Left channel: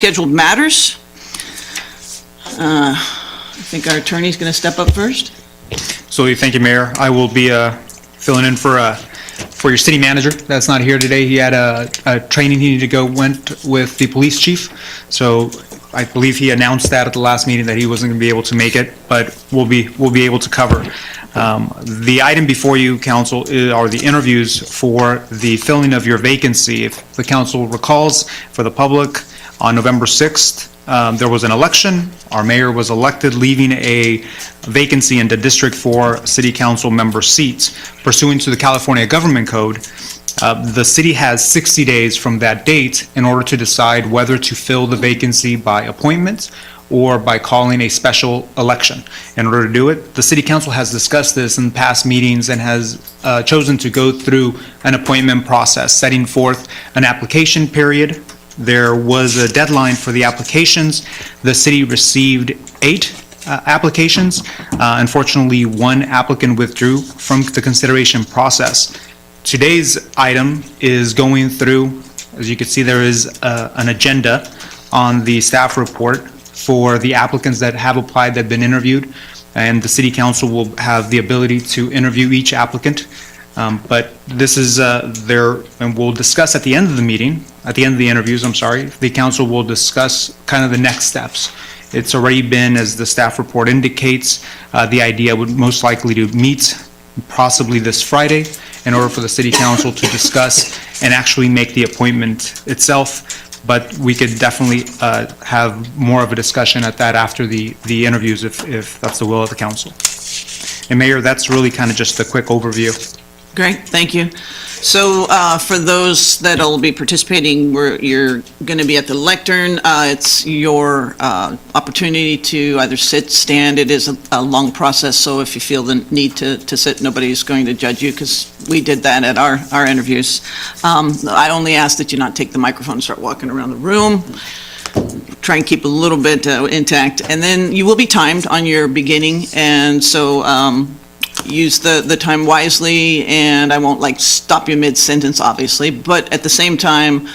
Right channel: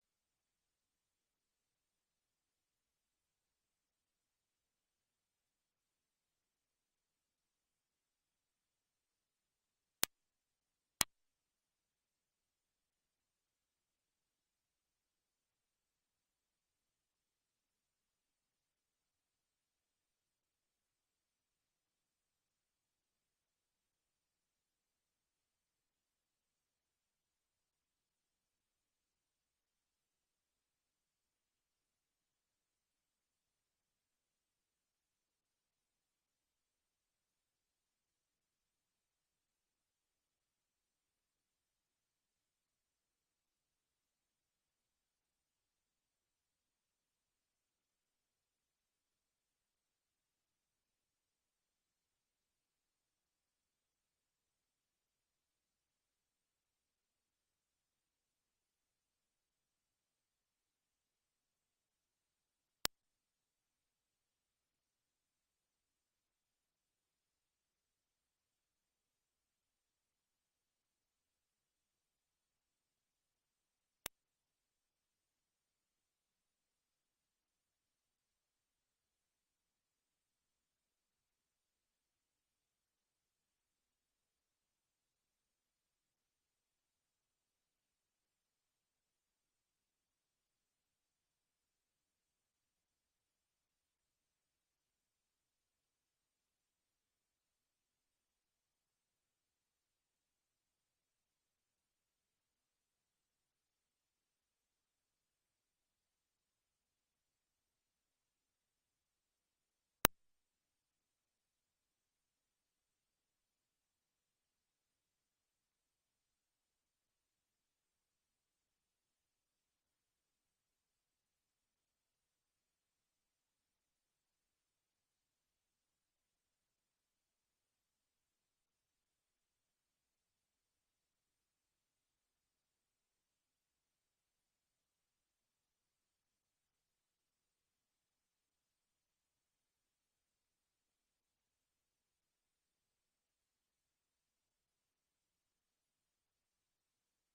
Scheduled matters. I think our attorney is going to step up first. So thank you, Mayor. I will be filling in for your city manager that's not here today. He had a training he needed to went with the police chief. So I believe he announced that at the last meeting that he wasn't going to be able to make it, but we'll be able to cover. The item before you, council, are the interviews for the filling of your vacancy. If the council recalls, for the public, on November 6th, there was an election. Our mayor was elected, leaving a vacancy in the District 4 City Council member seats. Pursuant to the California Government Code, the city has 60 days from that date in order to decide whether to fill the vacancy by appointment or by calling a special election. In order to do it, the City Council has discussed this in past meetings and has chosen to go through an appointment process, setting forth an application period. There was a deadline for the applications. The city received 8 applications. Unfortunately, 1 applicant withdrew from the consideration process. Today's item is going through, as you can see, there is an agenda on the staff report for the applicants that have applied, that have been interviewed, and the City Council will have the ability to interview each applicant. But this is there, and we'll discuss at the end of the meeting, at the end of the interviews, I'm sorry, the council will discuss kind of the next steps. It's already been, as the staff report indicates, the idea would most likely to meet possibly this Friday in order for the City Council to discuss and actually make the appointment itself. But we could definitely have more of a discussion at that after the interviews if that's the will of the council. And Mayor, that's really kind of just a quick overview. Great, thank you. So for those that will be participating, you're going to be at the lectern. It's your opportunity to either sit, stand. It is a long process, so if you feel the need to sit, nobody's going to judge you, because we did that at our interviews. I only ask that you not take the microphone and start walking around the room. Try and keep a little bit intact. And then you will be timed on your beginning, and so use the time wisely, and I won't stop you mid-sentence, obviously, but at the same time,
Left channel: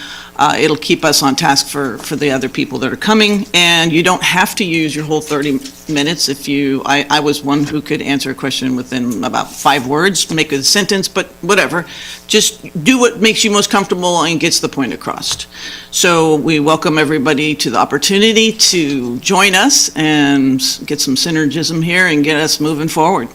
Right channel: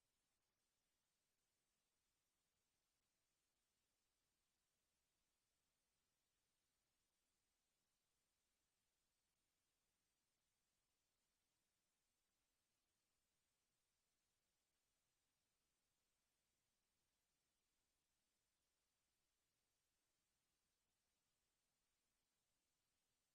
it'll keep us on task for the other people that are coming, and you don't have to use your whole 30 minutes. I was one who could answer a question within about 5 words, make a sentence, but whatever. Just do what makes you most comfortable and gets the point across. So we welcome everybody to the opportunity to join us and get some synergism here and get us moving forward.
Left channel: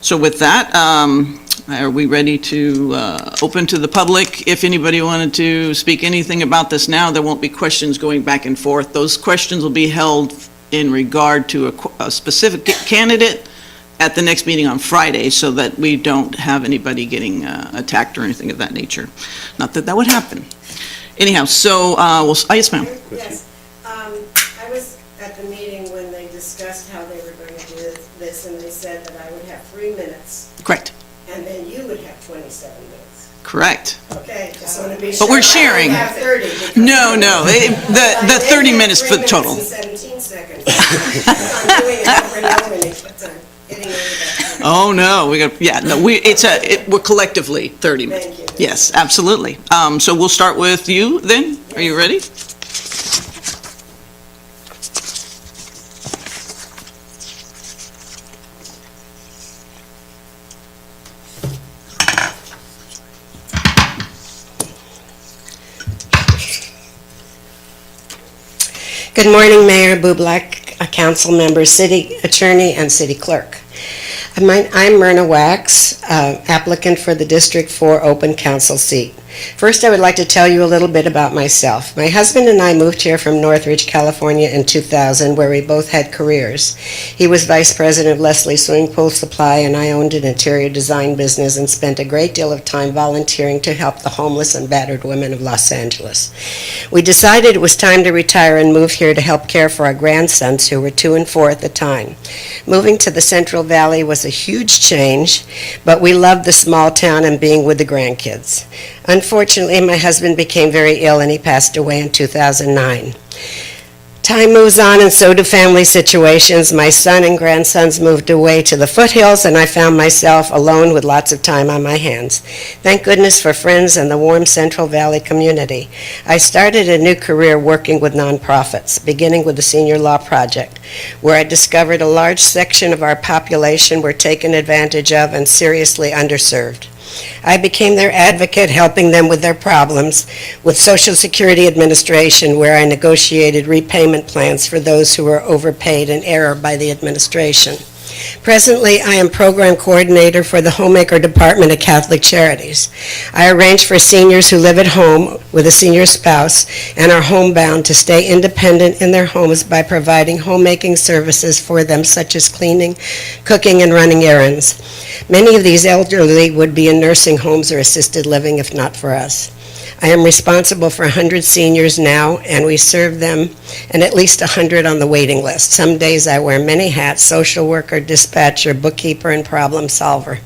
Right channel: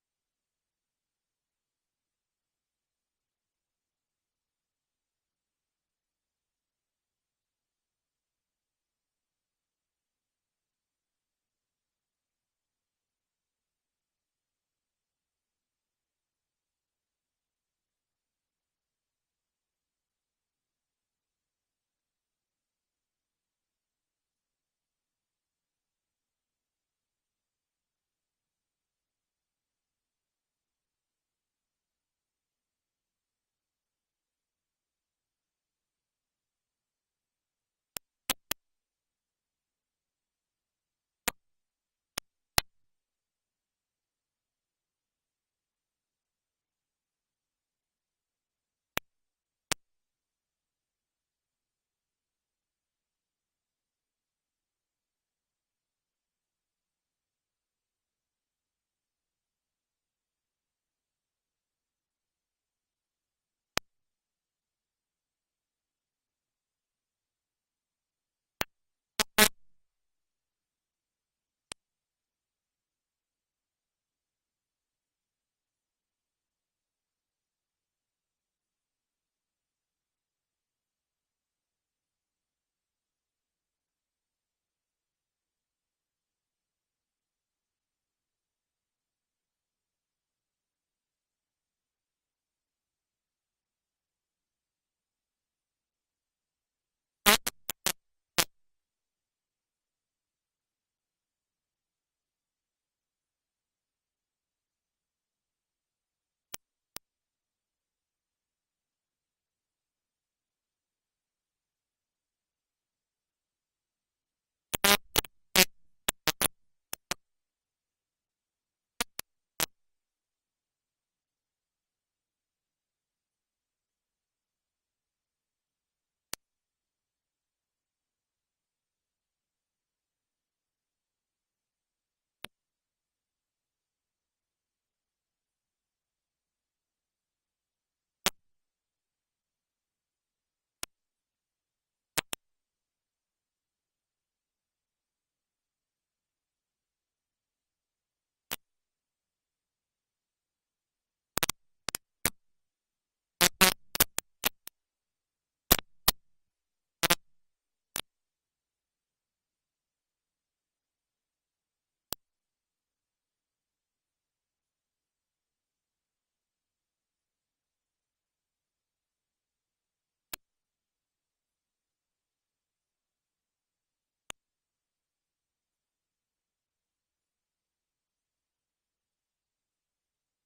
So with that, are we ready to open to the public? If anybody wanted to speak anything about this now, there won't be questions going back and forth. Those questions will be held in regard to a specific candidate at the next meeting on Friday, so that we don't have anybody getting attacked or anything of that nature. Not that that would happen. Anyhow, so, yes, ma'am. Yes. I was at the meeting when they discussed how they were going to do this, and they said that I would have 3 minutes. Correct. And then you would have 27 minutes. Correct. Okay, just want to be sure. But we're sharing. I only have 30. No, the 30 minutes for the total. 17 seconds. I'm doing it over and over, and it kept on getting over that. Oh, no, we're collectively 30 minutes. Thank you. Yes, absolutely. So we'll start with you then. Are you ready? Good morning, Mayor Bublak, council members, city attorney, and city clerk. I'm Myrna Wax, applicant for the District 4 open council seat. First, I would like to tell you a little bit about myself. My husband and I moved here from Northridge, California in 2000, where we both had careers. He was vice president of Leslie Swimming Pool Supply, and I owned an interior design business and spent a great deal of time volunteering to help the homeless and battered women of Los Angeles. We decided it was time to retire and move here to help care for our grandsons, who were 2 and 4 at the time. Moving to the Central Valley was a huge change, but we loved the small town and being with the grandkids. Unfortunately, my husband became very ill and he passed away in 2009. Time moves on, and so do family situations. My son and grandsons moved away to the foothills, and I found myself alone with lots of time on my hands. Thank goodness for friends and the warm Central Valley community. I started a new career working with nonprofits, beginning with the Senior Law Project, where I discovered a large section of our population were taken advantage of and seriously underserved. I became their advocate, helping them with their problems with Social Security Administration, where I negotiated repayment plans for those who were overpaid in error by the administration. Presently, I am program coordinator for the Homemaker Department of Catholic Charities. I arrange for seniors who live at home with a senior spouse and are homebound to stay independent in their homes by providing homemaking services for them, such as cleaning, cooking, and running errands. Many of these elderly would be in nursing homes or assisted living if not for us. I am responsible for 100 seniors now, and we serve them and at least 100 on the waiting list. Some days I wear many hats: social worker, dispatcher, bookkeeper, and problem solver.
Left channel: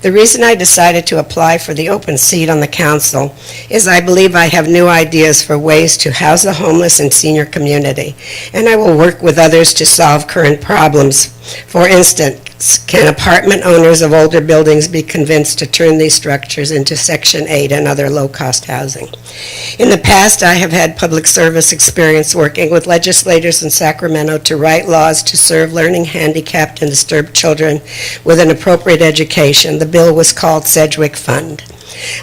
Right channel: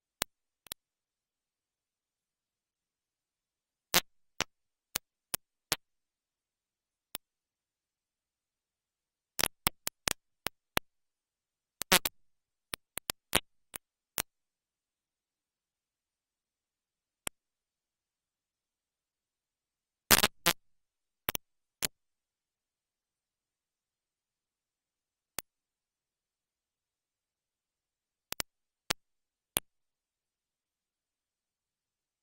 The reason I decided to apply for the open seat on the council is I believe I have new ideas for ways to house the homeless and senior community, and I will work with others to solve current problems. For instance, can apartment owners of older buildings be convinced to turn these structures into Section 8 and other low-cost housing? In the past, I have had public service experience working with legislators in Sacramento to write laws to serve learning handicapped and disturbed children with an appropriate education. The bill was called Sedgwick Fund.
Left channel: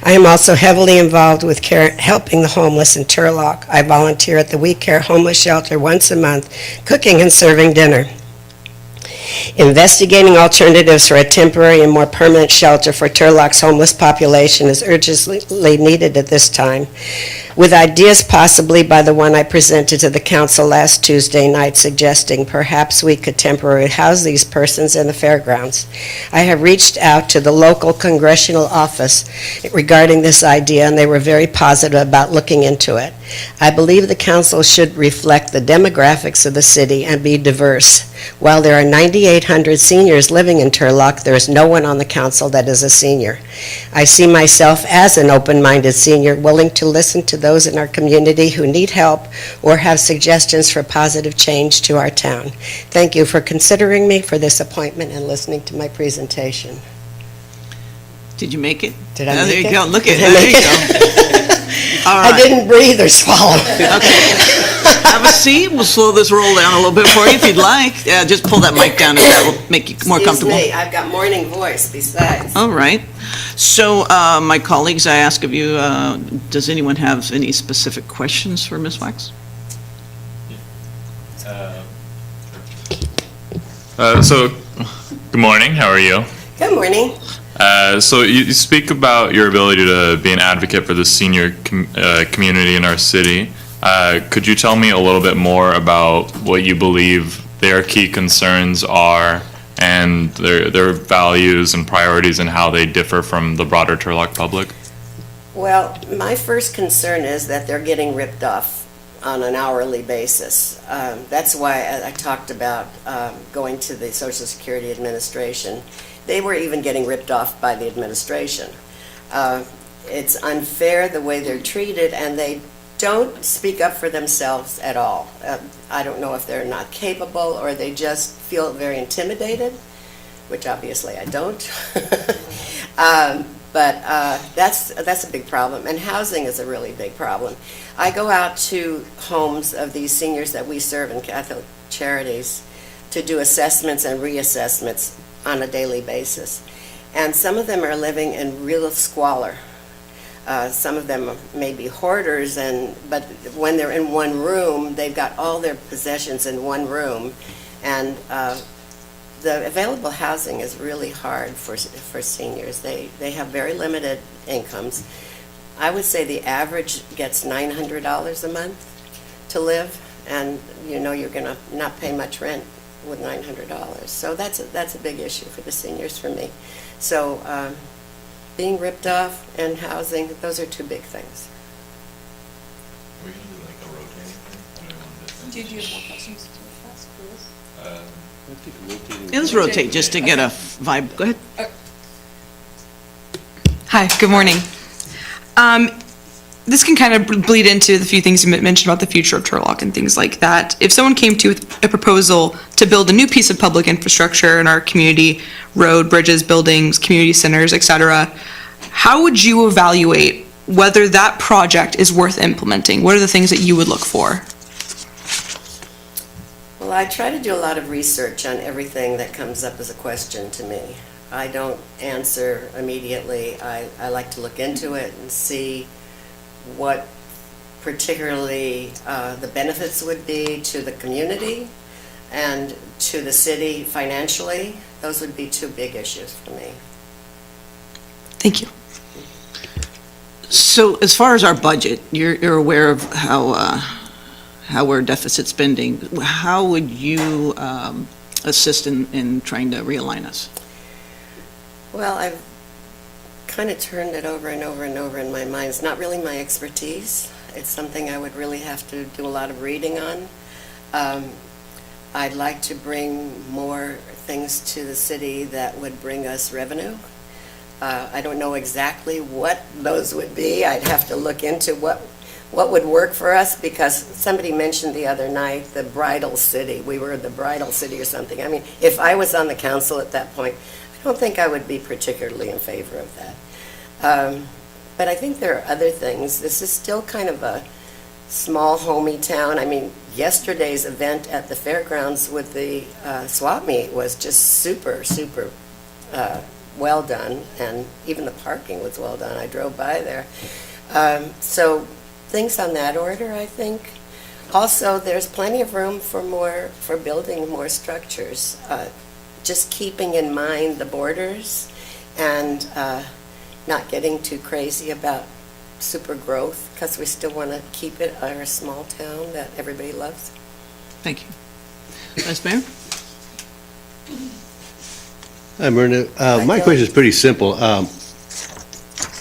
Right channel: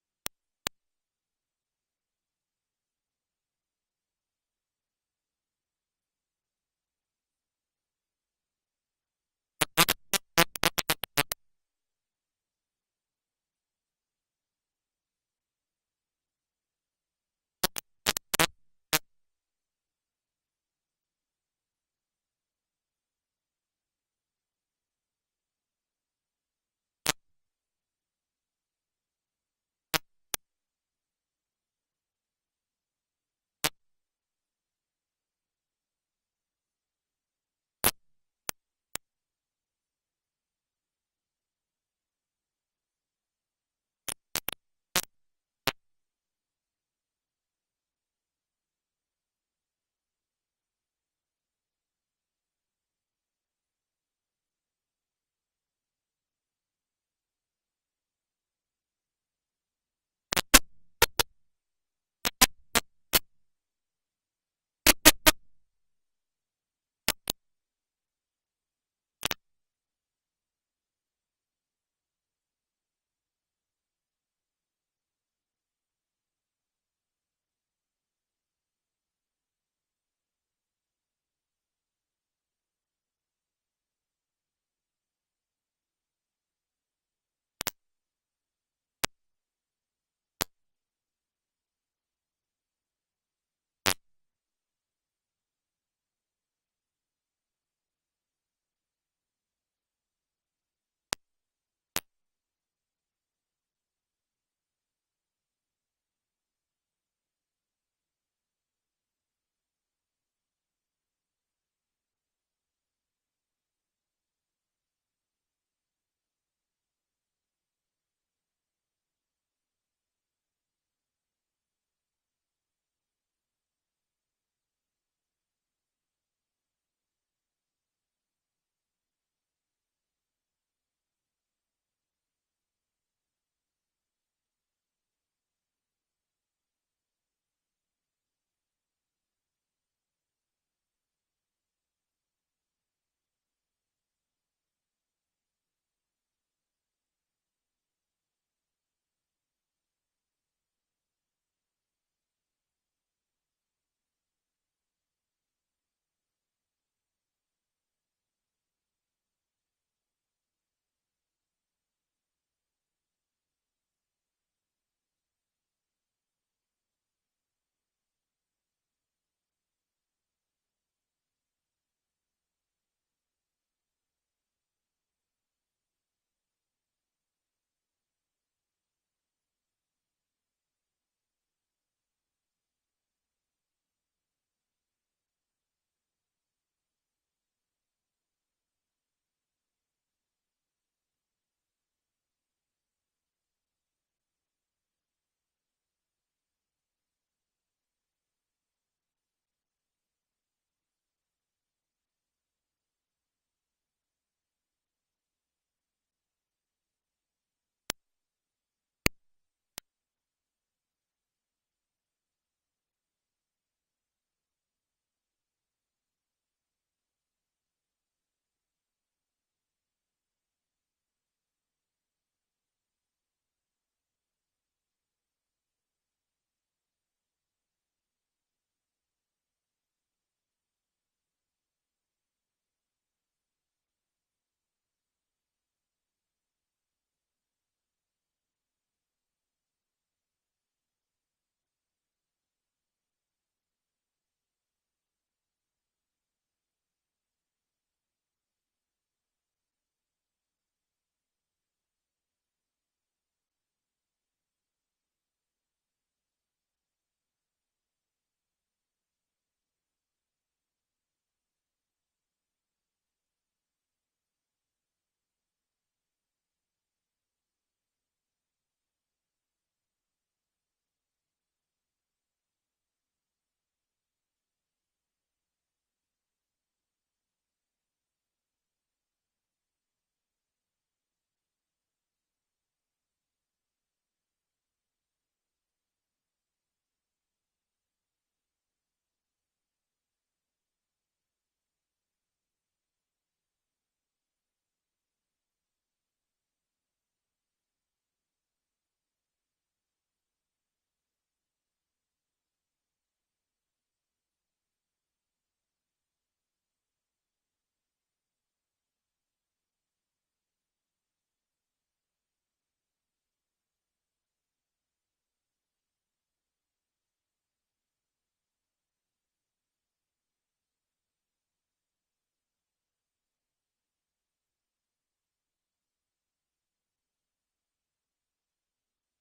I am also heavily involved with helping the homeless in Turlock. I volunteer at the We Care homeless shelter once a month, cooking and serving dinner. Investigating alternatives for a temporary and more permanent shelter for Turlock's homeless population is urgently needed at this time, with ideas possibly by the one I presented to the council last Tuesday night suggesting perhaps we could temporarily house these persons in the fairgrounds. I have reached out to the local congressional office regarding this idea, and they were very positive about looking into it. I believe the council should reflect the demographics of the city and be diverse. While there are 9,800 seniors living in Turlock, there is no one on the council that is a senior. I see myself as an open-minded senior, willing to listen to those in our community who need help or have suggestions for positive change to our town. Thank you for considering me for this appointment and listening to my presentation. Did you make it? Did I make There it? you go. Look at Did I there make you it? go. All I right. didn't breathe or swallow. Okay. Have a seat. We'll slow this roll down a little bit for you if you'd like. Yeah, just pull that mic down if that will make you more comfortable. Excuse me, I've got morning voice besides. All right. So, my colleagues, I ask of you, does anyone have any specific questions for Ms. Wax? So, good morning. How are you? Good morning. So you speak about your ability to be an advocate for the senior community in our city. Could you tell me a little bit more about what you believe their key concerns are and their values and priorities and how they differ from the broader Turlock public? Well, my first concern is that they're getting ripped off on an hourly basis. That's why I talked about going to the Social Security Administration. They were even getting ripped off by the administration. It's unfair the way they're treated, and they don't speak up for themselves at all. I don't know if they're not capable or they just feel very intimidated, which obviously I don't. But that's a big problem, and housing is a really big problem. I go out to homes of these seniors that we serve in Catholic Charities to do assessments and reassessments on a daily basis. And some of them are living in real squalor. Some of them may be hoarders, but when they're in one room, they've got all their possessions in one room. And the available housing is really hard for seniors. They have very limited incomes. I would say the average gets $900 a month to live, and you know you're going to not pay much rent with $900. So that's a big issue for the seniors for me. So being ripped off and housing, those are two big things. We're going to do like a rotating thing? Did you have more questions to ask, Chris? Let's rotate just to get a vibe. Go ahead. Hi, good morning. this can kind of bleed into the few things you mentioned about the future of Turlock and things like that. If someone came to you with a proposal to build a new piece of public infrastructure in our community, road, bridges, buildings, community centers, et cetera, how would you evaluate whether that project is worth implementing? What are the things that you would look for? Well, I try to do a lot of research on everything that comes up as a question to me. I don't answer immediately. I like to look into it and see what particularly the benefits would be to the community and to the city financially. Those would be two big issues for me. Thank you. So as far as our budget, you're aware of how we're deficit spending. How would you assist in trying to realign us? Well, I've kind of turned it over and over and over in my mind. It's not really my expertise. It's something I would really have to do a lot of reading on. I'd like to bring more things to the city that would bring us revenue. I don't know exactly what those would be. I'd have to look into what would work for us, because somebody mentioned the other night the bridal city. We were the bridal city or something. I mean, if I was on the council at that point, I don't think I would be particularly in favor of that. But I think there are other things. This is still kind of a small, homey town. I mean, yesterday's event at the fairgrounds with the swap meet was just super, super well done, and even the parking was well done. I drove by there. So things on that order, I think. Also, there's plenty of room for building more structures. Just keeping in mind the borders and not getting too crazy about super growth, because we still want to keep it our small town that everybody loves. Thank you. Vice Mayor? Hi, Myrna. My question is pretty simple.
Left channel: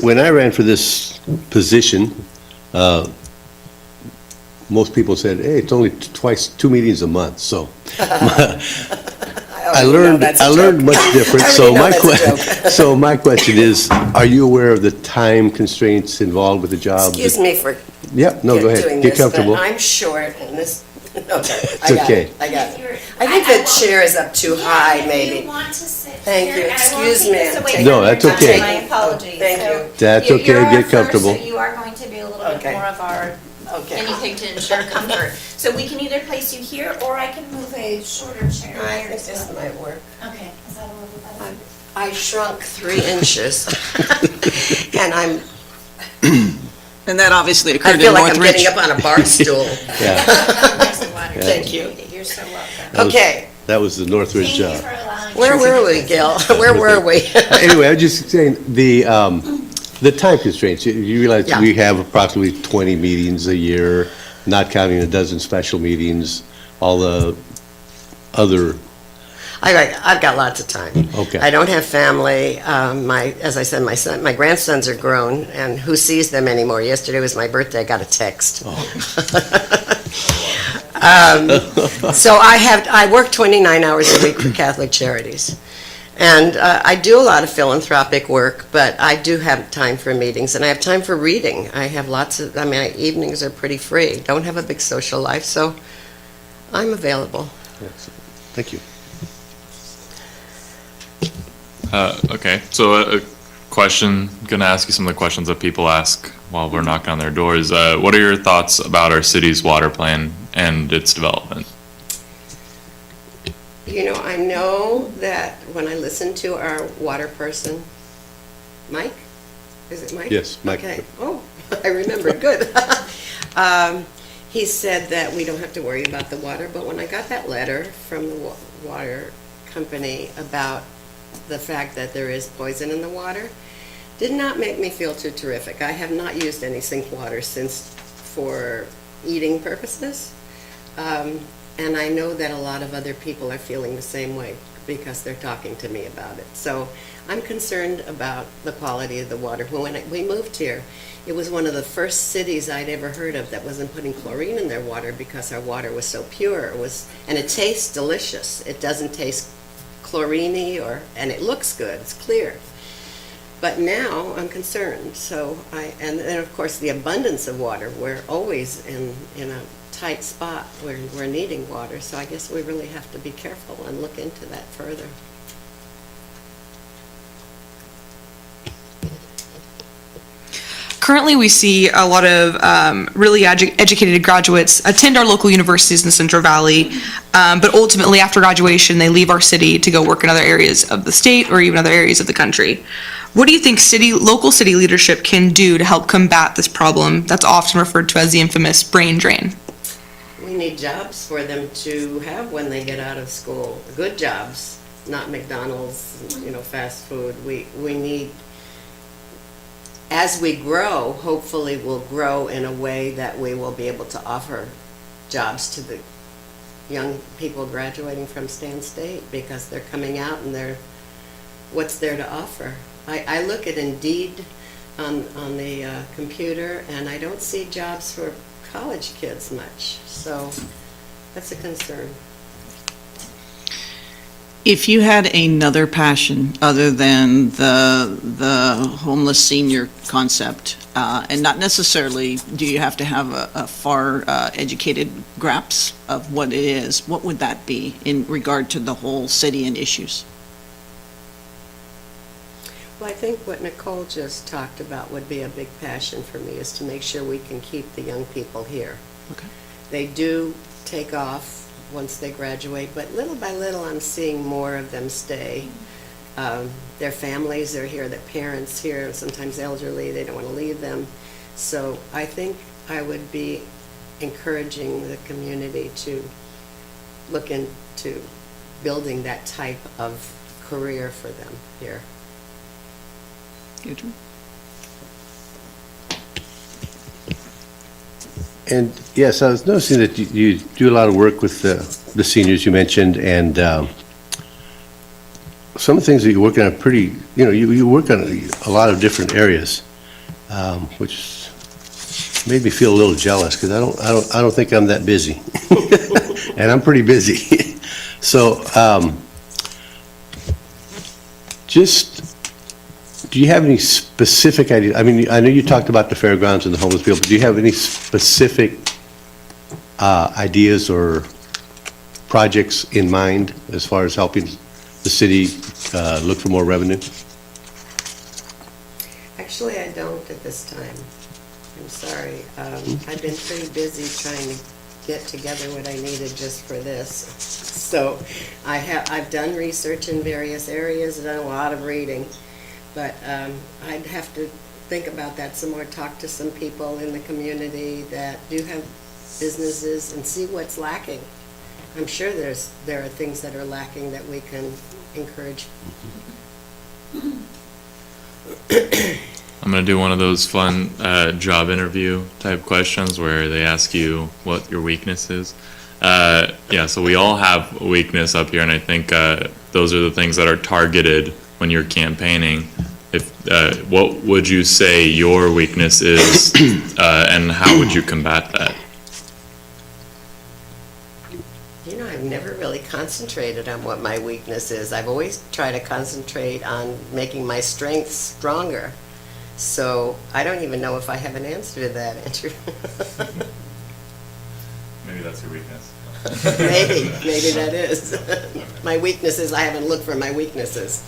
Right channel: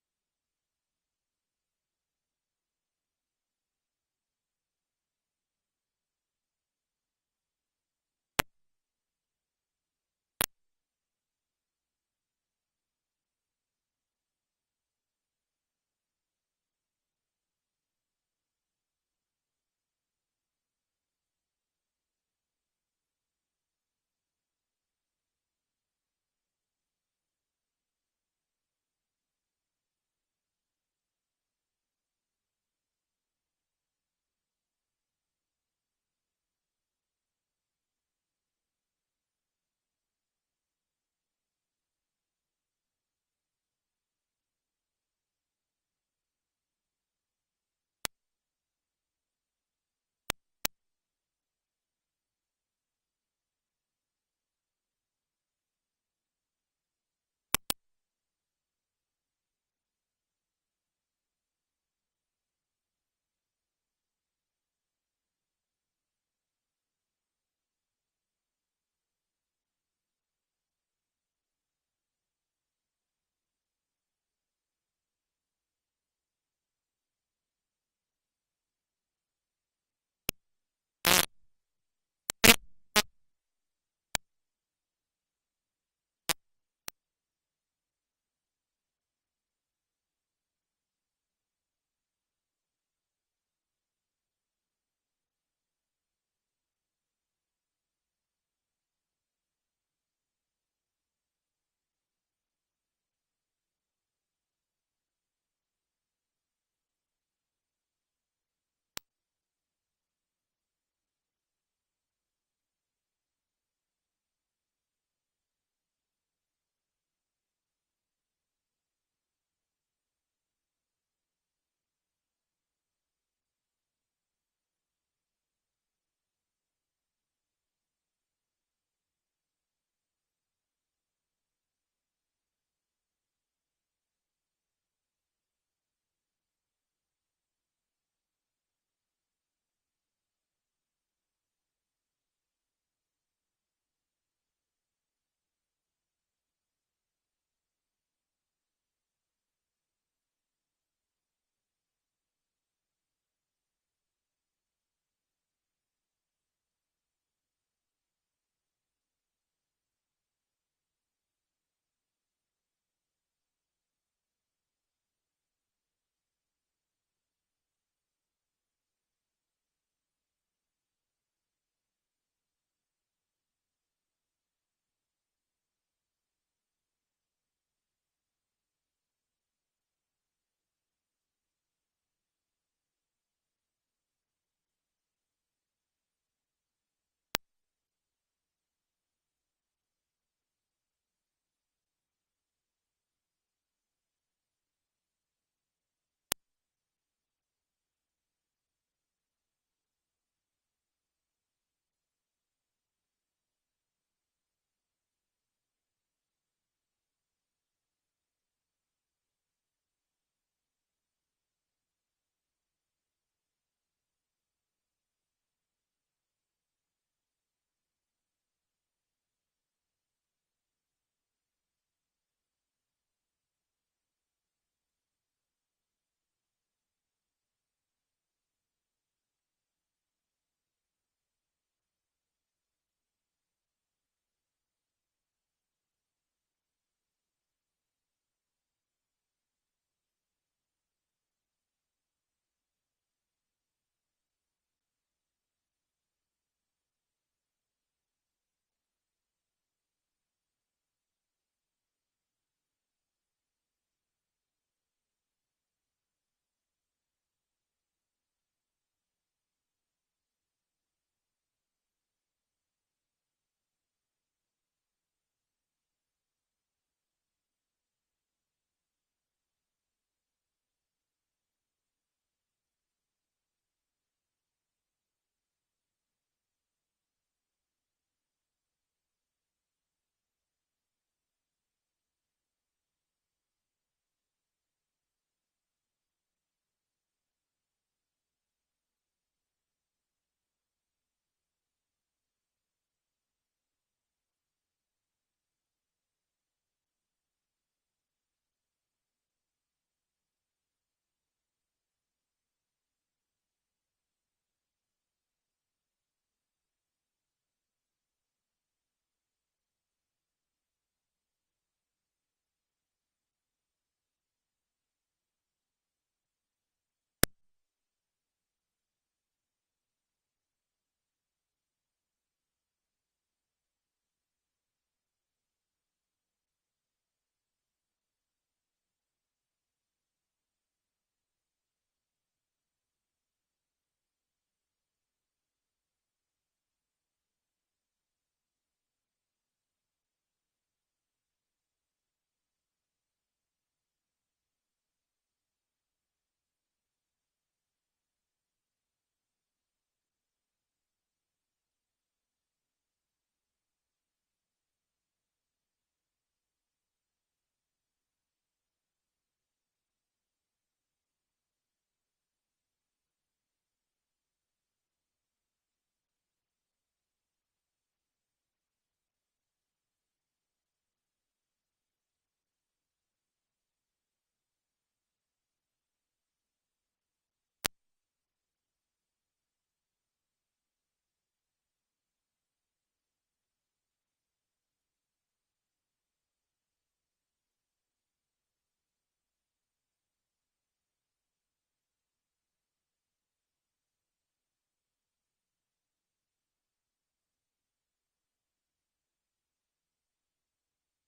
When I ran for this position, most people said, hey, it's only two meetings a month, so. I learned much different, so my question is, are you aware of the time constraints involved with the job? Excuse me for Yep, no, go ahead, doing get this, comfortable. but I'm short, and this, okay, It's okay. I got it. I think the chair is up too high, If maybe. you want to sit Thank here, you. and I won't Excuse take me. this away from No, your that's time. okay. My apologies. Thank So you. That's you're okay, our get first, comfortable. So you are going to be a little Okay. bit more of our Okay. guinea pig to ensure comfort. So we can either place you here, or I can move a shorter chair. I here. think this might work. Okay, is that a little better? I shrunk 3 inches, and And that obviously I occurred feel in like I'm Northridge. getting up on a bar stool. Yeah, Thank you. You're so welcome. That was- Okay, that was the Northridge Thank you job. for allowing. where were we, Gil? Where were we? Anyway, I was just saying, the time constraints, you realize Yeah. we have approximately 20 meetings a year, not counting a dozen special meetings, all the other, I've got lots of time. Okay. I don't have family. As I said, my grandsons are grown, and who sees them anymore? Yesterday was my birthday. I got a text. So I work 29 hours a week for Catholic Charities. And I do a lot of philanthropic work, but I do have time for meetings, and I have time for reading. I have my evenings are pretty free. Don't have a big social life, so I'm available. thank you. Okay, so a question, gonna ask you some of the questions that people ask while we're knocking on their doors. What are your thoughts about our city's water plan and its development? You know, I know that when I listen to our water person, Mike? Is it Mike? Yes, Mike. Okay. Oh, I remembered. Good. He said that we don't have to worry about the water, but when I got that letter from the water company about the fact that there is poison in the water, did not make me feel too terrific. I have not used any sink water since for eating purposes. And I know that a lot of other people are feeling the same way because they're talking to me about it. So I'm concerned about the quality of the water. When we moved here, it was one of the first cities I'd ever heard of that wasn't putting chlorine in their water because our water was so pure. And it tastes delicious. It doesn't taste chlorine-y and it looks good. It's clear. But now I'm concerned, so and then of course the abundance of water, we're always in a tight spot where we're needing water, so I guess we really have to be careful and look into that further. Currently, we see a lot of really educated graduates attend our local universities in the Central Valley, but ultimately, after graduation, they leave our city to go work in other areas of the state or even other areas of the country. What do you think local city leadership can do to help combat this problem that's often referred to as the infamous brain drain? We need jobs for them to have when they get out of school, good jobs, not McDonald's, fast food. We need, as we grow, hopefully we'll grow in a way that we will be able to offer jobs to the young people graduating from Stan State, because they're coming out and what's there to offer? I look at Indeed on the computer, and I don't see jobs for college kids much, so that's a concern. If you had another passion other than the homeless senior concept, and not necessarily do you have to have a far educated grasp of what it is, what would that be in regard to the whole city and issues? Well, I think what Nicole just talked about would be a big passion for me, is to make sure we can keep the young people here. Okay. They do take off once they graduate, but little by little I'm seeing more of them stay. Their families are here, their parents here, sometimes elderly, they don't want to leave them. So I think I would be encouraging the community to look into building that type of career for them here. Adrian? And yes, I was noticing that you do a lot of work with the seniors you mentioned, and some of the things that you work on are pretty, you work on a lot of different areas, which made me feel a little jealous, because I don't think I'm that busy, and I'm pretty busy. So, do you have any specific ideas? I mean, I know you talked about the fairgrounds and the homeless people, but do you have any specific ideas or projects in mind as far as helping the city look for more revenue? Actually, I don't at this time. I'm sorry. I've been pretty busy trying to get together what I needed just for this. So I've done research in various areas, done a lot of reading. But I'd have to think about that some more, talk to some people in the community that do have businesses and see what's lacking. I'm sure there are things that are lacking that we can encourage. I'm going to do one of those fun job interview type questions where they ask you what your weakness is. So we all have a weakness up here, and I think those are the things that are targeted when you're campaigning. What would you say your weakness is, and how would you combat that? I've never really concentrated on what my weakness is. I've always tried to concentrate on making my strengths stronger. So I don't even know if I have an answer to that, Andrew. Maybe that's your weakness. Maybe that is. My weakness is I haven't looked for my weaknesses.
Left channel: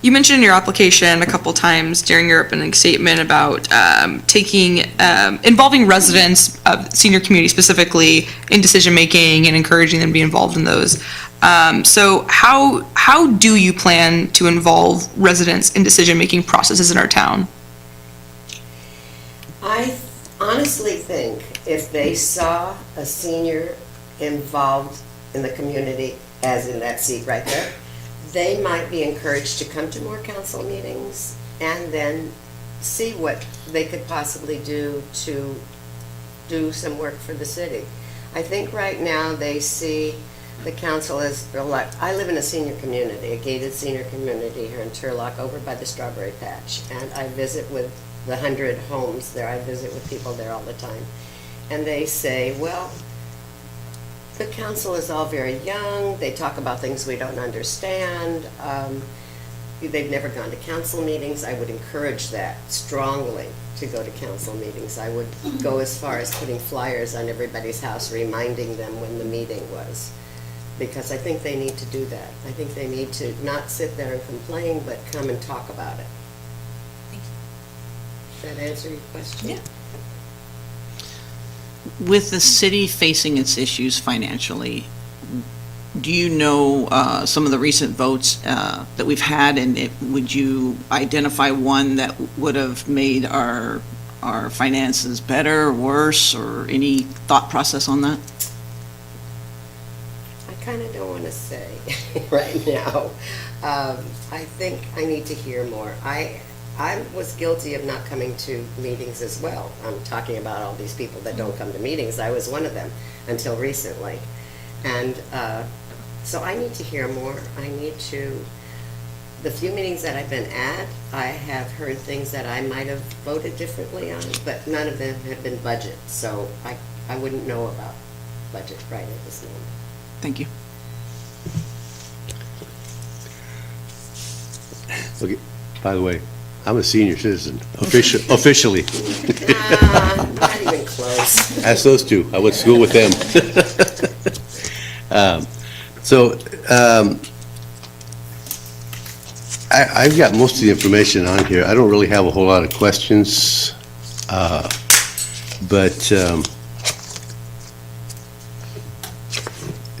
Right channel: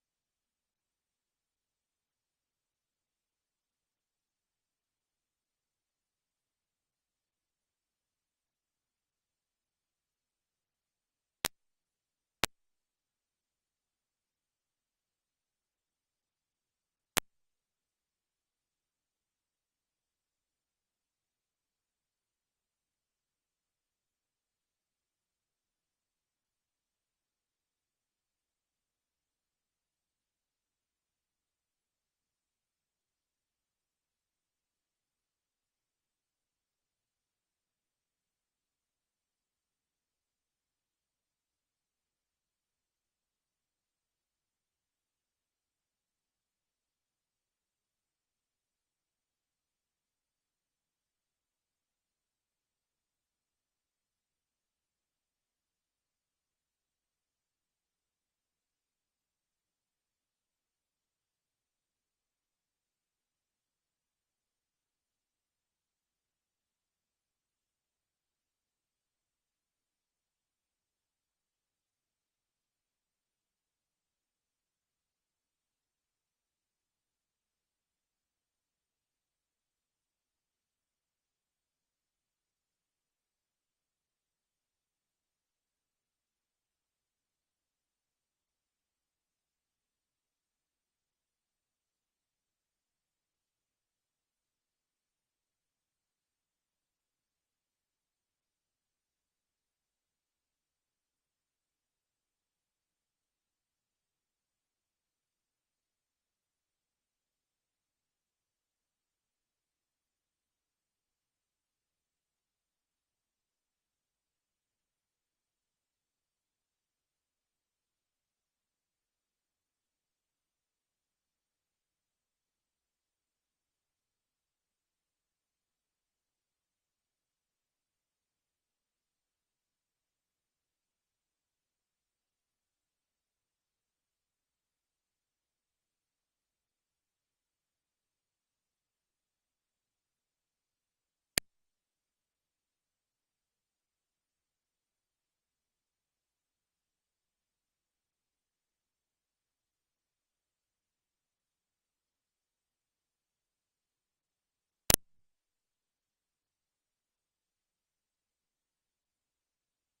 You mentioned in your application a couple times during your opening statement about involving residents of the senior community specifically in decision-making and encouraging them to be involved in those. So how do you plan to involve residents in decision-making processes in our town? I honestly think if they saw a senior involved in the community, as in that seat right there, they might be encouraged to come to more council meetings and then see what they could possibly do to do some work for the city. I think right now they see the council as, I live in a senior community, a gated senior community here in Turlock over by the strawberry patch, and I visit with the 100 homes there. I visit with people there all the time. And they say, well, the council is all very young. They talk about things we don't understand. they've never gone to council meetings, I would encourage that strongly, to go to council meetings. I would go as far as putting flyers on everybody's house, reminding them when the meeting was. Because I think they need to do that. I think they need to not sit there and complain, but come and talk about it. Does that answer your question? Yeah. With the city facing its issues financially, do you know some of the recent votes that we've had, and would you identify one that would have made our finances better, worse, or any thought process on that? I kind of don't want to say right now. I think I need to hear more. I was guilty of not coming to meetings as well. I'm talking about all these people that don't come to meetings. I was one of them until recently. And so I need to hear more. The few meetings that I've been at, I have heard things that I might have voted differently on, but none of them have been budget. So I wouldn't know about budget right at this moment. Thank you. Okay, by the way, I'm a senior citizen, officially. Not even close. Ask those two. I went to school with them. I've got most of the information on here. I don't really have a whole lot of questions, but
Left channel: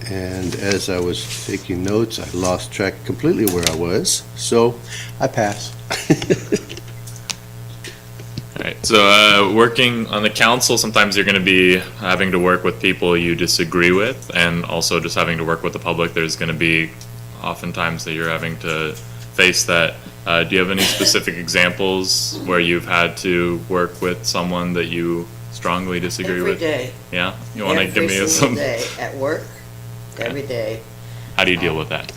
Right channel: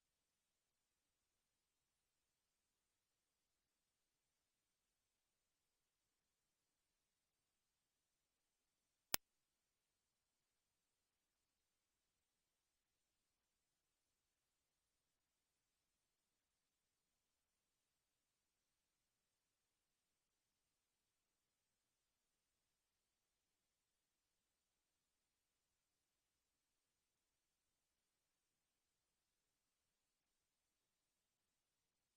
and as I was taking notes, I lost track completely where I was, so I pass. All right, so working on the council, sometimes you're going to be having to work with people you disagree with, and also just having to work with the public. There's going to be oftentimes that you're having to face that. Do you have any specific examples where you've had to work with someone that you strongly disagree Every with? day. Yeah? You want to give me Every some? single day, at work, Okay. every day. How do you deal with that?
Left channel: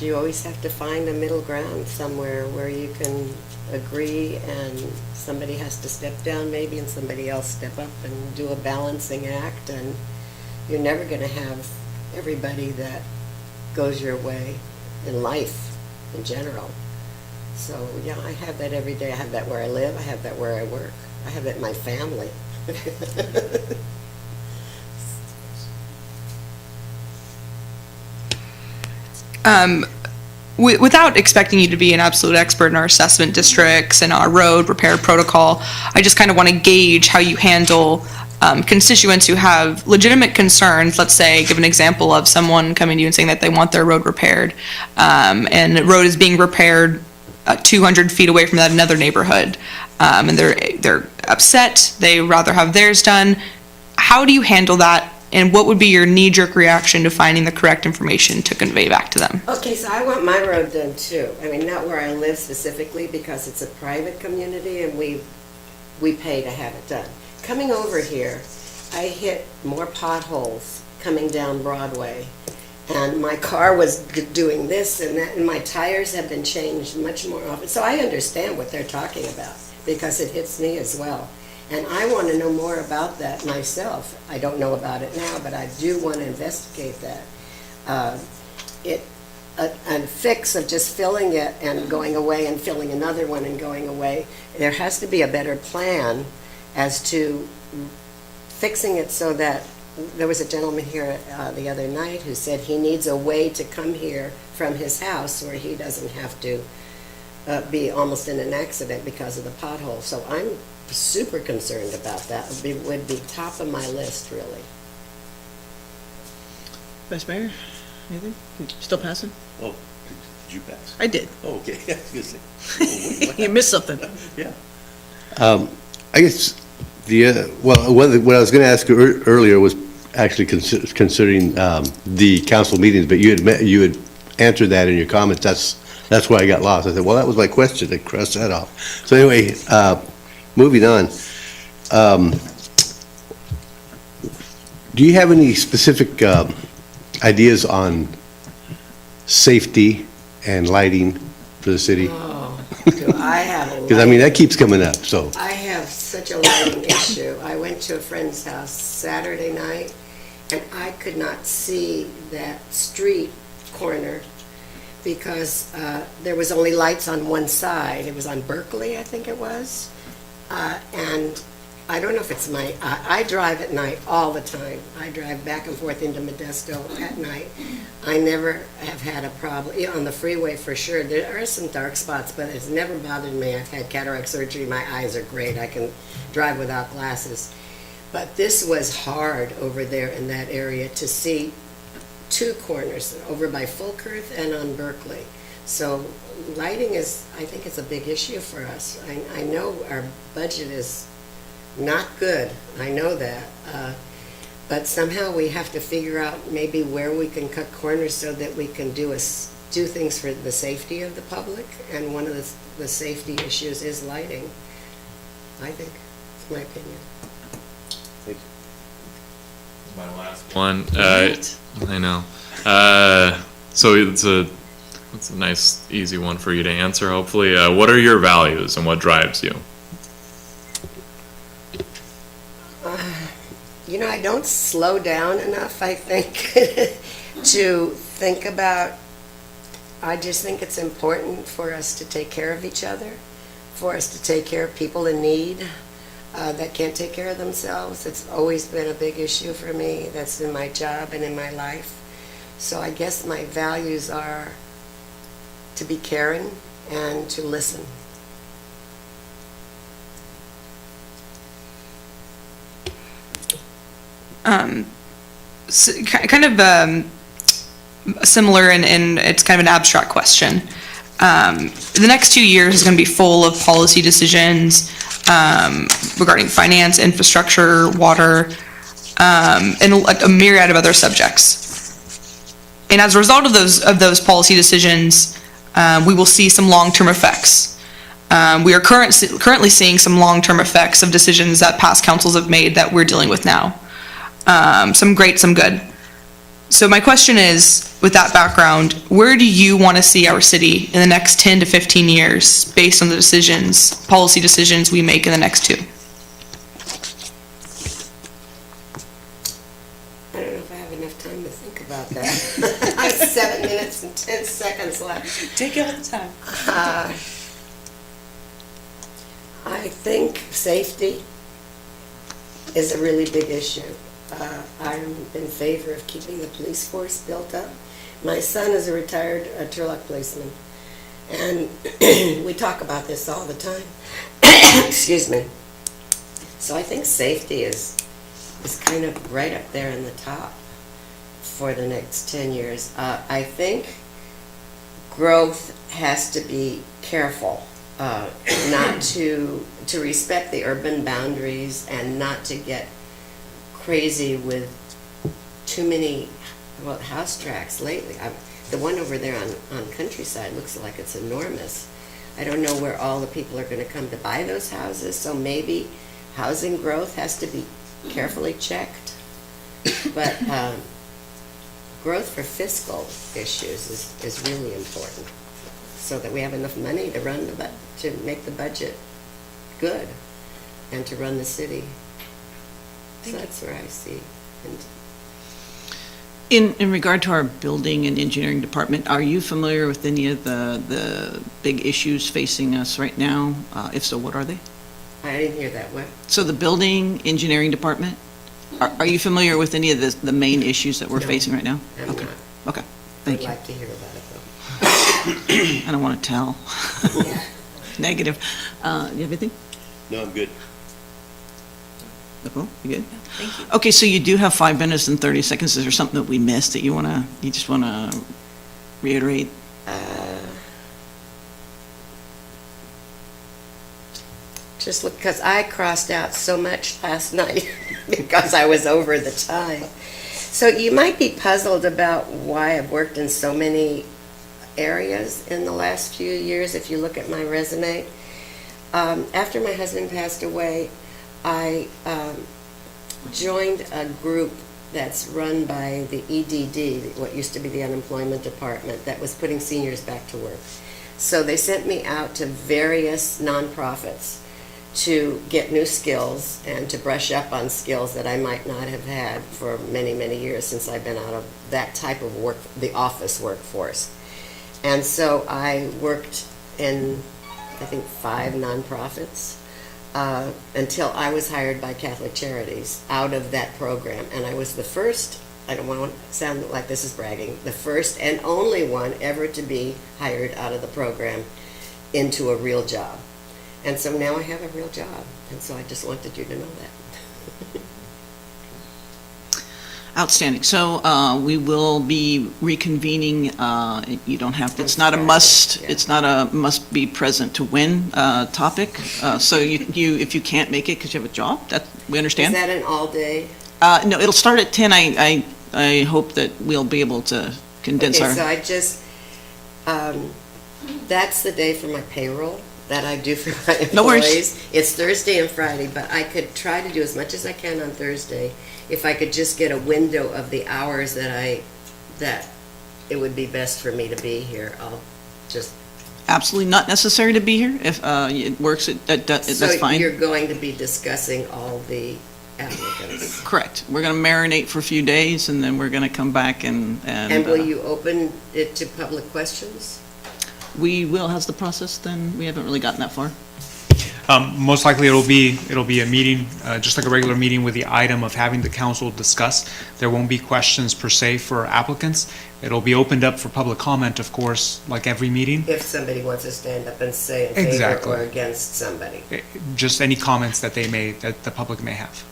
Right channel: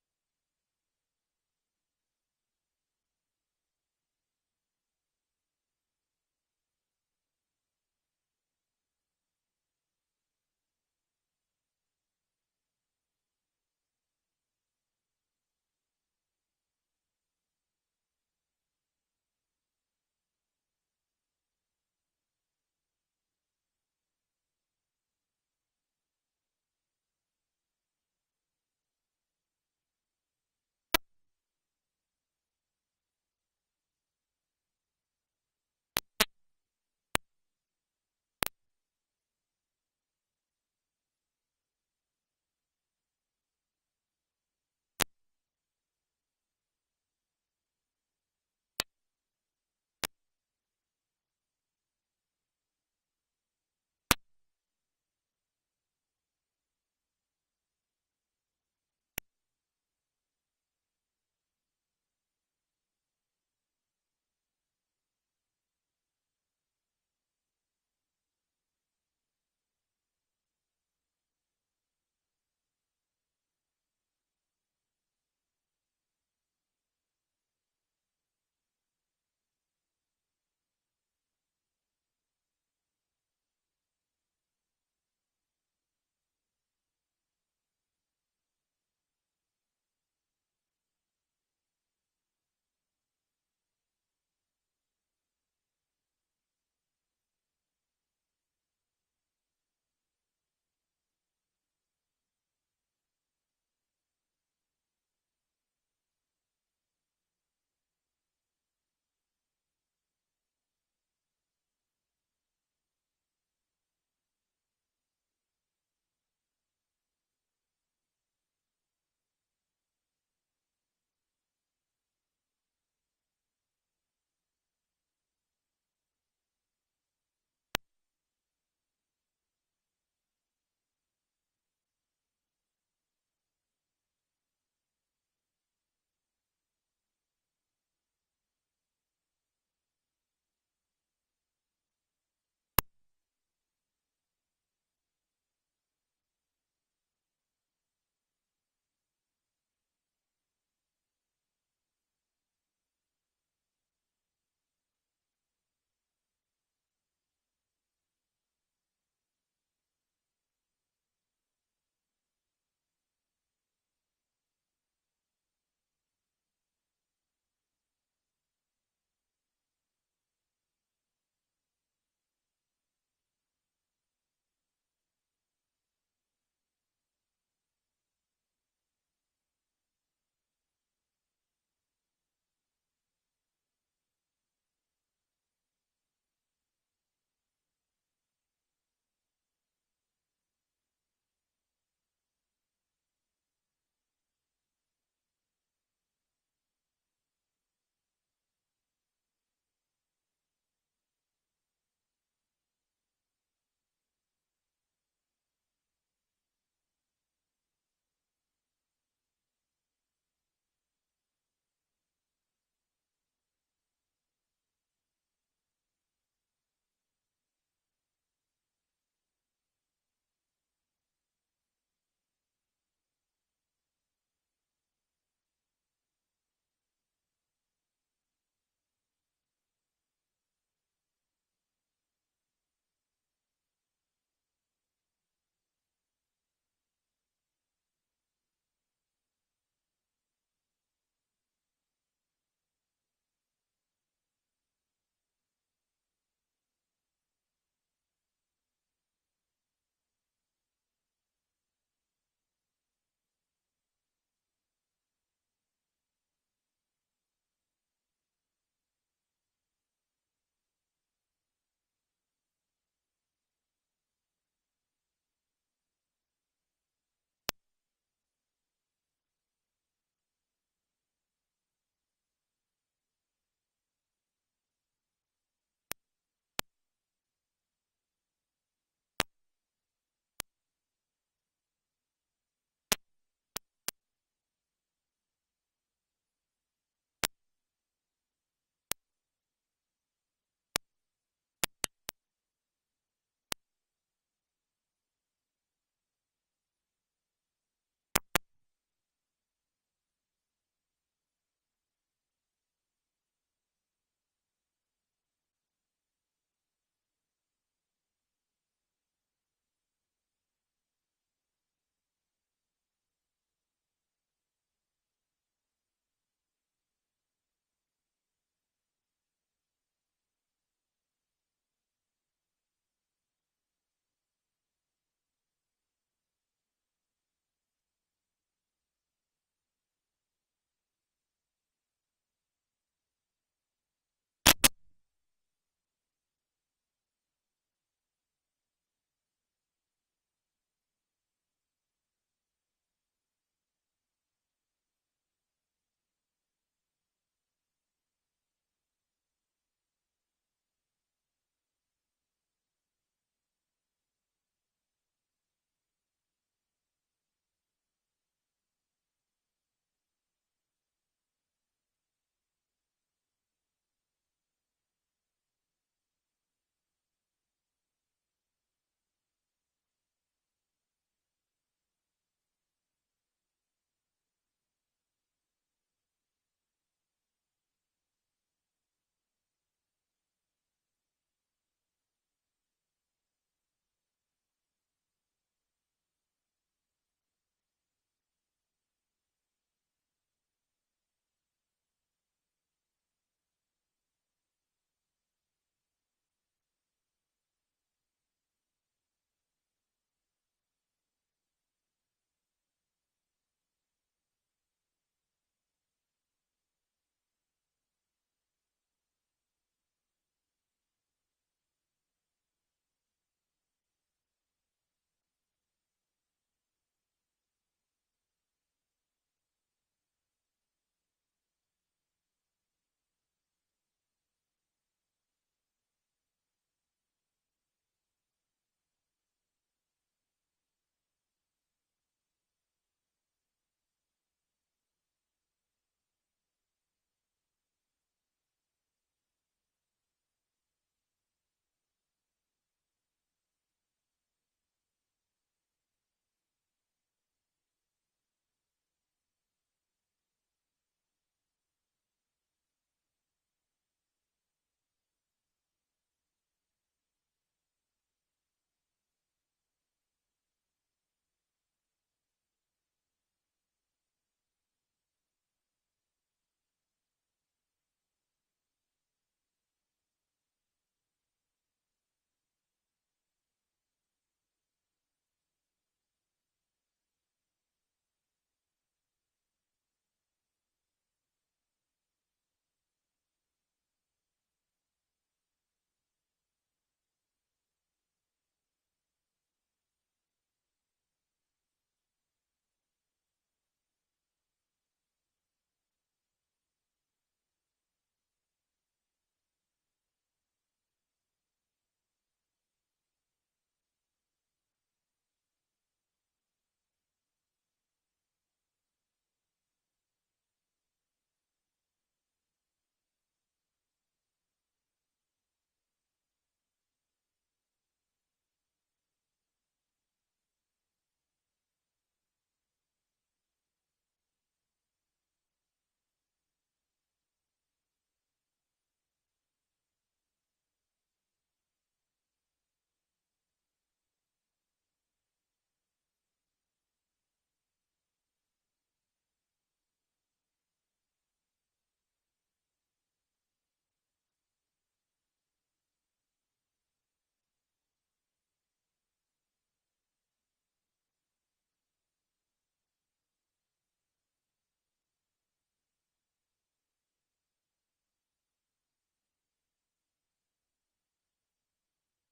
You always have to find a middle ground somewhere where you can agree, and somebody has to step down maybe, and somebody else step up and do a balancing act, and you're never gonna have everybody that goes your way in life in general. So, yeah, I have that every day. I have that where I live, I have that where I work, I have that in my family. Without expecting you to be an absolute expert in our assessment districts and our road repair protocol, I just kind of want to gauge how you handle constituents who have legitimate concerns. Let's say, give an example of someone coming to you and saying that they want their road repaired, and the road is being repaired 200 feet away from that another neighborhood, and they're upset. They rather have theirs done. How do you handle that? And what would be your knee-jerk reaction to finding the correct information to convey back to them? Okay, so I want my road done too. I mean, not where I live specifically, because it's a private community and we pay to have it done. Coming over here, I hit more potholes coming down Broadway, and my car was doing this and that, and my tires have been changed much more often. So I understand what they're talking about, because it hits me as well. And I want to know more about that myself. I don't know about it now, but I do want to investigate that. A fix of just filling it and going away and filling another one and going away, there has to be a better plan as to fixing it so that, there was a gentleman here the other night who said he needs a way to come here from his house where he doesn't have to be almost in an accident because of the pothole. So I'm super concerned about that. Would be top of my list, really. Vice Mayor, anything? Still passing? Oh, did you pass? I did. Oh, okay. I was gonna say, You missed something. yeah. I guess what I was going to ask you earlier was actually considering the council meetings, but you had answered that in your comments. That's why I got lost. I said, well, that was my question. I crossed that off. So anyway, moving on. Do you have any specific ideas on safety and lighting for the city? Oh, do I have a Because, I mean, that keeps coming up, so. I have such a lighting issue. I went to a friend's house Saturday night, and I could not see that street corner because there was only lights on one side. It was on Berkeley, I think it was. And I don't know if it's I drive at night all the time. I drive back and forth into Modesto at night. I never have had a problem, on the freeway for sure. There are some dark spots, but it's never bothered me. I've had cataract surgery, my eyes are great. I can drive without glasses. But this was hard over there in that area to see two corners, over by Fulkerth and on Berkeley. So lighting is, I think it's a big issue for us. I know our budget is not good, I know that. But somehow we have to figure out maybe where we can cut corners so that we can do things for the safety of the public. And one of the safety issues is lighting, I think. It's my opinion. My last one. I know. So it's a nice, easy one for you to answer, hopefully. What are your values and what drives you? I don't slow down enough, I think, to think about. I just think it's important for us to take care of each other, for us to take care of people in need that can't take care of themselves. It's always been a big issue for me. That's in my job and in my life. So I guess my values are to be caring and to listen. Kind of similar, and it's kind of an abstract question. The next 2 years is going to be full of policy decisions regarding finance, infrastructure, water, and a myriad of other subjects. And as a result of those policy decisions, we will see some long-term effects. We are currently seeing some long-term effects of decisions that past councils have made that we're dealing with now. Some great, some good. So my question is, with that background, where do you want to see our city in the next 10 to 15 years based on the policy decisions we make in the next 2? I don't know if I have enough time to think about that. I have 7 minutes and 10 seconds left. Take all the time. I think safety is a really big issue. I'm in favor of keeping the police force built up. My son is a retired Turlock policeman, and we talk about this all the time. Excuse me. So I think safety is kind of right up there in the top for the next 10 years. I think growth has to be careful, not to respect the urban boundaries and not to get crazy with too many house tracks lately. The one over there on Countryside looks like it's enormous. I don't know where all the people are going to come to buy those houses, so maybe housing growth has to be carefully checked. But growth for fiscal issues is really important, so that we have enough money to make the budget good and to run the city. So that's where I see. In regard to our building and engineering department, are you familiar with any of the big issues facing us right now? If so, what are they? I didn't hear that one. So the building engineering department, are you familiar with any of the main issues that we're No, facing right now? I'm Okay. not. Okay, thank I'd you. like to hear about it, I don't want to tell. though. Yeah. Negative. You have anything? No, I'm good. Nicole, you good? Thank you. Okay, so you do have 5 minutes and 30 seconds. Is there something that we missed that you just want to reiterate? Just because I crossed out so much last night because I was over the time. So you might be puzzled about why I've worked in so many areas in the last few years if you look at my resume. After my husband passed away, I joined a group that's run by the EDD, what used to be the unemployment department, that was putting seniors back to work. So they sent me out to various nonprofits to get new skills and to brush up on skills that I might not have had for many, many years since I've been out of that type of work, the office workforce. And so I worked in, I think, 5 nonprofits until I was hired by Catholic Charities out of that program. And I was the first, I don't want to sound like this is bragging, the first and only one ever to be hired out of the program into a real job. And so now I have a real job. And so I just wanted you to know that. Outstanding. So we will be reconvening. You don't have, it's not a must, it's not a must be present to win topic. So you, if you can't make it because you have a job, that, we understand? Is that an all-day? No, it'll start at 10. I hope that we'll be able to condense Okay, so our, I just, that's the day for my payroll that I do for my employees. No worries. It's Thursday and Friday, but I could try to do as much as I can on Thursday. If I could just get a window of the hours that it would be best for me to be here, I'll just. absolutely not necessary to be here. If it works, that's So fine. you're going to be discussing all the applicants. Correct. We're going to marinate for a few days, and then we're going to come back and And will you open it to public questions? we will. How's the process then? We haven't really gotten that far. Most likely it'll be a meeting, just like a regular meeting with the item of having the council discuss. There won't be questions per se for applicants. It'll be opened up for public comment, of course, like every meeting. If somebody wants to stand up and say in favor Exactly. or against somebody. Just any comments that that the public may have.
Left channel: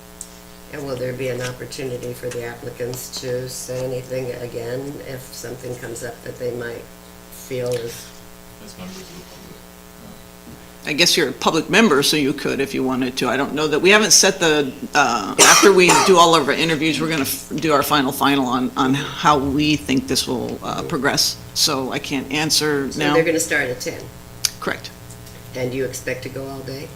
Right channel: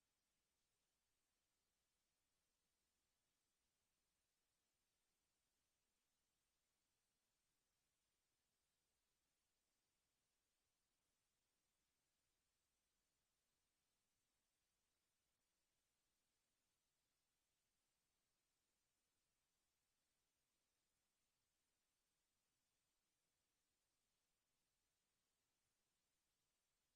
And will there be an opportunity for the applicants to say anything again if something comes up that they might feel is? I guess you're a public member, so you could if you wanted to. I don't know that, we haven't set the, after we do all of our interviews, we're going to do our final on how we think this will progress. So I can't answer So now. they're gonna start at 10, Correct. and you expect to go all day?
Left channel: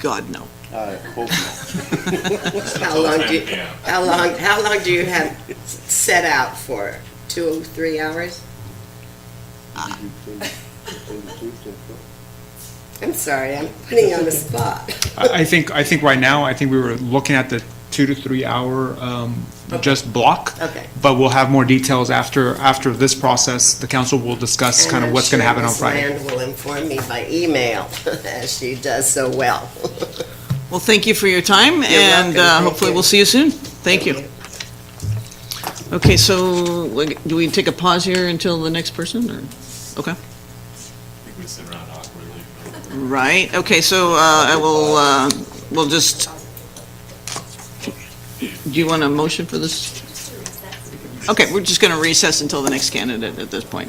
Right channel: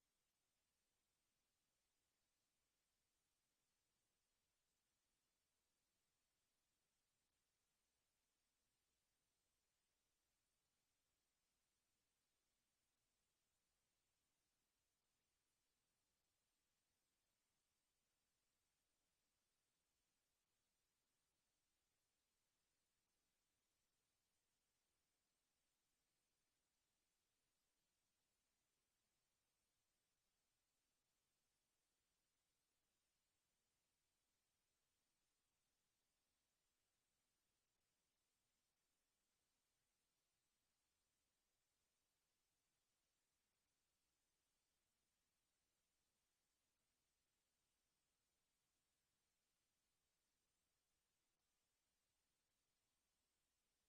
God, no. I hope not. How long do you have set out for? 2, 3 hours? I'm sorry, I'm putting you on the spot. I think right now, I think we were looking at the 2 to 3 hour just block. Okay. But we'll have more details after this process. The council will discuss kind of what's going to happen on Friday. And I'm sure Ms. Land will inform me by email, as she does so well. Well, thank you for your time, and welcome. Thank hopefully you. we'll see you soon. Thank you. Okay, so do we take a pause here until the next person, or, okay? Right, okay, so I will, we'll just, do you want a motion for this? Okay, we're just going to recess until the next candidate at this point.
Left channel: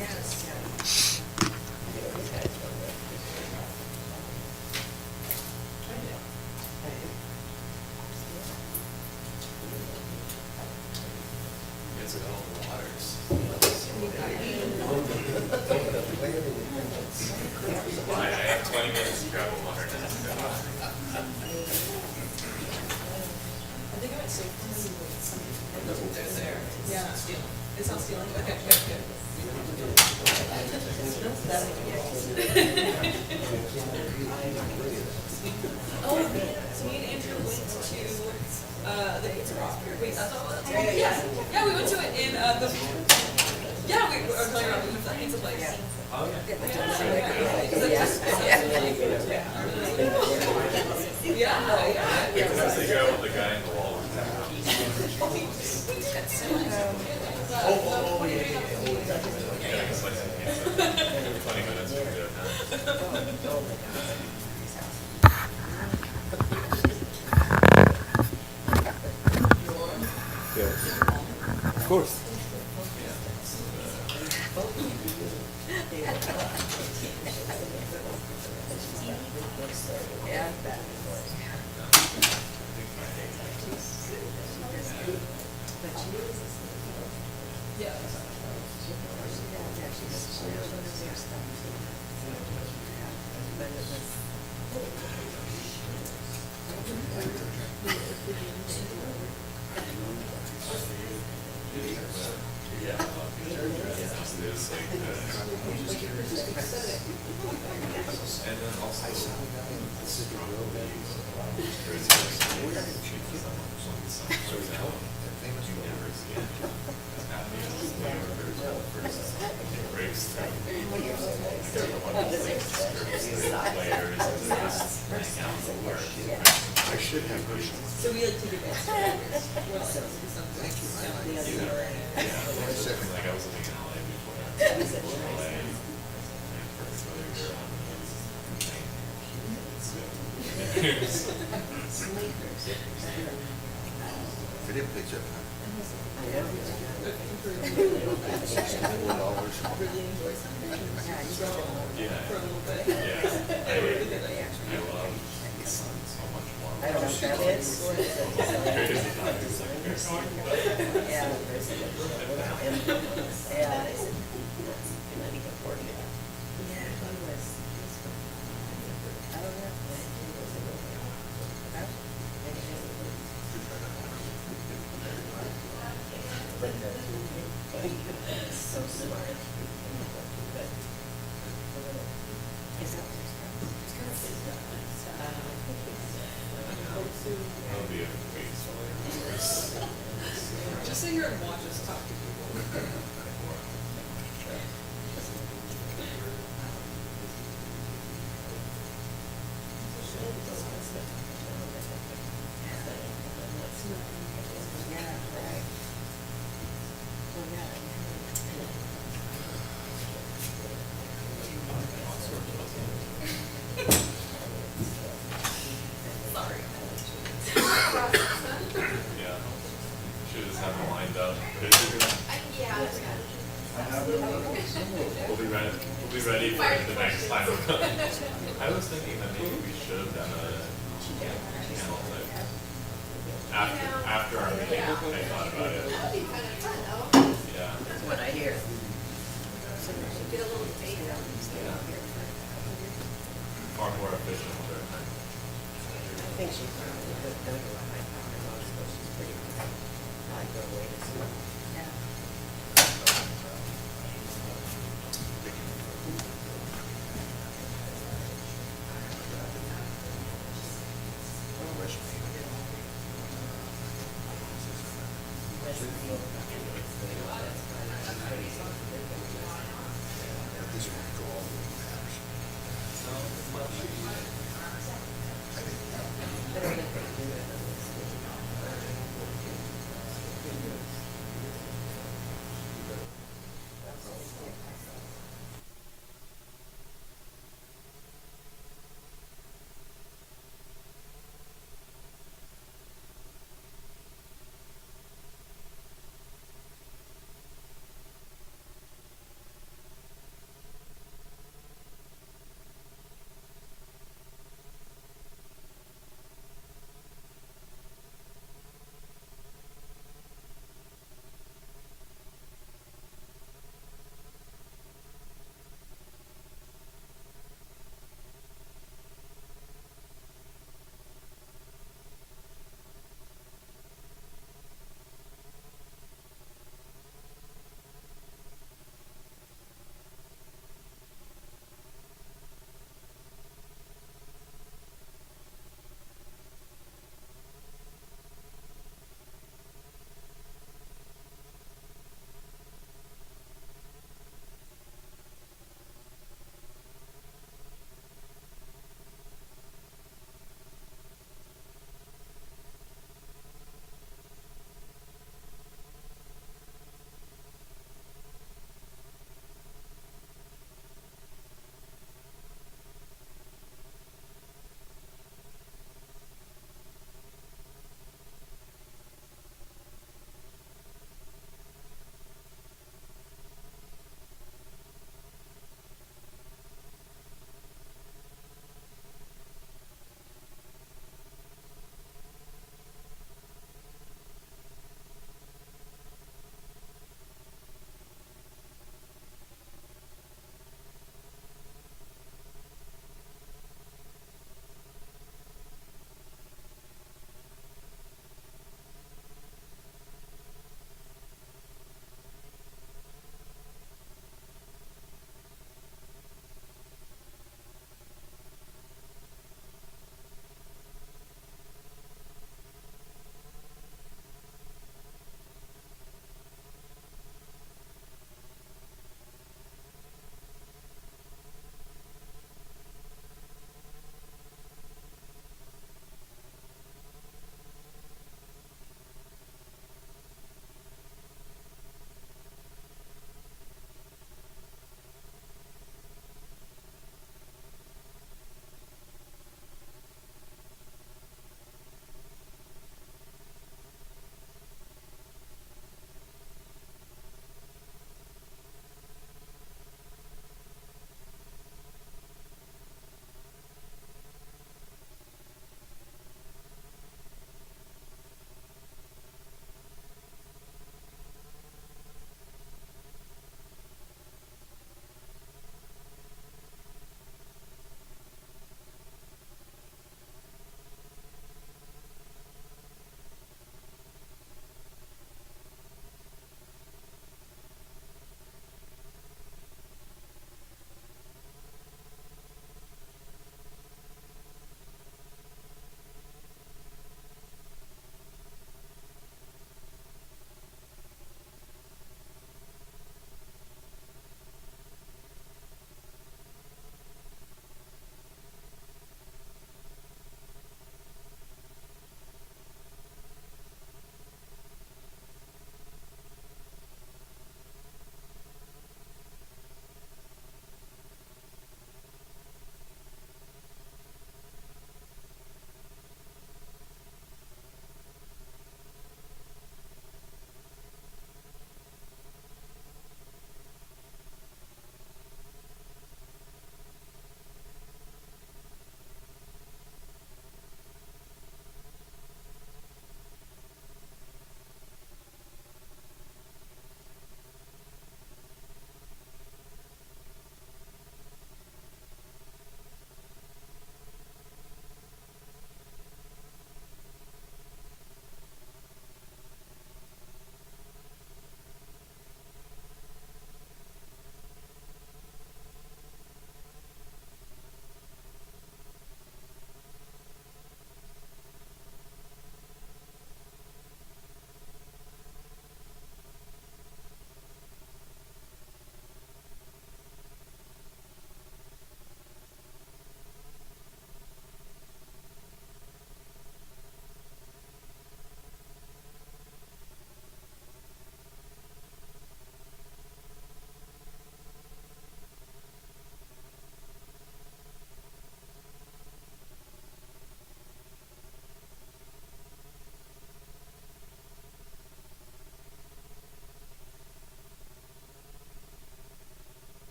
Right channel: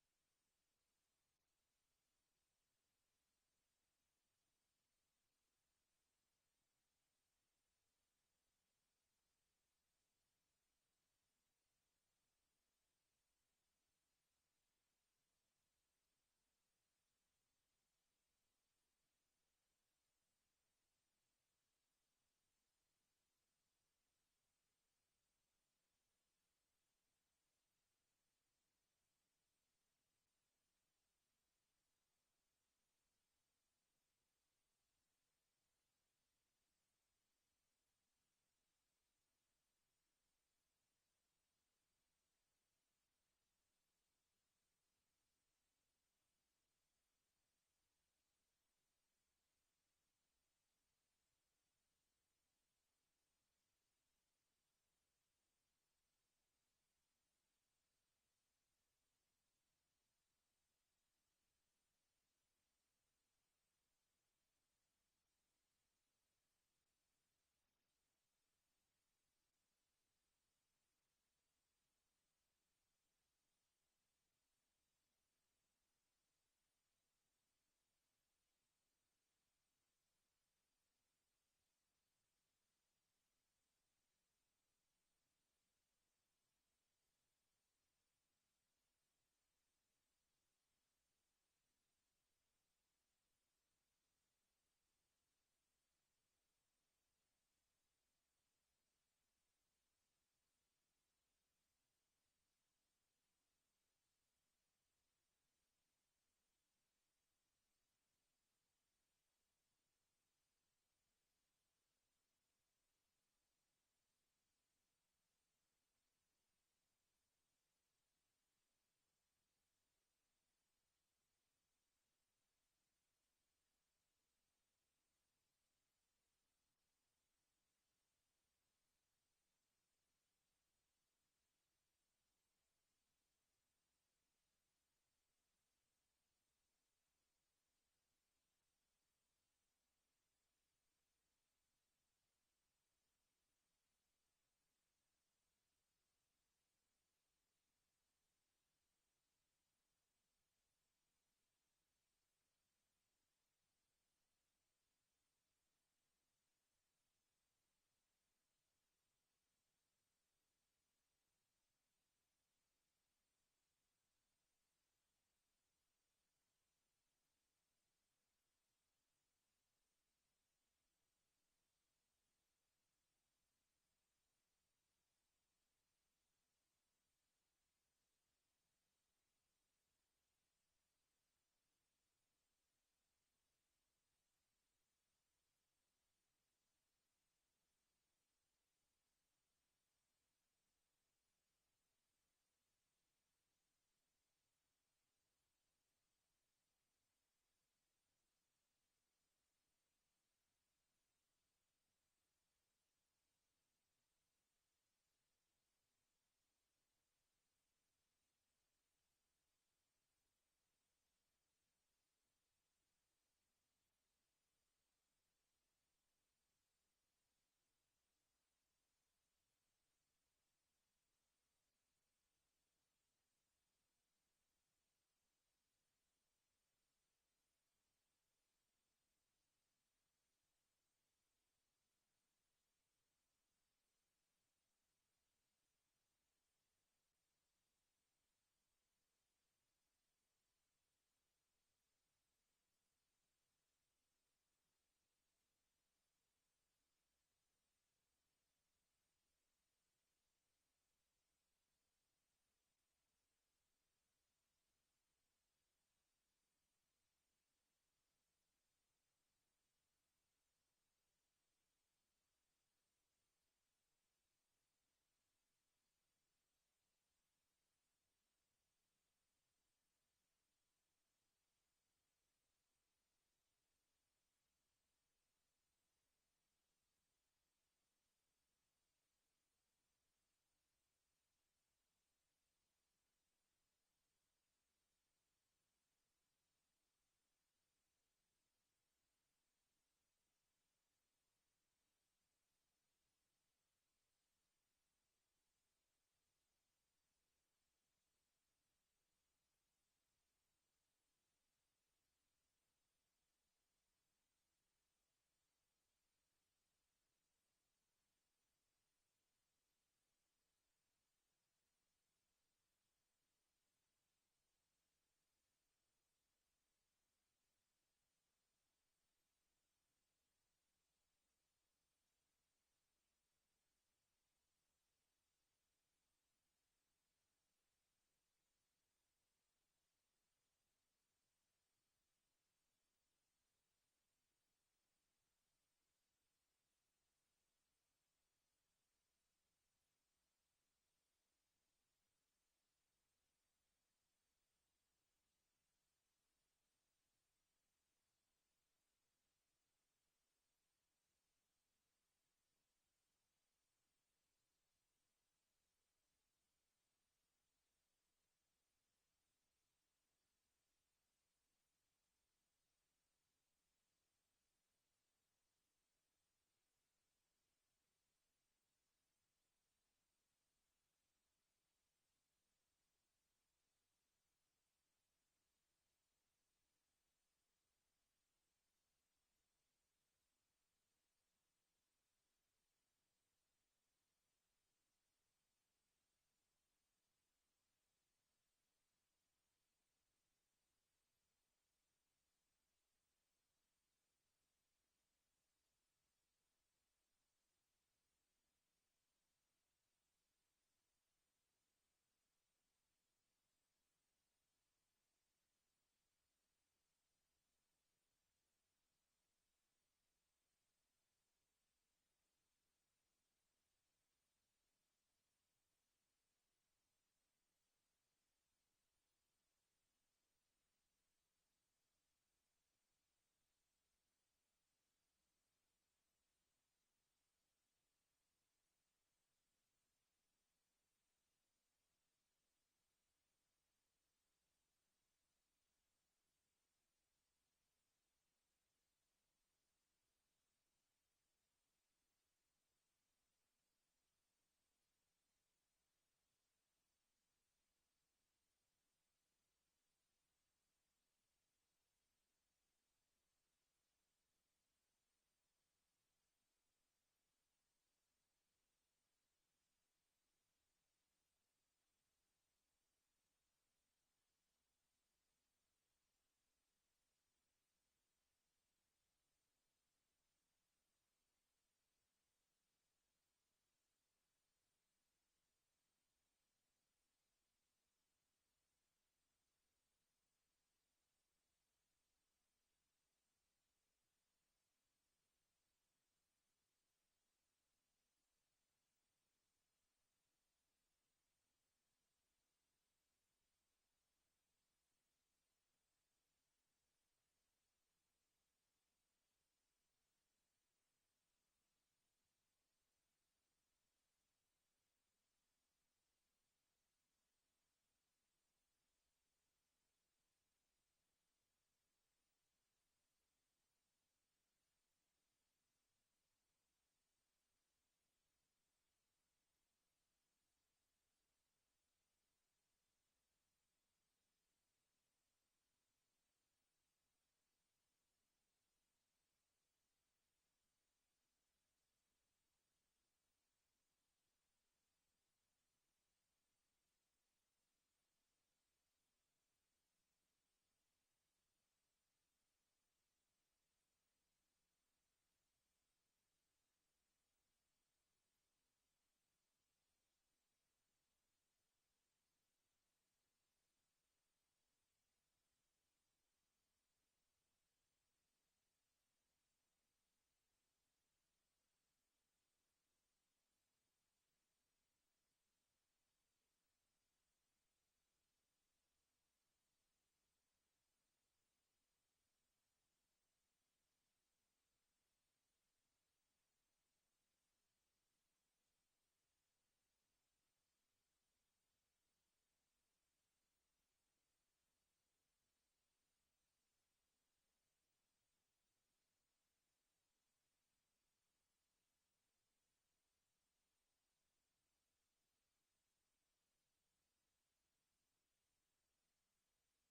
Yeah, we went to it in the. Yeah, we were telling around the pizza place. Of course. Should just have them lined up. We'll be ready for it the next time. I was thinking that maybe we should have done a panel after our meeting. I thought about it. Yeah. That's what I hear. Far more efficient. I think she probably could have done it with my power loss, but she's pretty, I go away to see.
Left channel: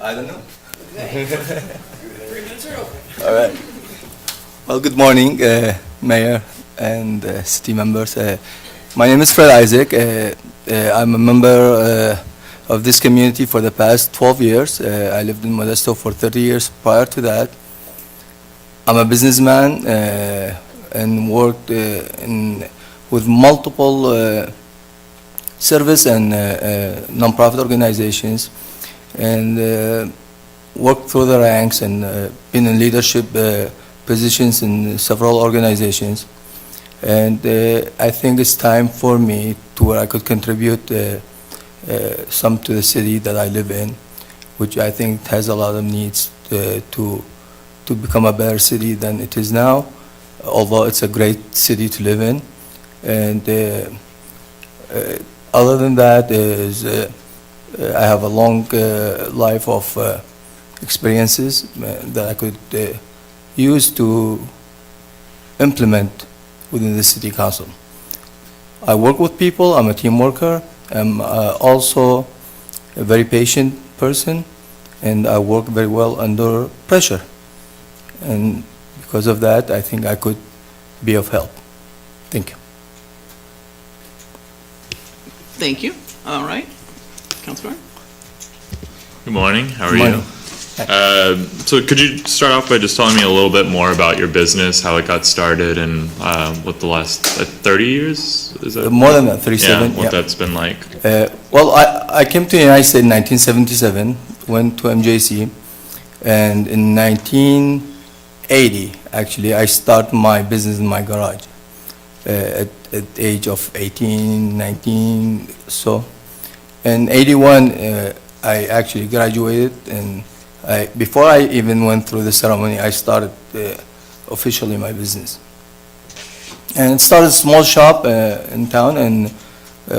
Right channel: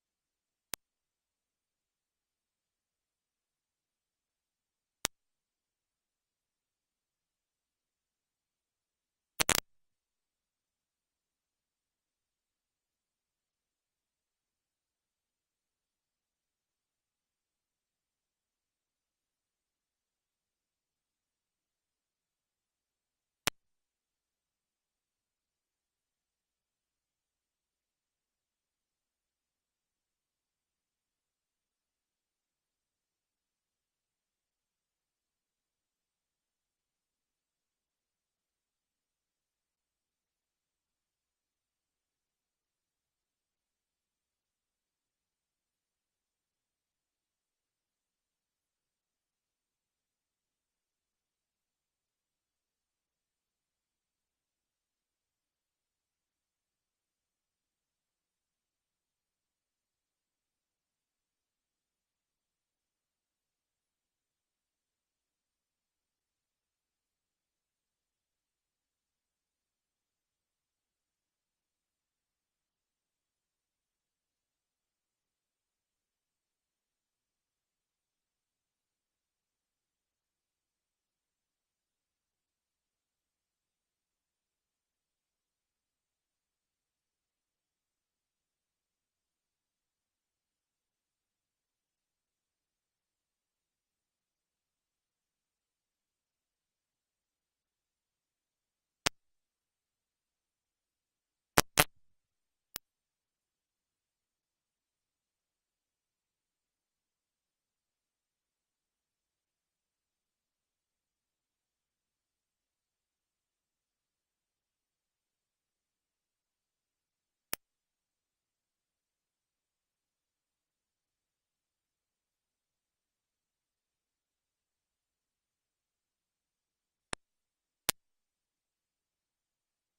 I don't know. All right. Well, good morning, Mayor and city members. My name is Fred Isaac. I'm a member of this community for the past 12 years. I lived in Modesto for 30 years prior to that. I'm a businessman and worked with multiple service and nonprofit organizations, and worked through the ranks and been in leadership positions in several organizations. And I think it's time for me to where I could contribute some to the city that I live in, which I think has a lot of needs to become a better city than it is now, although it's a great city to live in. And other than that is I have a long life of experiences that I could use to implement within the city council. I work with people, I'm a team worker, I'm also a very patient person, and I work very well under pressure. And because of that, I think I could be of help. Thank you. Thank you. All right. Councilor? Good morning. How are Good morning. you? So could you start off by just telling me a little bit more about your business, how it got started, and what the last 30 years is that? More than that, 37. Yeah, what that's been like. Well, I came to the United States in 1977, went to MJC, and in 1980, actually, I started my business in my garage at the age of 18, 19, so. In 81, I actually graduated, and before I even went through the ceremony, I started officially my business. And it started a small shop in town, and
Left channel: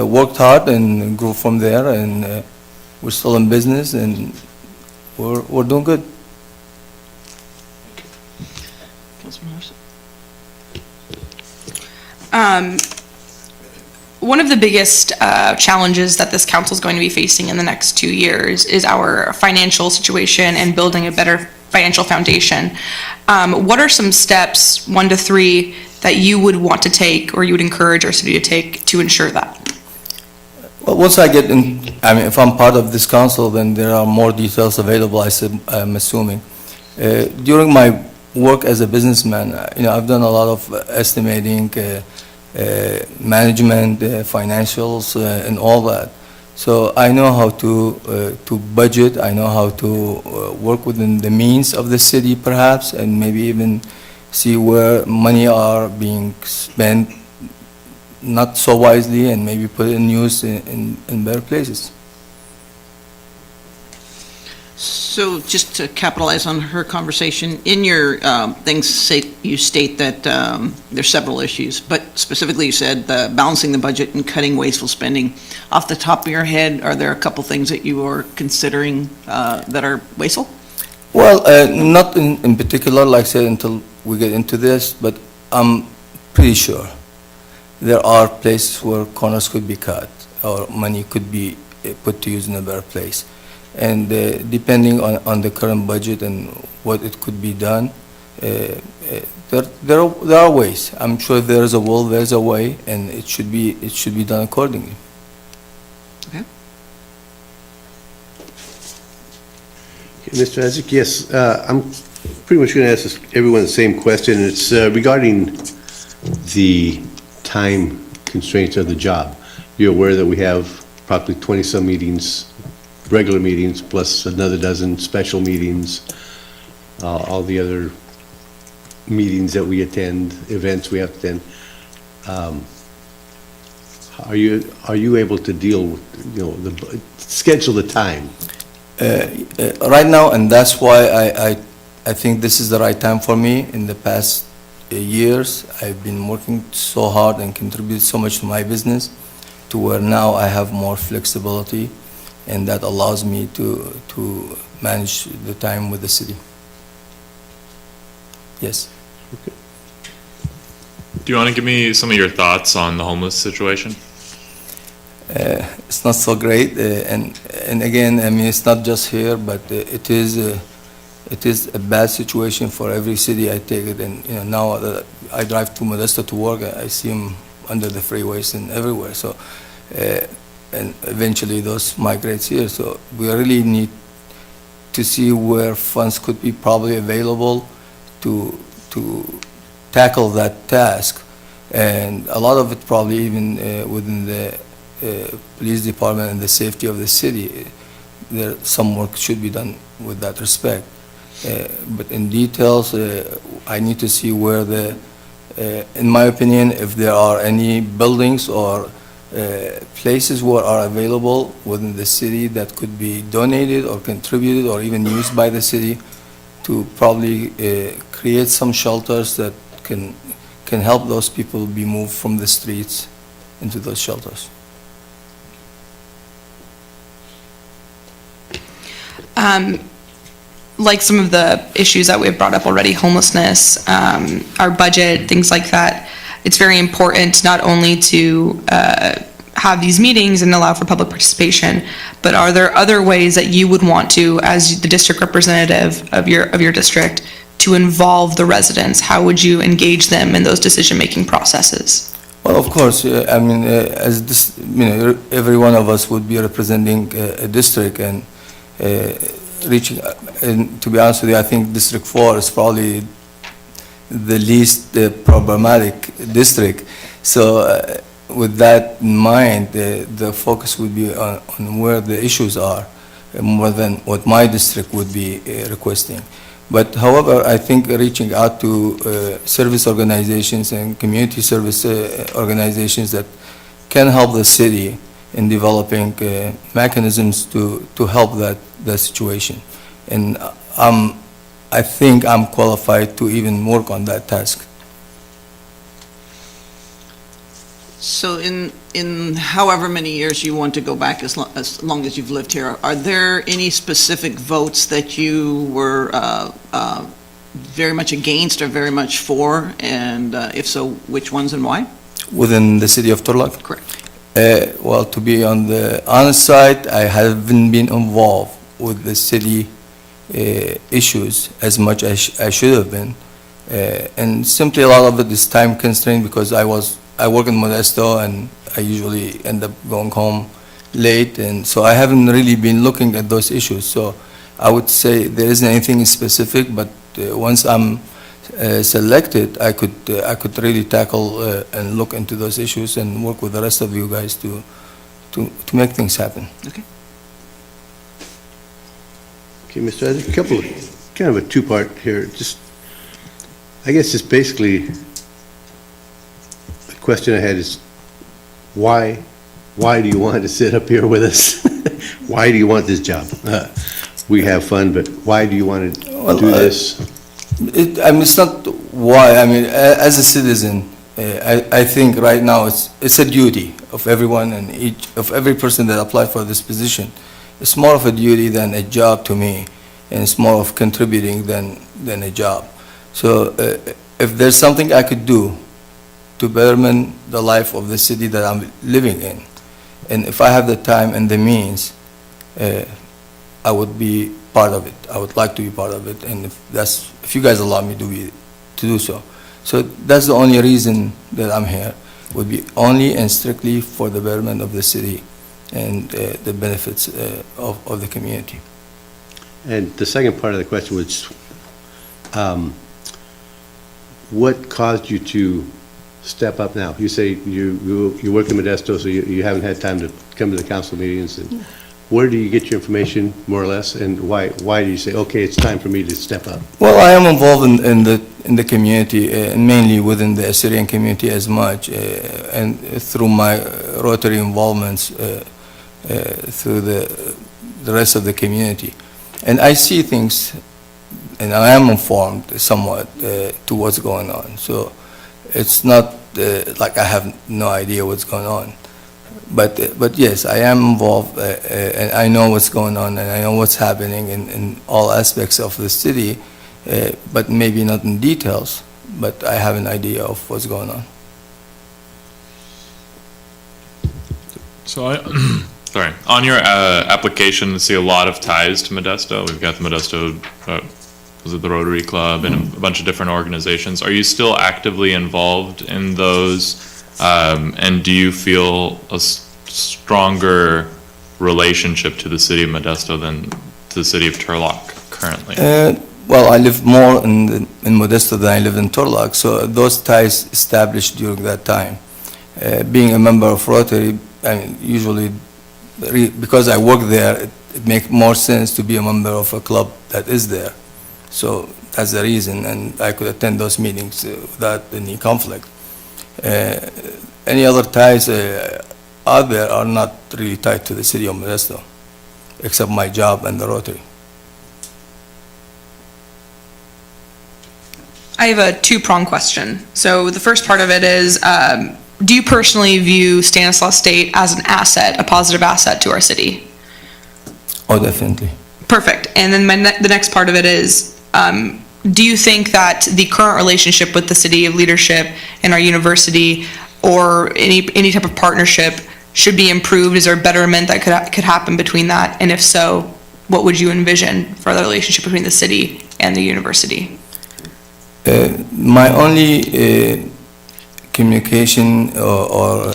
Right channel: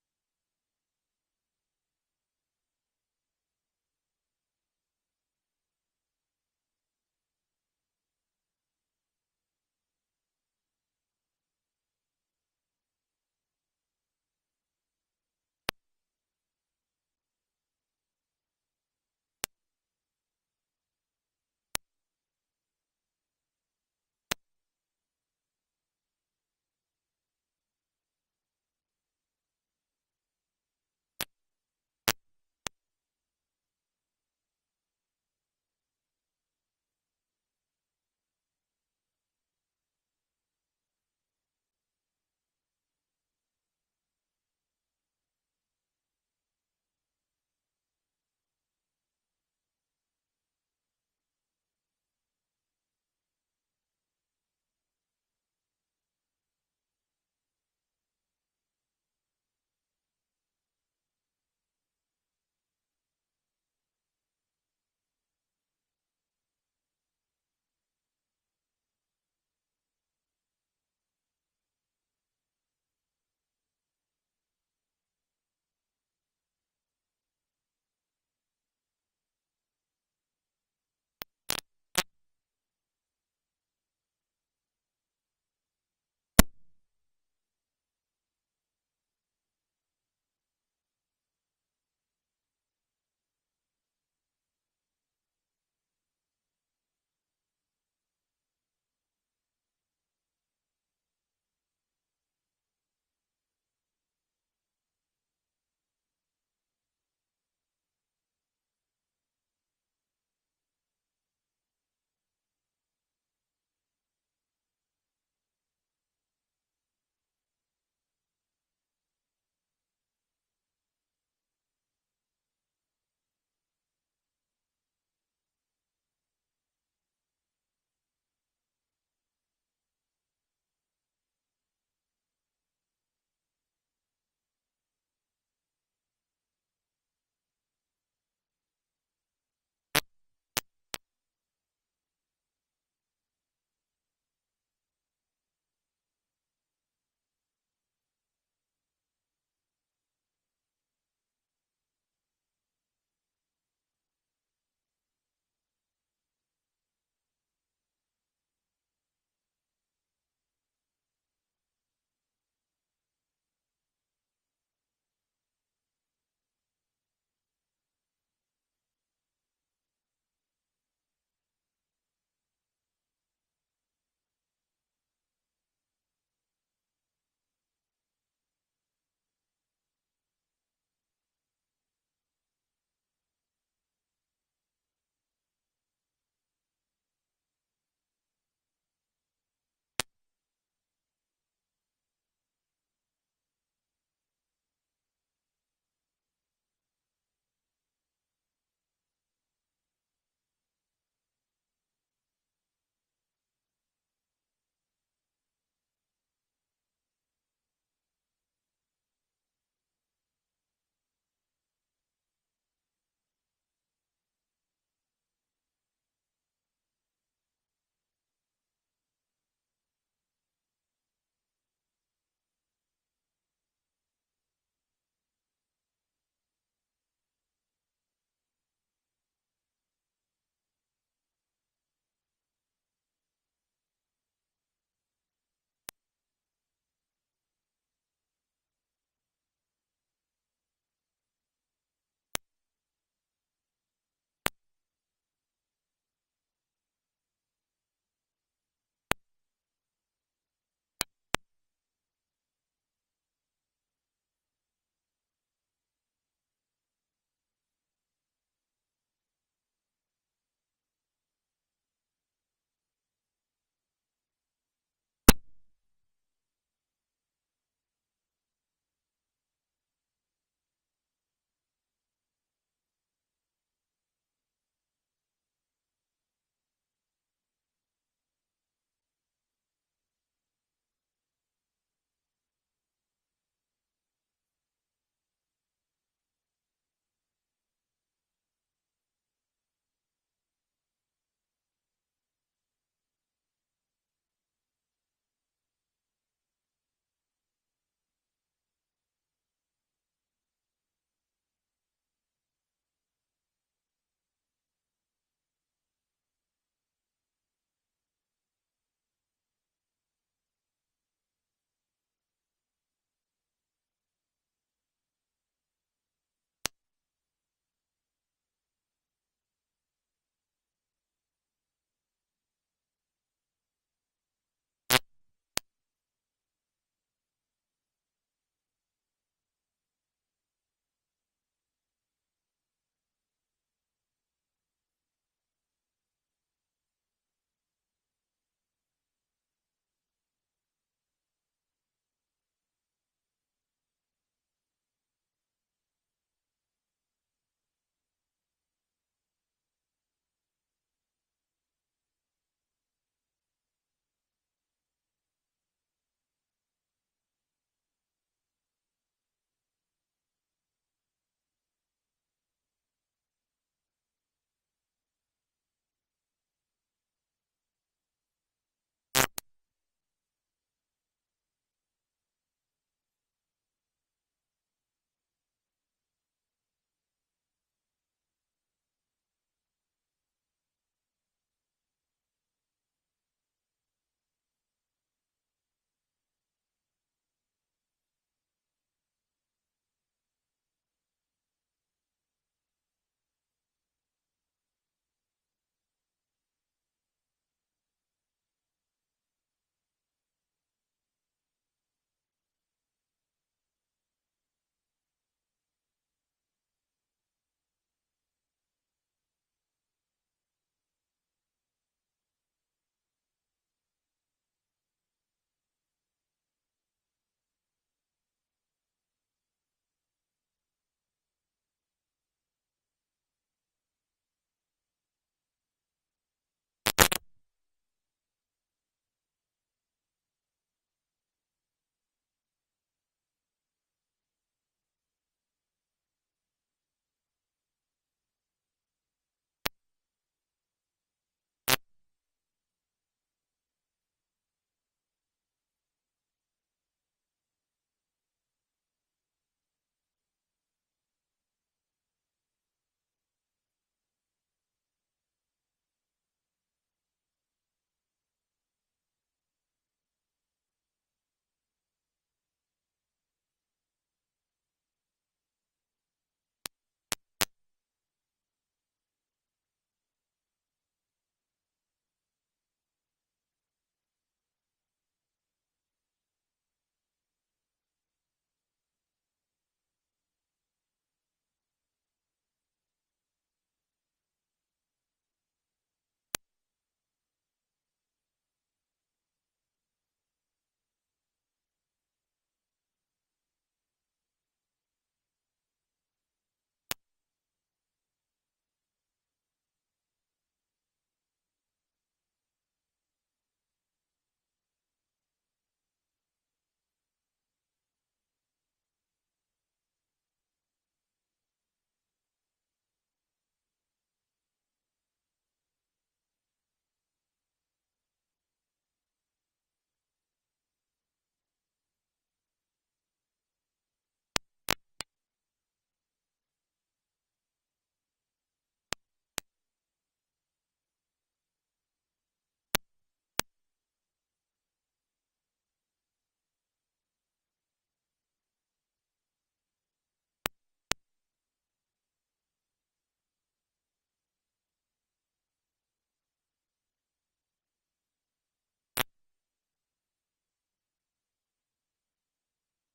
worked hard and grew from there, and we're still in business, and we're doing good. Councilor Morrison? One of the biggest challenges that this council is going to be facing in the next 2 years is our financial situation and building a better financial foundation. What are some steps, 1 to 3, that you would want to take or you would encourage our city to take to ensure that? Well, once I get in, I mean, if I'm part of this council, then there are more details available, I'm assuming. During my work as a businessman, I've done a lot of estimating, management, financials, and all that. So I know how to budget. I know how to work within the means of the city, perhaps, and maybe even see where money are being spent not so wisely, and maybe put it in use in better places. So just to capitalize on her conversation, in your things, you state that there's several issues, but specifically you said balancing the budget and cutting wasteful spending. Off the top of your head, are there a couple things that you are considering that are wasteful? Well, not in particular, like I said, until we get into this, but I'm pretty sure there are places where corners could be cut or money could be put to use in a better place. And depending on the current budget and what it could be done, there are ways. I'm sure if there is a will, there's a way, and it should be done accordingly. Okay. Mr. Isaac, yes, I'm pretty much going to ask everyone the same question. It's regarding the time constraints of the job. You're aware that we have probably 20-some meetings, regular meetings, plus another dozen special meetings, all the other meetings that we attend, events we have to attend. Are you able to deal with, schedule the time? Right now, and that's why I think this is the right time for me. In the past years, I've been working so hard and contributed so much to my business, to where now I have more flexibility, and that allows me to manage the time with the city. Yes. Do you want to give me some of your thoughts on the homeless situation? it's not so great. And again, I mean, it's not just here, but it is a bad situation for every city. I take it, and now that I drive to Modesto to work, I see them under the freeways and everywhere. So, and eventually those migrates here. So we really need to see where funds could be probably available to tackle that task. And a lot of it probably even within the police department and the safety of the city, some work should be done with that respect. But in details, I need to see where in my opinion, if there are any buildings or places where are available within the city that could be donated or contributed or even used by the city to probably create some shelters that can help those people be moved from the streets into those shelters. Like some of the issues that we've brought up already, homelessness, our budget, things like that, it's very important not only to have these meetings and allow for public participation, but are there other ways that you would want to, as the district representative of your district, to involve the residents? How would you engage them in those decision-making processes? Well, of course, I mean, as this, every one of us would be representing a district and reaching, and to be honest with you, I think District 4 is probably the least problematic district. So with that in mind, the focus would be on where the issues are, more than what my district would be requesting. But however, I think reaching out to service organizations and community service organizations that can help the city in developing mechanisms to help that situation. And I think I'm qualified to even work on that task. So in however many years you want to go back, as long as you've lived here, are there any specific votes that you were very much against or very much for? And if so, which ones and why? Within the city of Turlock? Correct. Well, to be on the honest side, I haven't been involved with the city issues as much as I should have been. And simply a lot of it is time constrained because I work in Modesto and I usually end up going home late, and so I haven't really been looking at those issues. So I would say there isn't anything specific, but once I'm selected, I could really tackle and look into those issues and work with the rest of you guys to make things happen. Okay. Okay, Mr. Isaac, kind of a two-part here. I guess just basically, the question I had is, why do you want to sit up here with us? Why do you want this job? We have fun, but why do you want to do this? I mean, it's not why. I mean, as a citizen, I think right now it's a duty of everyone and of every person that applied for this position. It's more of a duty than a job to me, and it's more of contributing than a job. So if there's something I could do to betterment the life of the city that I'm living in, and if I have the time and the means, I would be part of it. I would like to be part of it, and if you guys allow me to do so. So that's the only reason that I'm here, would be only and strictly for the betterment of the city and the benefits of the community. And the second part of the question was, what caused you to step up now? You say you work in Modesto, so you haven't had time to come to the council meetings. And where do you get your information, more or less, and why do you say, okay, it's time for me to step up? Well, I am involved in the community, and mainly within the Assyrian community as much, and through my Rotary involvements through the rest of the community. And I see things, and I am informed somewhat to what's going on. So it's not like I have no idea what's going on. But yes, I am involved, and I know what's going on, and I know what's happening in all aspects of the city, but maybe not in details, but I have an idea of what's going on. So sorry, on your application, I see a lot of ties to Modesto. We've got the Modesto, was it the Rotary Club and a bunch of different organizations. Are you still actively involved in those? And do you feel a stronger relationship to the city of Modesto than to the city of Turlock currently? Well, I live more in Modesto than I live in Turlock, so those ties established during that time. Being a member of Rotary, I mean, usually, because I work there, it makes more sense to be a member of a club that is there. So that's the reason, and I could attend those meetings without any conflict. Any other ties out there are not really tied to the city of Modesto, except my job and the Rotary. I have a two-pronged question. So the first part of it is, do you personally view Stanislaus State as an asset, a positive asset to our city? Oh, definitely. Perfect. And then the next part of it is, do you think that the current relationship with the city of leadership and our university, or any type of partnership, should be improved? Is there a betterment that could happen between that? And if so, what would you envision for the relationship between the city and the university? My only communication or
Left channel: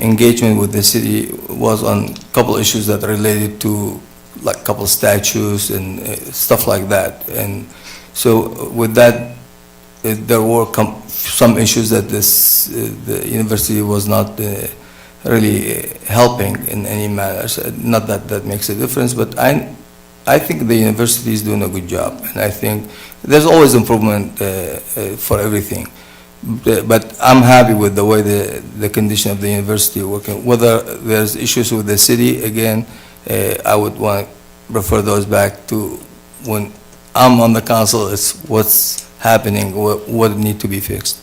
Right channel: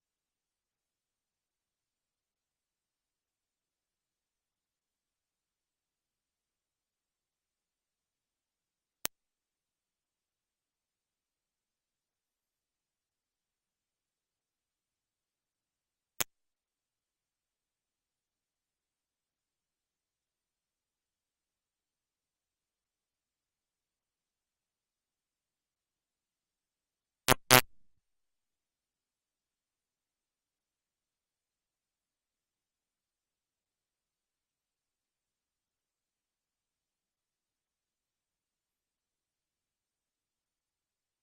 engagement with the city was on a couple issues that related to like a couple statues and stuff like that. And so with that, there were some issues that the university was not really helping in any manner. So not that that makes a difference, but I think the university is doing a good job, and I think there's always improvement for everything. But I'm happy with the way the condition of the university working. Whether there's issues with the city, again, I would want to refer those back to when I'm on the council. It's what's happening, what need to be fixed.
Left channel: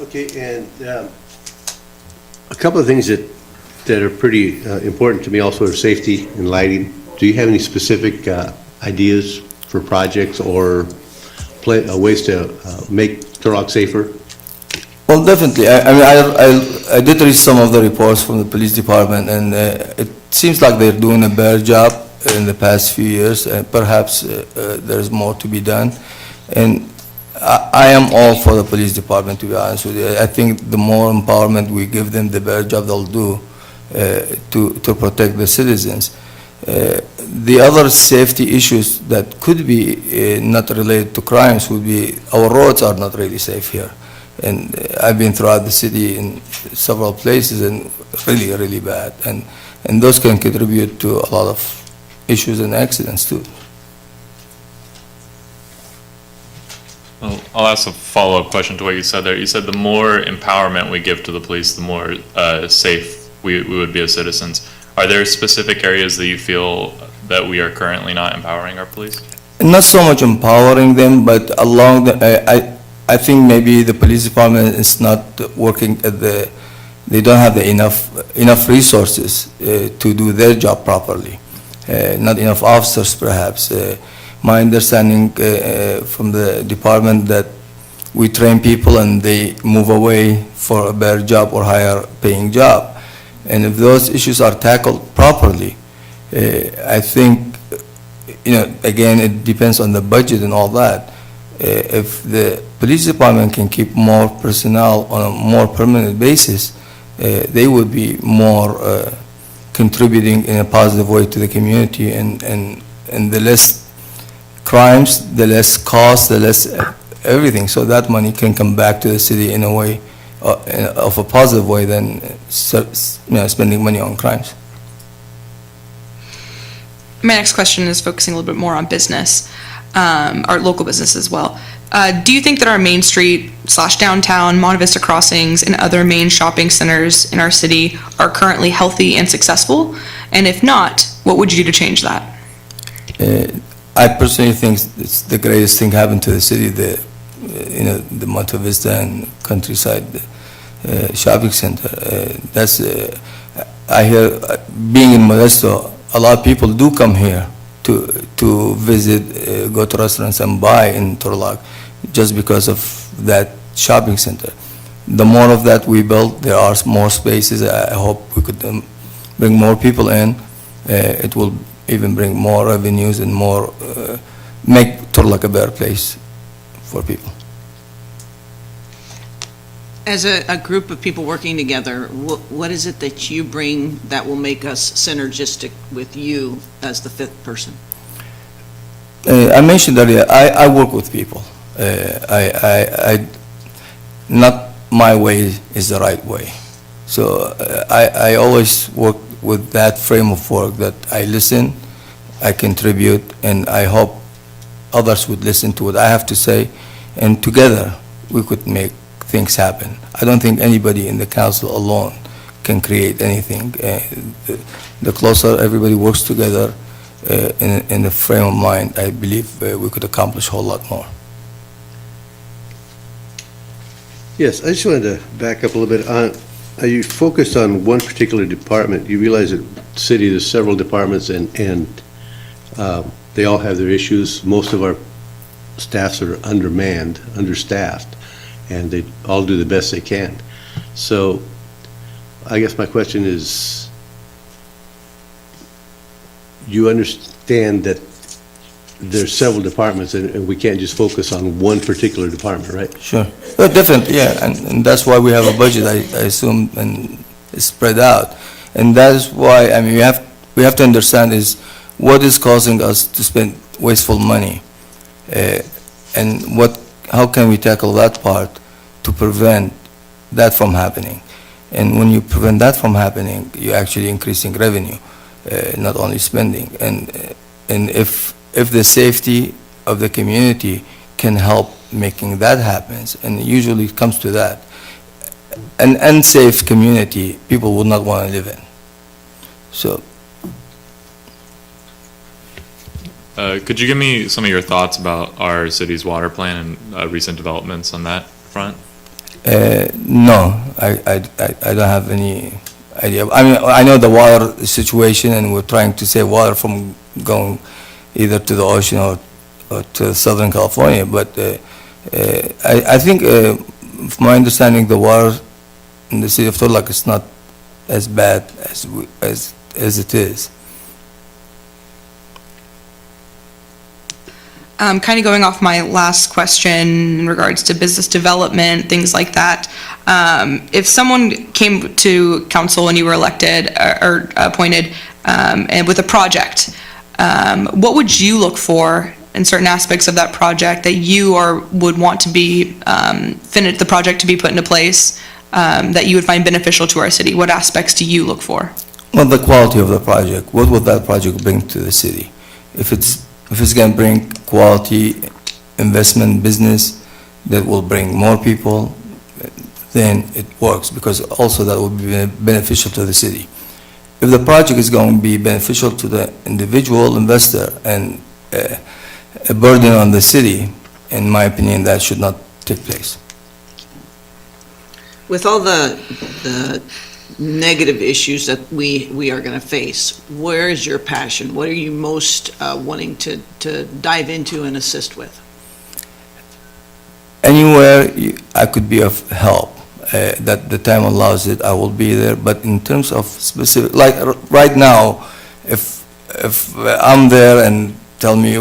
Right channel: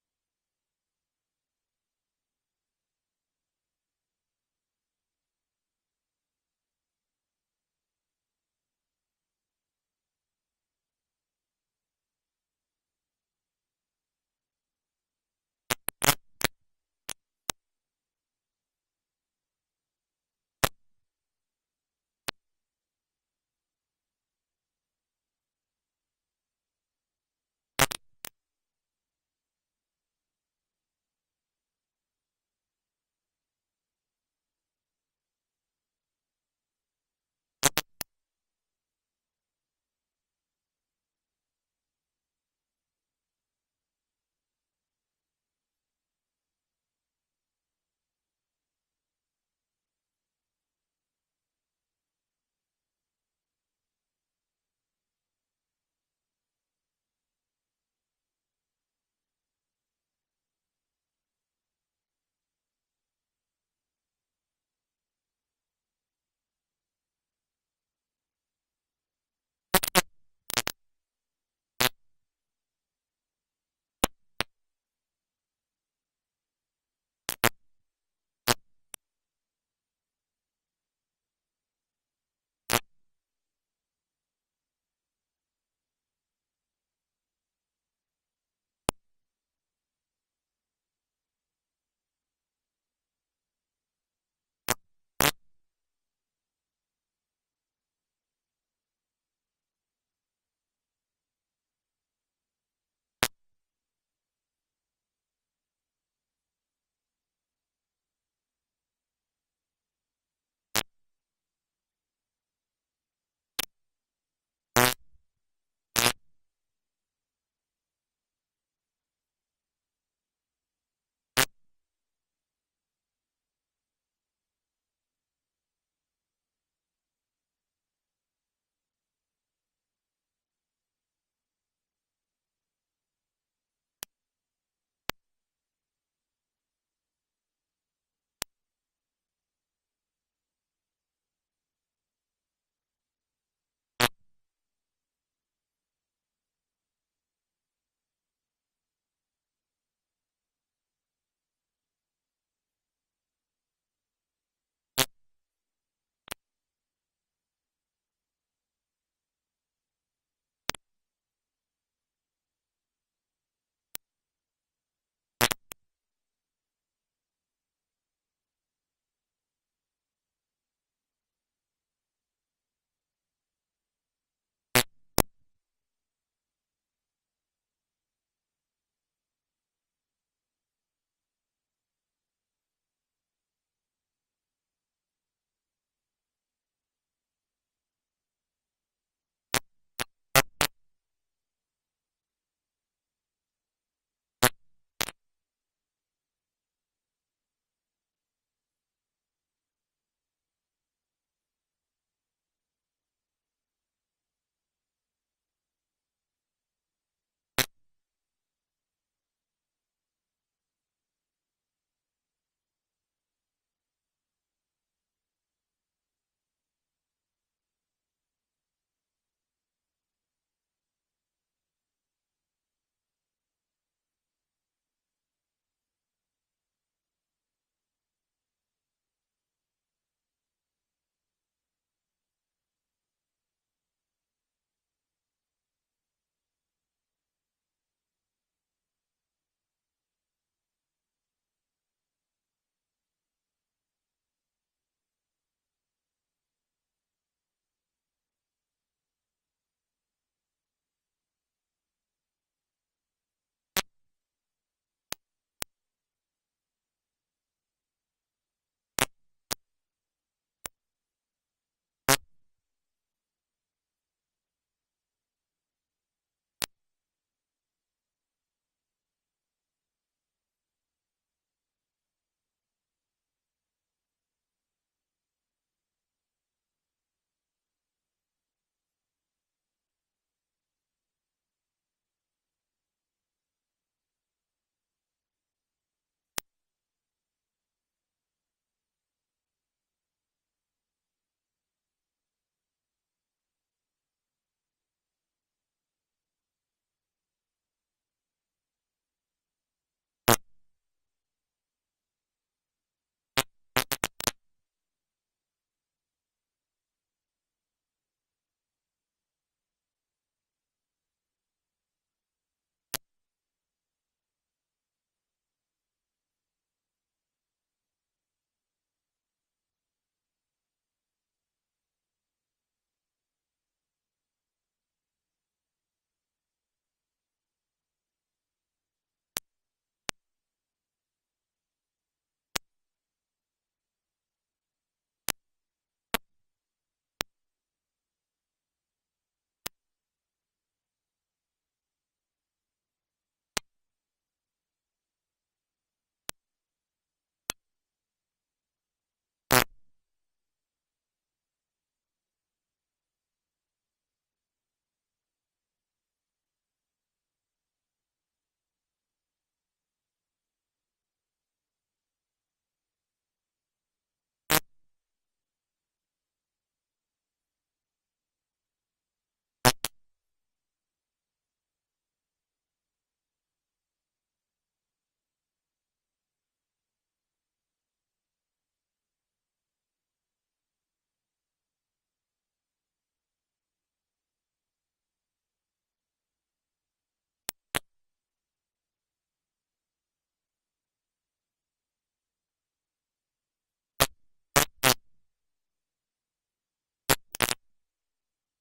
Okay, and a couple of things that are pretty important to me also are safety and lighting. Do you have any specific ideas for projects or ways to make Turlock safer? Well, definitely. I mean, I did read some of the reports from the police department, and it seems like they're doing a better job in the past few years, and perhaps there's more to be done. And I am all for the police department, to be honest with you. I think the more empowerment we give them, the better job they'll do to protect the citizens. The other safety issues that could be not related to crimes would be our roads are not really safe here. And I've been throughout the city in several places and really, really bad. And those can contribute to a lot of issues and accidents too. Well, I'll ask a follow-up question to what you said there. You said the more empowerment we give to the police, the more safe we would be as citizens. Are there specific areas that you feel that we are currently not empowering our police? Not so much empowering them, but along the, I think maybe the police department is not working at they don't have enough resources to do their job properly. Not enough officers, perhaps. My understanding from the department that we train people and they move away for a better job or higher paying job. And if those issues are tackled properly, I think, again, it depends on the budget and all that. If the police department can keep more personnel on a more permanent basis, they would be more contributing in a positive way to the community, and the less crimes, the less cost, the less everything. So that money can come back to the city in a way, of a positive way than spending money on crimes. My next question is focusing a little bit more on business, our local business as well. Do you think that our Main Street / downtown, Monte Vista crossings, and other main shopping centers in our city are currently healthy and successful? And if not, what would you do to change that? I personally think it's the greatest thing happened to the city, the Monte Vista and Countryside shopping center. I hear, being in Modesto, a lot of people do come here to visit, go to restaurants and buy in Turlock just because of that shopping center. The more of that we build, there are more spaces. I hope we could bring more people in. It will even bring more revenues and more, make Turlock a better place for people. As a group of people working together, what is it that you bring that will make us synergistic with you as the fifth person? I mentioned earlier, I work with people. Not my way is the right way. So I always work with that frame of work that I listen, I contribute, and I hope others would listen to what I have to say, and together we could make things happen. I don't think anybody in the council alone can create anything. The closer everybody works together in the frame of mind, I believe we could accomplish a whole lot more. Yes, I just wanted to back up a little bit. Are you focused on one particular department? You realize that city, there's several departments, and they all have their issues. Most of our staffs are undermanned, understaffed, and they all do the best they can. So I guess my question is, you understand that there's several departments, and we can't just focus on one particular department, right? Sure. Well, definitely, yeah, and that's why we have a budget, I assume, and it's spread out. And that is why, I mean, we have to understand is what is causing us to spend wasteful money, and how can we tackle that part to prevent that from happening. And when you prevent that from happening, you're actually increasing revenue, not only spending. And if the safety of the community can help making that happen, and usually it comes to that, an unsafe community, people would not want to live in. So. Could you give me some of your thoughts about our city's water plan and recent developments on that front? No, I don't have any idea. I mean, I know the water situation, and we're trying to save water from going either to the ocean or to Southern California, but I think, from my understanding, the water in the city of Turlock is not as bad as it is. Kind of going off my last question in regards to business development, things like that. If someone came to council when you were elected or appointed and with a project, what would you look for in certain aspects of that project that you would want to be finish the project to be put into place that you would find beneficial to our city? What aspects do you look for? Well, the quality of the project. What would that project bring to the city? If it's going to bring quality investment business that will bring more people, then it works, because also that will be beneficial to the city. If the project is going to be beneficial to the individual investor and a burden on the city, in my opinion, that should not take place. With all the negative issues that we are going to face, where is your passion? What are you most wanting to dive into and assist with? Anywhere I could be of help, that the time allows it, I will be there. But in terms of specific, like right now, if I'm there and tell me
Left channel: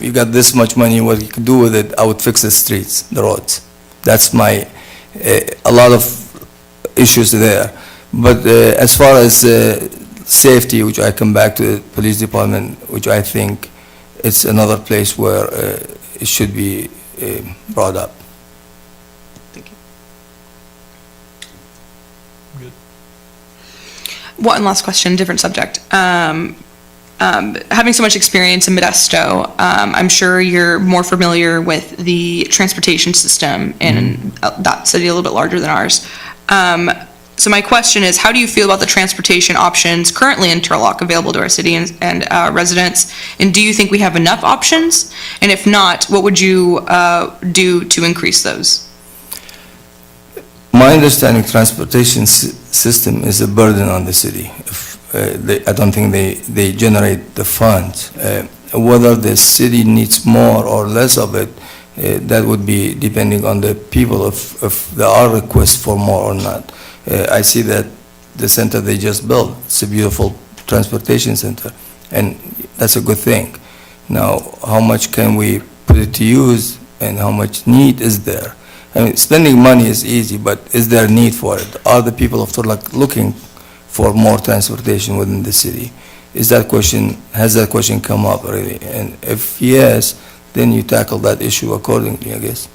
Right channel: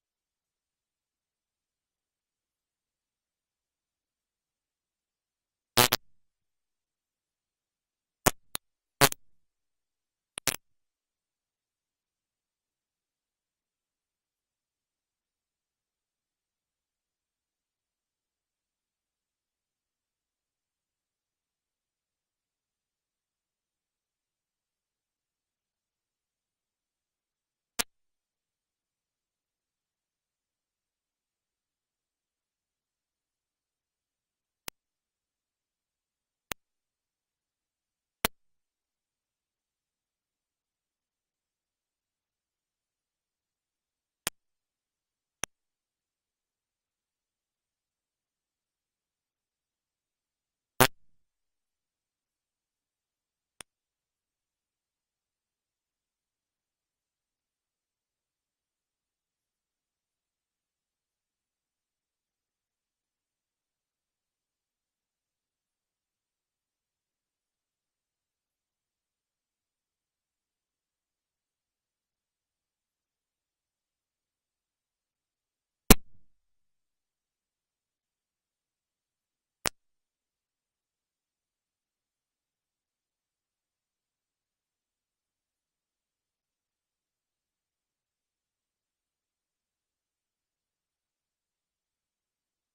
you got this much money, what you could do with it, I would fix the streets, the roads. That's my a lot of issues there. But as far as safety, which I come back to the police department, which I think it's another place where it should be brought up. Thank you. One last question, different subject. Having so much experience in Modesto, I'm sure you're more familiar with the transportation system in that city, a little bit larger than ours. So my question is, how do you feel about the transportation options currently in Turlock available to our city and residents? And do you think we have enough options? And if not, what would you do to increase those? My understanding, transportation system is a burden on the city. I don't think they generate the funds. Whether the city needs more or less of it, That would be depending on the people if there are requests for more or not. I see that the center they just built, it's a beautiful transportation center, and that's a good thing. Now, how much can we put it to use and how much need is there? I mean, spending money is easy, but is there a need for it? Are the people of Turlock looking for more transportation within the city? Has that question come up really? And if yes, then you tackle that issue accordingly, I guess.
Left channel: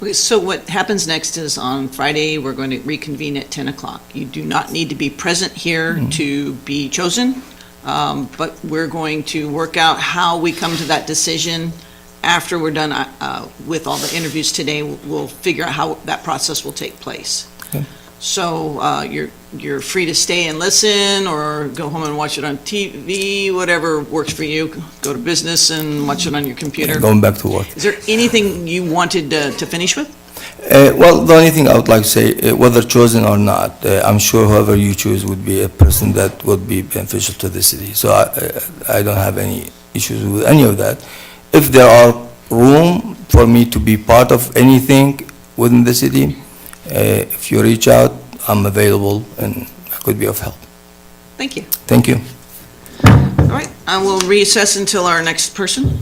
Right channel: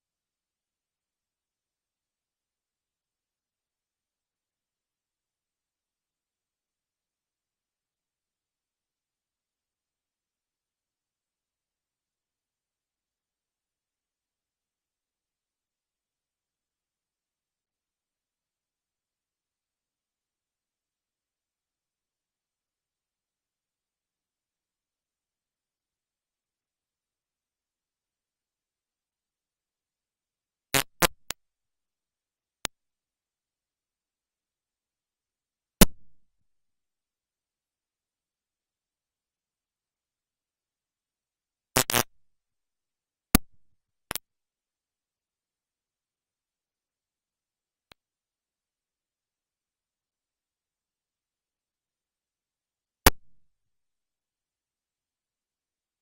Okay, so what happens next is on Friday, we're going to reconvene at 10 o'clock. You do not need to be present here to be chosen, but we're going to work out how we come to that decision. After we're done with all the interviews today, we'll figure out how that process will take place. Okay. So you're free to stay and listen, or go home and watch it on TV, whatever works for you. Go to business and watch it on your computer. Going back to work. Is there anything you wanted to finish with? Well, the only thing I would like to say, whether chosen or not, I'm sure whoever you choose would be a person that would be beneficial to the city. So I don't have any issues with any of that. If there are room for me to be part of anything within the city, if you reach out, I'm available and I could be of help. Thank you. Thank you. All right, I will recess until our next person.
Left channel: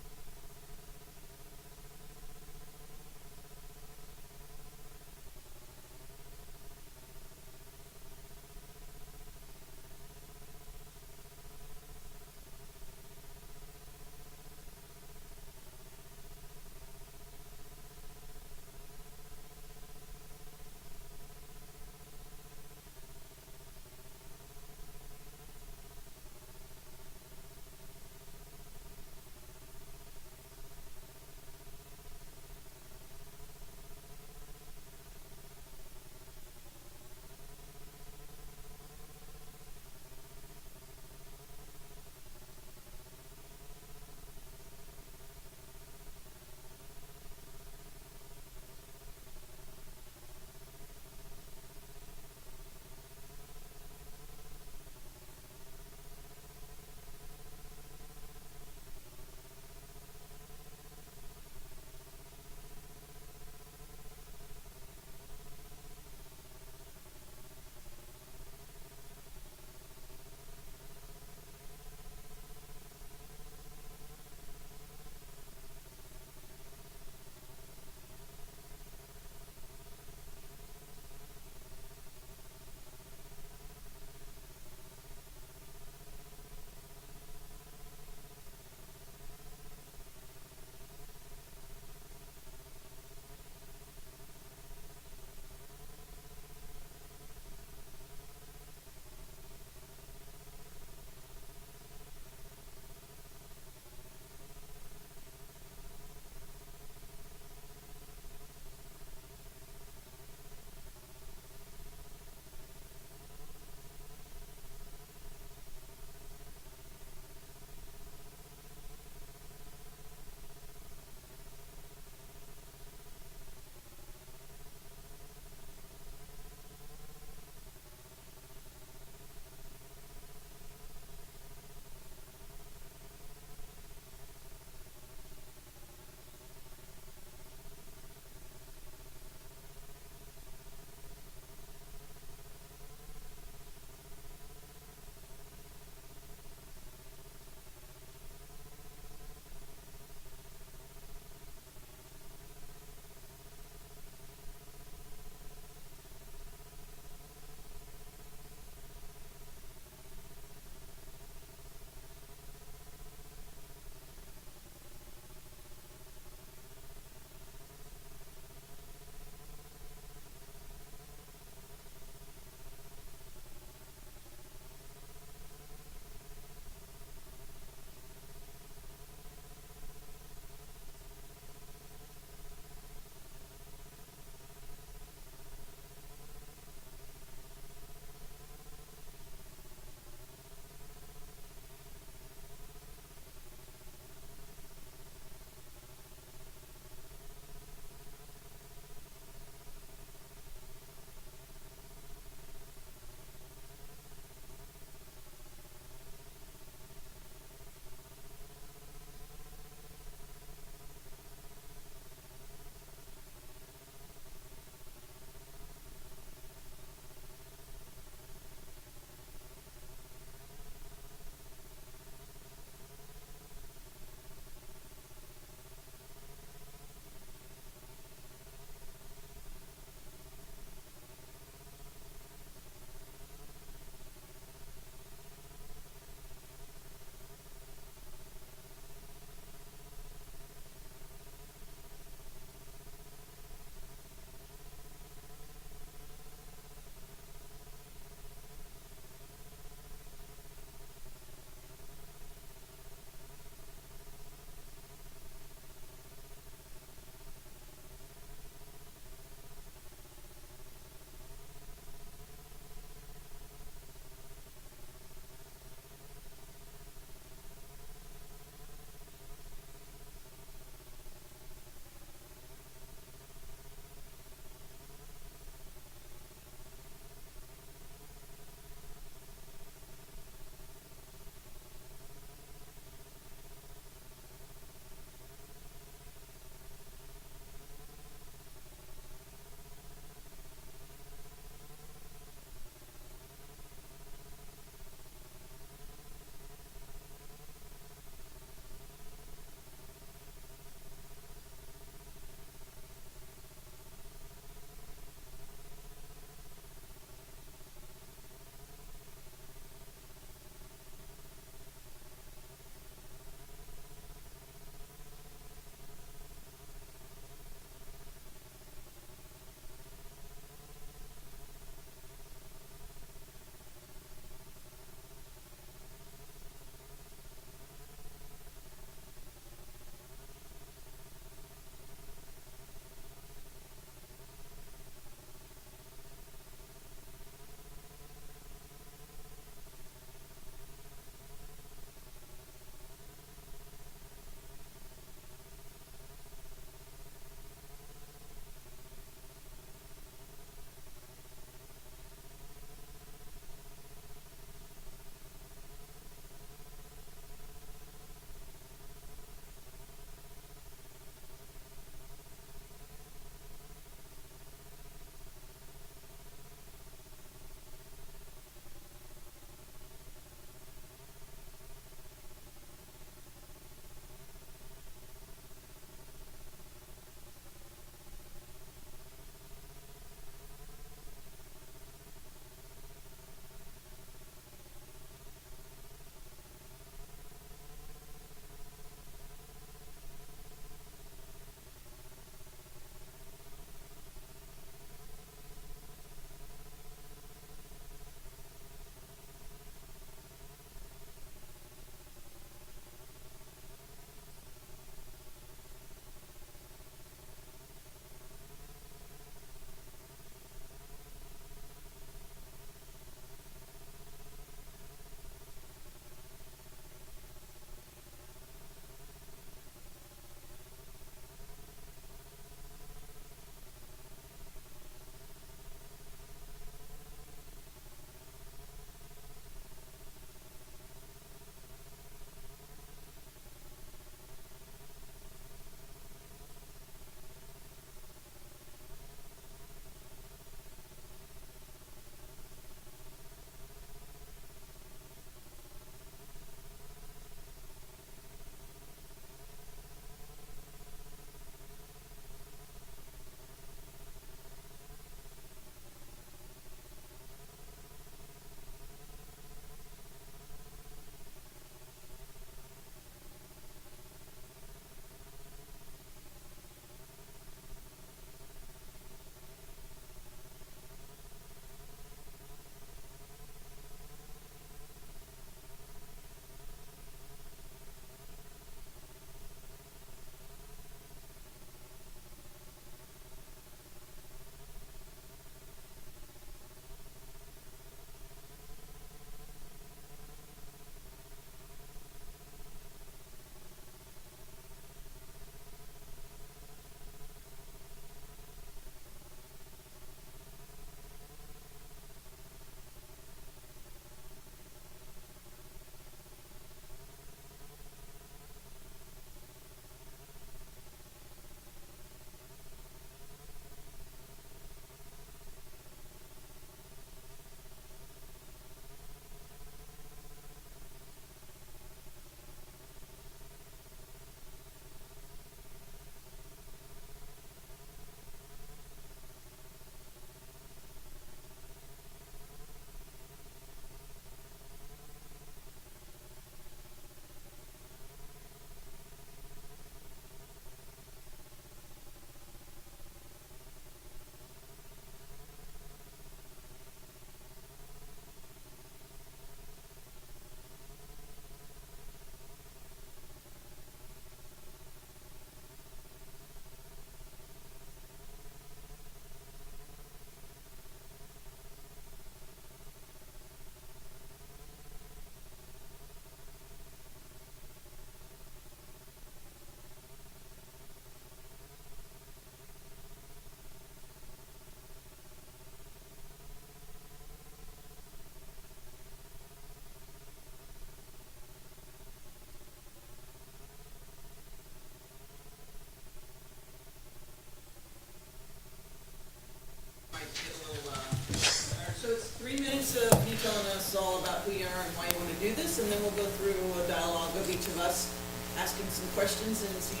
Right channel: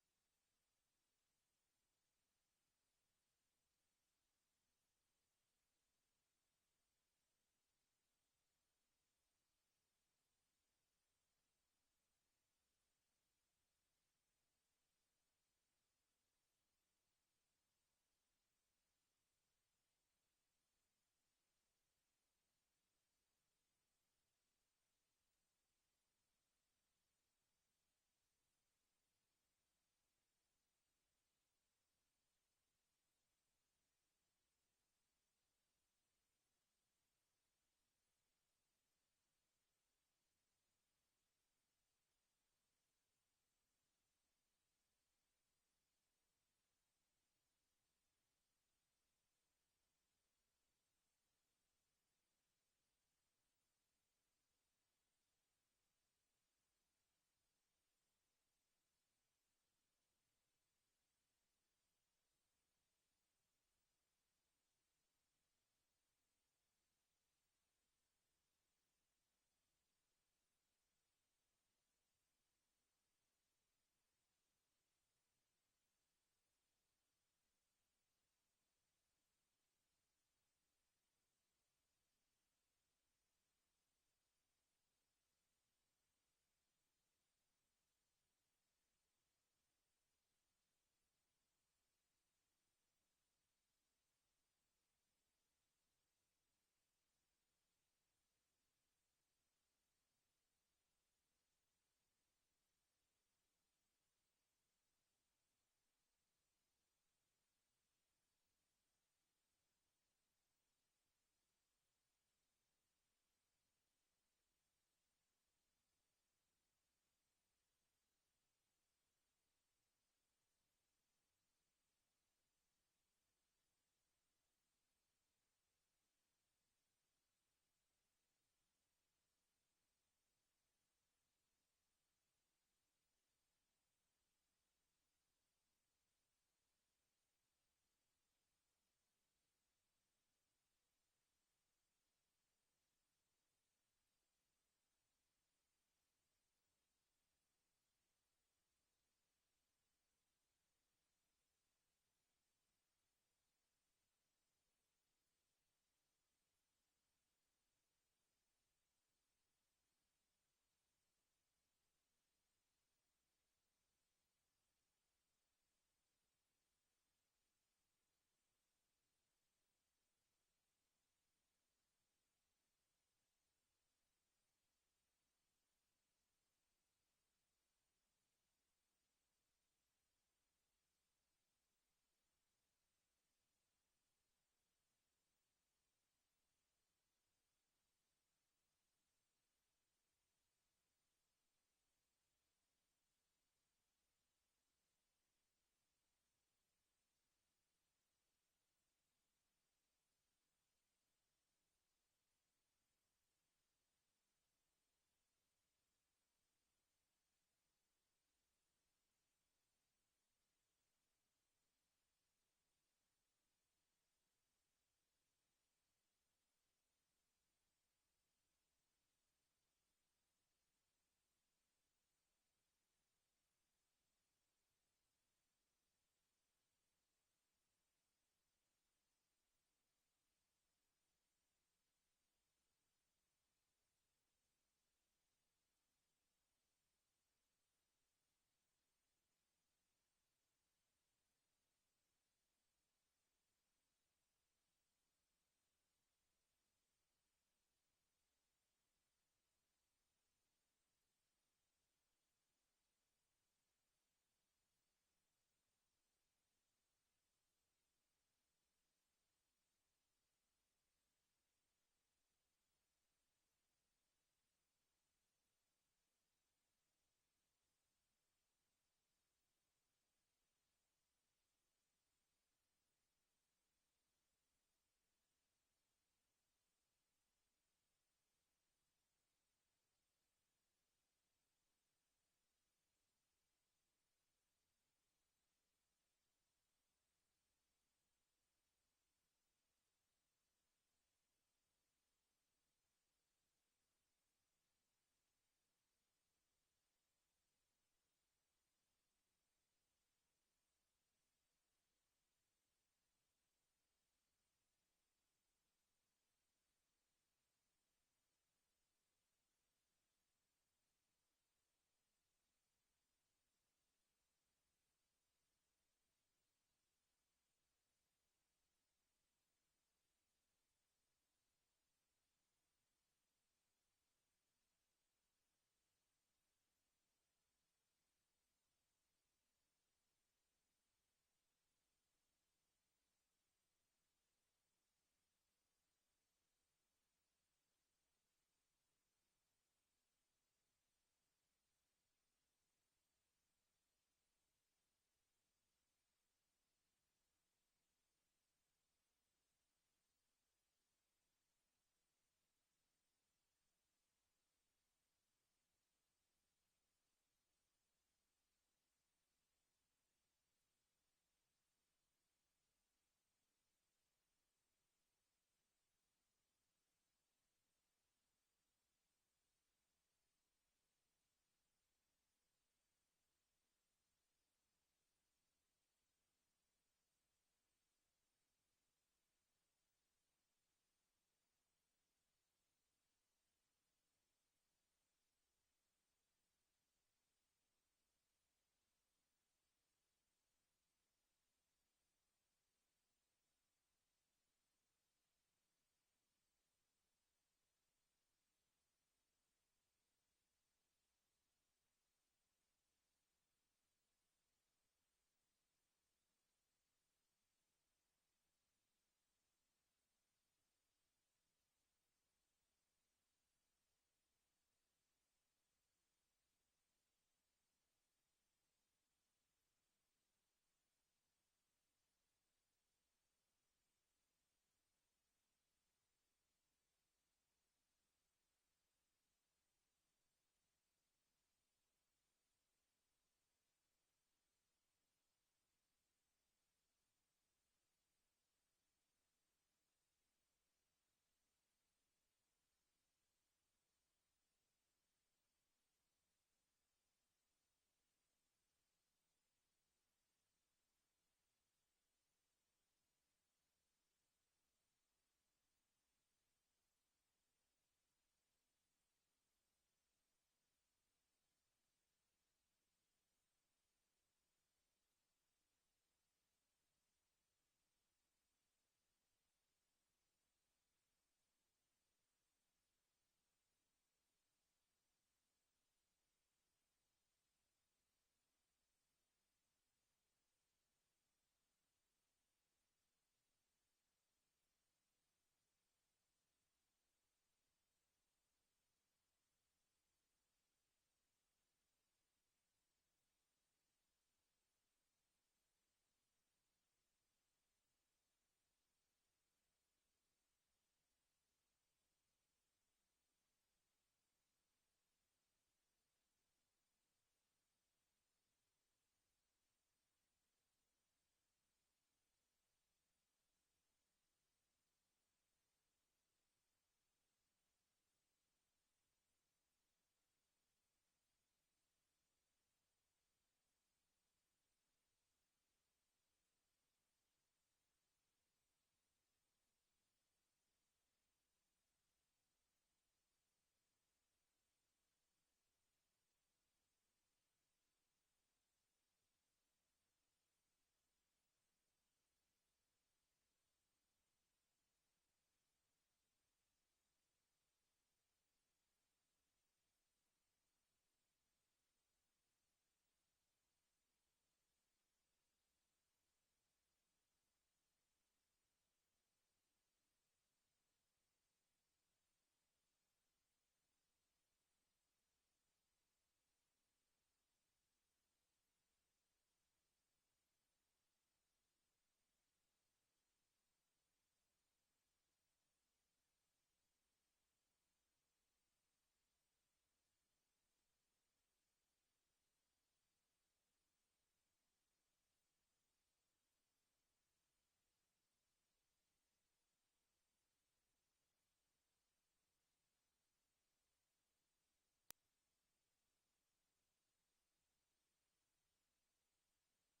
this, and then we'll go through a dialogue of each of us, asking some questions and seeing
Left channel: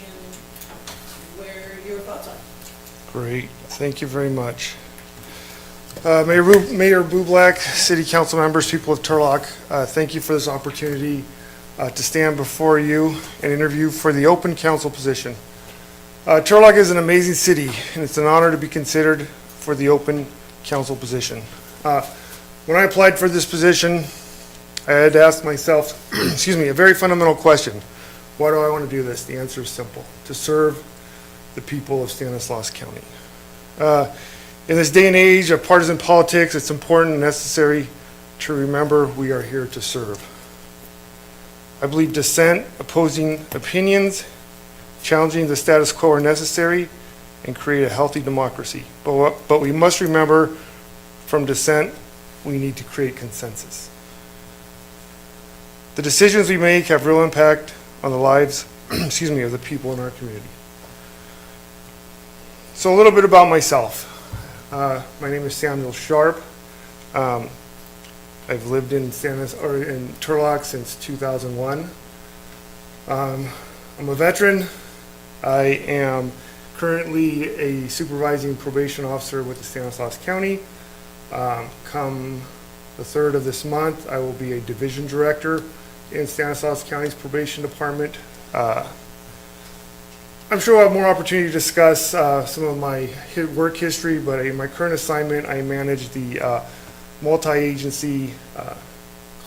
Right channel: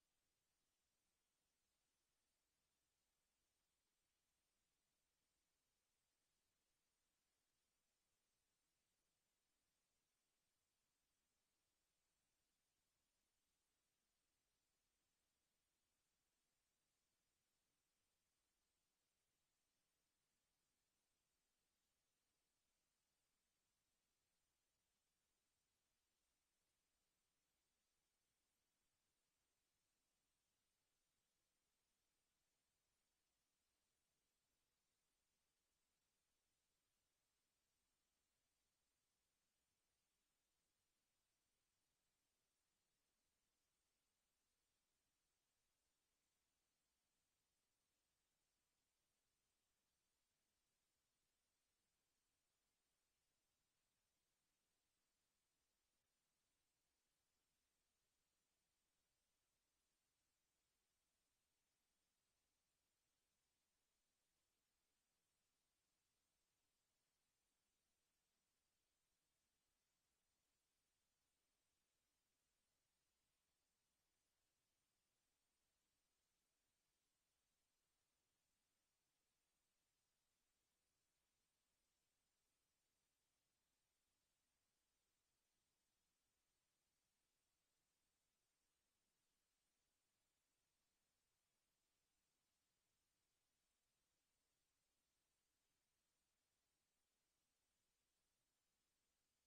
where your thoughts are. Great, thank you very much. Mayor Bublak, City Council members, people of Turlock, thank you for this opportunity to stand before you and interview for the open council position. Turlock is an amazing city, and it's an honor to be considered for the open council position. When I applied for this position, I had to ask myself, excuse me, a very fundamental question. Why do I want to do this? The answer is simple: to serve the people of Stanislaus County. In this day and age of partisan politics, it's important and necessary to remember we are here to serve. I believe dissent, opposing opinions, challenging the status quo are necessary and create a healthy democracy. But we must remember, from dissent, we need to create consensus. The decisions we make have real impact on the lives, excuse me, of the people in our community. So a little bit about myself. My name is Samuel Sharp. I've lived in Turlock since 2001. I'm a veteran. I am currently a supervising probation officer with the Stanislaus County. Come the 3rd of this month, I will be a division director in Stanislaus County's probation department. I'm sure we'll have more opportunity to discuss some of my work history, but in my current assignment, I manage the multi-agency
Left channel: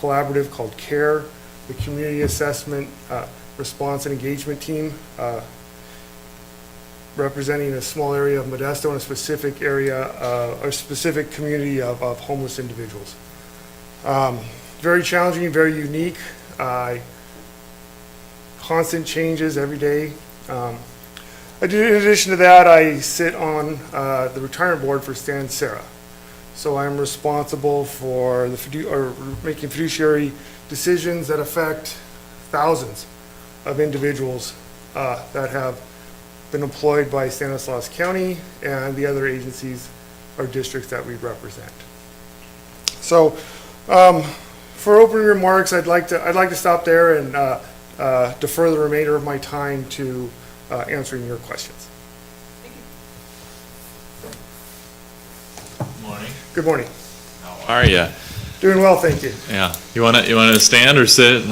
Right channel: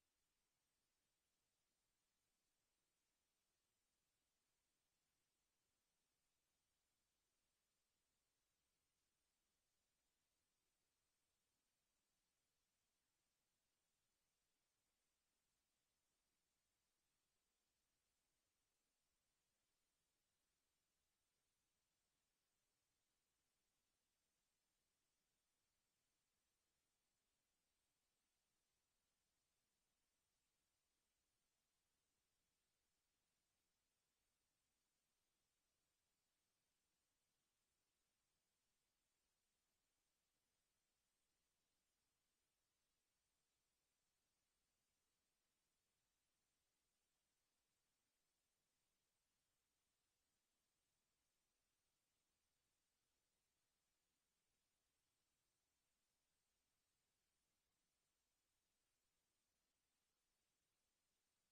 collaborative called CARE, the Community Assessment Response and Engagement Team, representing a small area of Modesto and a specific area, or specific community of homeless individuals. Very challenging, very unique, constant changes every day. In addition to that, I sit on the retirement board for Stan Sarah. So I'm responsible for making fiduciary decisions that affect thousands of individuals that have been employed by Stanislaus County and the other agencies or districts that we represent. So for opening remarks, I'd like to stop there and defer the remainder of my time to answering your questions. Morning. Good morning. How are you? Doing well, thank you. Yeah. You wanna stand or sit?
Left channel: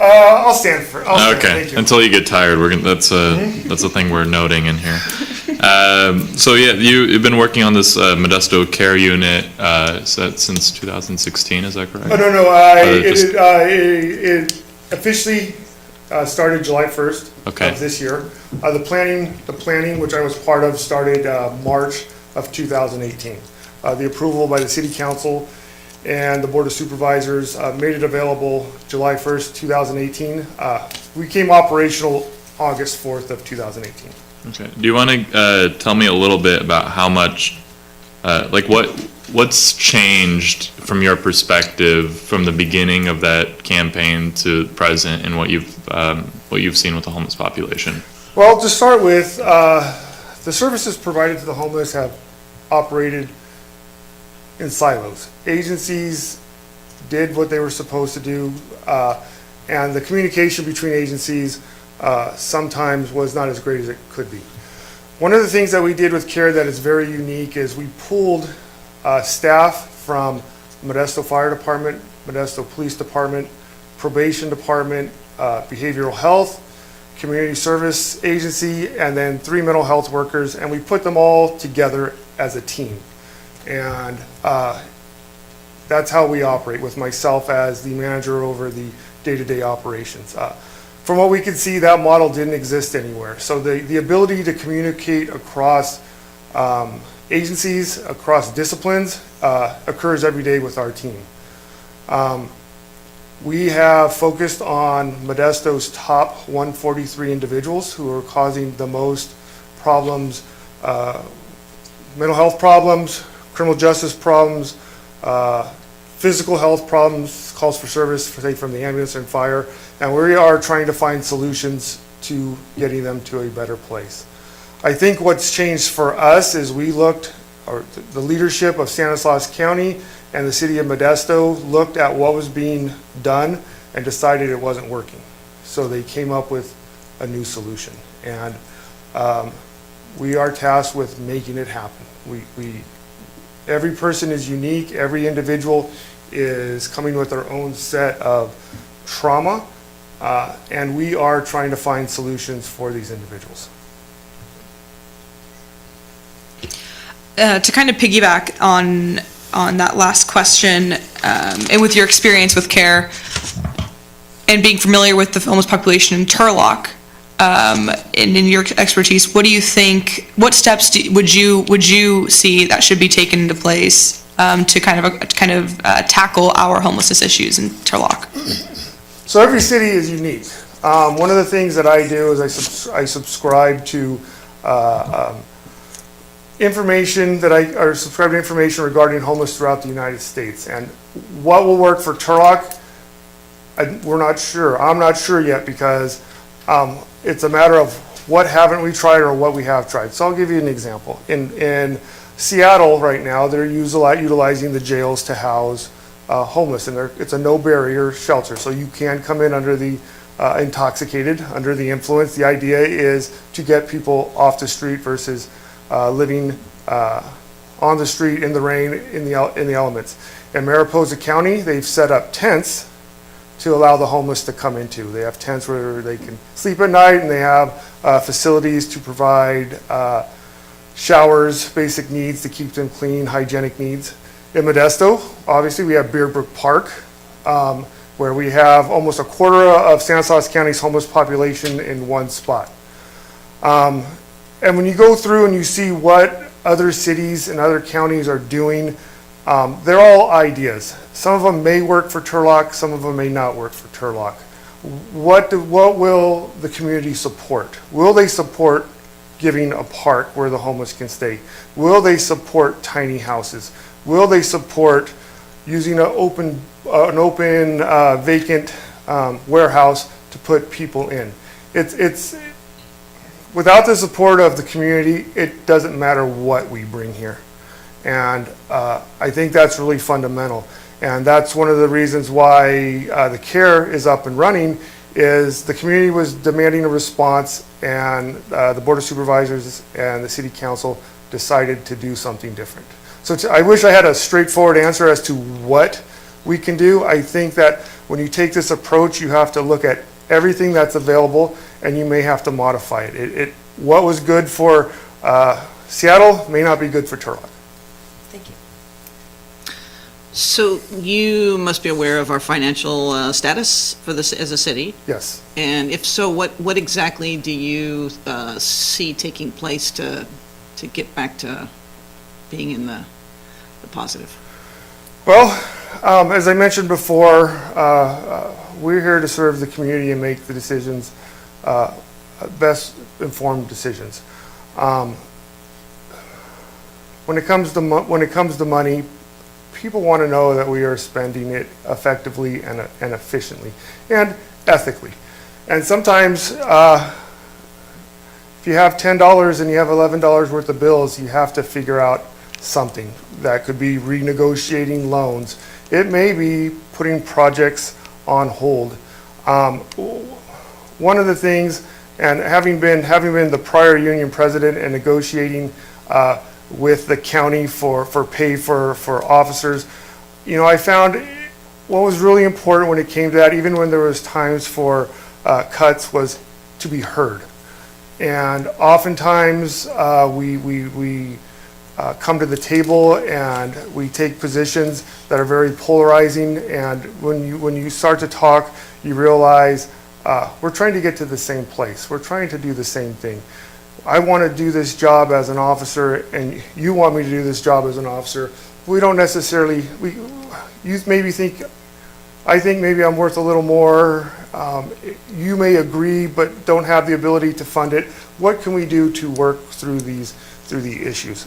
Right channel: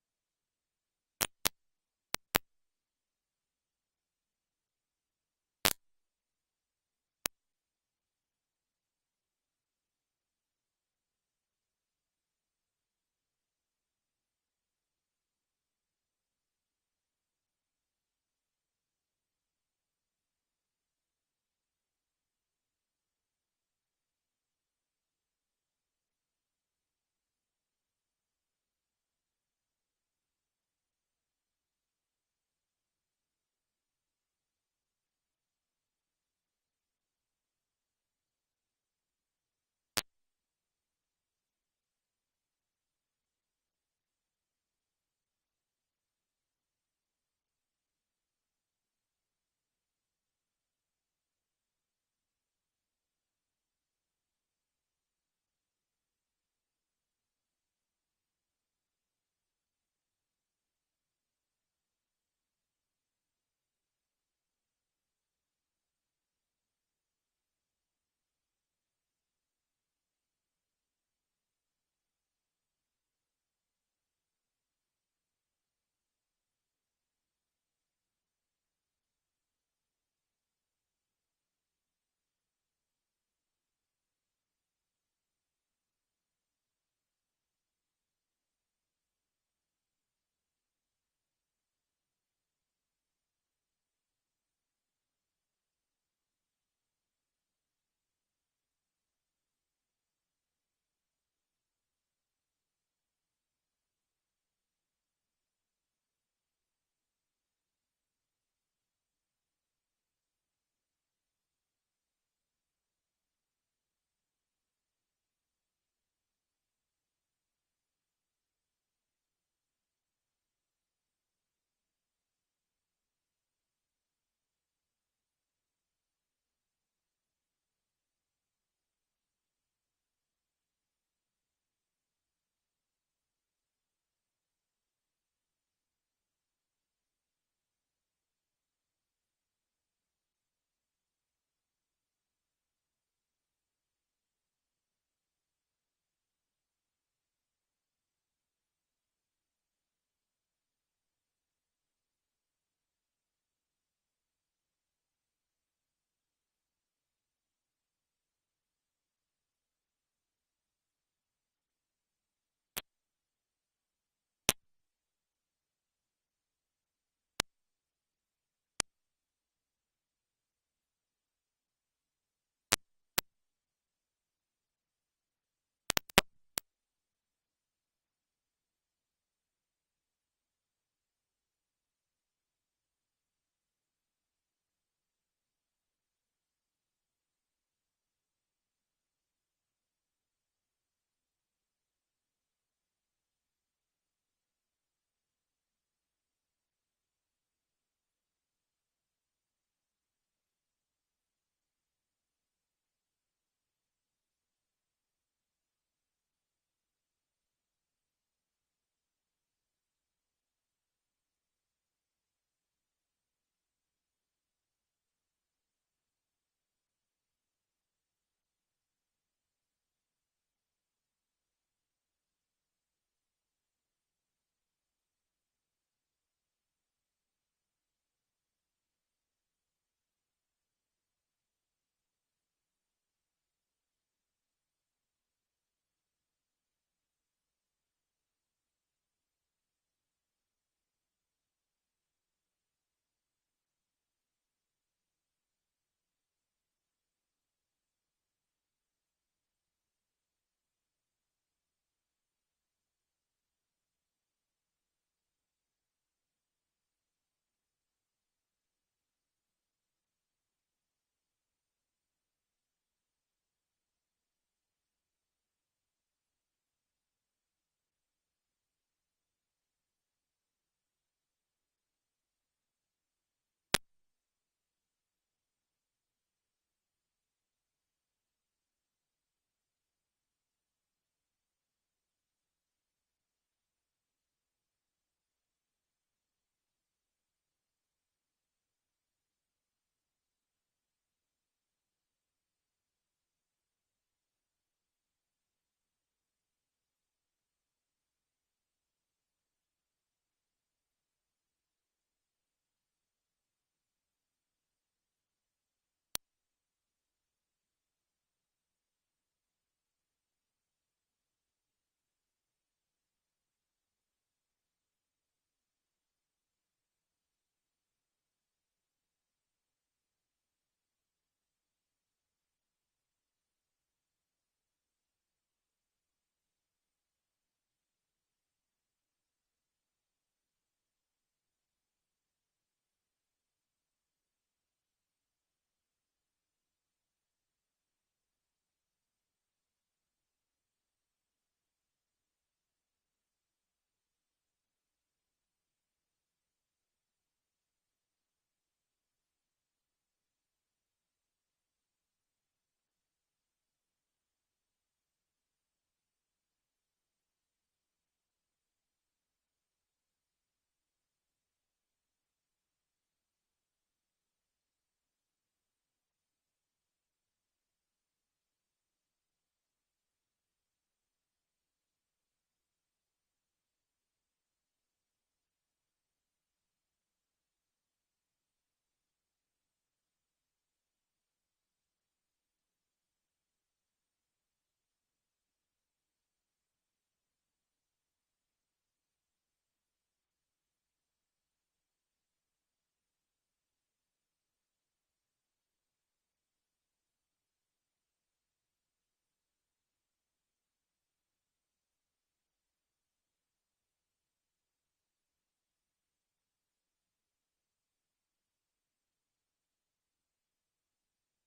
I'll stand for. I'll stand, Okay. thank you. Until you get tired, that's a thing we're noting in here. So yeah, you've been working on this Modesto Care Unit since 2016. Is that correct? Oh, no. It officially started July 1st Okay. of this year. The planning, which I was part of, started March of 2018. The approval by the City Council and the Board of Supervisors made it available July 1st, 2018. We became operational August 4th of 2018. Okay. Do you want to tell me a little bit about how much, what's changed from your perspective from the beginning of that campaign to present, and what you've seen with the homeless population? Well, to start with, the services provided to the homeless have operated in silos. Agencies did what they were supposed to do, and the communication between agencies sometimes was not as great as it could be. One of the things that we did with CARE that is very unique is we pooled staff from Modesto Fire Department, Modesto Police Department, Probation Department, Behavioral Health, Community Service Agency, and then 3 mental health workers, and we put them all together as a team. And that's how we operate, with myself as the manager over the day-to-day operations. From what we could see, that model didn't exist anywhere. So the ability to communicate across agencies, across disciplines, occurs every day with our team. We have focused on Modesto's top 143 individuals who are causing the most problems, mental health problems, criminal justice problems, physical health problems, calls for service, say from the ambulance and fire, and we are trying to find solutions to getting them to a better place. I think what's changed for us is the leadership of Stanislaus County and the city of Modesto looked at what was being done and decided it wasn't working. So they came up with a new solution. And we are tasked with making it happen. Every person is unique. Every individual is coming with their own set of trauma, and we are trying to find solutions for these individuals. To kind of piggyback on that last question, and with your experience with CARE and being familiar with the homeless population in Turlock, and in your expertise, what do you think? What steps would you see that should be taken into place to kind of tackle our homelessness issues in Turlock? So every city is unique. One of the things that I do is I subscribe to information subscribe to information regarding homeless throughout the United States. And what will work for Turlock, we're not sure. I'm not sure yet because it's a matter of what haven't we tried or what we have tried. So I'll give you an example. In Seattle right now, they're utilizing the jails to house homeless, and it's a no-barrier shelter. So you can come in under the intoxicated, under the influence. The idea is to get people off the street versus living on the street in the rain, in the elements. In Mariposa County, they've set up tents to allow the homeless to come into. They have tents where they can sleep at night, and they have facilities to provide showers, basic needs to keep them clean, hygienic needs. In Modesto, obviously, we have Bear Brook Park, where we have almost a quarter of Stanislaus County's homeless population in one spot. And when you go through and you see what other cities and other counties are doing, they're all ideas. Some of them may work for Turlock, some of them may not work for Turlock. What will the community support? Will they support giving a park where the homeless can stay? Will they support tiny houses? Will they support using an open vacant warehouse to put people in? It's without the support of the community, it doesn't matter what we bring here. And I think that's really fundamental. And that's one of the reasons why the CARE is up and running, is the community was demanding a response, and the Board of Supervisors and the City Council decided to do something different. So I wish I had a straightforward answer as to what we can do. I think that when you take this approach, you have to look at everything that's available, and you may have to modify it. What was good for Seattle may not be good for Turlock. Thank you. So you must be aware of our financial status for this as a city? Yes. And if so, what exactly do you see taking place to get back to being in the positive? Well, as I mentioned before, we're here to serve the community and make the decisions, best informed decisions. When it comes to money, people want to know that we are spending it effectively and efficiently and ethically. And sometimes, if you have $10 and you have $11 worth of bills, you have to figure out something. That could be renegotiating loans. It may be putting projects on hold. One of the things, and having been the prior union president and negotiating with the county for pay for officers, I found what was really important when it came to that, even when there was times for cuts, was to be heard. And oftentimes we come to the table and we take positions that are very polarizing, and when you start to talk, you realize we're trying to get to the same place. We're trying to do the same thing. I want to do this job as an officer, and you want me to do this job as an officer. We don't necessarily, you maybe think, I think maybe I'm worth a little more. You may agree, but don't have the ability to fund it. What can we do to work through the issues?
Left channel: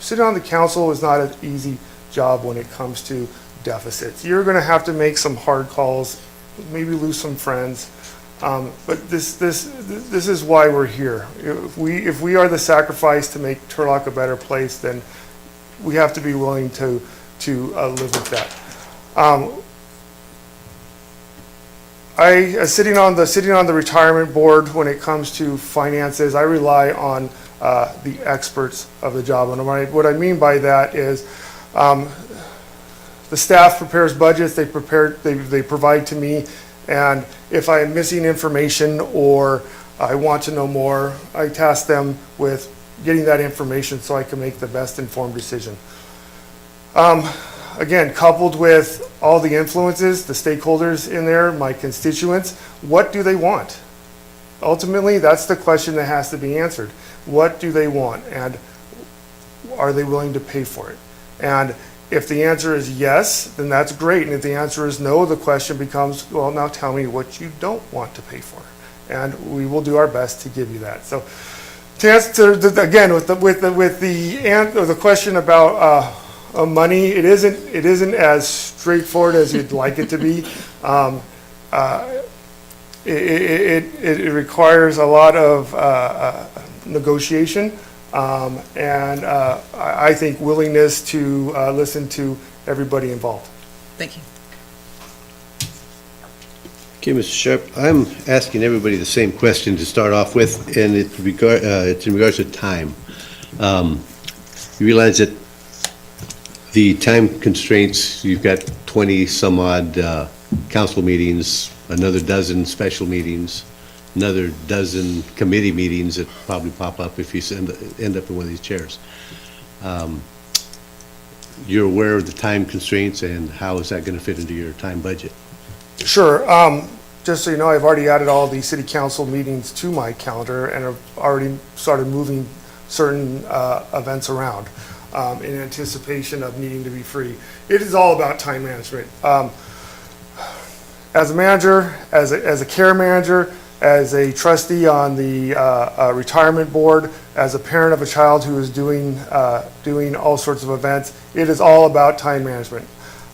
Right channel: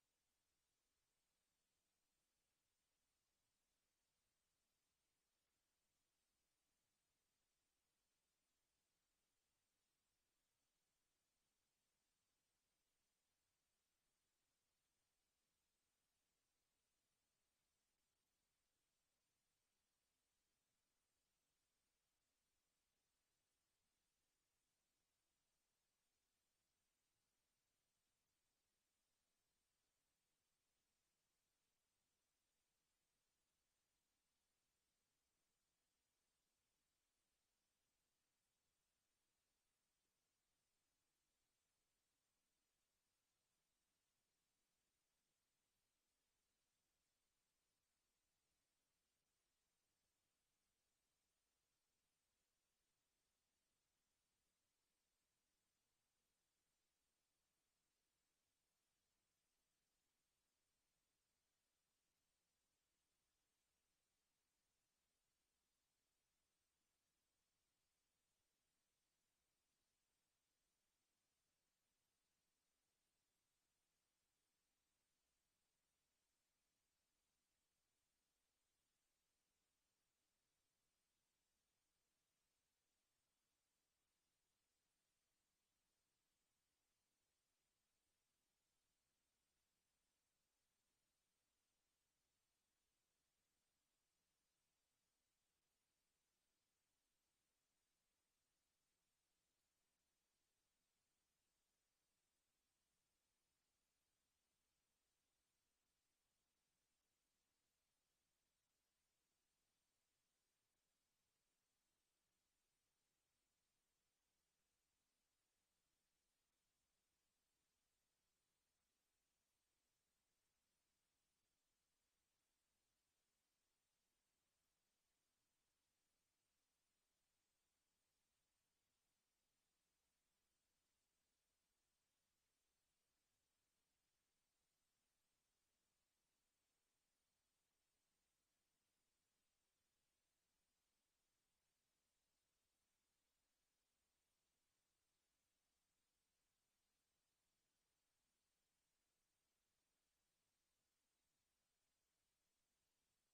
Sitting on the council is not an easy job when it comes to deficits. You're going to have to make some hard calls, maybe lose some friends. But this is why we're here. If we are the sacrifice to make Turlock a better place, then we have to be willing to live with that. Sitting on the retirement board, when it comes to finances, I rely on the experts of the job. And what I mean by that is, the staff prepares budgets, they provide to me, and if I am missing information or I want to know more, I task them with getting that information so I can make the best informed decision. Again, coupled with all the influences, the stakeholders in there, my constituents, what do they want? Ultimately, that's the question that has to be answered. What do they want, and are they willing to pay for it? And if the answer is yes, then that's great. And if the answer is no, the question becomes, well, now tell me what you don't want to pay for. And we will do our best to give you that. So to answer, again, with the question about money, it isn't as straightforward as you'd like it to be. It requires a lot of negotiation, and I think willingness to listen to everybody involved. Thank you. Okay, Mr. Sharp, I'm asking everybody the same question to start off with, and it's in regards to time. You realize that the time constraints, you've got 20 some odd council meetings, another dozen special meetings, another dozen committee meetings that probably pop up if you end up in one of these chairs. You're aware of the time constraints, and how is that going to fit into your time budget? Sure. Just so you know, I've already added all the city council meetings to my calendar and have already started moving certain events around in anticipation of needing to be free. It is all about time management. As a manager, as a care manager, as a trustee on the retirement board, as a parent of a child who is doing all sorts of events, it is all about time management.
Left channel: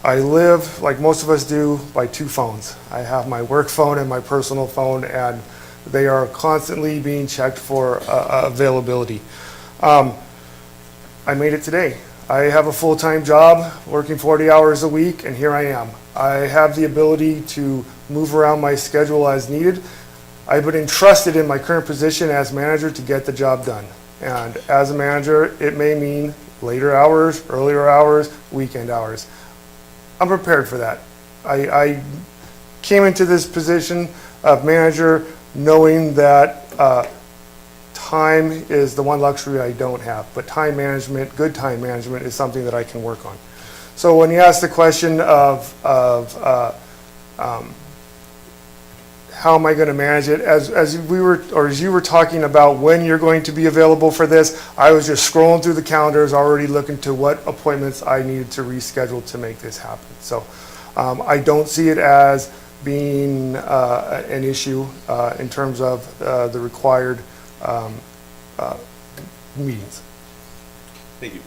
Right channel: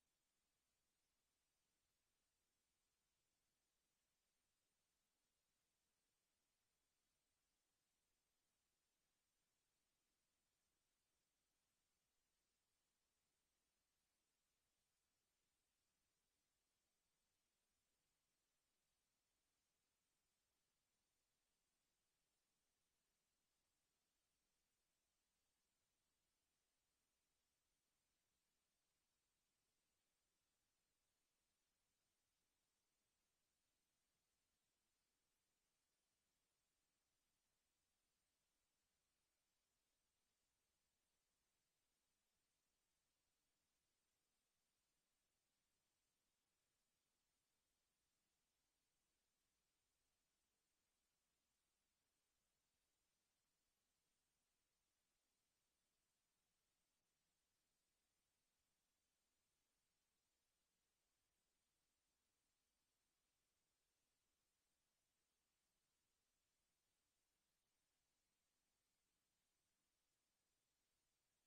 I live, like most of us do, by two phones. I have my work phone and my personal phone, and they are constantly being checked for availability. I made it today. I have a full-time job, working 40 hours a week, and here I am. I have the ability to move around my schedule as needed. I've been entrusted in my current position as manager to get the job done. And as a manager, it may mean later hours, earlier hours, weekend hours. I'm prepared for that. I came into this position of manager knowing that time is the one luxury I don't have, but time management, good time management, is something that I can work on. So when you ask the question of how am I going to manage it, as you were talking about when you're going to be available for this, I was just scrolling through the calendars, already looking to what appointments I needed to reschedule to make this happen. So I don't see it as being an issue in terms of the required meetings. Thank you.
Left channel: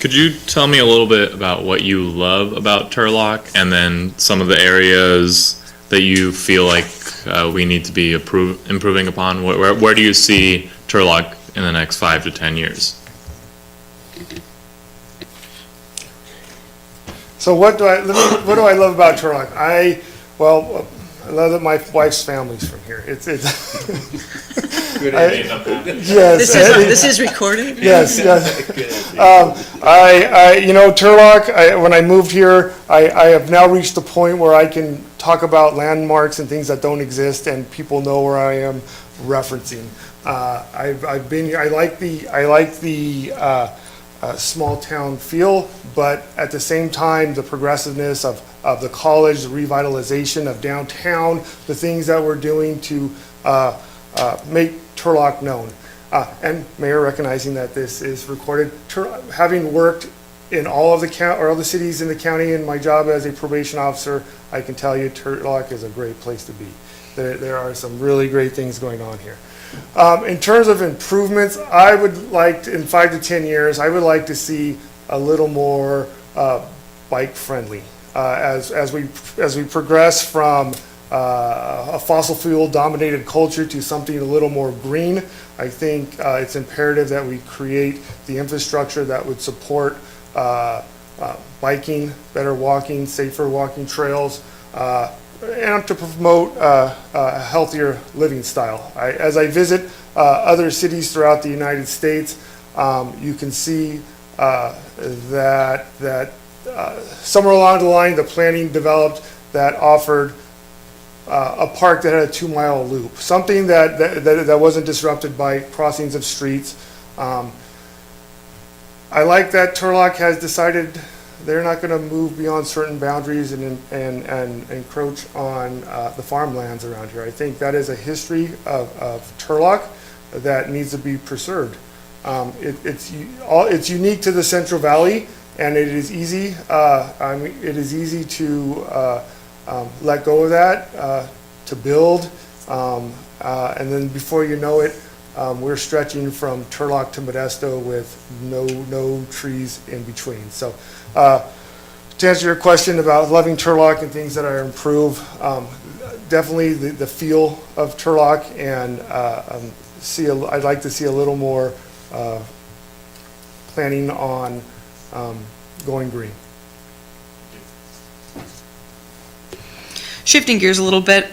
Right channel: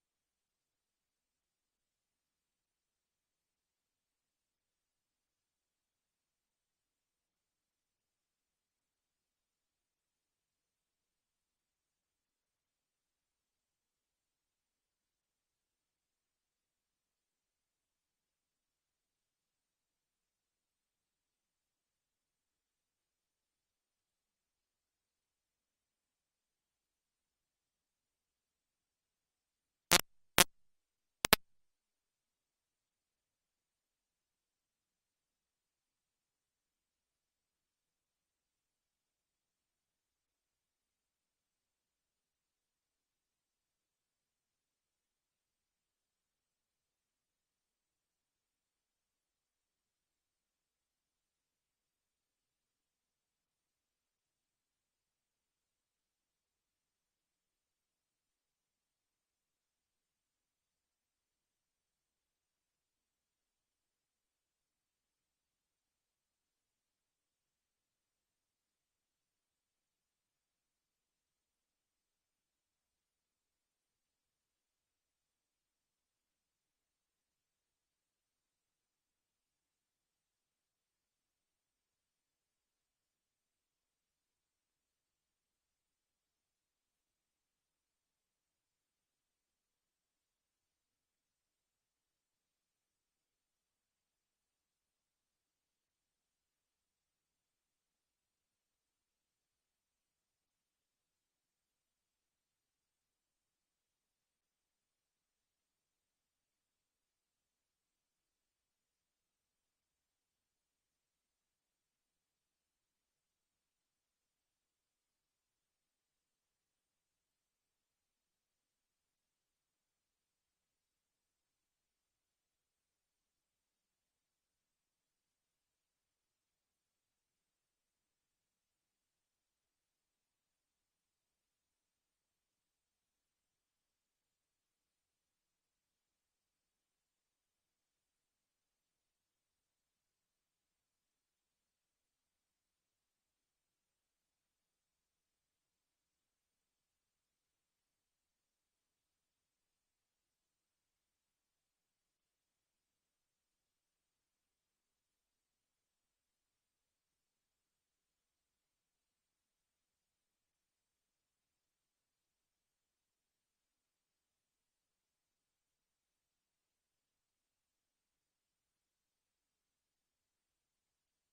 Could you tell me a little bit about what you love about Turlock, and then some of the areas that you feel like we need to be improving upon? Where do you see Turlock in the next 5 to 10 years? So what do I love about Turlock? I love that my wife's family's from here. It's yes. This is recorded? Yes. Turlock, when I moved here, I have now reached the point where I can talk about landmarks and things that don't exist, and people know where I am referencing. I've been here. I like the small town feel, but at the same time, the progressiveness of the college, the revitalization of downtown, the things that we're doing to make Turlock known. And Mayor, recognizing that this is recorded, having worked in all of the cities in the county in my job as a probation officer, I can tell you Turlock is a great place to be. There are some really great things going on here. In terms of improvements, I would like to, in 5 to 10 years, I would like to see a little more bike friendly. As we progress from a fossil fuel dominated culture to something a little more green, I think it's imperative that we create the infrastructure that would support biking, better walking, safer walking trails, and to promote a healthier living style. As I visit other cities throughout the United States, you can see that somewhere along the line, the planning developed that offered a park that had a 2-mile loop, something that wasn't disrupted by crossings of streets. I like that Turlock has decided they're not going to move beyond certain boundaries and encroach on the farmlands around here. I think that is a history of Turlock that needs to be preserved. It's unique to the Central Valley, and it is easy. It is easy to let go of that, to build, and then before you know it, we're stretching from Turlock to Modesto with no trees in between. So, to answer your question about loving Turlock and things that I improve, definitely the feel of Turlock, and I'd like to see a little more planning on going green. Shifting gears a little bit,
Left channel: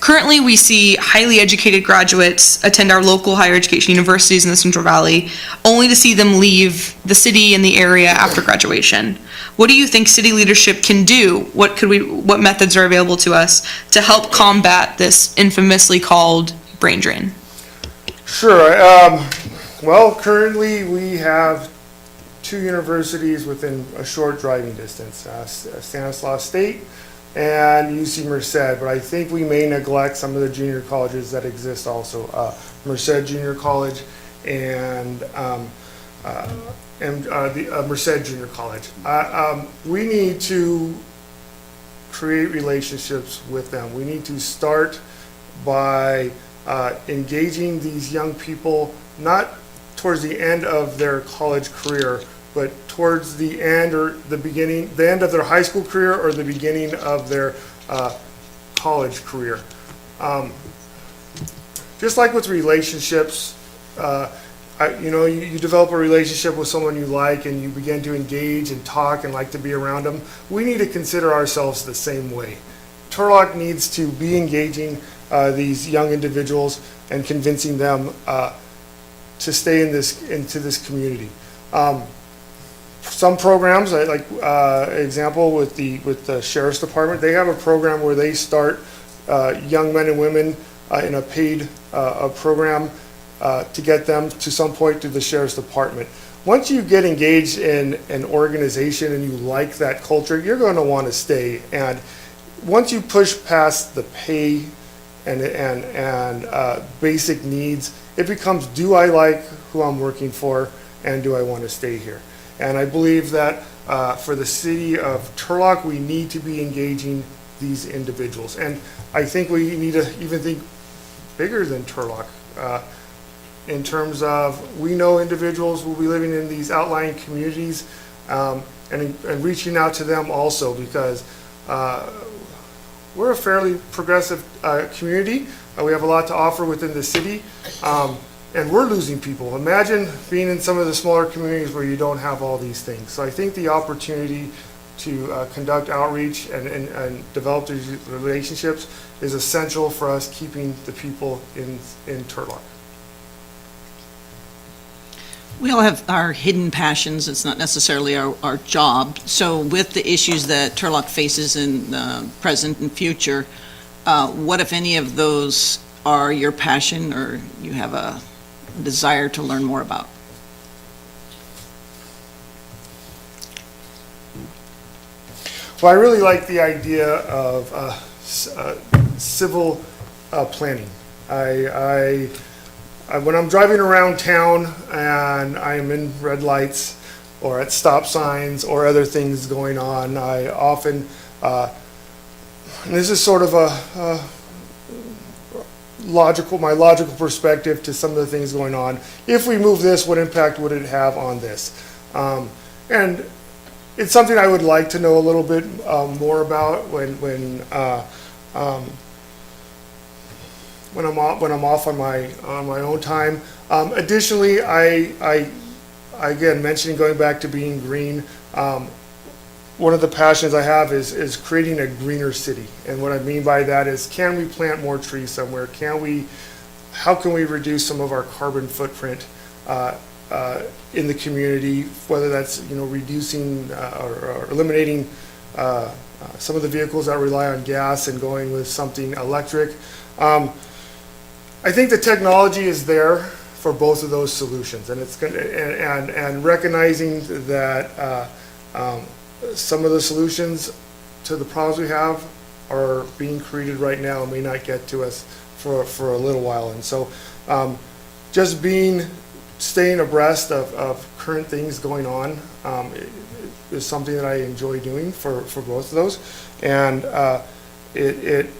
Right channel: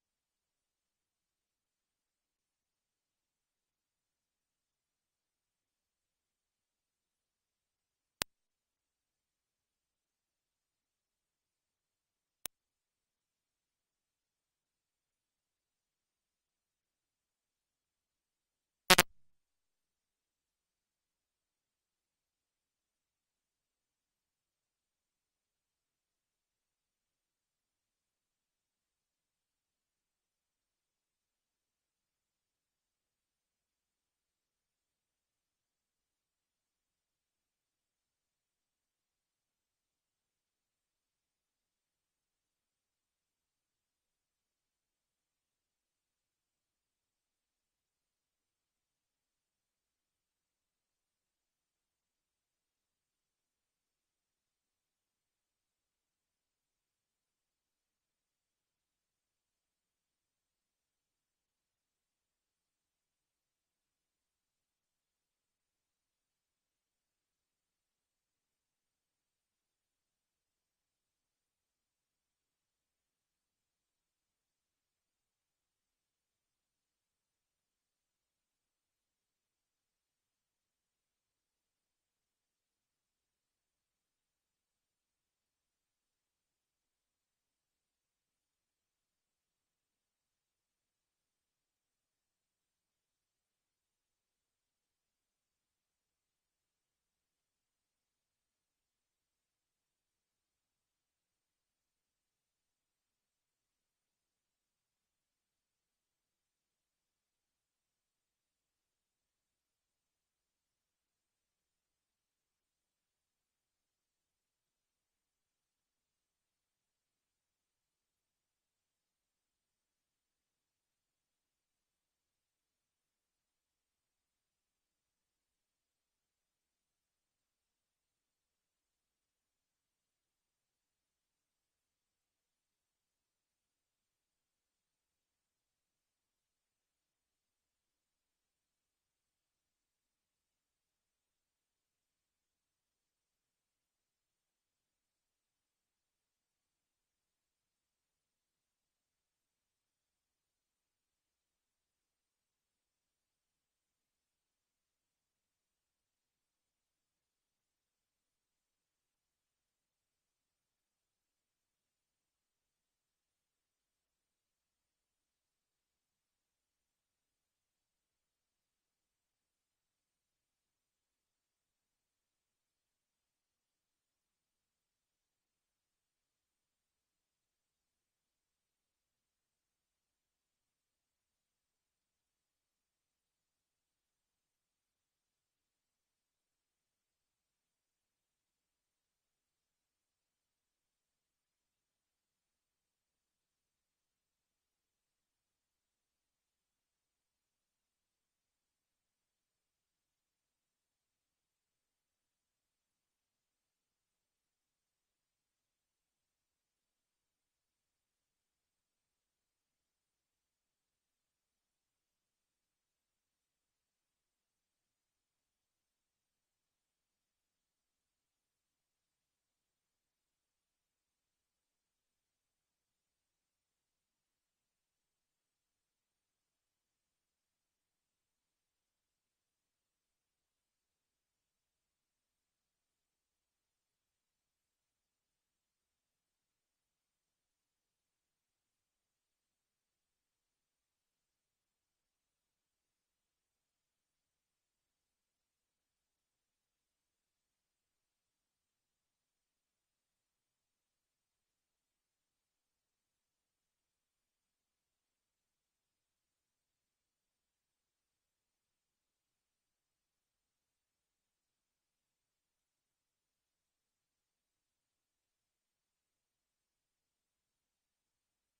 currently we see highly educated graduates attend our local higher education universities in the Central Valley, only to see them leave the city and the area after graduation. What do you think city leadership can do? What methods are available to us to help combat this infamously called brain drain? Sure. Well, currently we have 2 universities within a short driving distance, Stanislaus State and UC Merced, but I think we may neglect some of the junior colleges that exist also. Merced Junior College and the Merced Junior College. We need to create relationships with them. We need to start by engaging these young people, not towards the end of their college career, but towards the end or the end of their high school career or the beginning of their college career. Just like with relationships, you develop a relationship with someone you like and you begin to engage and talk and like to be around them. We need to consider ourselves the same way. Turlock needs to be engaging these young individuals and convincing them to stay into this community. Some programs, like example with the Sheriff's Department, they have a program where they start young men and women in a paid program to get them to some point to the Sheriff's Department. Once you get engaged in an organization and you like that culture, you're going to want to stay. And once you push past the pay and basic needs, it becomes, do I like who I'm working for, and do I want to stay here? And I believe that for the city of Turlock, we need to be engaging these individuals. And I think we need to even think bigger than Turlock in terms of, we know individuals will be living in these outlying communities and reaching out to them also, because we're a fairly progressive community. We have a lot to offer within the city. And we're losing people. Imagine being in some of the smaller communities where you don't have all these things. So I think the opportunity to conduct outreach and develop these relationships is essential for us keeping the people in Turlock. We all have our hidden passions. It's not necessarily our job. So with the issues that Turlock faces in the present and future, what, if any, of those are your passion or you have a desire to learn more about? Well, I really like the idea of civil planning. When I'm driving around town and I am in red lights or at stop signs or other things going on, I often, and this is sort of my logical perspective to some of the things going on. If we move this, what impact would it have on this? And it's something I would like to know a little bit more about when I'm off on my own time. Additionally, I again, mentioning going back to being green, one of the passions I have is creating a greener city. And what I mean by that is, can we plant more trees somewhere? How can we reduce some of our carbon footprint in the community, whether that's, reducing or eliminating some of the vehicles that rely on gas and going with something electric. I think the technology is there for both of those solutions, and it's going and recognizing that some of the solutions to the problems we have are being created right now and may not get to us for a little while. And so just staying abreast of current things going on is something that I enjoy doing for both of those. And it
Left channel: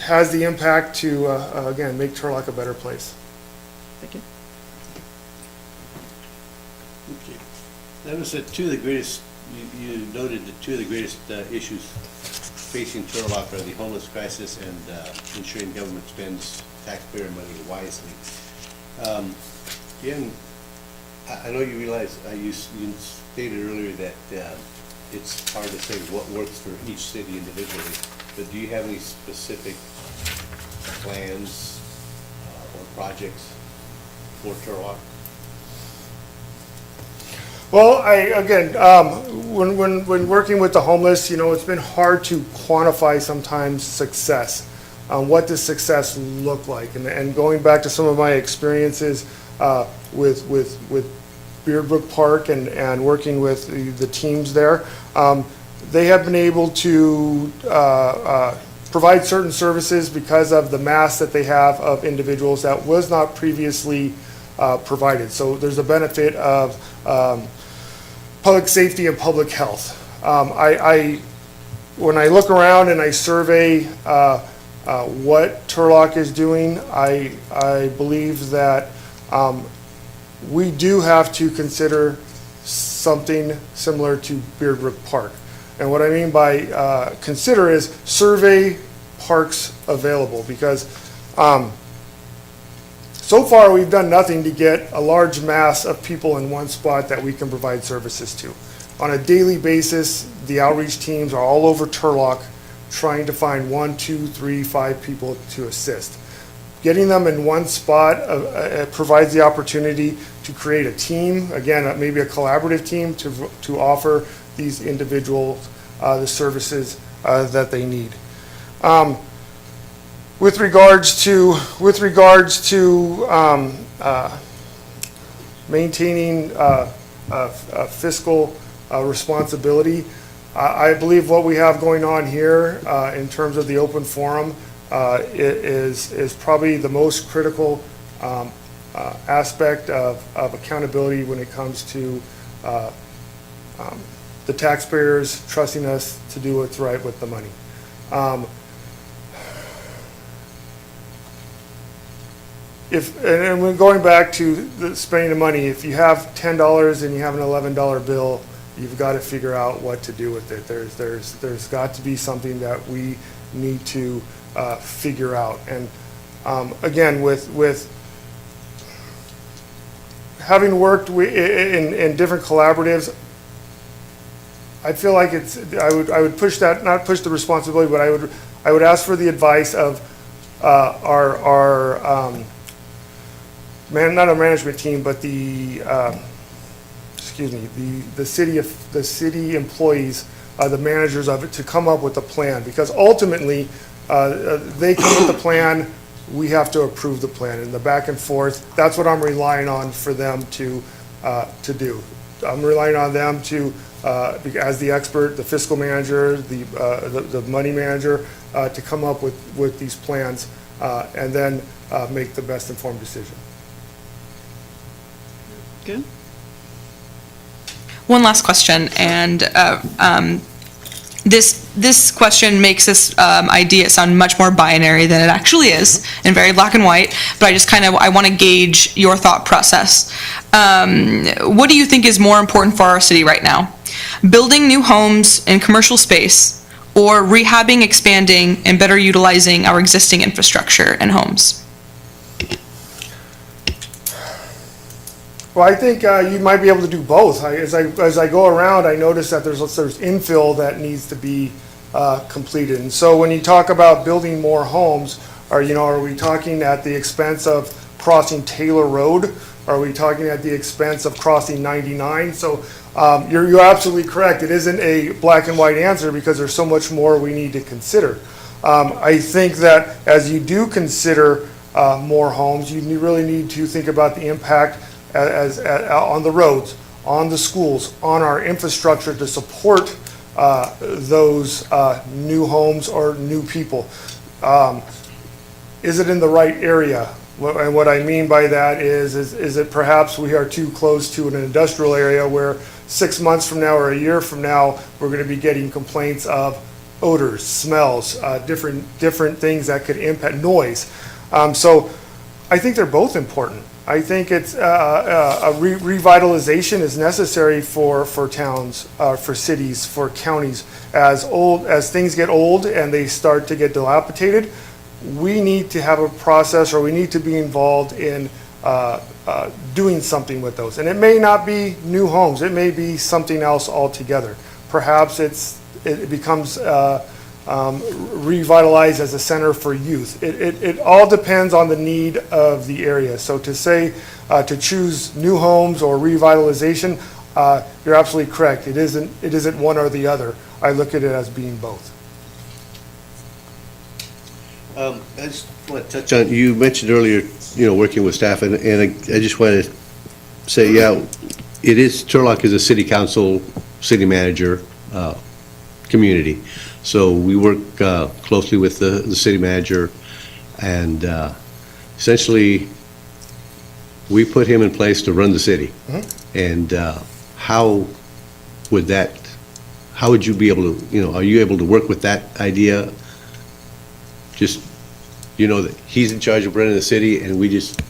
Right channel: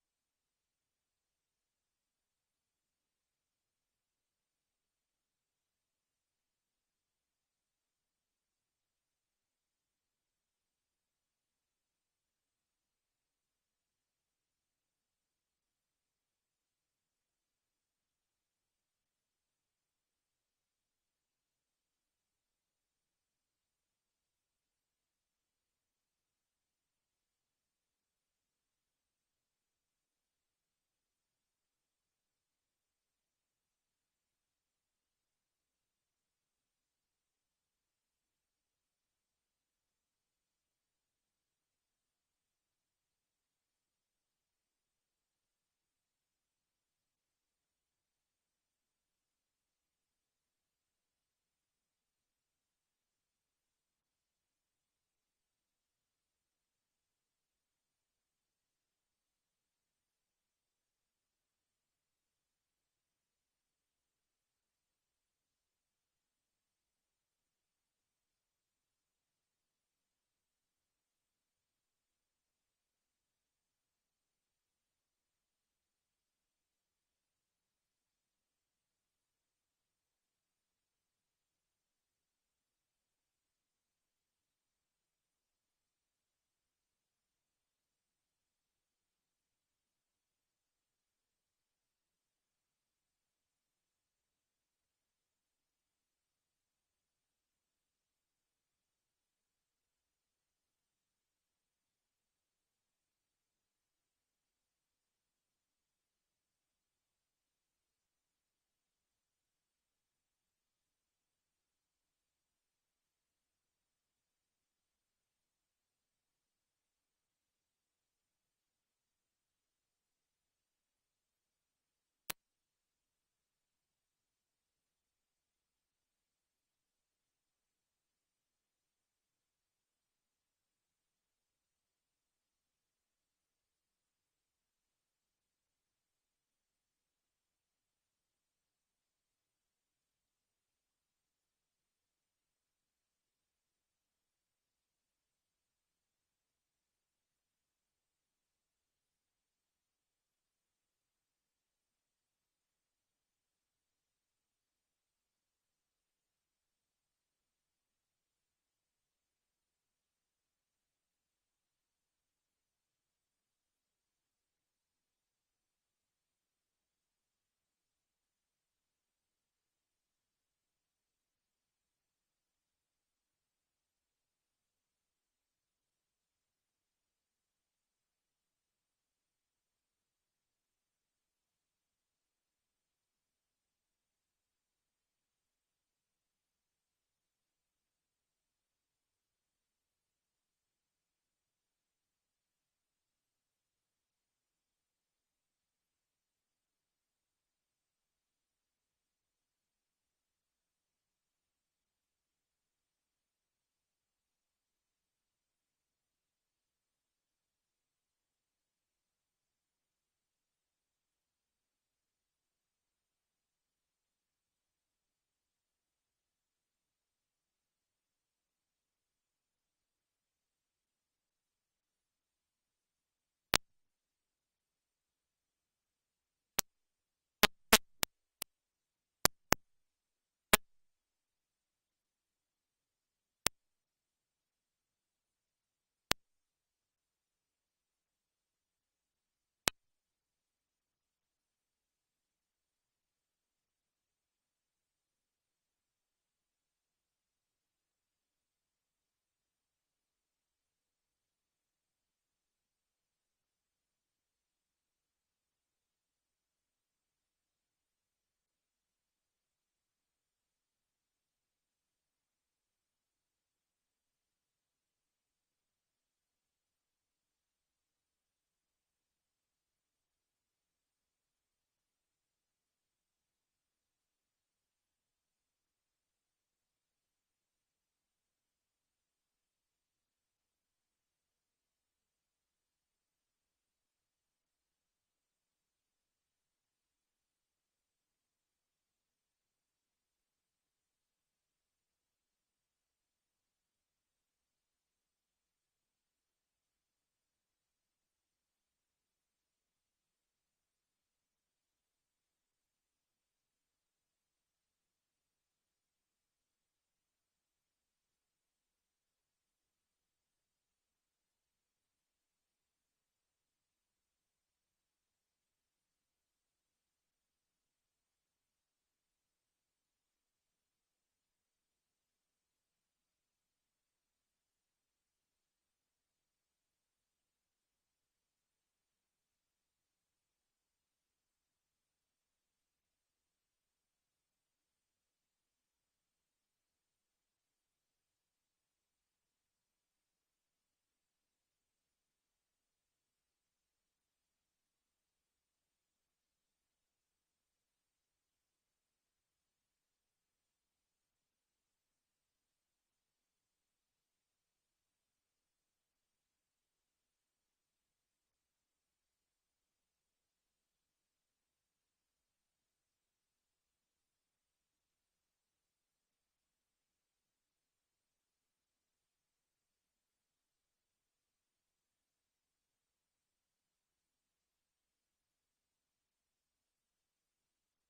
has the impact to, again, make Turlock a better place. Thank you. Okay. That was two of the greatest, you noted the two of the greatest issues facing Turlock are the homeless crisis and ensuring government spends taxpayer money wisely. Again, I know you realize, you stated earlier that it's hard to say what works for each city individually, but do you have any specific plans or projects for Turlock? Well, when working with the homeless, it's been hard to quantify sometimes success. What does success look like? And going back to some of my experiences with Beardbrook Park and working with the teams there, they have been able to provide certain services because of the mass that they have of individuals that was not previously provided. So there's a benefit of public safety and public health. When I look around and I survey what Turlock is doing, I believe that we do have to consider something similar to Beardbrook Park. And what I mean by consider is survey parks available, because so far we've done nothing to get a large mass of people in one spot that we can provide services to. On a daily basis, the outreach teams are all over Turlock trying to find 1, 2, 3, 5 people to assist. Getting them in one spot provides the opportunity to create a team, again, maybe a collaborative team to offer these individuals the services that they need. With regards to maintaining fiscal responsibility, I believe what we have going on here in terms of the open forum is probably the most critical aspect of accountability when it comes to the taxpayers trusting us to do what's right with the money. And when going back to spending the money, if you have $10 and you have an $11 bill, you've got to figure out what to do with it. There's got to be something that we need to figure out. And again, with having worked in different collaboratives, I feel like I would push that, not push the responsibility, but I would ask for the advice of our not a management team, but the city employees, the managers of it, to come up with a plan, because ultimately they come with the plan, we have to approve the plan, and the back and forth, that's what I'm relying on for them to do. I'm relying on them to, as the expert, the fiscal manager, the money manager, to come up with these plans and then make the best informed decision. Good. One last question, and this question makes this idea sound much more binary than it actually is, and very black and white. But I want to gauge your thought process. What do you think is more important for our city right now? Building new homes and commercial space, or rehabbing, expanding, and better utilizing our existing infrastructure and homes? Well, I think you might be able to do both. As I go around, I notice that there's infill that needs to be completed. And so when you talk about building more homes, are we talking at the expense of crossing Taylor Road? Are we talking at the expense of crossing 99? So you're absolutely correct. It isn't a black and white answer because there's so much more we need to consider. I think that as you do consider more homes, you really need to think about the impact on the roads, on the schools, on our infrastructure to support those new homes or new people. Is it in the right area? And what I mean by that is it perhaps we are too close to an industrial area where 6 months from now or a year from now, we're going to be getting complaints of odors, smells, different things that could impact noise. So I think they're both important. I think it's revitalization is necessary for towns, for cities, for counties. As things get old and they start to get dilapidated, we need to have a process, or we need to be involved in doing something with those. And it may not be new homes. It may be something else altogether. Perhaps it becomes revitalized as a center for youth. It all depends on the need of the area. So to say, to choose new homes or revitalization, you're absolutely correct. It isn't one or the other. I look at it as being both. I just want to touch on, you mentioned earlier, working with staff, and I just want to say, Turlock is a city council, city manager community. So we work closely with the city manager, and essentially, we put him in place to run the city. And how would you be able to, are you able to work with that idea? Just, that he's in charge of running the city and we just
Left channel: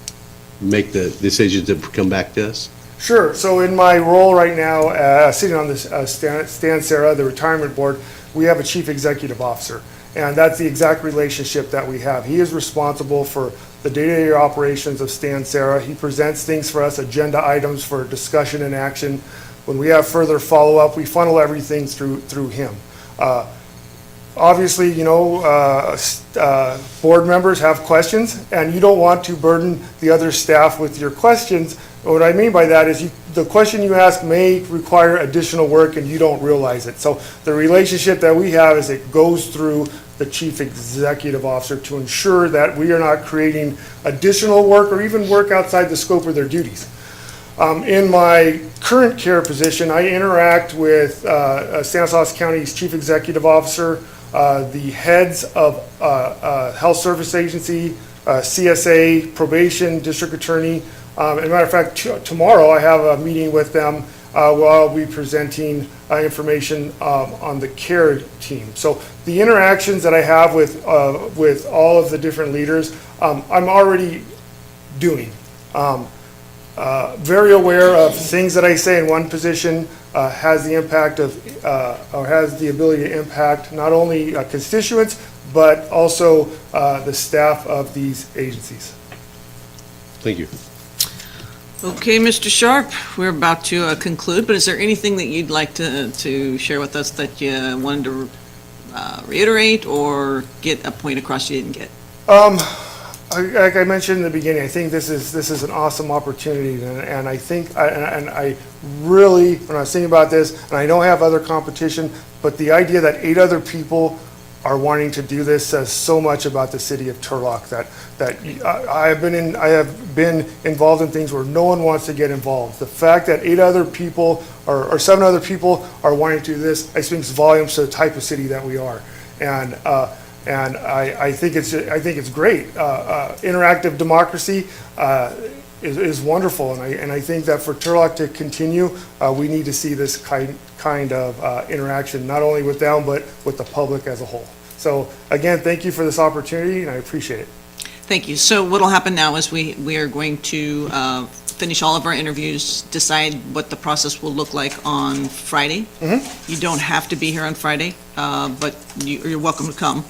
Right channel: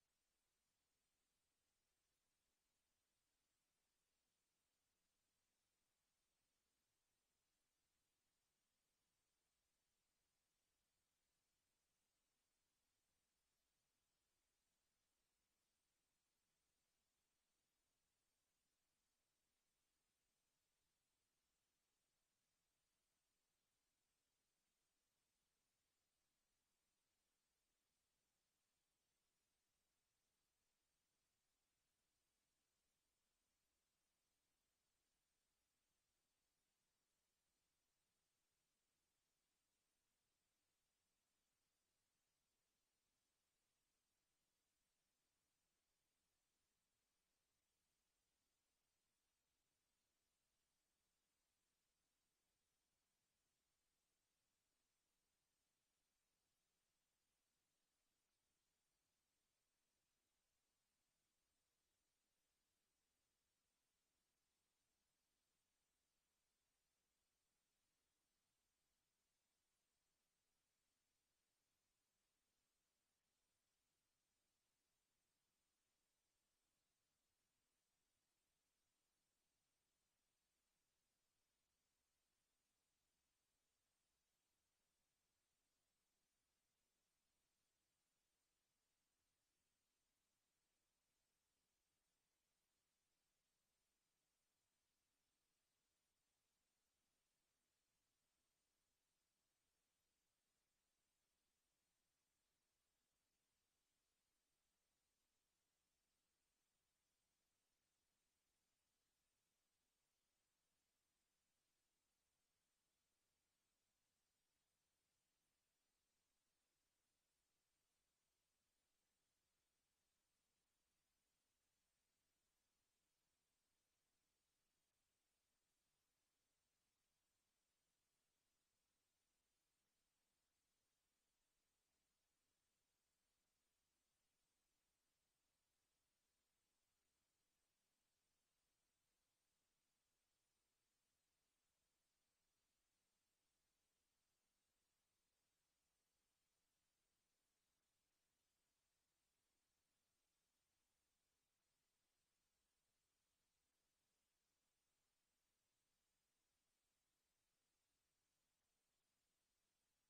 make the decisions that come back to us? Sure. So in my role right now, sitting on this Stan Sarah, the retirement board, we have a chief executive officer. And that's the exact relationship that we have. He is responsible for the day-to-day operations of Stan Sarah. He presents things for us, agenda items for discussion and action. When we have further follow-up, we funnel everything through him. Obviously, board members have questions, and you don't want to burden the other staff with your questions. What I mean by that is the question you ask may require additional work, and you don't realize it. So the relationship that we have is it goes through the chief executive officer to ensure that we are not creating additional work or even work outside the scope of their duties. In my current care position, I interact with Stanislaus County's chief executive officer, the heads of health service agency, CSA, probation, district attorney. As a matter of fact, tomorrow I have a meeting with them where I'll be presenting information on the care team. So the interactions that I have with all of the different leaders, I'm already doing. Very aware of things that I say in one position has the impact of, or has the ability to impact not only constituents, but also the staff of these agencies. Thank you. Okay, Mr. Sharp, we're about to conclude, but is there anything that you'd like to share with us that you wanted to reiterate or get a point across you didn't get? Like I mentioned in the beginning, I think this is an awesome opportunity, and I think, I really, when I was thinking about this, and I don't have other competition, but the idea that 8 other people are wanting to do this says so much about the city of Turlock, that I have been involved in things where no one wants to get involved. The fact that 8 other people or 7 other people are wanting to do this, I speaks volumes to the type of city that we are, and I think it's great. Interactive democracy is wonderful, and I think that for Turlock to continue, we need to see this kind of interaction, not only with them, but with the public as a whole. So again, thank you for this opportunity, and I appreciate it. Thank you. So what'll happen now is we are going to finish all of our interviews, decide what the process will look like on Friday. You don't have to be here on Friday, but you're welcome to come.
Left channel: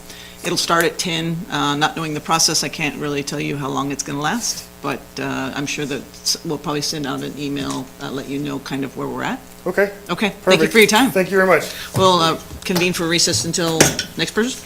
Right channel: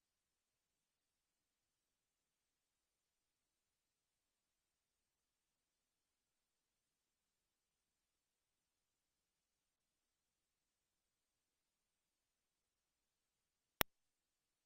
It'll start at 10. Not knowing the process, I can't really tell you how long it's going to last, but I'm sure that we'll probably send out an email, let you know kind of where we're at. Okay, Okay, thank you perfect. for your time. Thank you very much. We'll convene for recess until next person.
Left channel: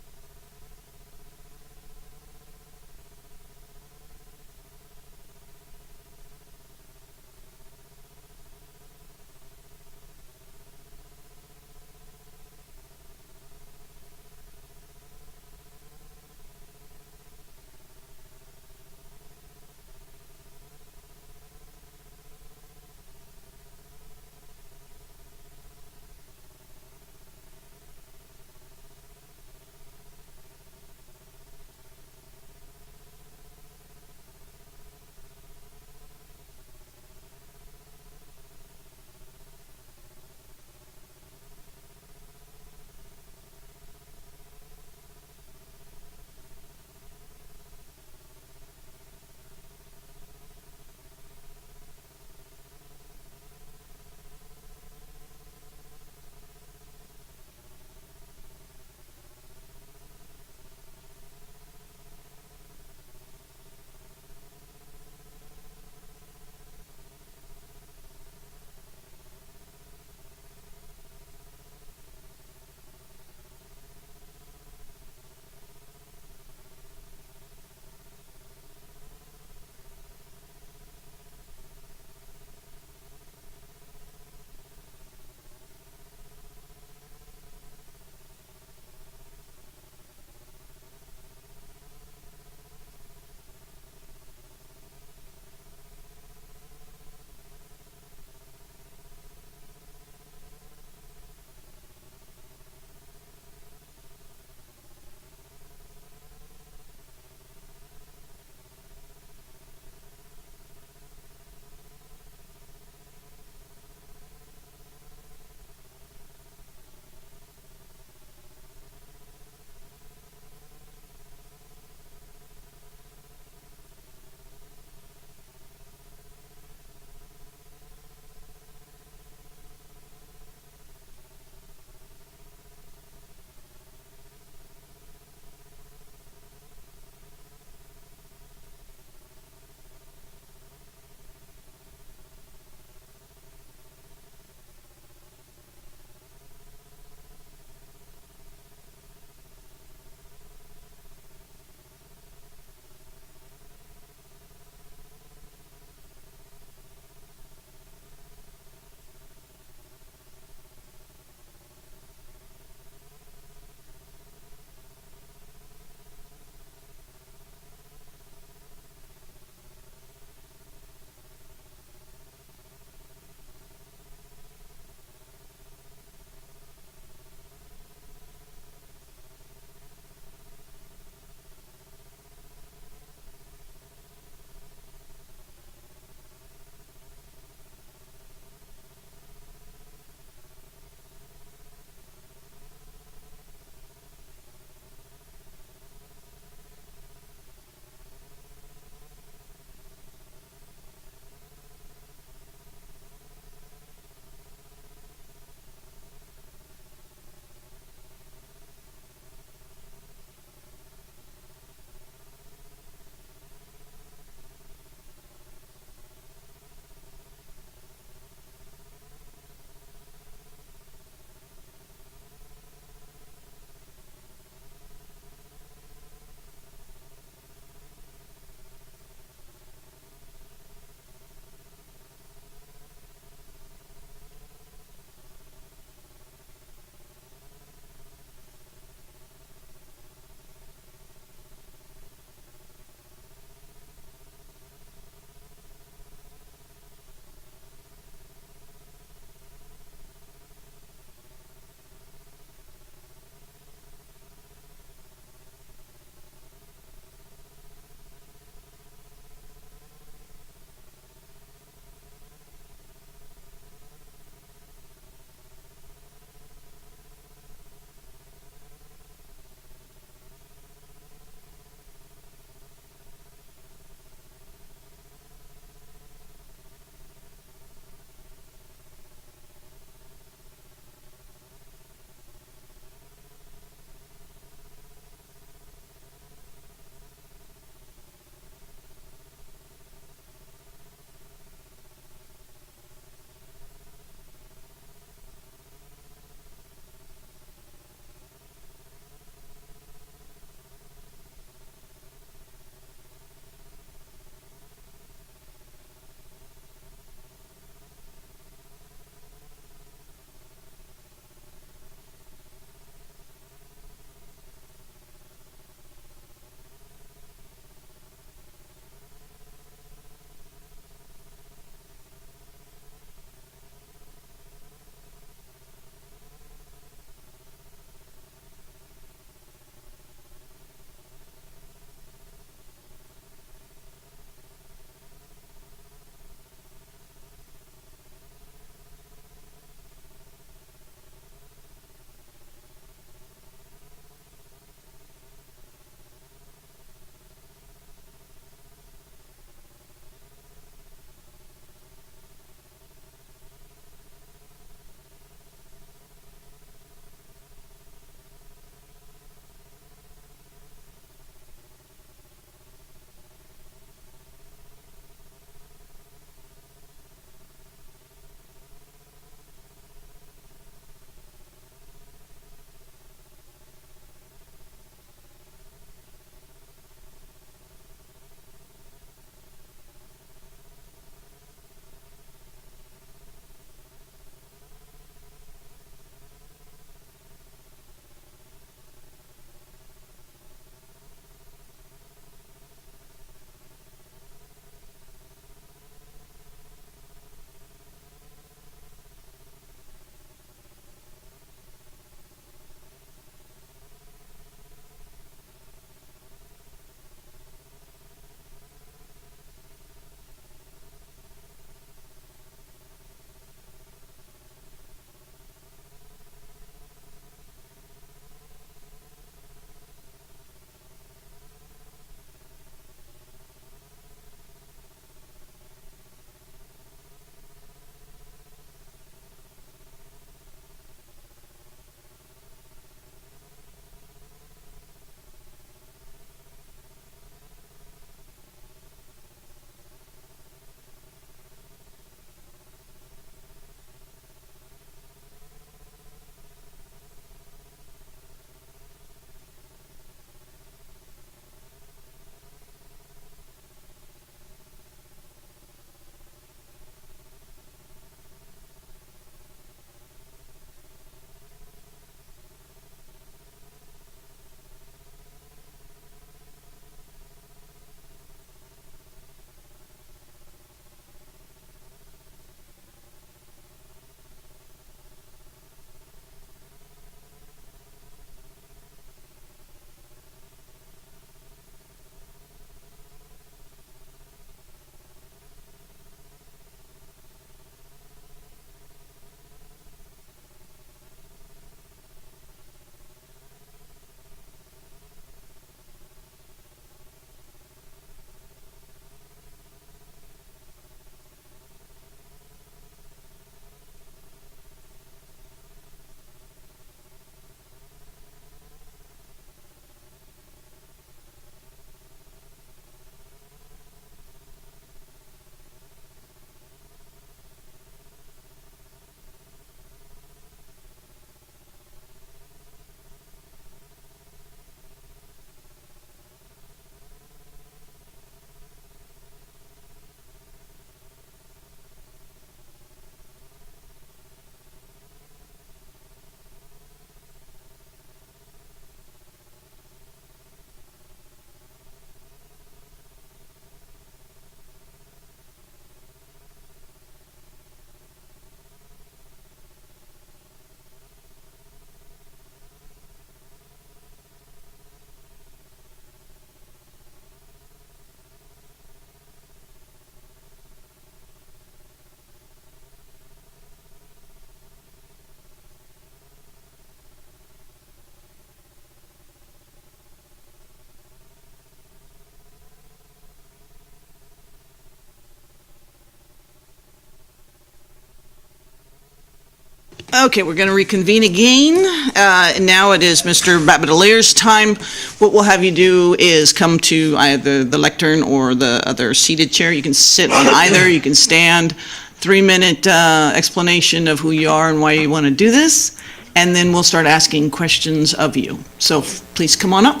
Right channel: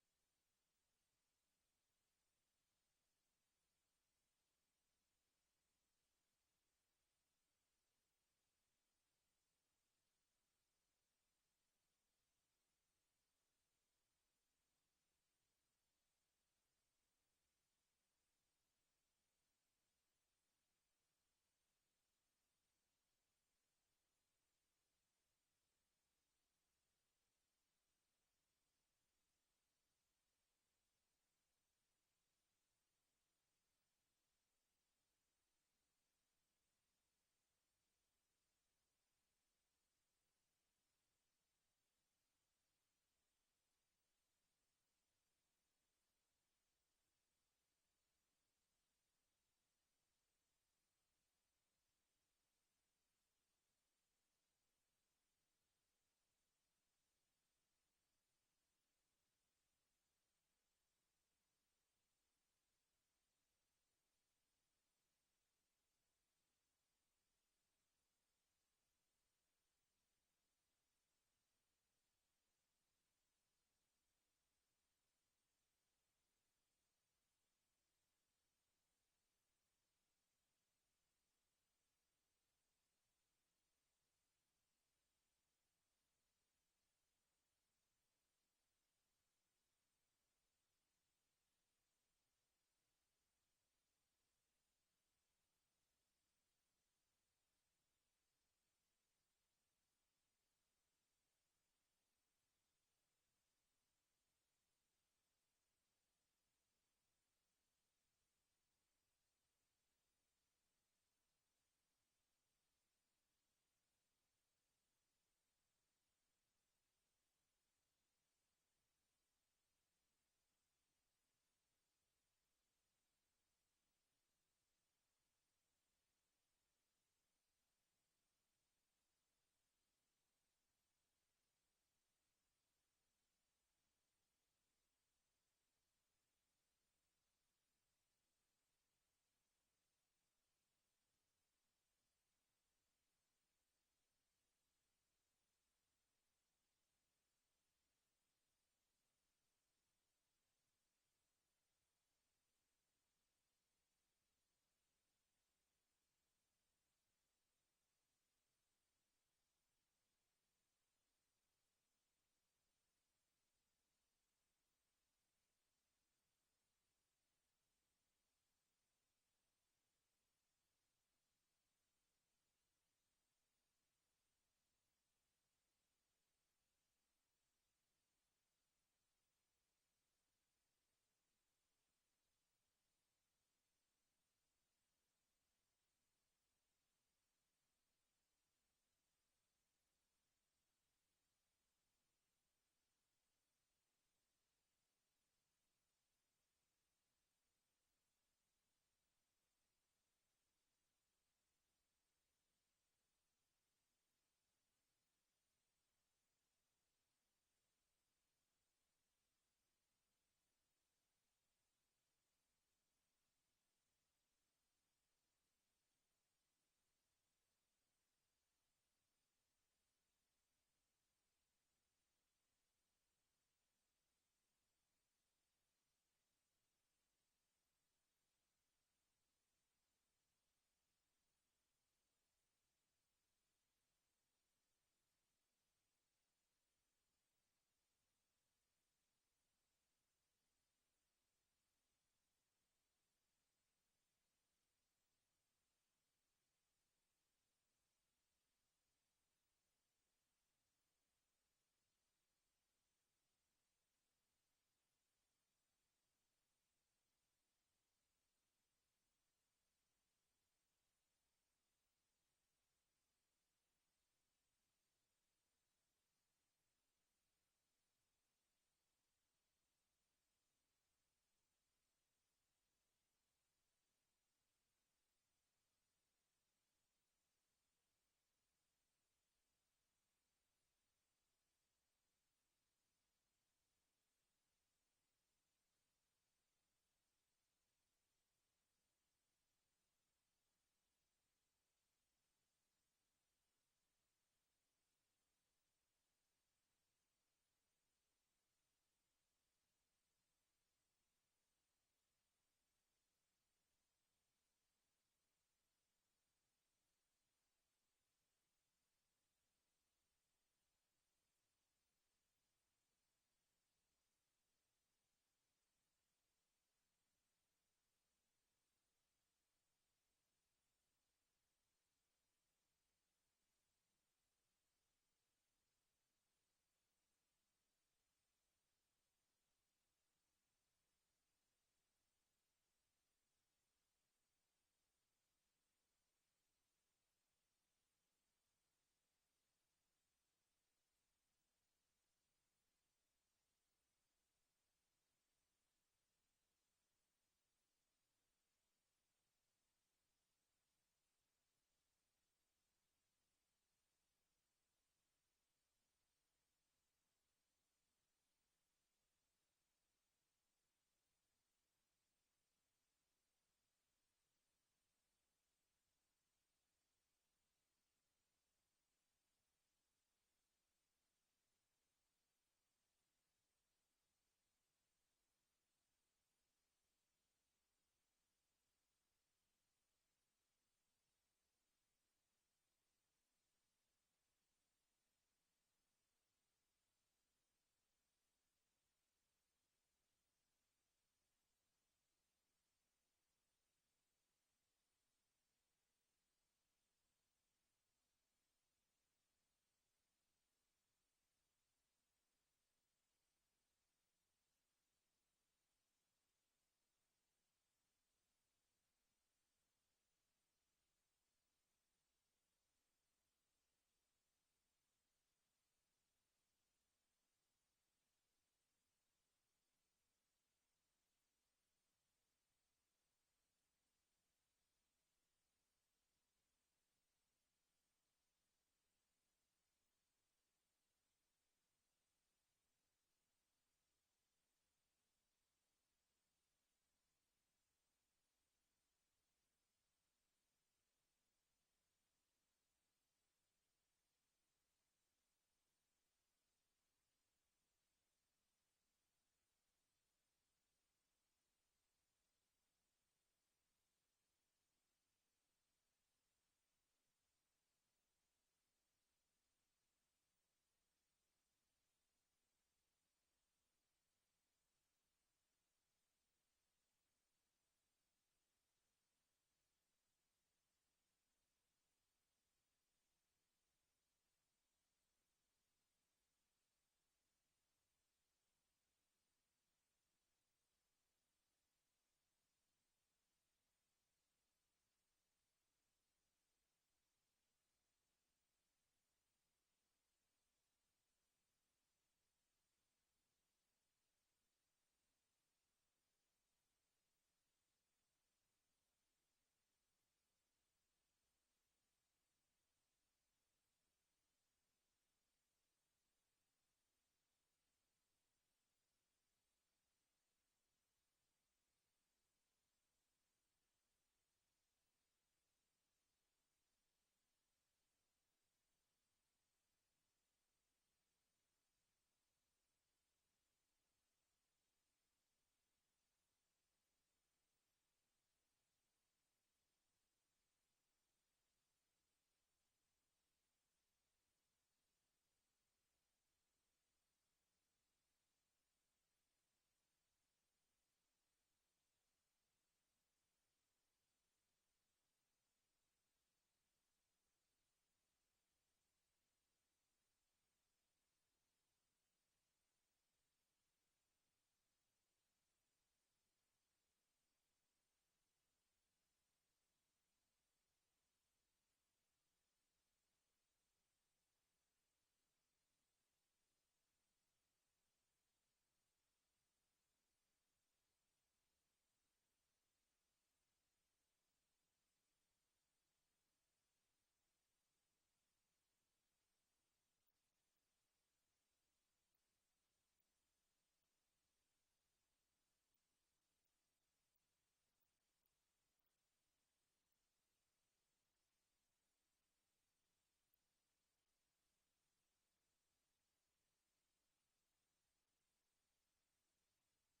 Okay, we're going to reconvene again. And now it is Mr. Rabatelier's time. What we'll have you do is come to either the lectern or the other seated chair. You can sit on either, you can stand. 3-minute explanation of who you are and why you want to do this. And then we'll start asking questions of you. So please come on up.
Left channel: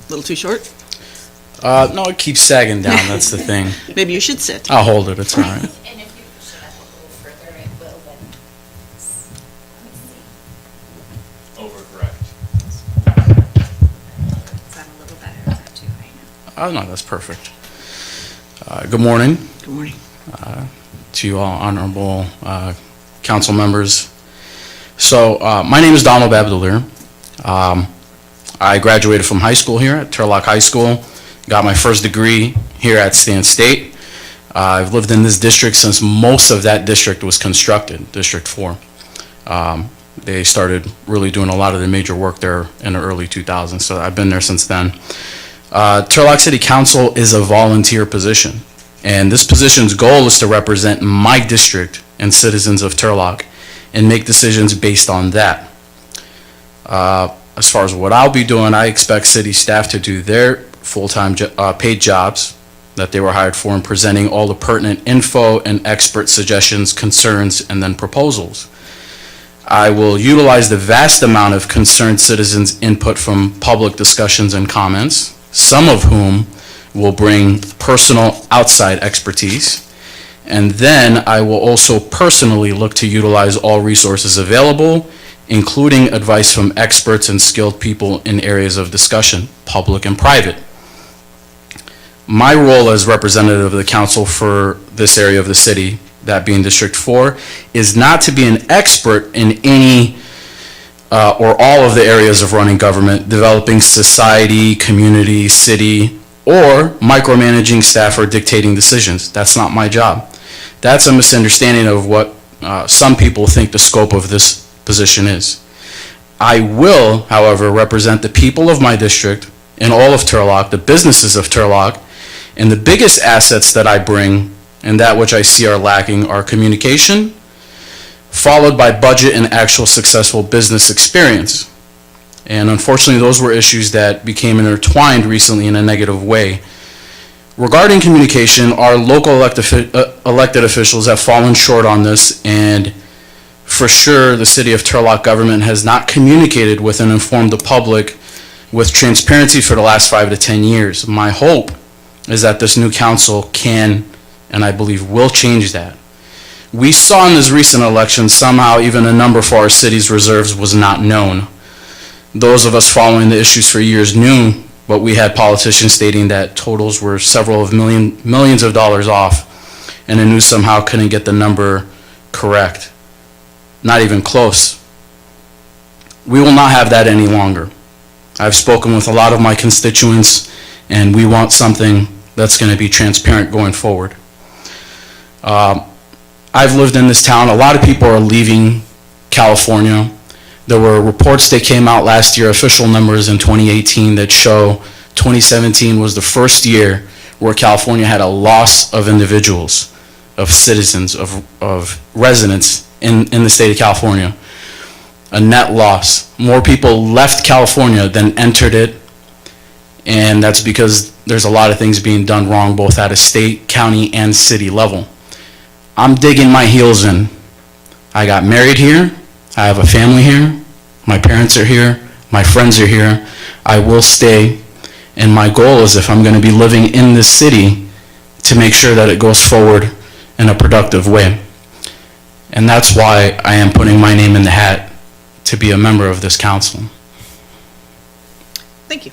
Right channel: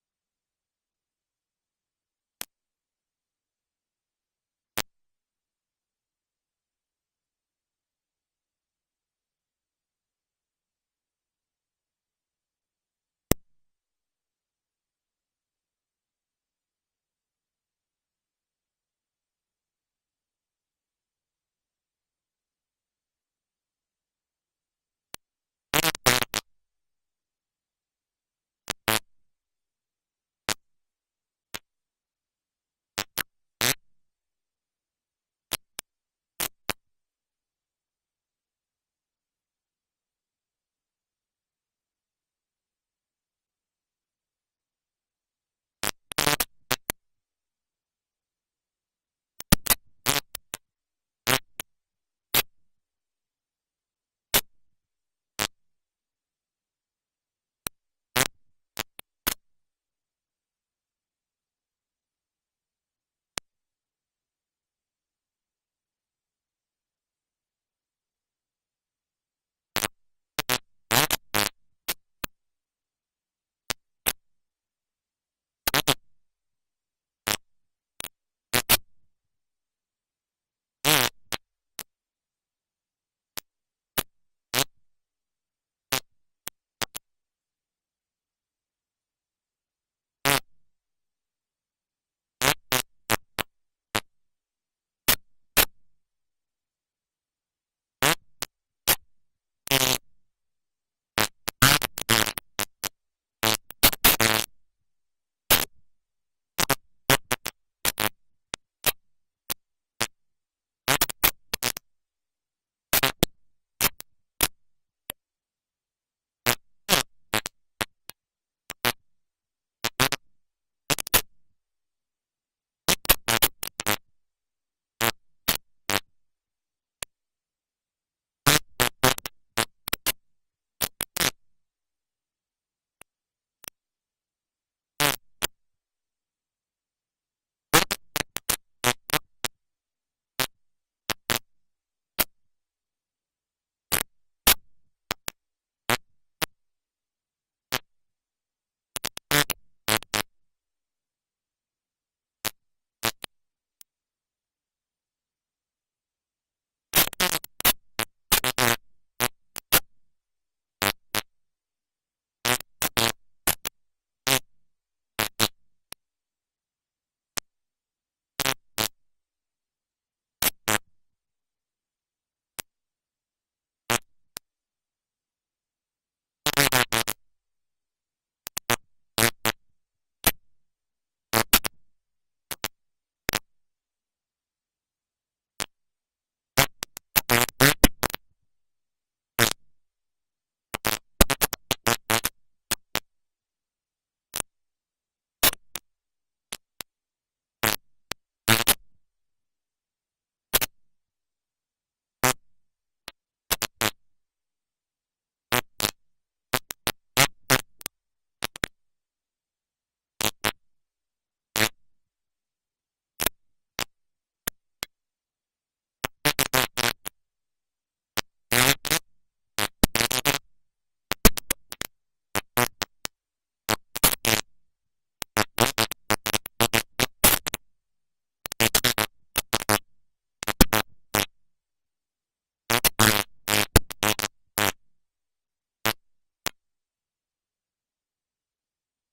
A little too short? No, it keeps sagging down, that's the thing. Maybe you should sit. I'll hold it, it's all right. And if you push it up a little further, it will then. Let me see. Overcorrect. Is that a little better? Is that too high now? Oh, no, that's perfect. Good morning Good morning. to you all honorable council members. So, my name is Donald Rabatelier. I graduated from high school here at Turlock High School, got my first degree here at Stan State. I've lived in this district since most of that district was constructed, District 4. They started really doing a lot of the major work there in the early 2000s, so I've been there since then. Turlock City Council is a volunteer position, and this position's goal is to represent my district and citizens of Turlock and make decisions based on that. As far as what I'll be doing, I expect city staff to do their full-time paid jobs that they were hired for and presenting all the pertinent info and expert suggestions, concerns, and then proposals. I will utilize the vast amount of concerned citizens' input from public discussions and comments, some of whom will bring personal outside expertise. And then I will also personally look to utilize all resources available, including advice from experts and skilled people in areas of discussion, public and private. My role as representative of the council for this area of the city, that being District 4, is not to be an expert in any or all of the areas of running government, developing society, community, city, or micromanaging staff or dictating decisions. That's not my job. That's a misunderstanding of what some people think the scope of this position is. I will, however, represent the people of my district and all of Turlock, the businesses of Turlock, and the biggest assets that I bring and that which I see are lacking are communication, followed by budget and actual successful business experience. And unfortunately, those were issues that became intertwined recently in a negative way. Regarding communication, our local elected officials have fallen short on this, and for sure, the city of Turlock government has not communicated with and informed the public with transparency for the last 5 to 10 years. My hope is that this new council can, and I believe will, change that. We saw in this recent election somehow even a number for our city's reserves was not known. Those of us following the issues for years knew, but we had politicians stating that totals were several of millions of dollars off, and the news somehow couldn't get the number correct. Not even close. We will not have that any longer. I've spoken with a lot of my constituents, and we want something that's going to be transparent going forward. I've lived in this town. A lot of people are leaving California. There were reports that came out last year, official numbers in 2018, that show 2017 was the first year where California had a loss of individuals, of citizens, of residents in the state of California. A net loss. More people left California than entered it, and that's because there's a lot of things being done wrong both at a state, county, and city level. I'm digging my heels in. I got married here. I have a family here. My parents are here. My friends are here. I will stay, and my goal is, if I'm going to be living in this city, to make sure that it goes forward in a productive way. And that's why I am putting my name in the hat to be a member of this council. Thank you.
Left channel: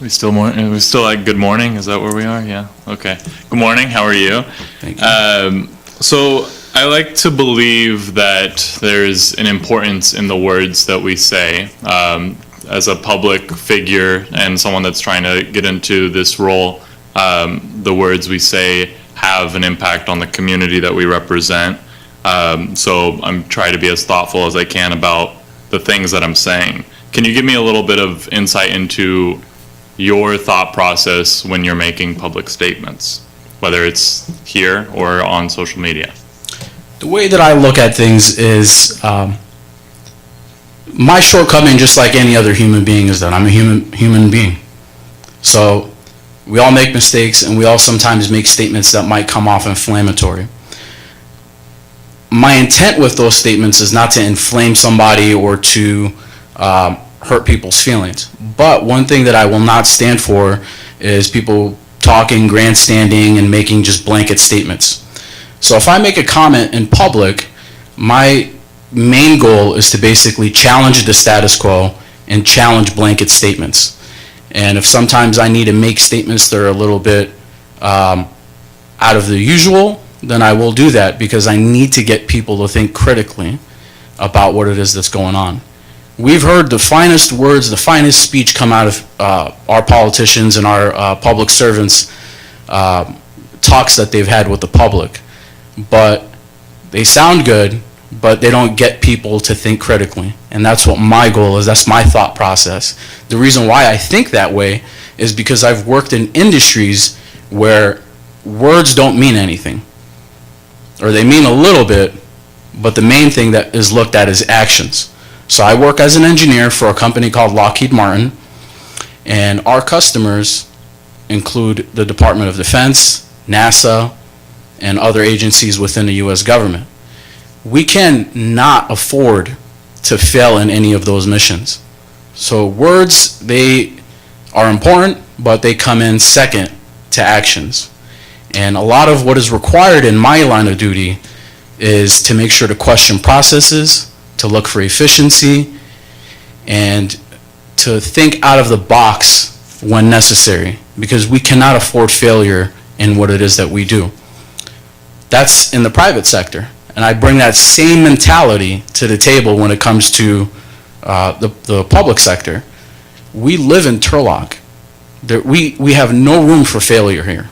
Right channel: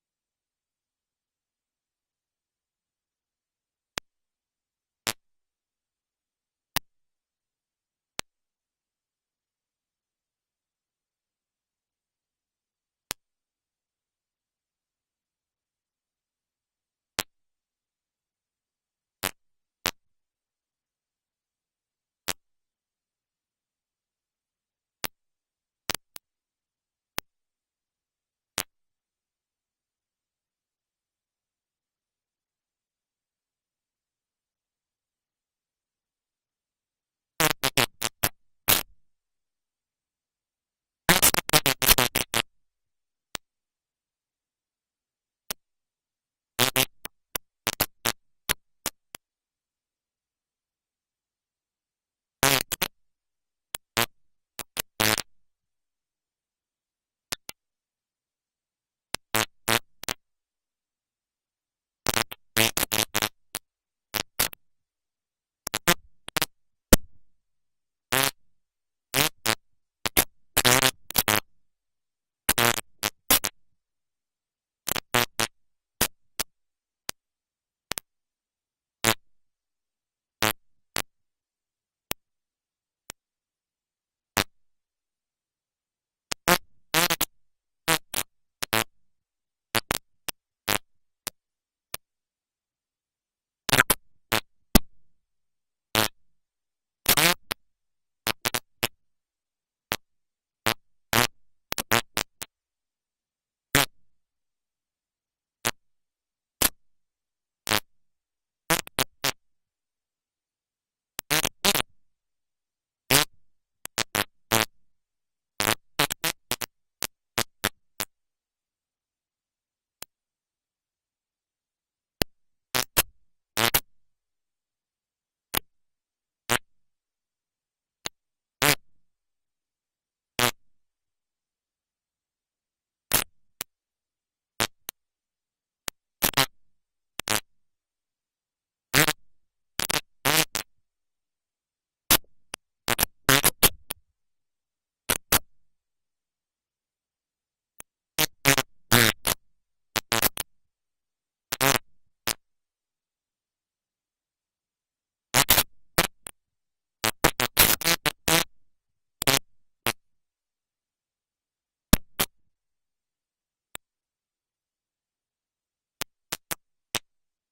We still like good morning? Is that where we are? Yeah. Okay. Good morning. How are you? Thank you. So I like to believe that there's an importance in the words that we say. As a public figure and someone that's trying to get into this role, the words we say have an impact on the community that we represent. So I'm trying to be as thoughtful as I can about the things that I'm saying. Can you give me a little bit of insight into your thought process when you're making public statements, whether it's here or on social media? The way that I look at things is my shortcoming, just like any other human being, is that I'm a human being. So we all make mistakes, and we all sometimes make statements that might come off inflammatory. My intent with those statements is not to inflame somebody or to hurt people's feelings. But one thing that I will not stand for is people talking, grandstanding, and making just blanket statements. So if I make a comment in public, my main goal is to basically challenge the status quo and challenge blanket statements. And if sometimes I need to make statements that are a little bit out of the usual, then I will do that, because I need to get people to think critically about what it is that's going on. We've heard the finest words, the finest speech come out of our politicians and our public servants' talks that they've had with the public. But they sound good, but they don't get people to think critically. And that's what my goal is. That's my thought process. The reason why I think that way is because I've worked in industries where words don't mean anything. Or they mean a little bit, but the main thing that is looked at is actions. So I work as an engineer for a company called Lockheed Martin, and our customers include the Department of Defense, NASA, and other agencies within the U.S. government. We cannot afford to fail in any of those missions. So words, they are important, but they come in second to actions. And a lot of what is required in my line of duty is to make sure to question processes, to look for efficiency, and to think out of the box when necessary, because we cannot afford failure in what it is that we do. That's in the private sector. And I bring that same mentality to the table when it comes to the public sector. We live in Turlock. We have no room for failure here,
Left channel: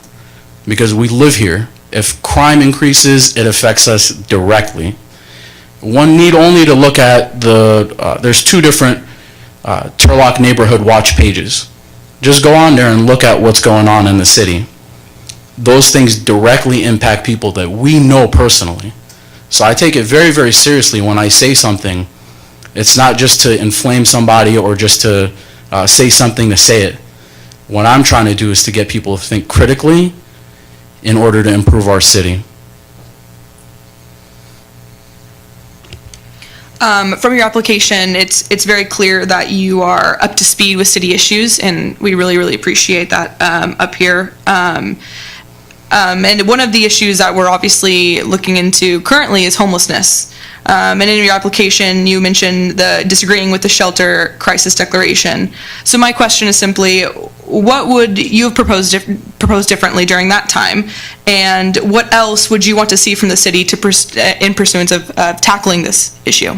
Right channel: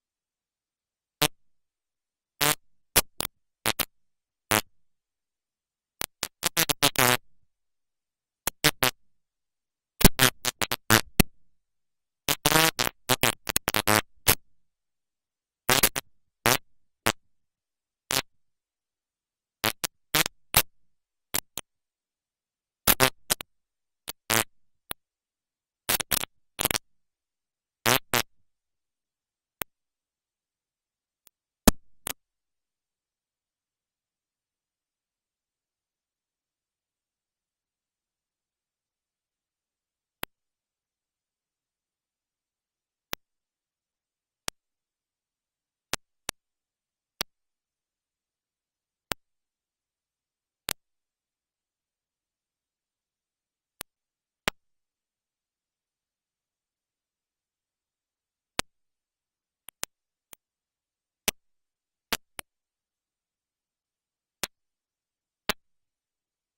because we live here. If crime increases, it affects us directly. One need only to look at there's two different Turlock Neighborhood Watch pages. Just go on there and look at what's going on in the city. Those things directly impact people that we know personally. So I take it very, very seriously when I say something. It's not just to inflame somebody or just to say something to say it. What I'm trying to do is to get people to think critically in order to improve our city. From your application, it's very clear that you are up to speed with city issues, and we really, really appreciate that up here. And one of the issues that we're obviously looking into currently is homelessness. And in your application, you mentioned the disagreeing with the shelter crisis declaration. So my question is simply, what would you have proposed differently during that time? And what else would you want to see from the city in pursuance of tackling this issue?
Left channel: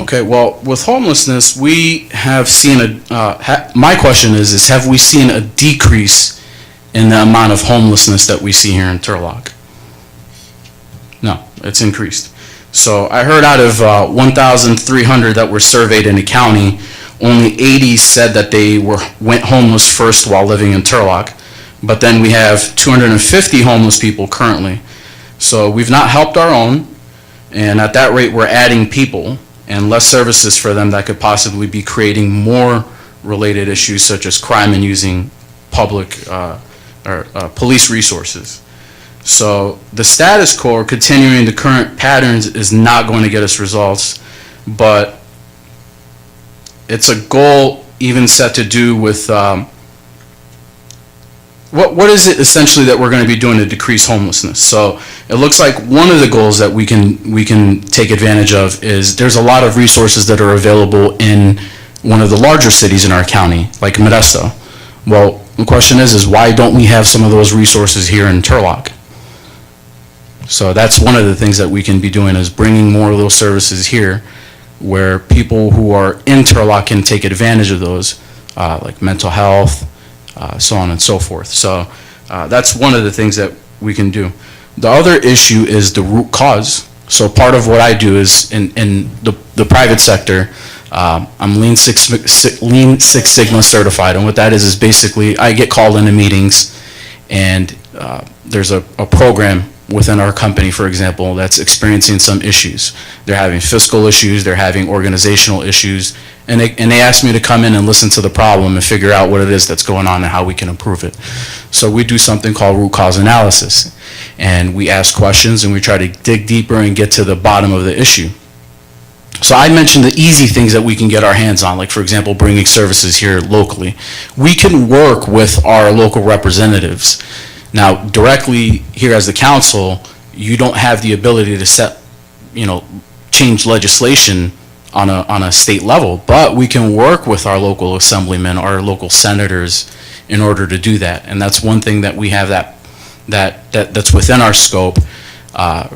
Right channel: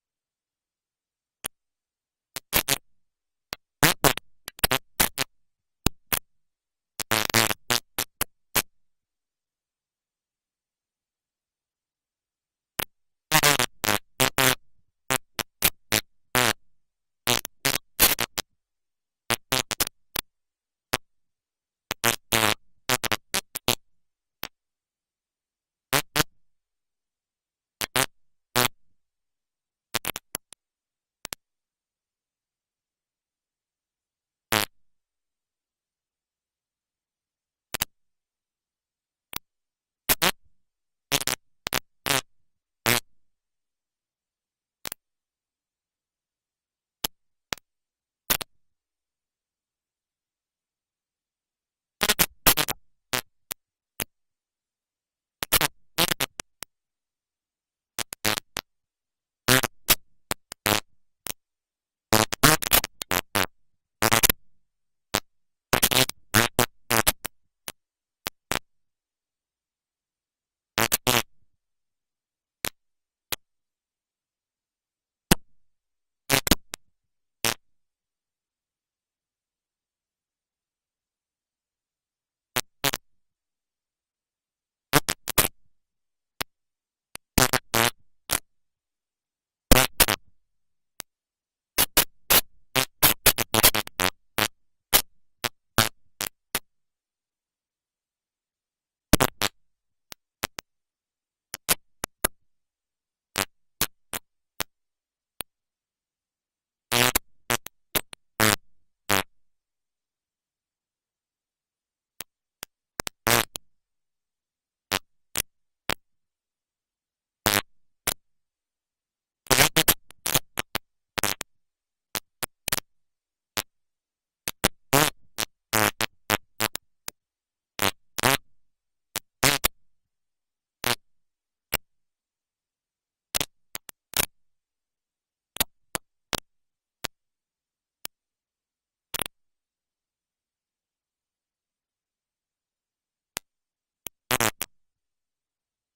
Okay, well, with homelessness, we have seen my question is have we seen a decrease in the amount of homelessness that we see here in Turlock? No, it's increased. So I heard out of 1,300 that were surveyed in the county, only 80 said that they went homeless first while living in Turlock. But then we have 250 homeless people currently. So we've not helped our own, and at that rate we're adding people and less services for them that could possibly be creating more related issues such as crime and using public police resources. So the status quo, or continuing the current patterns, is not going to get us results, but it's a goal even set to do with what is it essentially that we're going to be doing to decrease homelessness. So it looks like one of the goals that we can take advantage of is there's a lot of resources that are available in one of the larger cities in our county, like Modesto. Well, the question is why don't we have some of those resources here in Turlock? So that's one of the things that we can be doing, is bringing more of those services here where people who are in Turlock can take advantage of those, like mental health, so on and so forth. So that's one of the things that we can do. The other issue is the root cause. So part of what I do is in the private sector, I'm Lean Six Sigma certified, and what that is basically I get called into meetings, and there's a program within our company, for example, that's experiencing some issues. They're having fiscal issues, they're having organizational issues, and they ask me to come in and listen to the problem and figure out what it is that's going on and how we can improve it. So we do something called root cause analysis, and we ask questions and we try to dig deeper and get to the bottom of the issue. So I mentioned the easy things that we can get our hands on, like for example, bringing services here locally. We can work with our local representatives. Now, directly here as the council, you don't have the ability to set, change legislation on a state level, but we can work with our local assemblymen, our local senators in order to do that. And that's one thing that we have that's within our scope.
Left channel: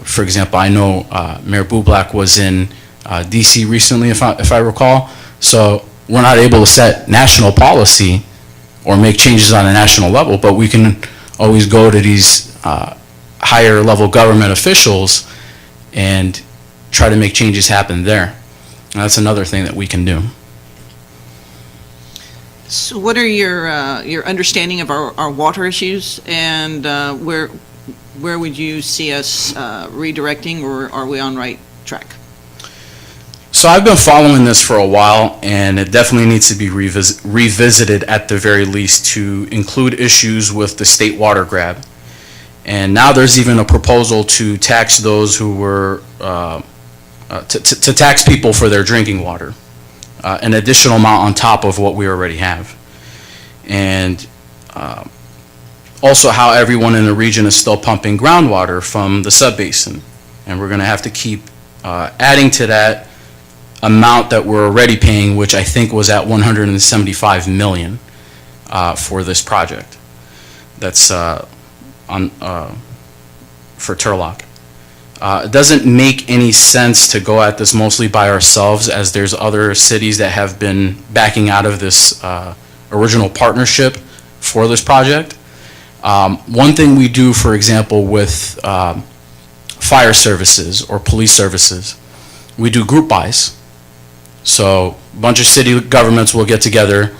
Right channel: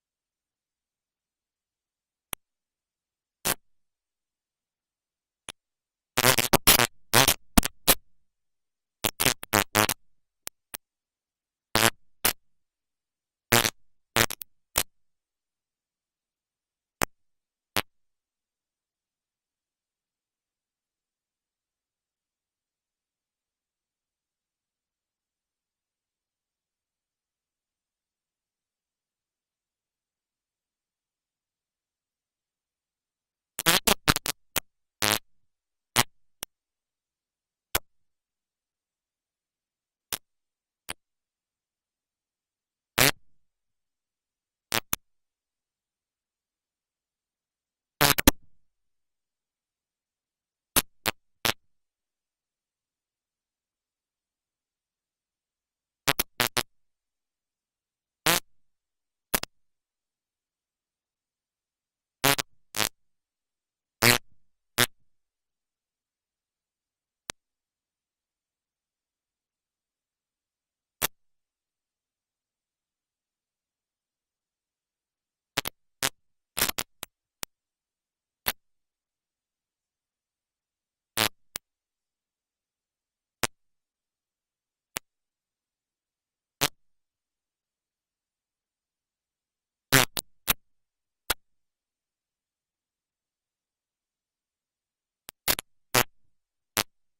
For example, I know Mayor Bublak was in DC recently, if I recall. So we're not able to set national policy or make changes on a national level, but we can always go to these higher level government officials and try to make changes happen there. And that's another thing that we can do. So what are your understanding of our water issues, and where would you see us redirecting, or are we on right track? So I've been following this for a while, and it definitely needs to be revisited at the very least to include issues with the state water grab. And now there's even a proposal to tax those who were, to tax people for their drinking water, an additional amount on top of what we already have. And also how everyone in the region is still pumping groundwater from the subbasin. And we're gonna have to keep adding to that amount that we're already paying, which I think was at 175 million for this project. That's for Turlock. It doesn't make any sense to go at this mostly by ourselves, as there's other cities that have been backing out of this original partnership for this project. One thing we do, for example, with fire services or police services, we do group buys. So a bunch of city governments will get together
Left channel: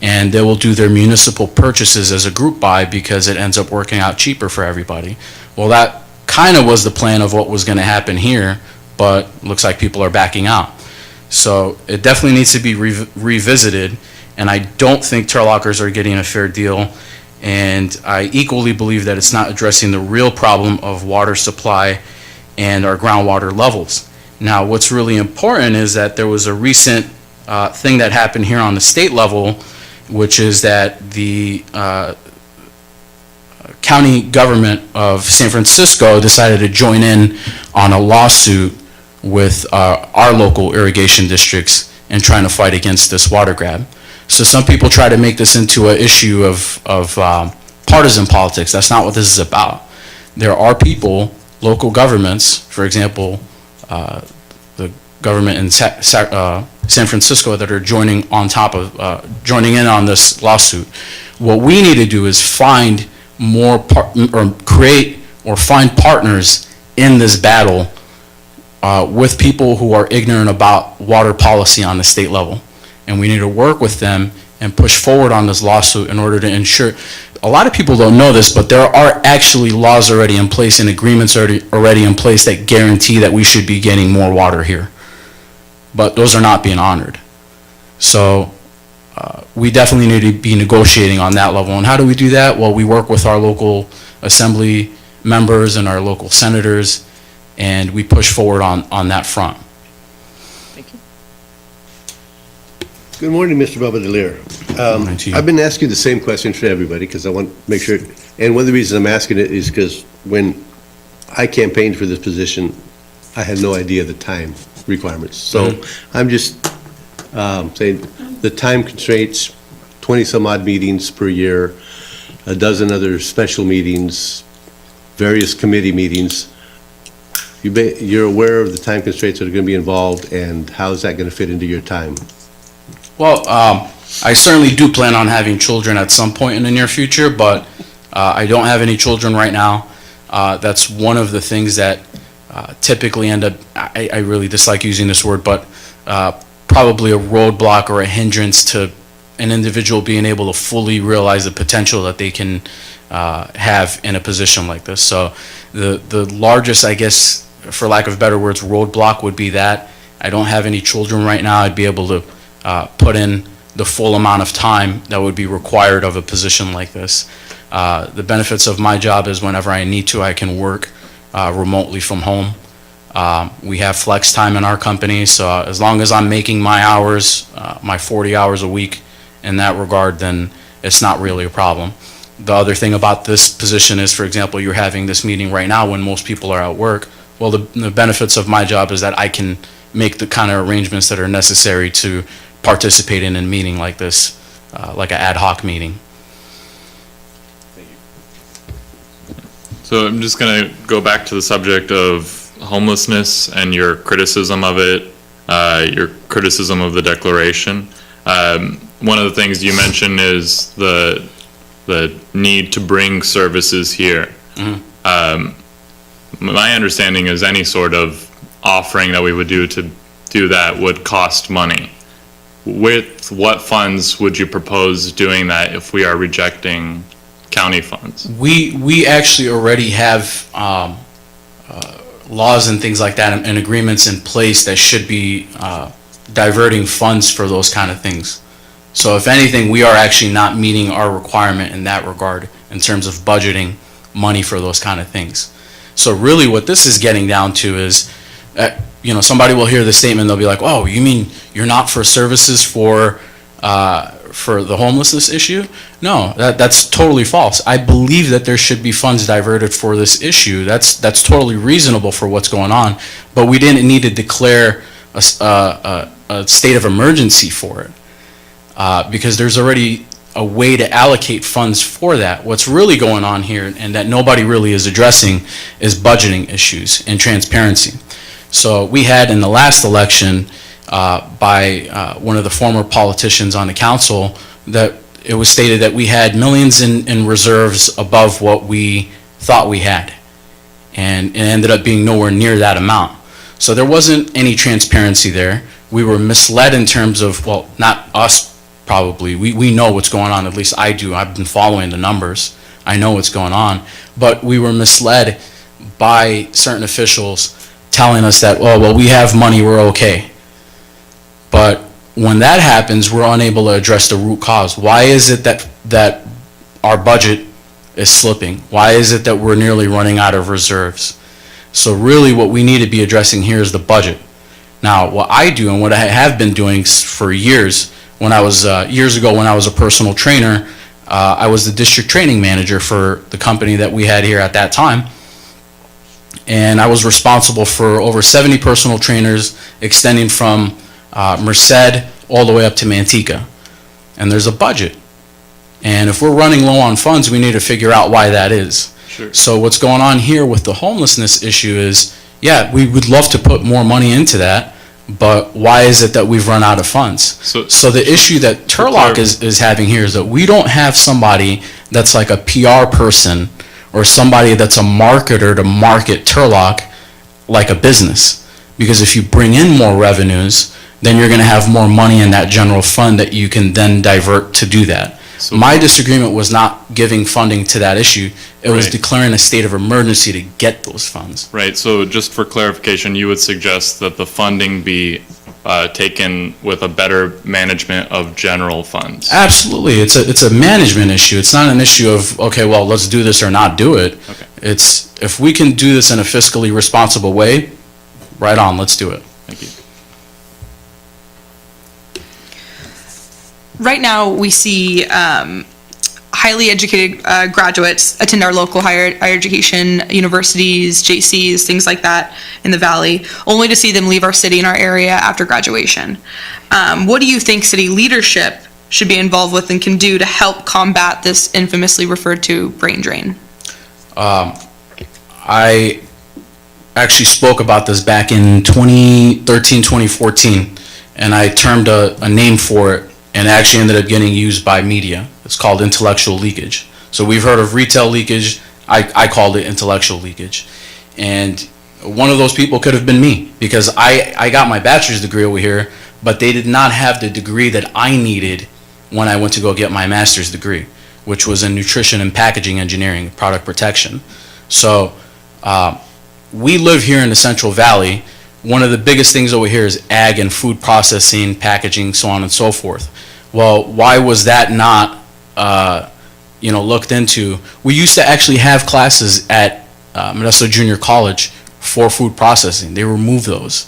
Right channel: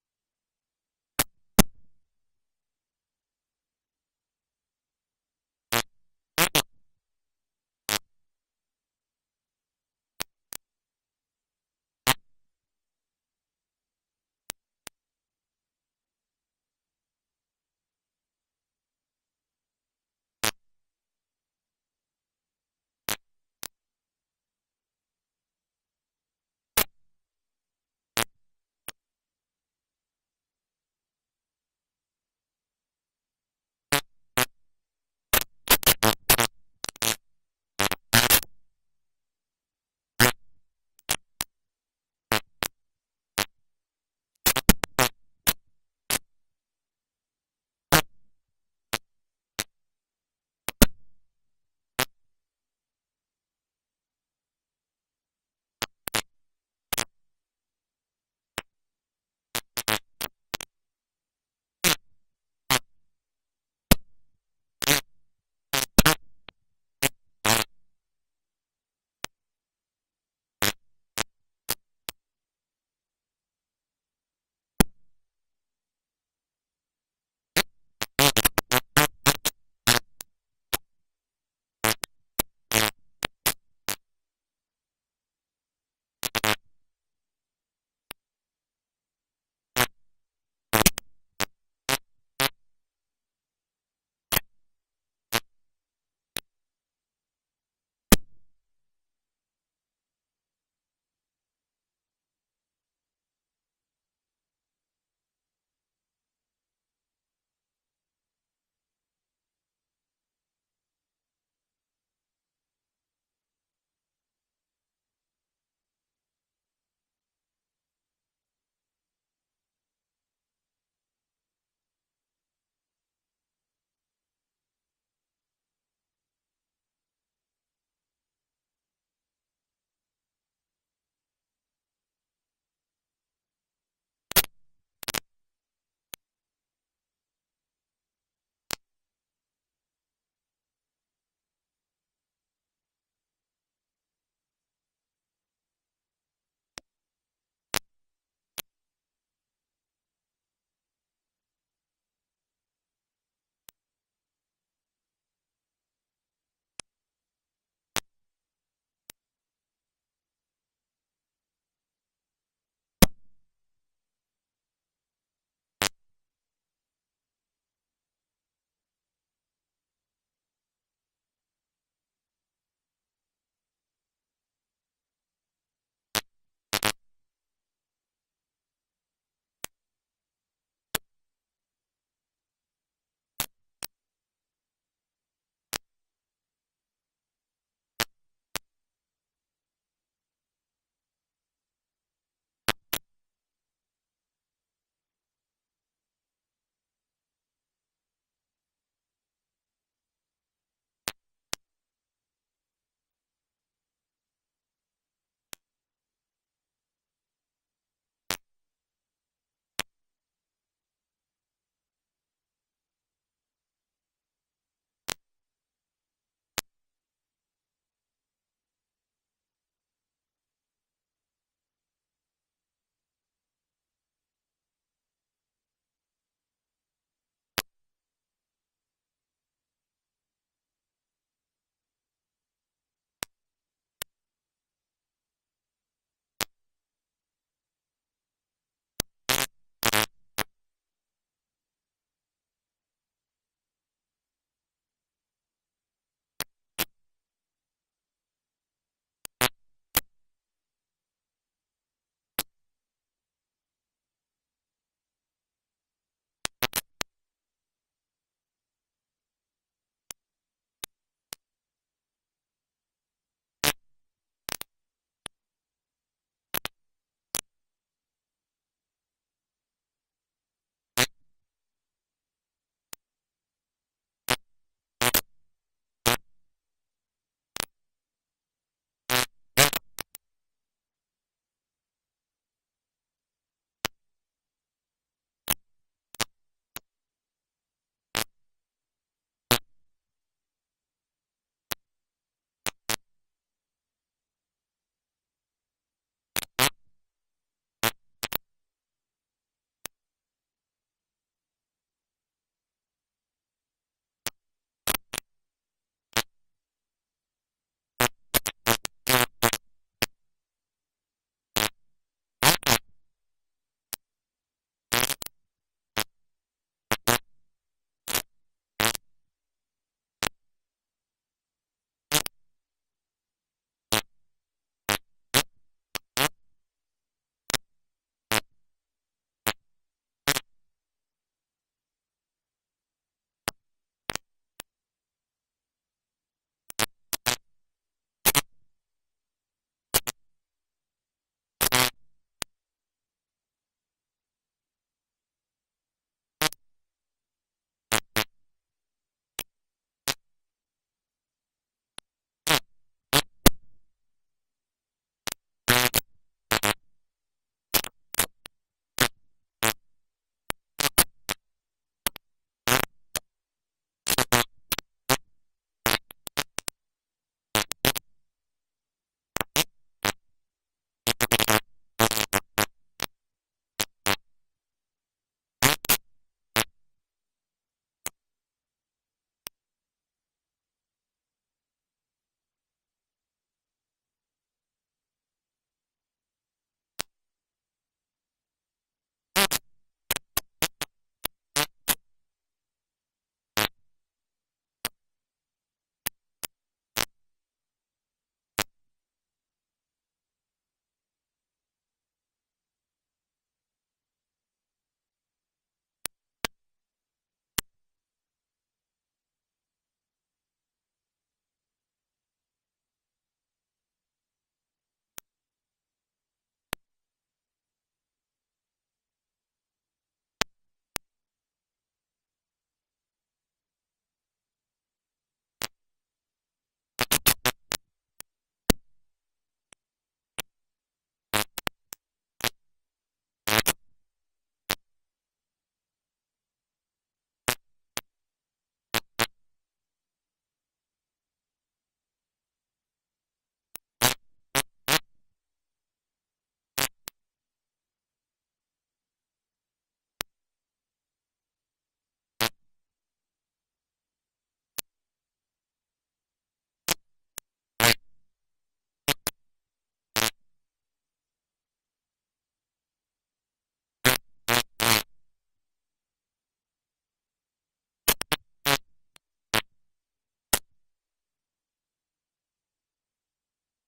and they will do their municipal purchases as a group buy because it ends up working out cheaper for everybody. Well, that kind of was the plan of what was going to happen here, but looks like people are backing out. So it definitely needs to be revisited, and I don't think Turlockers are getting a fair deal, and I equally believe that it's not addressing the real problem of water supply and our groundwater levels. Now, what's really important is that there was a recent thing that happened here on the state level, which is that the county government of San Francisco decided to join in on a lawsuit with our local irrigation districts in trying to fight against this water grab. So some people try to make this into an issue of partisan politics. That's not what this is about. There are people, local governments, for example, the government in San Francisco, that are joining in on this lawsuit. What we need to do is find create or find partners in this battle with people who are ignorant about water policy on the state level. And we need to work with them and push forward on this lawsuit in order to ensure. A lot of people don't know this, but there are actually laws already in place and agreements already in place that guarantee that we should be getting more water here. But those are not being honored. So we definitely need to be negotiating on that level. And how do we do that? Well, we work with our local assembly members and our local senators, and we push forward on that front. Thank you. Good morning, Mr. Rabatelier. Morning to you. I've been asking the same question for everybody because I want to make sure, and one of the reasons I'm asking it is because when I campaigned for this position, I had no idea the time requirements. So I'm just saying the time constraints, 20-some odd meetings per year, a dozen other special meetings, various committee meetings. You're aware of the time constraints that are going to be involved, and how is that going to fit into your time? Well, I certainly do plan on having children at some point in the near future, but I don't have any children right now. That's one of the things that typically end up, I really dislike using this word, but probably a roadblock or a hindrance to an individual being able to fully realize the potential that they can have in a position like this. So the largest, I guess, for lack of better words, roadblock would be that I don't have any children right now. I'd be able to put in the full amount of time that would be required of a position like this. The benefits of my job is whenever I need to, I can work remotely from home. We have flex time in our company, so as long as I'm making my hours, my 40 hours a week in that regard, then it's not really a problem. The other thing about this position is, for example, you're having this meeting right now when most people are at work. Well, the benefits of my job is that I can make the kind of arrangements that are necessary to participate in a meeting like this, like an ad hoc meeting. So I'm just going to go back to the subject of homelessness and your criticism of it, your criticism of the declaration. One of the things you mentioned is the need to bring services here. My understanding is any sort of offering that we would do to do that would cost money. With what funds would you propose doing that if we are rejecting county funds? We actually already have laws and things like that and agreements in place that should be diverting funds for those kind of things. So if anything, we are actually not meeting our requirement in that regard in terms of budgeting money for those kind of things. So really what this is getting down to is, somebody will hear the statement, they'll be like, oh, you mean you're not for services for the homelessness issue? No, that's totally false. I believe that there should be funds diverted for this issue. That's totally reasonable for what's going on, but we didn't need to declare a state of emergency for it because there's already a way to allocate funds for that. What's really going on here, and that nobody really is addressing, is budgeting issues and transparency. So we had in the last election by one of the former politicians on the council that it was stated that we had millions in reserves above what we thought we had, and it ended up being nowhere near that amount. So there wasn't any transparency there. We were misled in terms of, well, not us probably, we know what's going on, at least I do. I've been following the numbers. I know what's going on, but we were misled by certain officials telling us that, oh, well, we have money, we're okay. But when that happens, we're unable to address the root cause. Why is it that our budget is slipping? Why is it that we're nearly running out of reserves? So really what we need to be addressing here is the budget. Now, what I do and what I have been doing for years, when I was, years ago when I was a personal trainer, I was the district training manager for the company that we had here at that time. And I was responsible for over 70 personal trainers extending from Merced all the way up to Manteca. And there's a budget. And if we're running low on funds, we need to figure out why that is. Sure. So what's going on here with the homelessness issue is, yeah, we would love to put more money into that, but why is it that we've run out of funds? So the issue that Turlock is having here is that we don't have somebody that's like a PR person or somebody that's a marketer to market Turlock like a business. Because if you bring in more revenues, then you're going to have more money in that general fund that you can then divert to do that. So my disagreement was not giving funding to that issue. It was Right. declaring a state of emergency to get those funds. Right, so just for clarification, you would suggest that the funding be taken with a better management of general funds? Absolutely. It's a management issue. It's not an issue of, okay, well, let's do this or not do it. Okay. It's, if we can do this in a fiscally responsible way, right on, let's do it. Thank you. Right now, we see highly educated graduates attend our local higher education universities, JCs, things like that in the Valley, only to see them leave our city and our area after graduation. What do you think city leadership should be involved with and can do to help combat this infamously referred to brain drain? I actually spoke about this back in 2013, 2014, and I termed a name for it, and it actually ended up getting used by media. It's called intellectual leakage. So we've heard of retail leakage. I called it intellectual leakage. And one of those people could have been me, because I got my bachelor's degree over here, but they did not have the degree that I needed when I went to go get my master's degree, which was in nutrition and packaging engineering, product protection. So we live here in the Central Valley. One of the biggest things over here is ag and food processing, packaging, so on and so forth. Well, why was that not looked into? We used to actually have classes at Modesto Junior College for food processing. They removed those.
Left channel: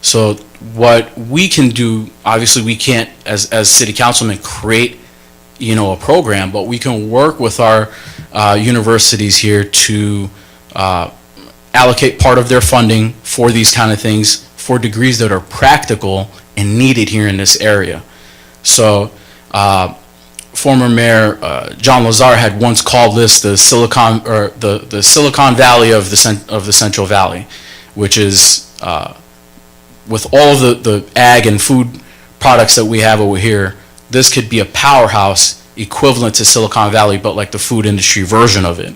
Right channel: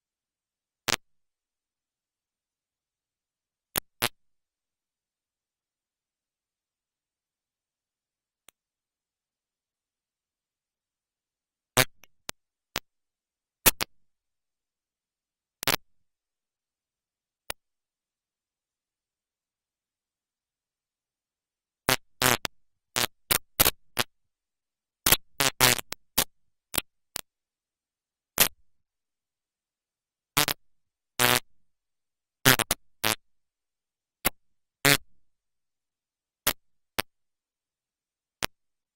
So what we can do, obviously we can't, as city councilmen, create, a program, but we can work with our universities here to allocate part of their funding for these kind of things, for degrees that are practical and needed here in this area. So former Mayor John Lazar had once called this the Silicon Valley of the Central Valley, which is with all of the ag and food products that we have over here, this could be a powerhouse equivalent to Silicon Valley, but like the food industry version of it.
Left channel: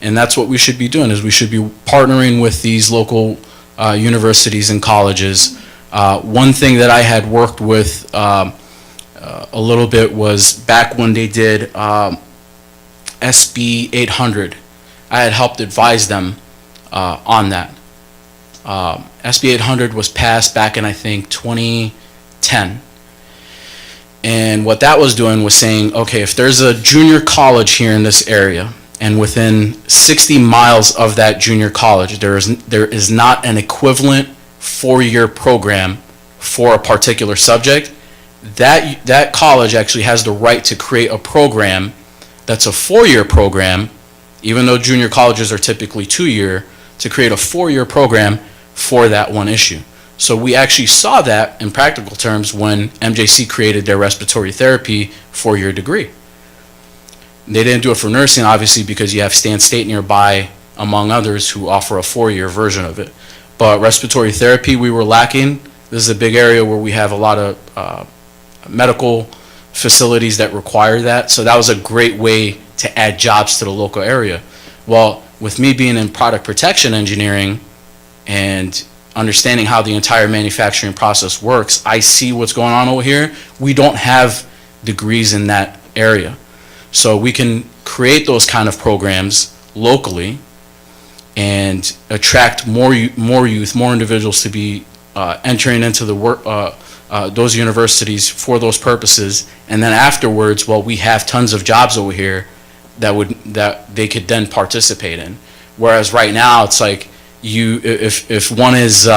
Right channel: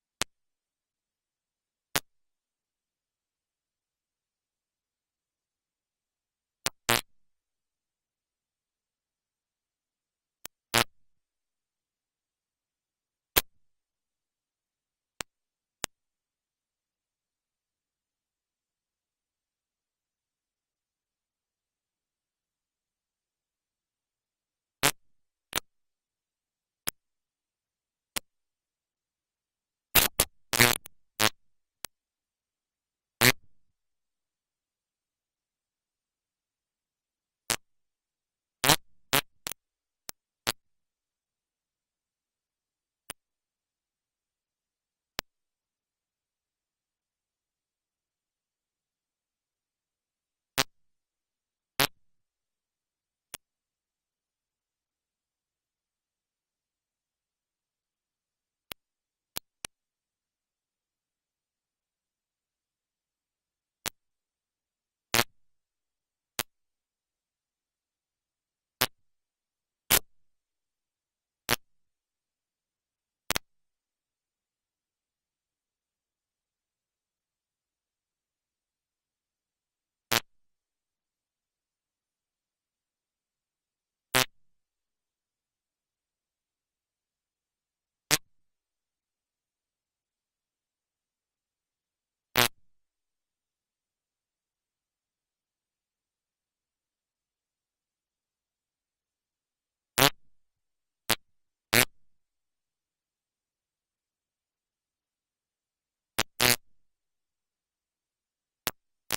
And that's what we should be doing, is we should be partnering with these local universities and colleges. One thing that I had worked with a little bit was back when they did SB 800. I had helped advise them on that. SB 800 was passed back in, I think, 2010. And what that was doing was saying, okay, if there's a junior college here in this area, and within 60 miles of that junior college, there is not an equivalent 4-year program for a particular subject, that college actually has the right to create a program that's a 4-year program, even though junior colleges are typically 2-year, to create a 4-year program for that one issue. So we actually saw that in practical terms when MJC created their respiratory therapy 4-year degree. They didn't do it for nursing, obviously, because you have Stan State nearby, among others, who offer a 4-year version of it. But respiratory therapy, we were lacking. This is a big area where we have a lot of medical facilities that require that. So that was a great way to add jobs to the local area. Well, with me being in product protection engineering and understanding how the entire manufacturing process works, I see what's going on over here. We don't have degrees in that area. So we can create those kind of programs locally and attract more youth, more individuals to be entering into the work, those universities for those purposes. And then afterwards, well, we have tons of jobs over here that they could then participate in. Whereas right now, it's like if one is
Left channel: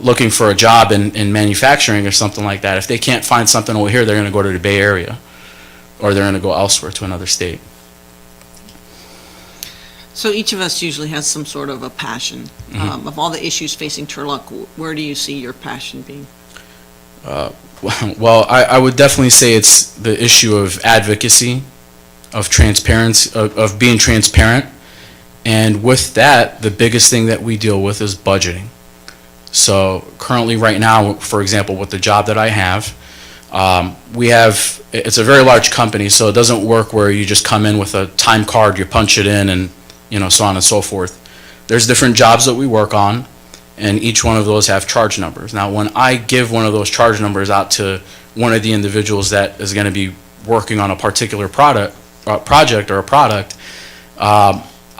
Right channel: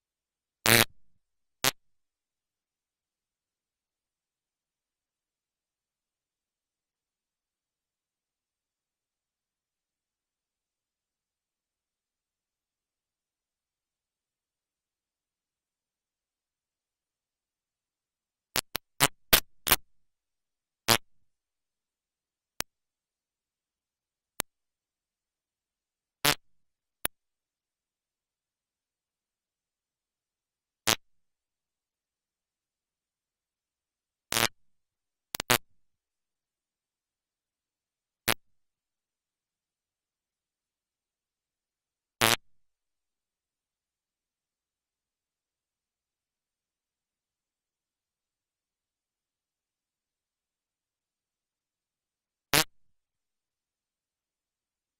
looking for a job in manufacturing or something like that, if they can't find something over here, they're going to go to the Bay Area, or they're going to go elsewhere to another state. So each of us usually has some sort of a passion. Of all the issues facing Turlock, where do you see your passion being? Well, I would definitely say it's the issue of advocacy, of transparency, of being transparent. And with that, the biggest thing that we deal with is budgeting. So currently right now, for example, with the job that I have, it's a very large company, so it doesn't work where you just come in with a time card, you punch it in, and so on and so forth. There's different jobs that we work on, and each one of those have charge numbers. Now, when I give one of those charge numbers out to one of the individuals that is going to be working on a particular project,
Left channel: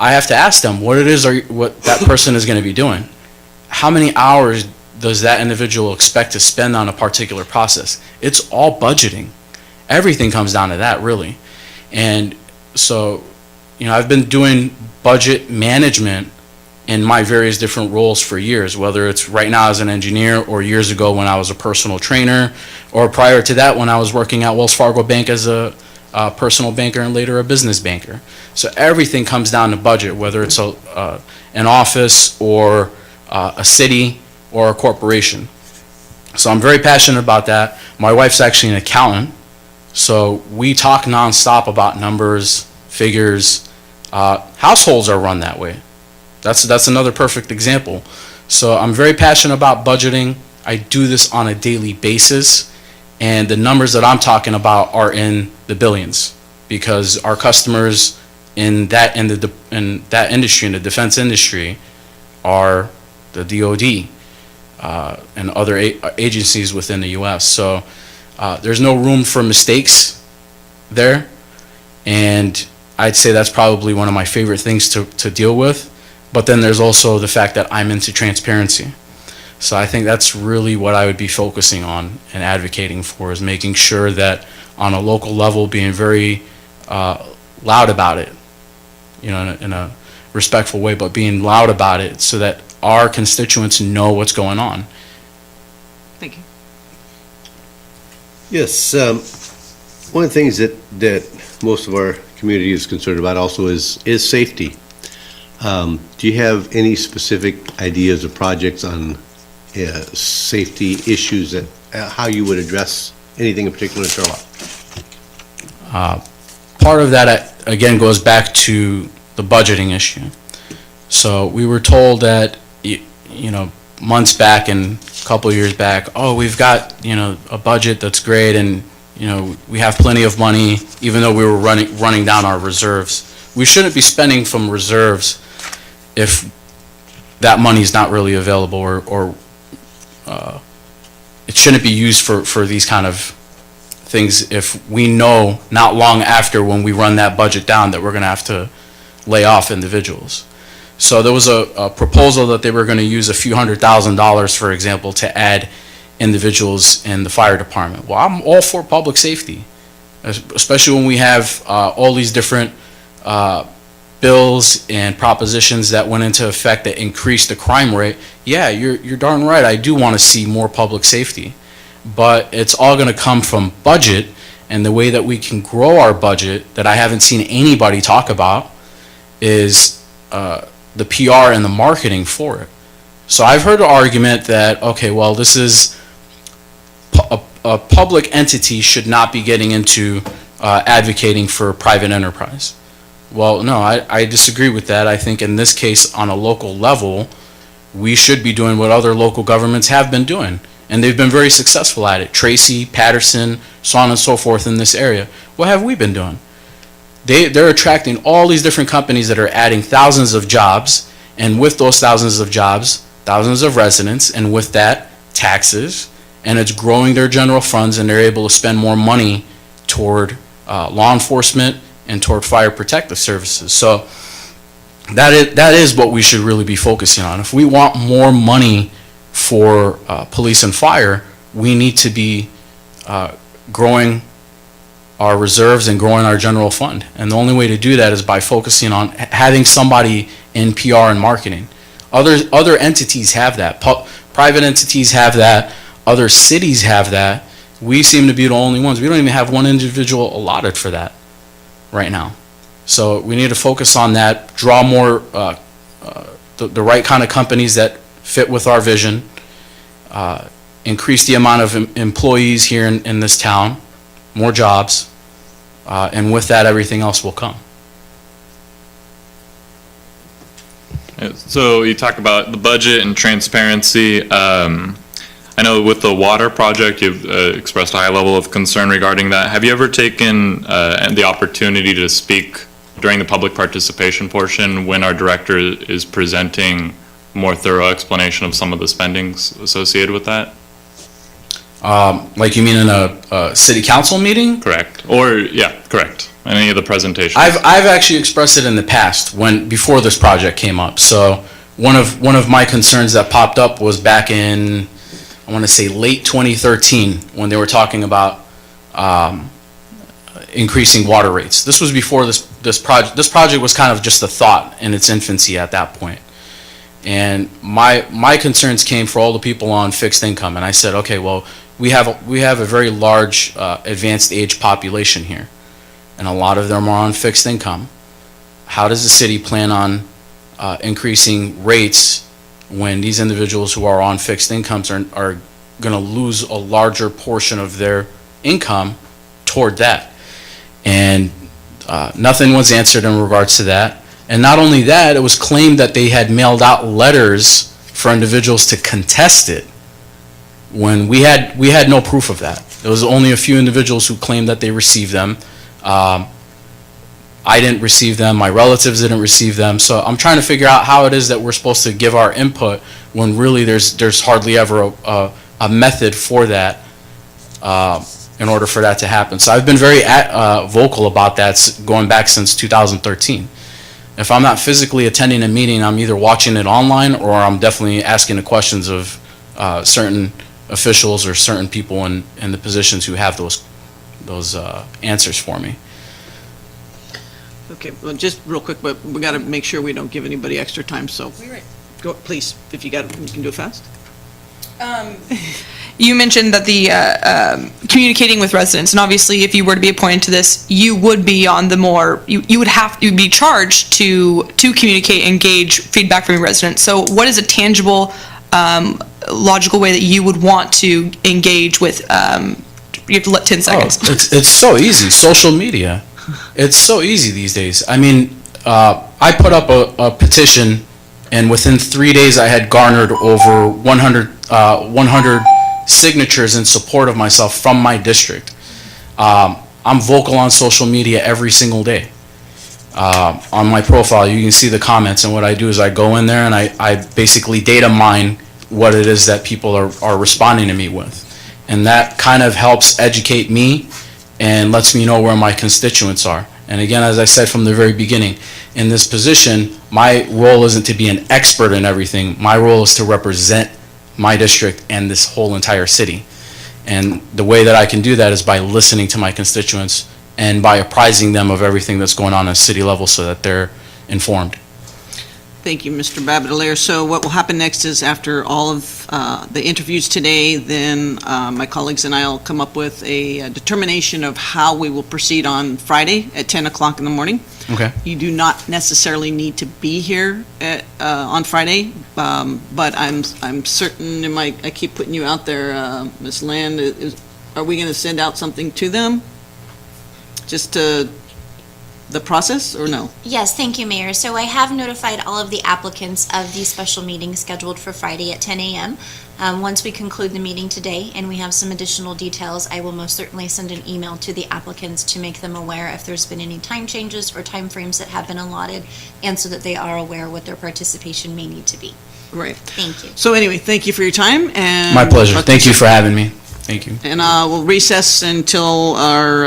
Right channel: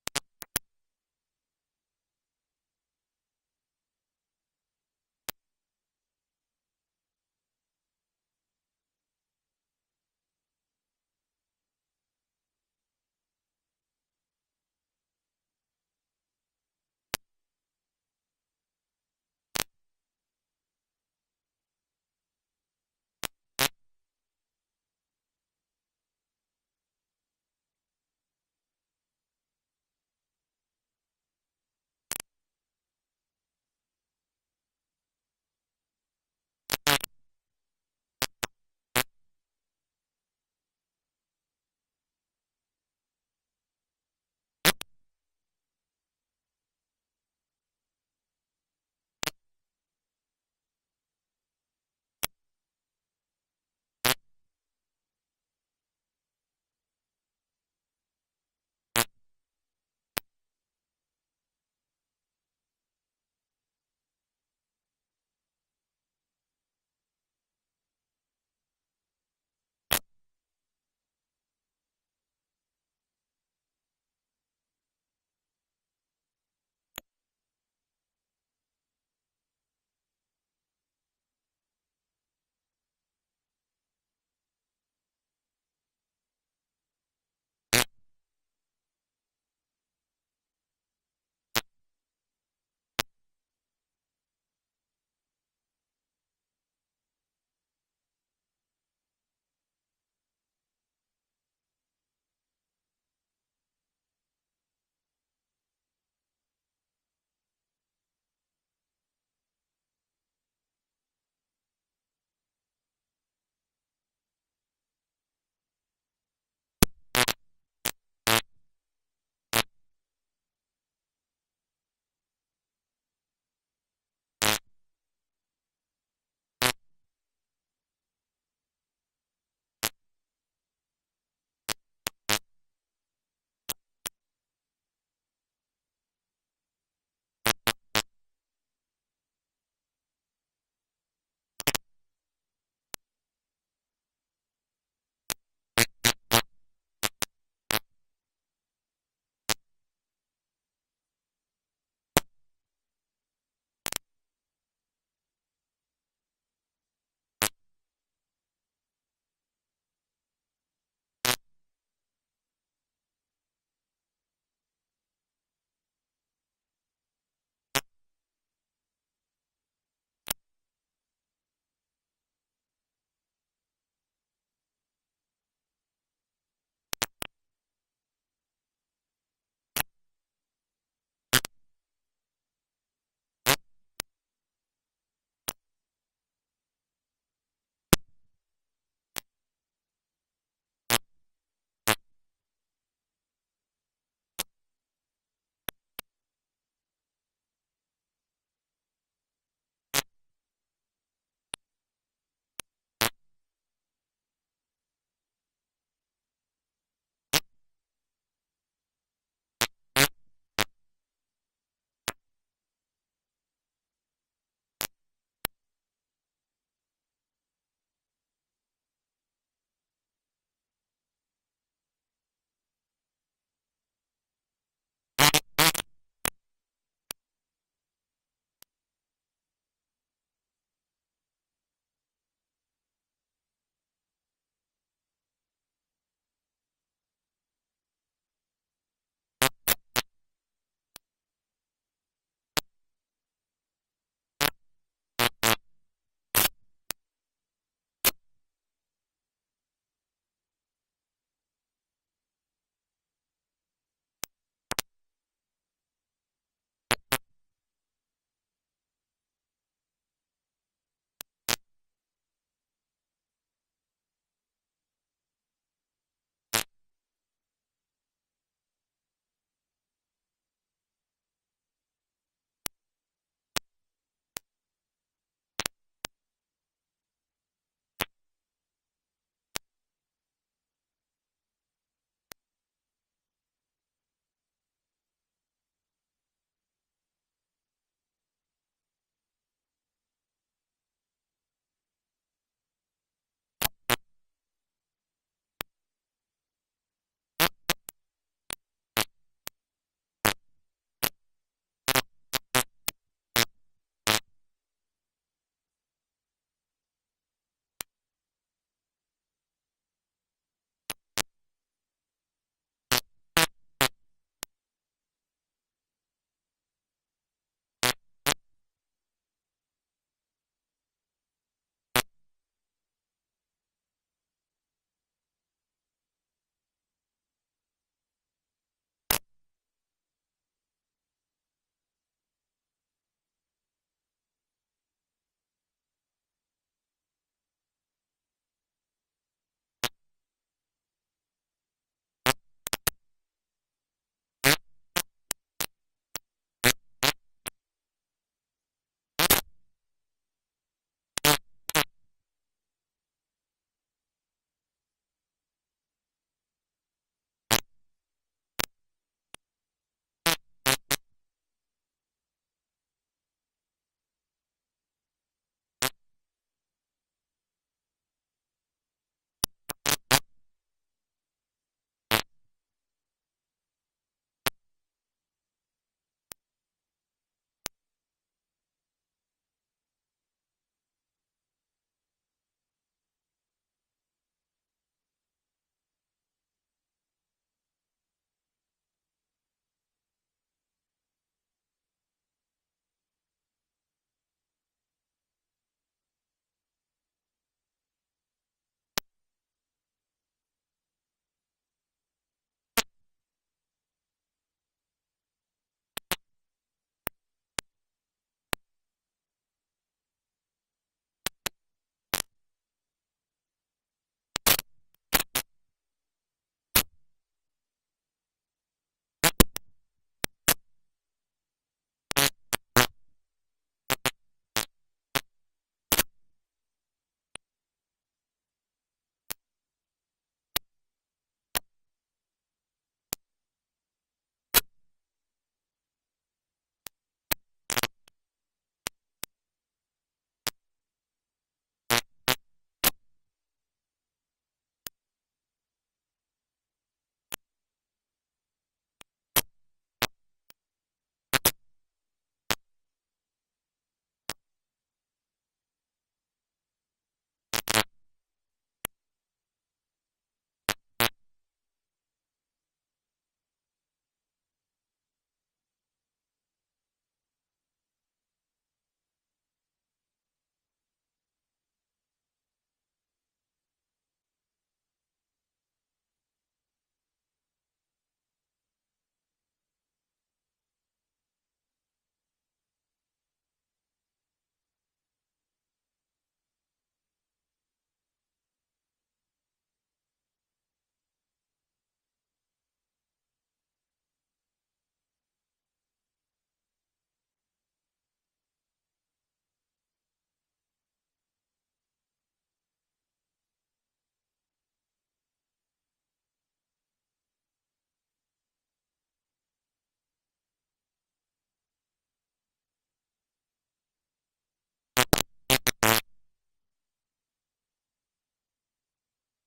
I have to ask them what it is or what that person is going to be doing. How many hours does that individual expect to spend on a particular process? It's all budgeting. Everything comes down to that, really. And so, I've been doing budget management in my various different roles for years, whether it's right now as an engineer or years ago when I was a personal trainer, or prior to that when I was working at Wells Fargo Bank as a personal banker and later a business banker. So everything comes down to budget, whether it's an office or a city or a corporation. So I'm very passionate about that. My wife's actually an accountant, so we talk nonstop about numbers, figures. Households are run that way. That's another perfect example. So I'm very passionate about budgeting. I do this on a daily basis, and the numbers that I'm talking about are in the billions, because our customers in that industry, in the defense industry, are the DOD and other agencies within the U.S. So there's no room for mistakes there, and I'd say that's probably one of my favorite things to deal with. But then there's also the fact that I'm into transparency. So I think that's really what I would be focusing on and advocating for, is making sure that on a local level, being very loud about it, you know, in a respectful way, but being loud about it so that our constituents know what's going on. Thank you. Yes, one of the things that most of our community is concerned about also is safety. Do you have any specific ideas or projects on safety issues that, how you would address anything in particular in Turlock? Part of that, again, goes back to the budgeting issue. So we were told that, you know, months back and a couple of years back, oh, we've got, you know, a budget that's great, and, you know, we have plenty of money, even though we were running down our reserves. We shouldn't be spending from reserves if that money is not really available, or it shouldn't be used for these kind of things if we know not long after, when we run that budget down, that we're going to have to lay off individuals. So there was a proposal that they were going to use a few $100,000, for example, to add individuals in the fire department. Well, I'm all for public safety, especially when we have all these different bills and propositions that went into effect that increased the crime rate. Yeah, you're darn right. I do want to see more public safety, but it's all going to come from budget, and the way that we can grow our budget that I haven't seen anybody talk about is the PR and the marketing for it. So I've heard an argument that, okay, well, this is a public entity should not be getting into advocating for private enterprise. Well, no, I disagree with that. I think in this case, on a local level, we should be doing what other local governments have been doing, and they've been very successful at it. Tracy, Patterson, so on and so forth in this area. What have we been doing? They're attracting all these different companies that are adding thousands of jobs, and with those thousands of jobs, thousands of residents, and with that, taxes, and it's growing their general funds, and they're able to spend more money toward law enforcement and toward fire protective services. So that is what we should really be focusing on. If we want more money for police and fire, we need to be growing our reserves and growing our general fund. And the only way to do that is by focusing on having somebody in PR and marketing. Other entities have that. Private entities have that. Other cities have that. We seem to be the only ones. We don't even have one individual allotted for that right now. So we need to focus on that, draw more, the right kind of companies that fit with our vision, increase the amount of employees here in this town, more jobs, and with that, everything else will come. So you talk about the budget and transparency. I know with the water project, you've expressed a high level of concern regarding that. Have you ever taken the opportunity to speak during the public participation portion when our director is presenting more thorough explanation of some of the spendings associated with that? Like you mean in a city council meeting? Correct. Or, yeah, correct. Any of the presentations? I've actually expressed it in the past before this project came up. So one of my concerns that popped up was back in, I want to say late 2013, when they were talking about increasing water rates. This was before this project. This project was kind of just a thought in its infancy at that point. And my concerns came for all the people on fixed income, and I said, okay, well, we have a very large advanced age population here, and a lot of them are on fixed income. How does the city plan on increasing rates when these individuals who are on fixed incomes are going to lose a larger portion of their income toward that? And nothing was answered in regards to that. And not only that, it was claimed that they had mailed out letters for individuals to contest it, when we had no proof of that. There was only a few individuals who claimed that they received them. I I didn't receive them, my relatives didn't receive them. So I'm trying to figure out how it is that we're supposed to give our input when really there's hardly ever a method for that in order for that to happen. So I've been very vocal about that going back since 2013. If I'm not physically attending a meeting, I'm either watching it online or I'm definitely asking the questions of certain officials or certain people in the positions who have those answers for me. Okay, well, just real quick, but we got to make sure we don't give anybody extra time, so go, please, if you can do it fast. You mentioned that the communicating with residents, and obviously, if you were to be appointed to this, you would be on the more, you'd be charged to communicate, engage feedback from your residents. So what is a tangible, logical way that you would want to engage with, you have to let 10 seconds. It's so easy, social media. It's so easy these days. I mean, I put up a petition, and within 3 days I had garnered over 100 signatures in support of myself from my district. I'm vocal on social media every single day. On my profile, you can see the comments, and what I do is I go in there and I basically data mine what it is that people are responding to me with. And that kind of helps educate me and lets me know where my constituents are. And again, as I said from the very beginning, in this position, my role isn't to be an expert in everything. My role is to represent my district and this whole entire city. And the way that I can do that is by listening to my constituents and by apprising them of everything that's going on at city level so that they're informed. Thank you, Mr. Rabatelier. So what will happen next is after all of the interviews today, then my colleagues and I will come up with a determination of how we will proceed on Friday at 10 o'clock in the morning. Okay. You do not necessarily need to be here on Friday, but I'm certain, I keep putting you out there, Ms. Land, are we going to send out something to them? Just to the process, or no? Yes, thank you, Mayor. So I have notified all of the applicants of the special meeting scheduled for Friday at 10 a.m. Once we conclude the meeting today and we have some additional details, I will most certainly send an email to the applicants to make them aware if there's been any time changes or timeframes that have been allotted, and so that they are aware what their participation may need to be. Great. Thank you. So anyway, thank you for your time, and... My pleasure. Thank you for having me. Thank you. And we'll recess until our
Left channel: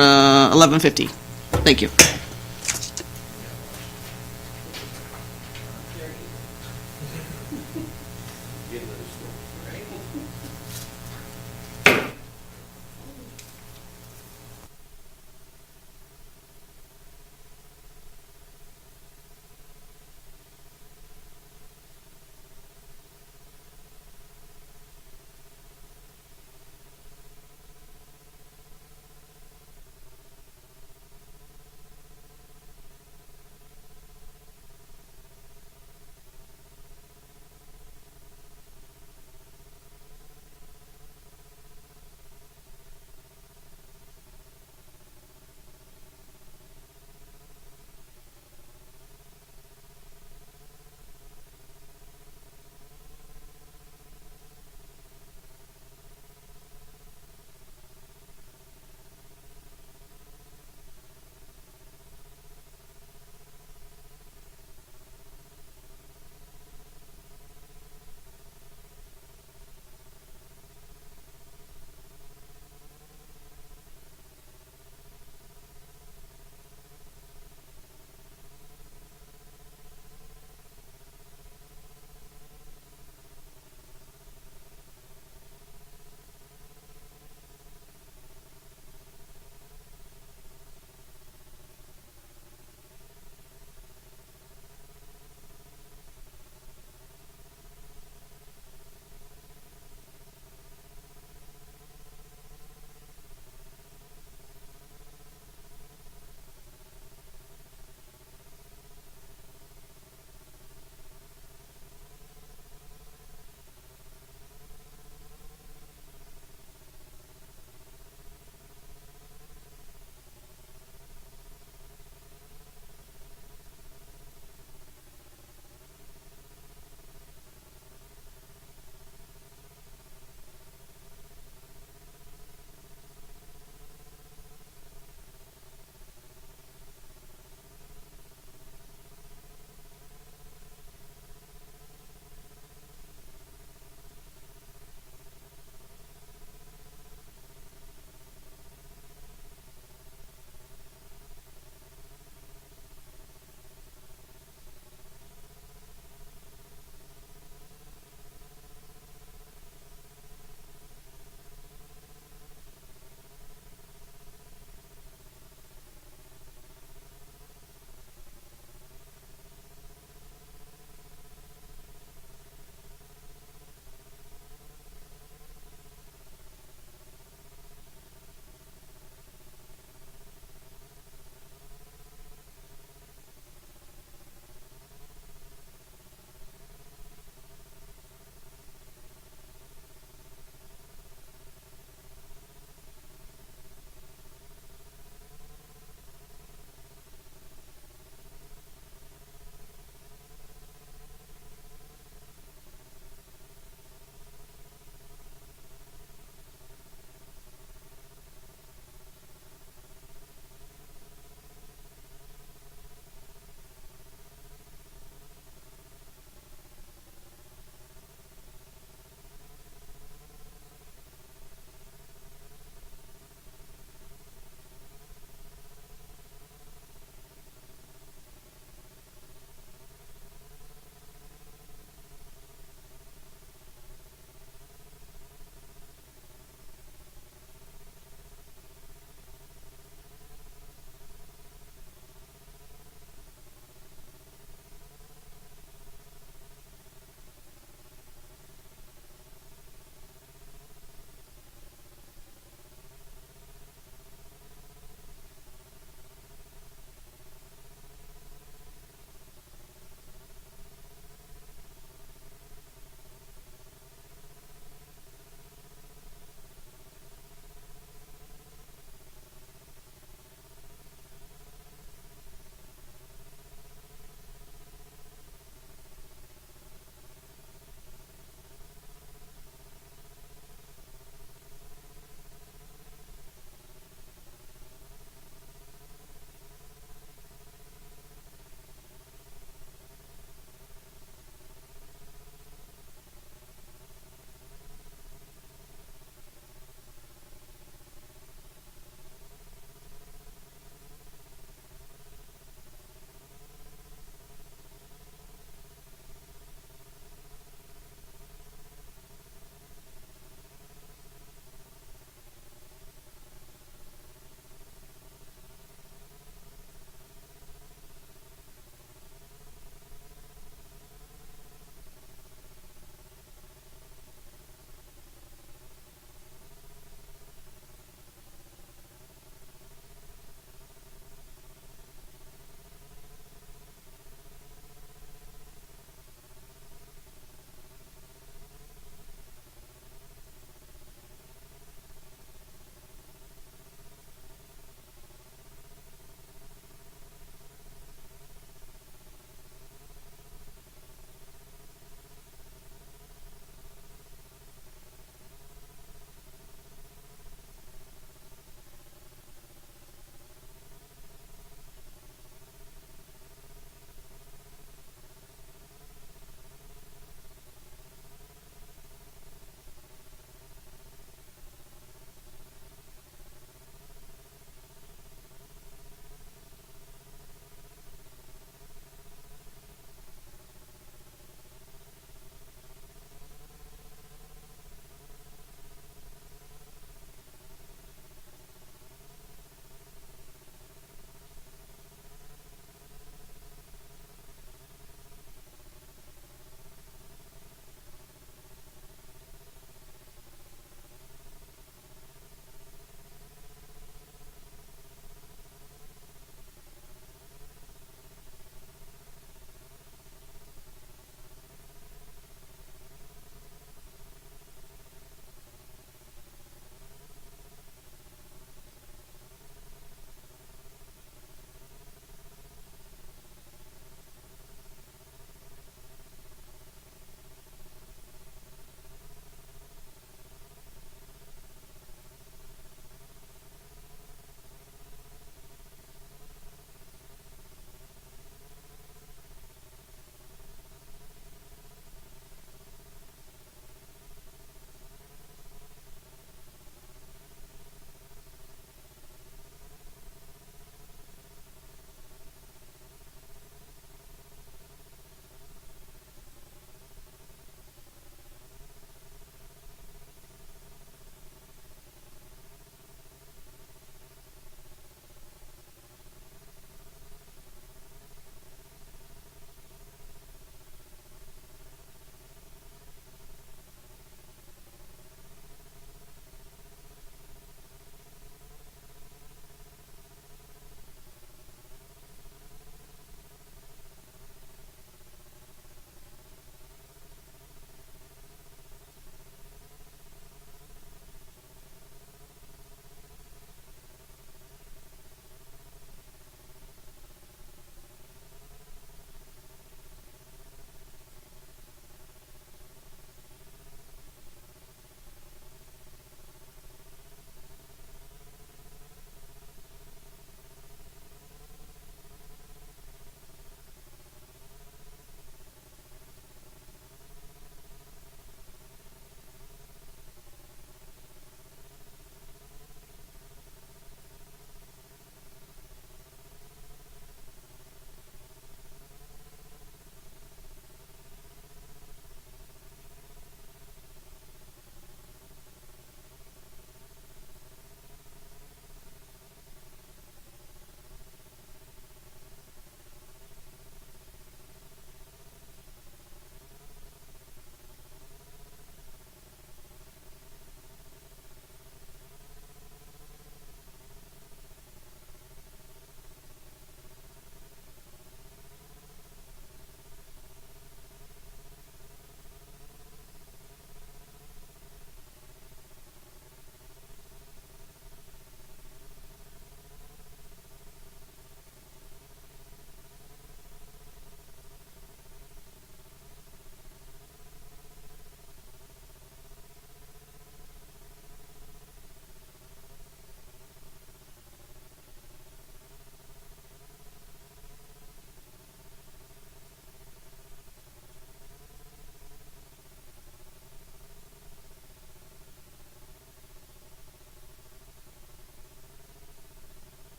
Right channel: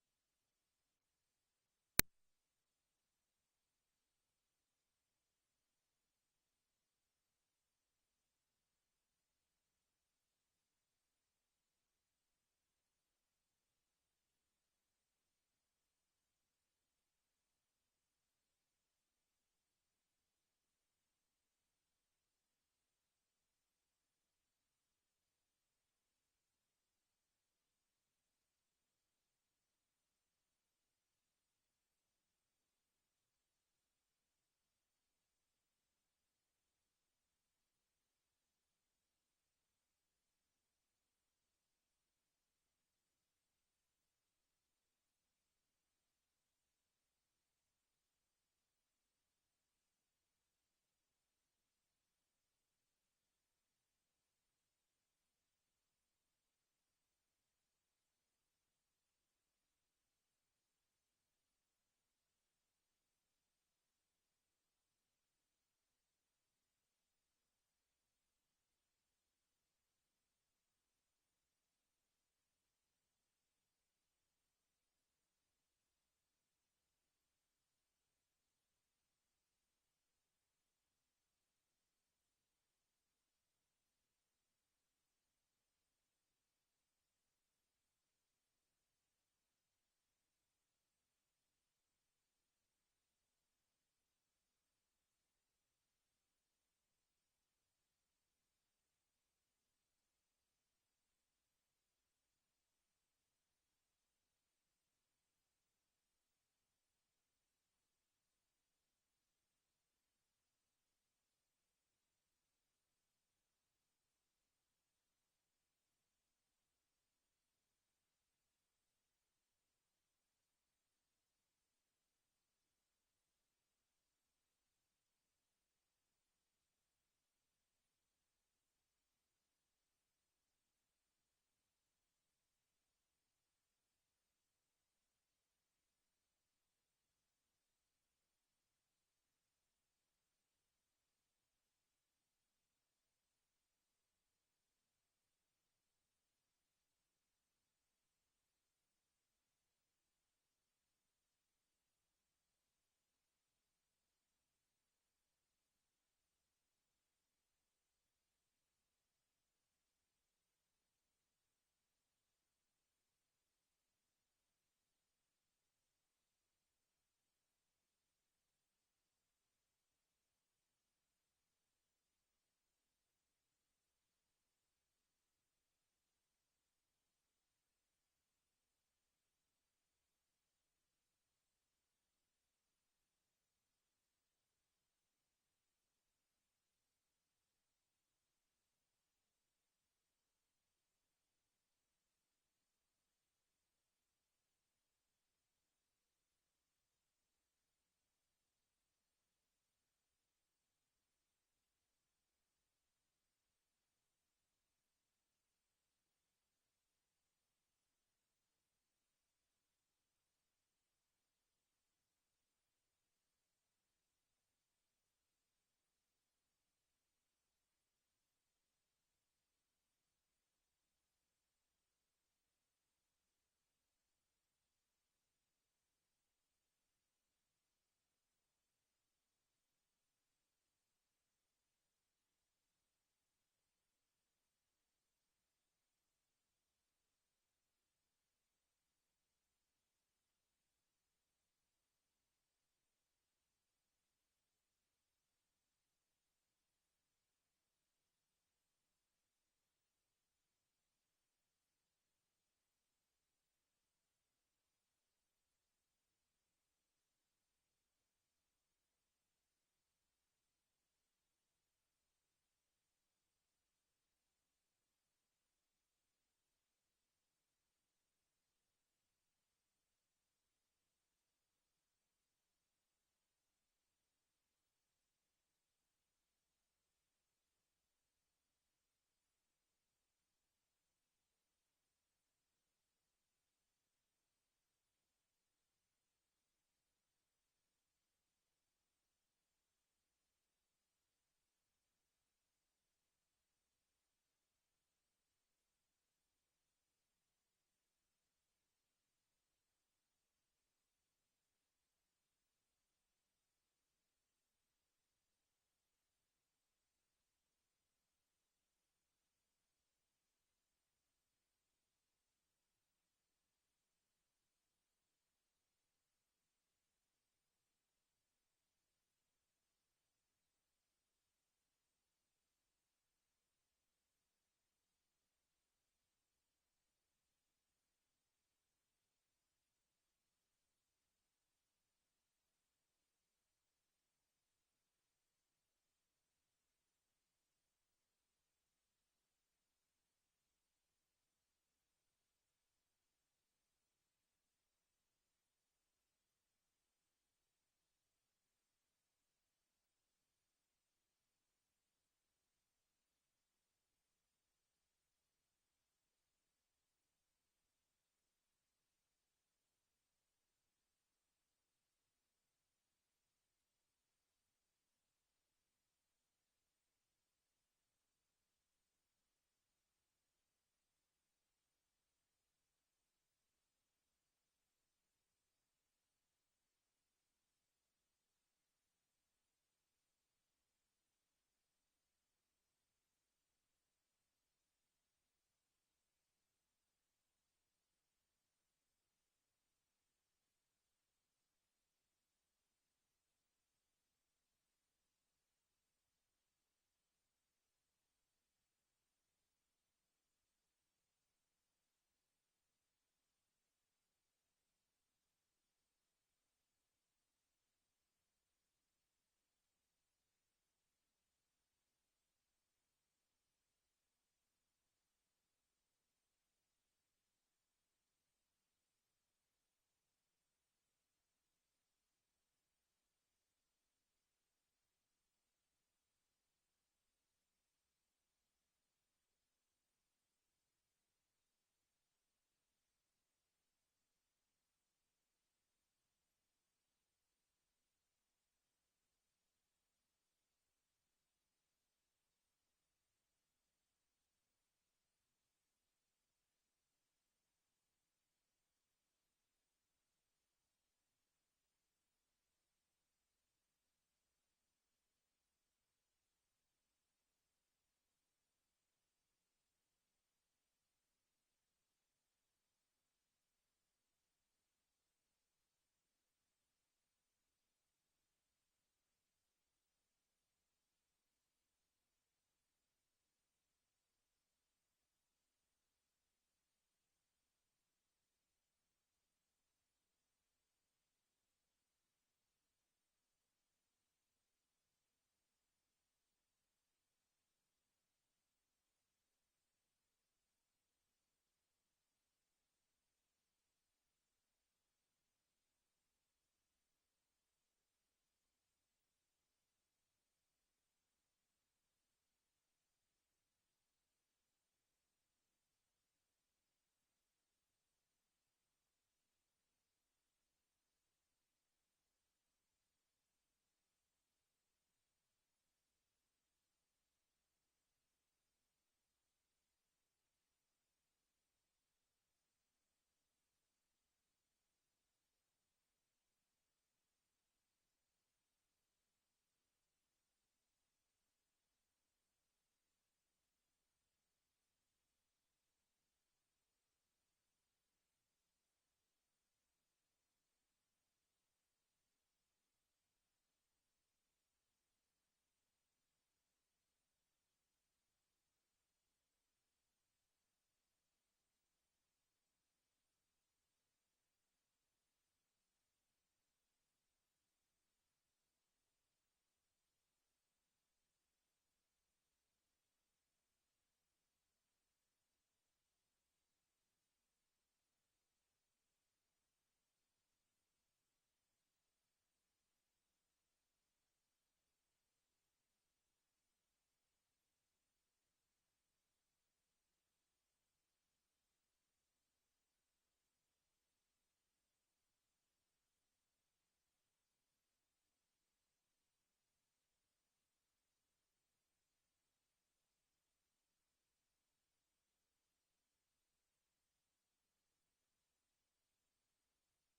11:50. Thank you.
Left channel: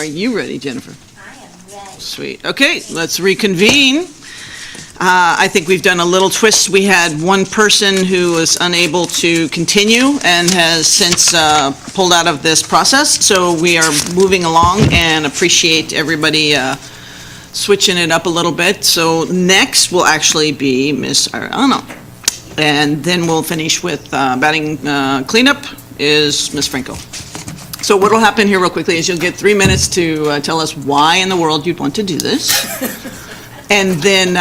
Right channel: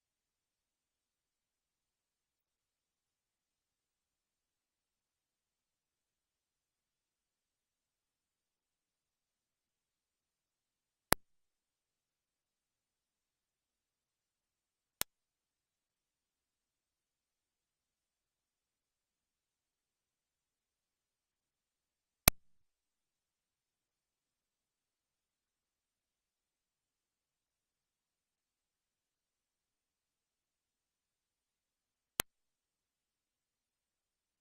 Are you ready, Jennifer? I am ready. Sweet. Okay, let's reconvene. I think we've done a little twist. We had one person who was unable to continue and has since pulled out of this process. So we are moving along and appreciate everybody switching it up a little bit. So next will actually be Ms. Arellano. And then we'll finish with batting cleanup is Ms. Franco. So what will happen here real quickly is you'll get 3 minutes to tell us why in the world you'd want to do this. And then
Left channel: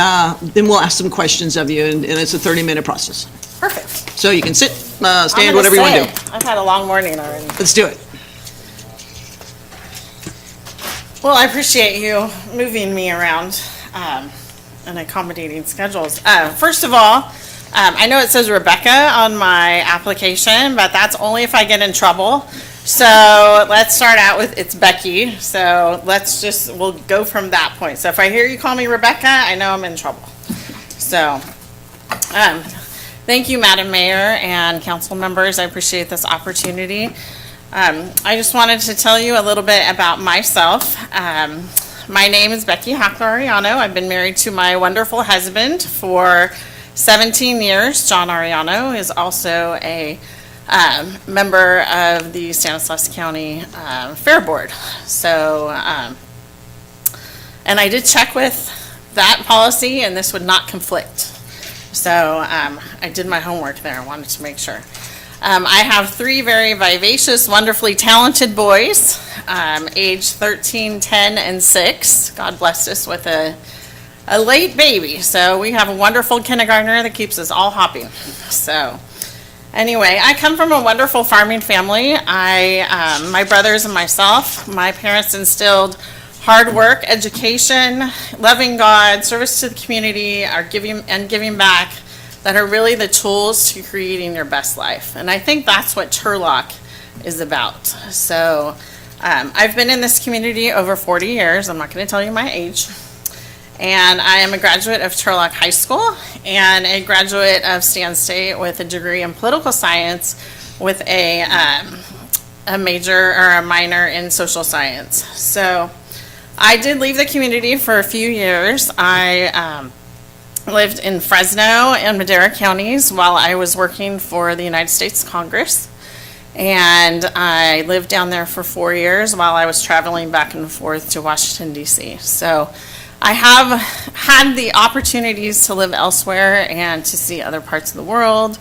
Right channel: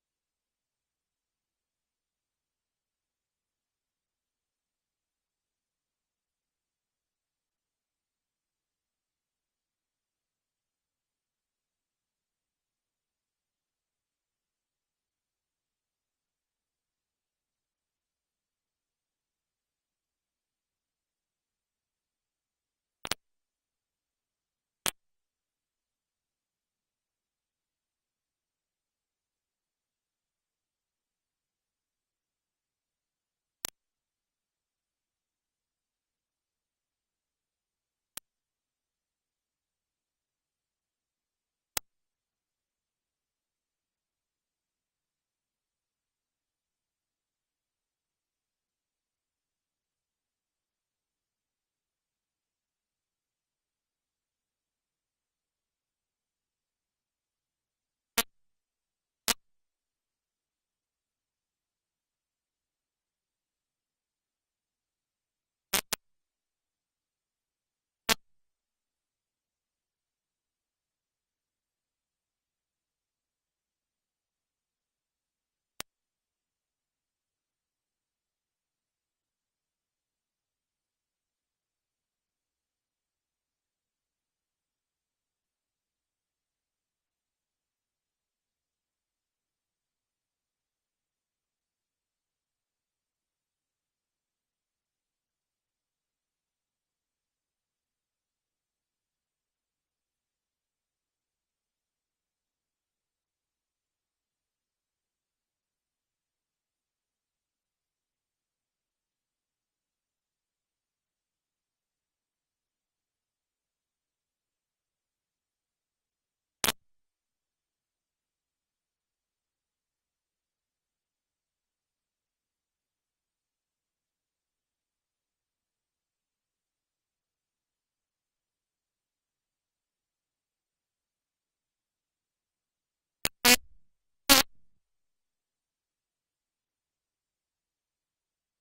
we'll ask some questions of you, and it's a 30-minute process. Perfect. So you can sit, I'm stand, gonna whatever you want to do. sit. I've had a long morning already. Let's do it. Well, I appreciate you moving me around and accommodating schedules. First of all, I know it says Rebecca on my application, but that's only if I get in trouble. So let's start out with, it's Becky. So we'll go from that point. So if I hear you call me Rebecca, I know I'm in trouble. So, thank you, Madam Mayor and council members. I appreciate this opportunity. I just wanted to tell you a little bit about myself. My name is Becky Hackleriano. I've been married to my wonderful husband for 17 years. John Ariano is also a member of the Stanislaus County Fair Board. So, and I did check with that policy, and this would not conflict. So I did my homework there. I wanted to make sure. I have 3 very vivacious, wonderfully talented boys, age 13, 10, and 6. God blessed us with a late baby. So we have a wonderful kindergartner that keeps us all hopping. So anyway, I come from a wonderful farming family. My brothers and myself, my parents instilled hard work, education, loving God, service to the community, giving back, that are really the tools to creating your best life. And I think that's what Turlock is about. So I've been in this community over 40 years. I'm not going to tell you my age. And I am a graduate of Turlock High School and a graduate of Stan State with a degree in political science with a major or a minor in social science. So I did leave the community for a few years. I lived in Fresno and Madera counties while I was working for the United States Congress. And I lived down there for 4 years while I was traveling back and forth to Washington, D.C. So I have had the opportunities to live elsewhere and to see other parts of the world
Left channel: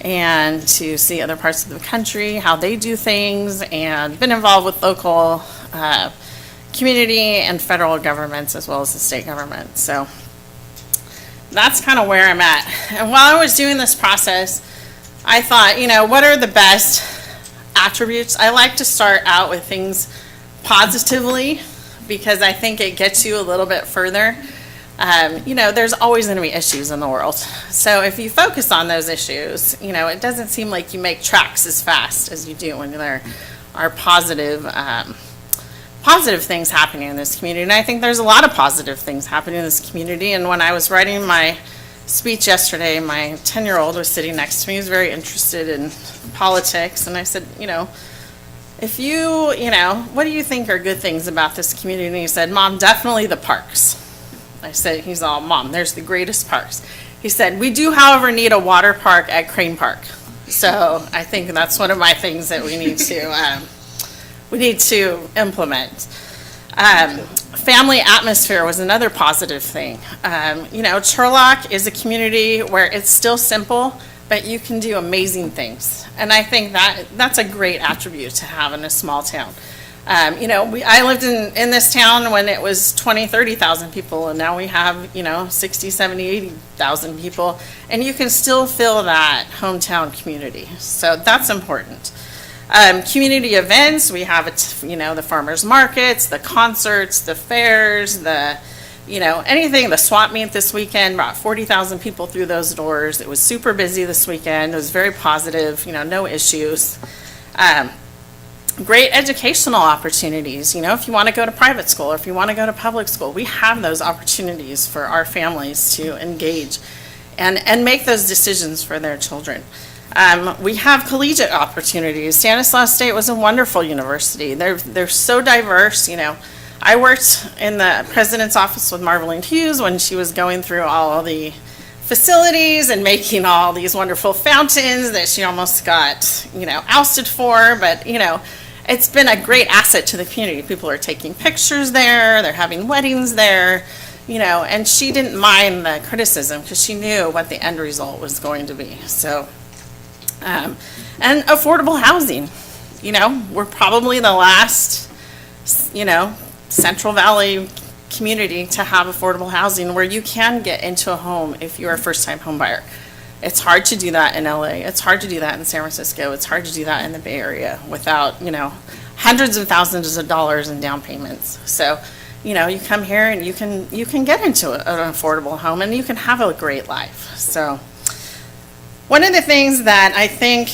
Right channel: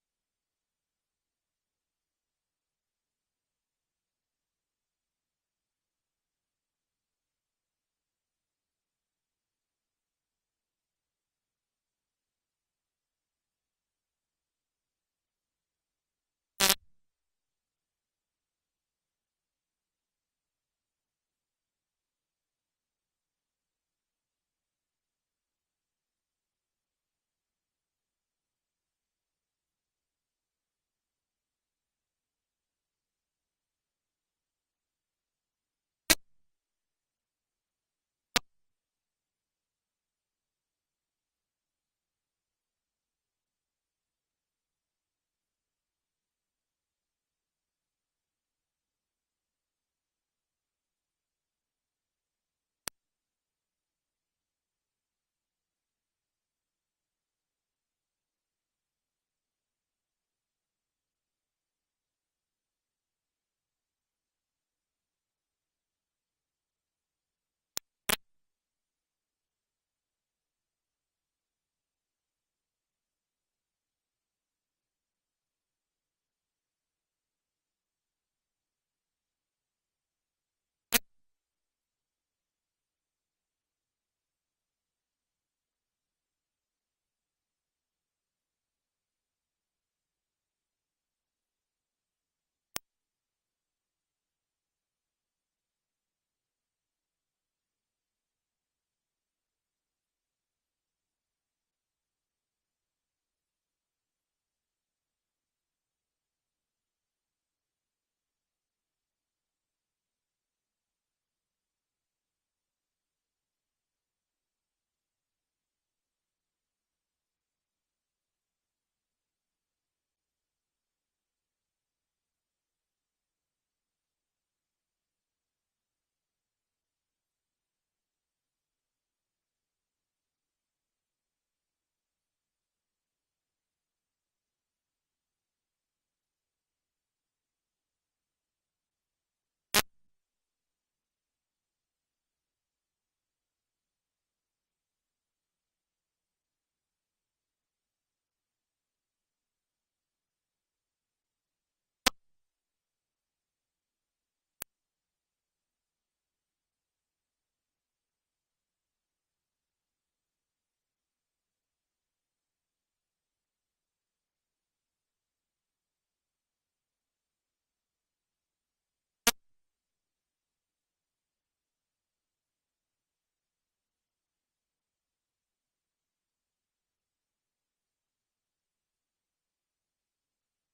and to see other parts of the country, how they do things, and been involved with local community and federal governments as well as the state government. So that's kind of where I'm at. And while I was doing this process, I thought, what are the best attributes? I like to start out with things positively because I think it gets you a little bit further. There's always going to be issues in the world. So if you focus on those issues, it doesn't seem like you make tracks as fast as you do when there are positive things happening in this community. And I think there's a lot of positive things happening in this community. And when I was writing my speech yesterday, my 10-year-old was sitting next to me. He was very interested in politics. And I said, if you, what do you think are good things about this community? And he said, Mom, definitely the parks. I said, he's all, Mom, there's the greatest parks. He said, we do, however, need a water park at Crane Park. So I think that's one of my things that we need to implement. Family atmosphere was another positive thing. Turlock is a community where it's still simple, but you can do amazing things. And I think that's a great attribute to have in a small town. I lived in this town when it was 20, 30,000 people, and now we have, 60, 70, 80,000 people, and you can still feel that hometown community. So that's important. Community events, we have, the farmers markets, the concerts, the fairs, anything. The swap meet this weekend brought 40,000 people through those doors. It was super busy this weekend. It was very positive, no issues. Great educational opportunities. If you want to go to private school or if you want to go to public school, we have those opportunities for our families to engage and make those decisions for their children. We have collegiate opportunities. Stanislaus State was a wonderful university. They're so diverse, you know. I worked in the president's office with Marveline Hughes when she was going through all the facilities and making all these wonderful fountains that she almost got, you know, ousted for. But, you know, it's been a great asset to the community. People are taking pictures there, they're having weddings there, you know, and she didn't mind the criticism because she knew what the end result was going to be. So, and affordable housing, you know, we're probably the last, you know, Central Valley community to have affordable housing where you can get into a home if you're a first-time home buyer. It's hard to do that in LA. It's hard to do that in San Francisco. It's hard to do that in the Bay Area without, you know, hundreds of thousands of dollars in down payments. So, you know, you come here and you can get into an affordable home and you can have a great life. So, one of the things that I think,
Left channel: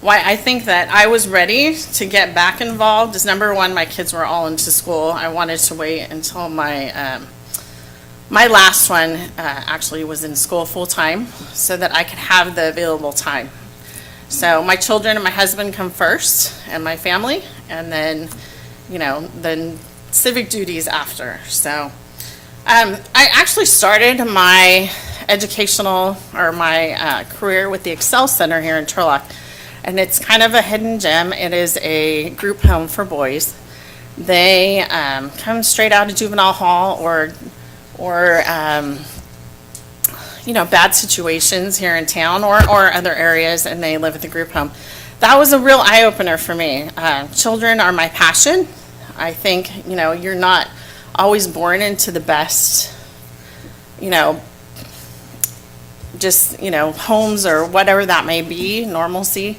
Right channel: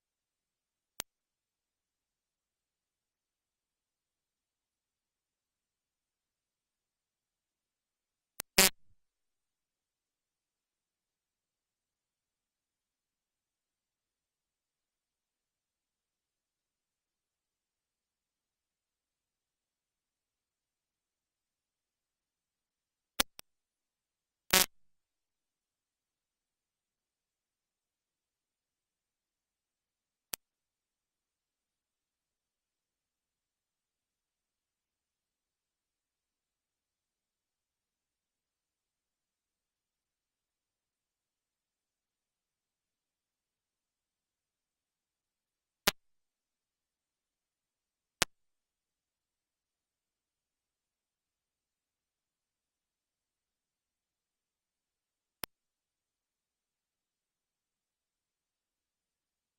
why I think that I was ready to get back involved is, number one, my kids were all into school. I wanted to wait until my my last one actually was in school full-time so that I could have the available time. So my children and my husband come first, and my family, and then, you know, then civic duties after. So I actually started my educational or my career with the Excel Center here in Turlock. And it's kind of a hidden gem. It is a group home for boys. They come straight out of juvenile hall or you know, bad situations here in town or other areas, and they live at the group home. That was a real eye-opener for me. Children are my passion. I think, you know, you're not always born into the best, you know, just, you know, homes or whatever that may be, normalcy.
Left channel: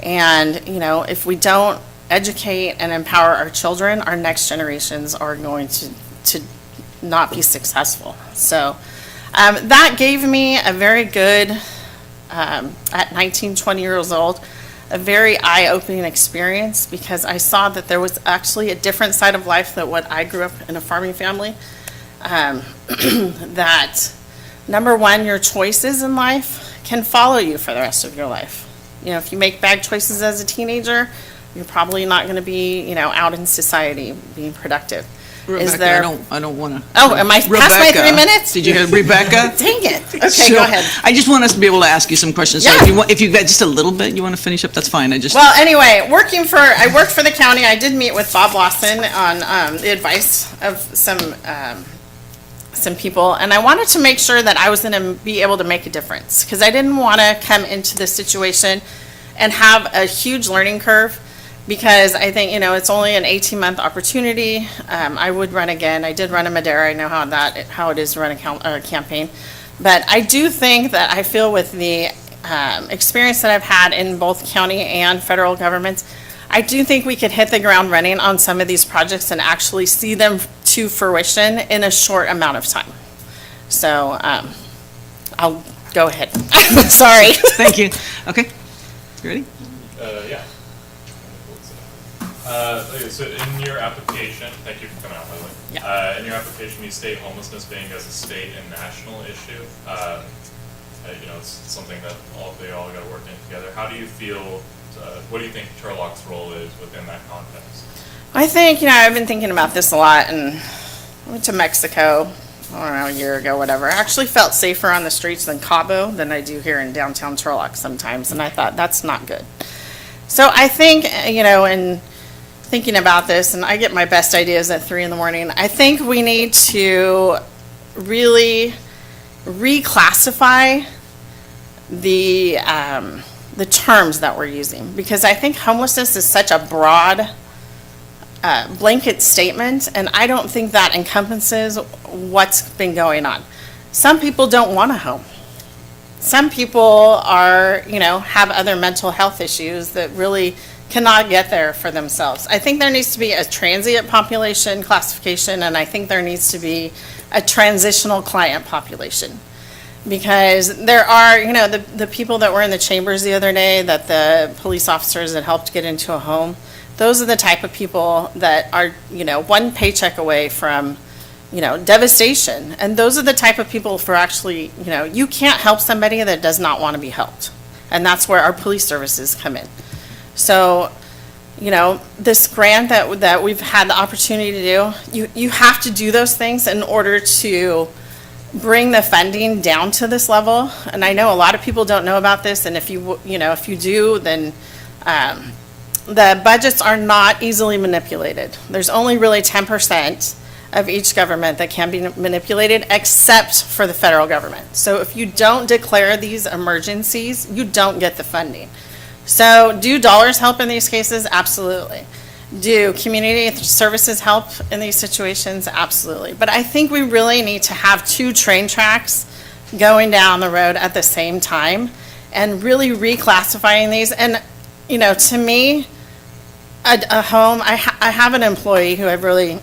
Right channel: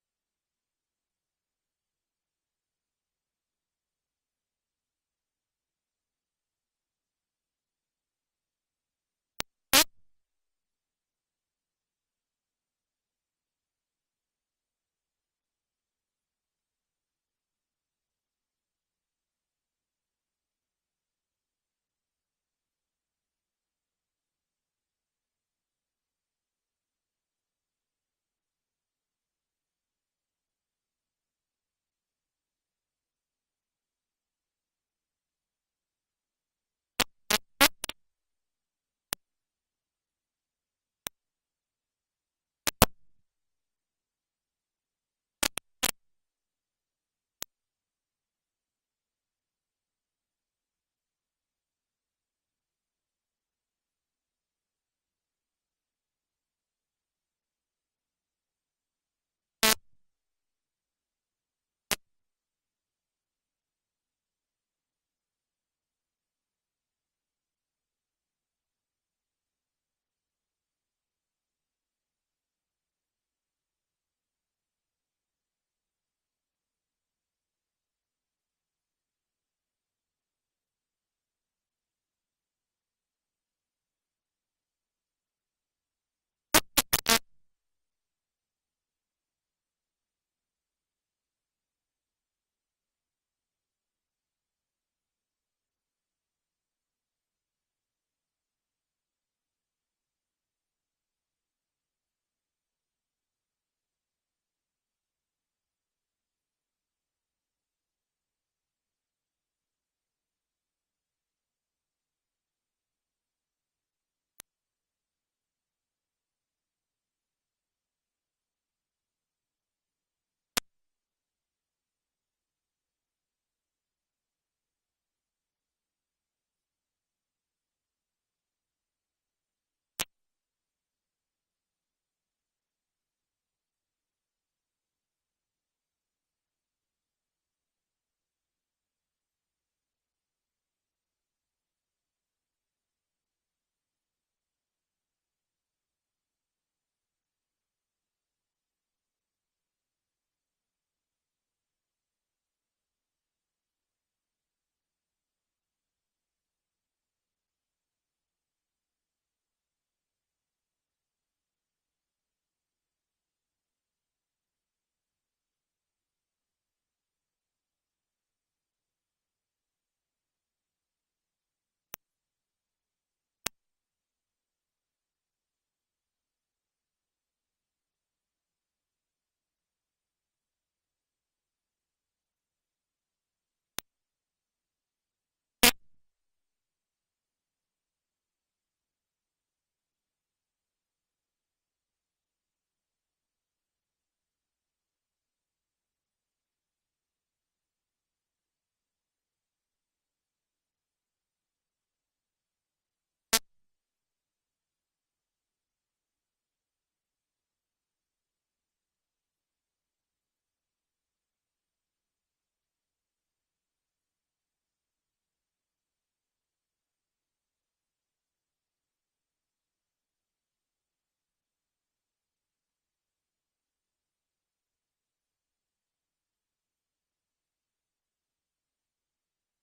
And, you know, if we don't educate and empower our children, our next generations are going to not be successful. So that gave me a very good, at 19, 20 years old, a very eye-opening experience because I saw that there was actually a different side of life than what I grew up in a farming family. That number one, your choices in life can follow you for the rest of your life. You know, if you make bad choices as a teenager, you're probably not going to be, you know, out in society being productive. Rebecca, I don't want to. Oh, am I past my 3 minutes? Did you hear Rebecca? Dang it. Okay, So, go ahead. I just want us to be able to ask you some questions. So Yeah. if you've got just a little bit you want to finish up, that's fine. Well, anyway, I worked for the county. I did meet with Bob Lawson on the advice of some people, and I wanted to make sure that I was going to be able to make a difference because I didn't want to come into this situation and have a huge learning curve because I think, you know, it's only an 18-month opportunity. I would run again. I did run in Madera. I know how it is to run a campaign. But I do think that I feel with the experience that I've had in both county and federal governments, I do think we could hit the ground running on some of these projects and actually see them to fruition in a short amount of time. So I'll go ahead. Sorry. Thank you. Okay. You ready? Yeah. So in your application, thank you for coming out, by the way. Yeah. In your application, you state homelessness being as a state and national issue. You know, it's something that they all got to work in together. How do you feel, what do you think Turlock's role is within that context? I think, you know, I've been thinking about this a lot, and I went to Mexico, I don't know, a year ago, whatever. I actually felt safer on the streets than Cabo than I do here in downtown Turlock sometimes, and I thought, that's not good. So I think, you know, in thinking about this, and I get my best ideas at 3 a.m, I think we need to really reclassify the terms that we're using, because I think homelessness is such a broad blanket statement, and I don't think that encompasses what's been going on. Some people don't want a home. Some people are, you know, have other mental health issues that really cannot get there for themselves. I think there needs to be a transient population classification, and I think there needs to be a transitional client population. Because there are, you know, the people that were in the chambers the other day, that the police officers that helped get into a home, those are the type of people that are, you know, one paycheck away from, devastation. And those are the type of people for actually, you can't help somebody that does not want to be helped. And that's where our police services come in. So, this grant that we've had the opportunity to do, you have to do those things in order to bring the funding down to this level. And I know a lot of people don't know about this, and if you do, then the budgets are not easily manipulated. There's only really 10% of each government that can be manipulated, except for the federal government. So if you don't declare these emergencies, you don't get the funding. So do dollars help in these cases? Absolutely. Do community services help in these situations? Absolutely. But I think we really need to have 2 train tracks going down the road at the same time and really reclassifying these. And, to me, a home, I have an employee who I really,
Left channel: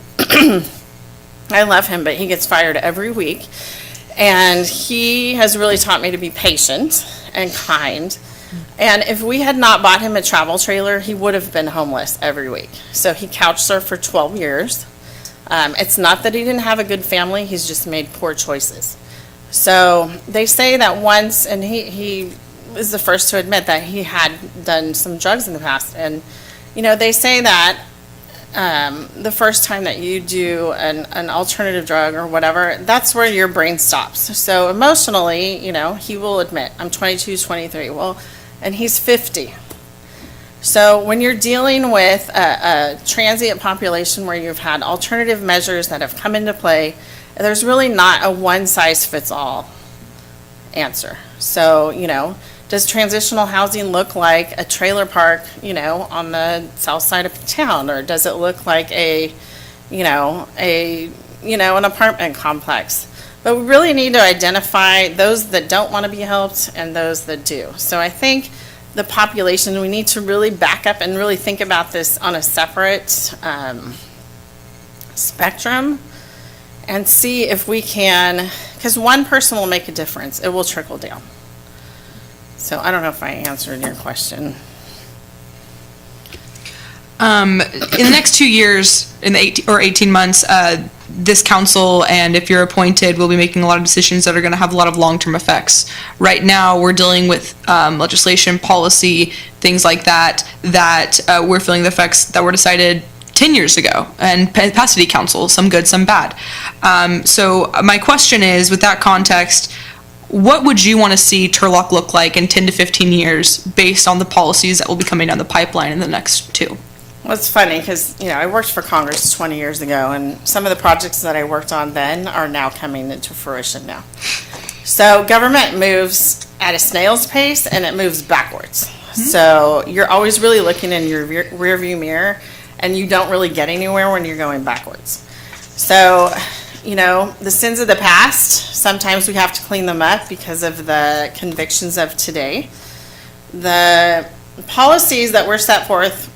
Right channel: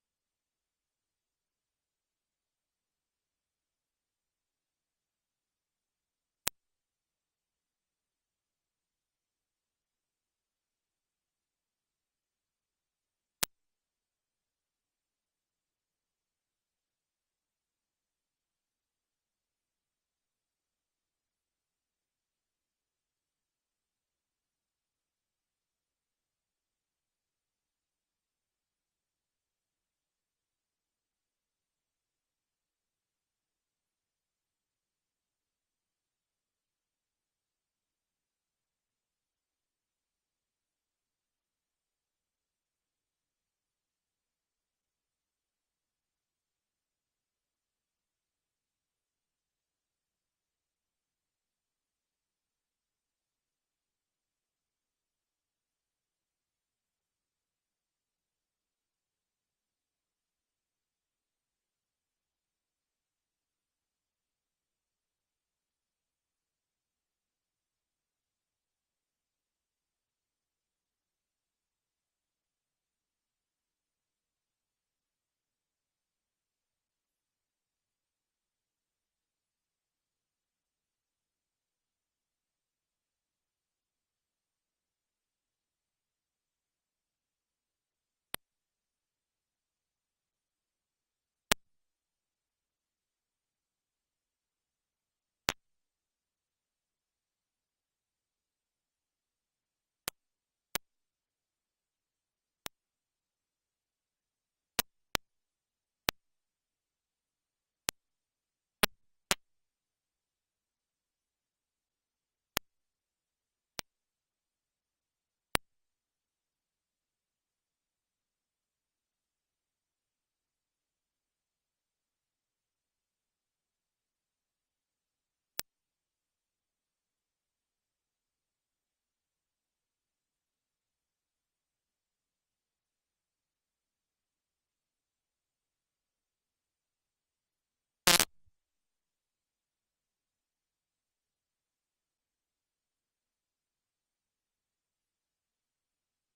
I love him, but he gets fired every week. And he has really taught me to be patient and kind. And if we had not bought him a travel trailer, he would have been homeless every week. So he couch surfed for 12 years. It's not that he didn't have a good family, he's just made poor choices. So they say that once, and he is the first to admit that he had done some drugs in the past. And, they say that the first time that you do an alternative drug or whatever, that's where your brain stops. So emotionally, he will admit, I'm 22, 23. Well, and he's 50. So when you're dealing with a transient population where you've had alternative measures that have come into play, there's really not a one-size-fits-all answer. So, does transitional housing look like a trailer park, on the south side of town? Or does it look like an apartment complex? But we really need to identify those that don't want to be helped and those that do. So I think the population, we need to really back up and really think about this on a separate spectrum and see if we can, because one person will make a difference. It will trickle down. So I don't know if I answered your question. In the next 2 years, in the 18 months, this council, and if you're appointed, will be making a lot of decisions that are going to have a lot of long-term effects. Right now, we're dealing with legislation, policy, things like that, we're feeling the effects that were decided 10 years ago, and past city council, some good, some bad. So my question is, with that context, what would you want to see Turlock look like in 10 to 15 years based on the policies that will be coming down the pipeline in the next 2? Well, it's funny because, I worked for Congress 20 years ago, and some of the projects that I worked on then are now coming into fruition now. So government moves at a snail's pace, and it moves backwards. So you're always really looking in your rear view mirror, and you don't really get anywhere when you're going backwards. So, the sins of the past, sometimes we have to clean them up because of the convictions of today. The policies that were set forth,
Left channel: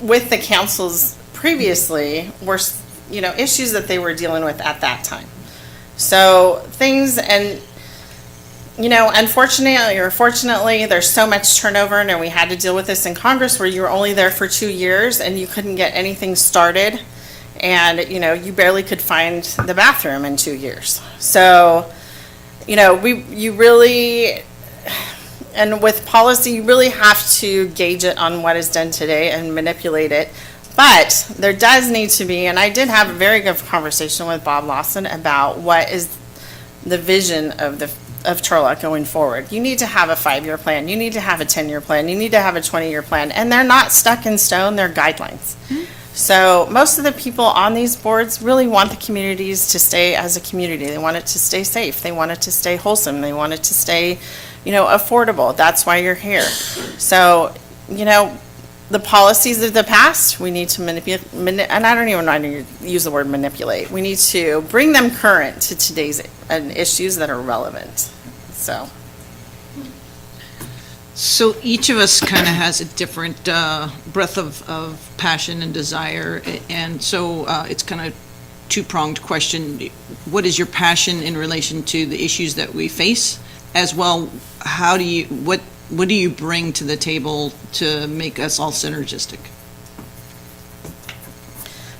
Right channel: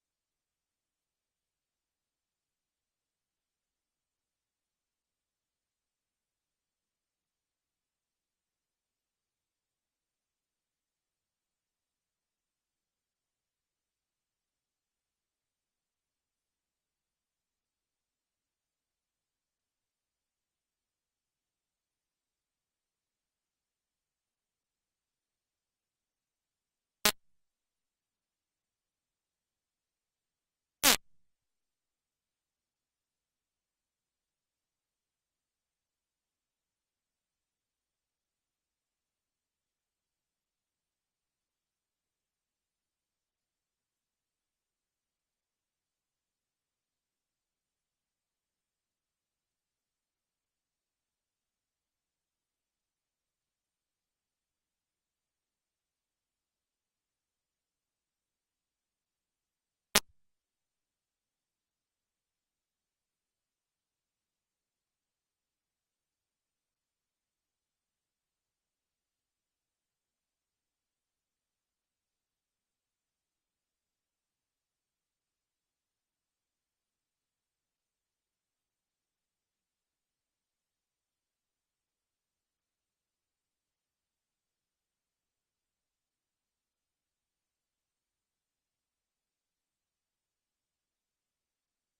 with the councils previously were, issues that they were dealing with at that time. So things, and, unfortunately or fortunately, there's so much turnover, and we had to deal with this in Congress where you were only there for 2 years and you couldn't get anything started. And, you barely could find the bathroom in 2 years. So, you really, and with policy, you really have to gauge it on what is done today and manipulate it. But there does need to be, and I did have a very good conversation with Bob Lawson about what is the vision of Turlock going forward. You need to have a 5-year plan. You need to have a 10-year plan. You need to have a 20-year plan. And they're not stuck in stone. They're guidelines. Mm-hmm. So most of the people on these boards really want the communities to stay as a community. They want it to stay safe. They want it to stay wholesome. They want it to stay, affordable. That's why you're here. So, the policies of the past, we need to manipulate, and I don't even know how to use the word manipulate. We need to bring them current to today's issues that are relevant. So each of us kind of has a different breadth of passion and desire, and so it's kind of two-pronged question. What is your passion in relation to the issues that we face? As well, what do you bring to the table to make us all synergistic?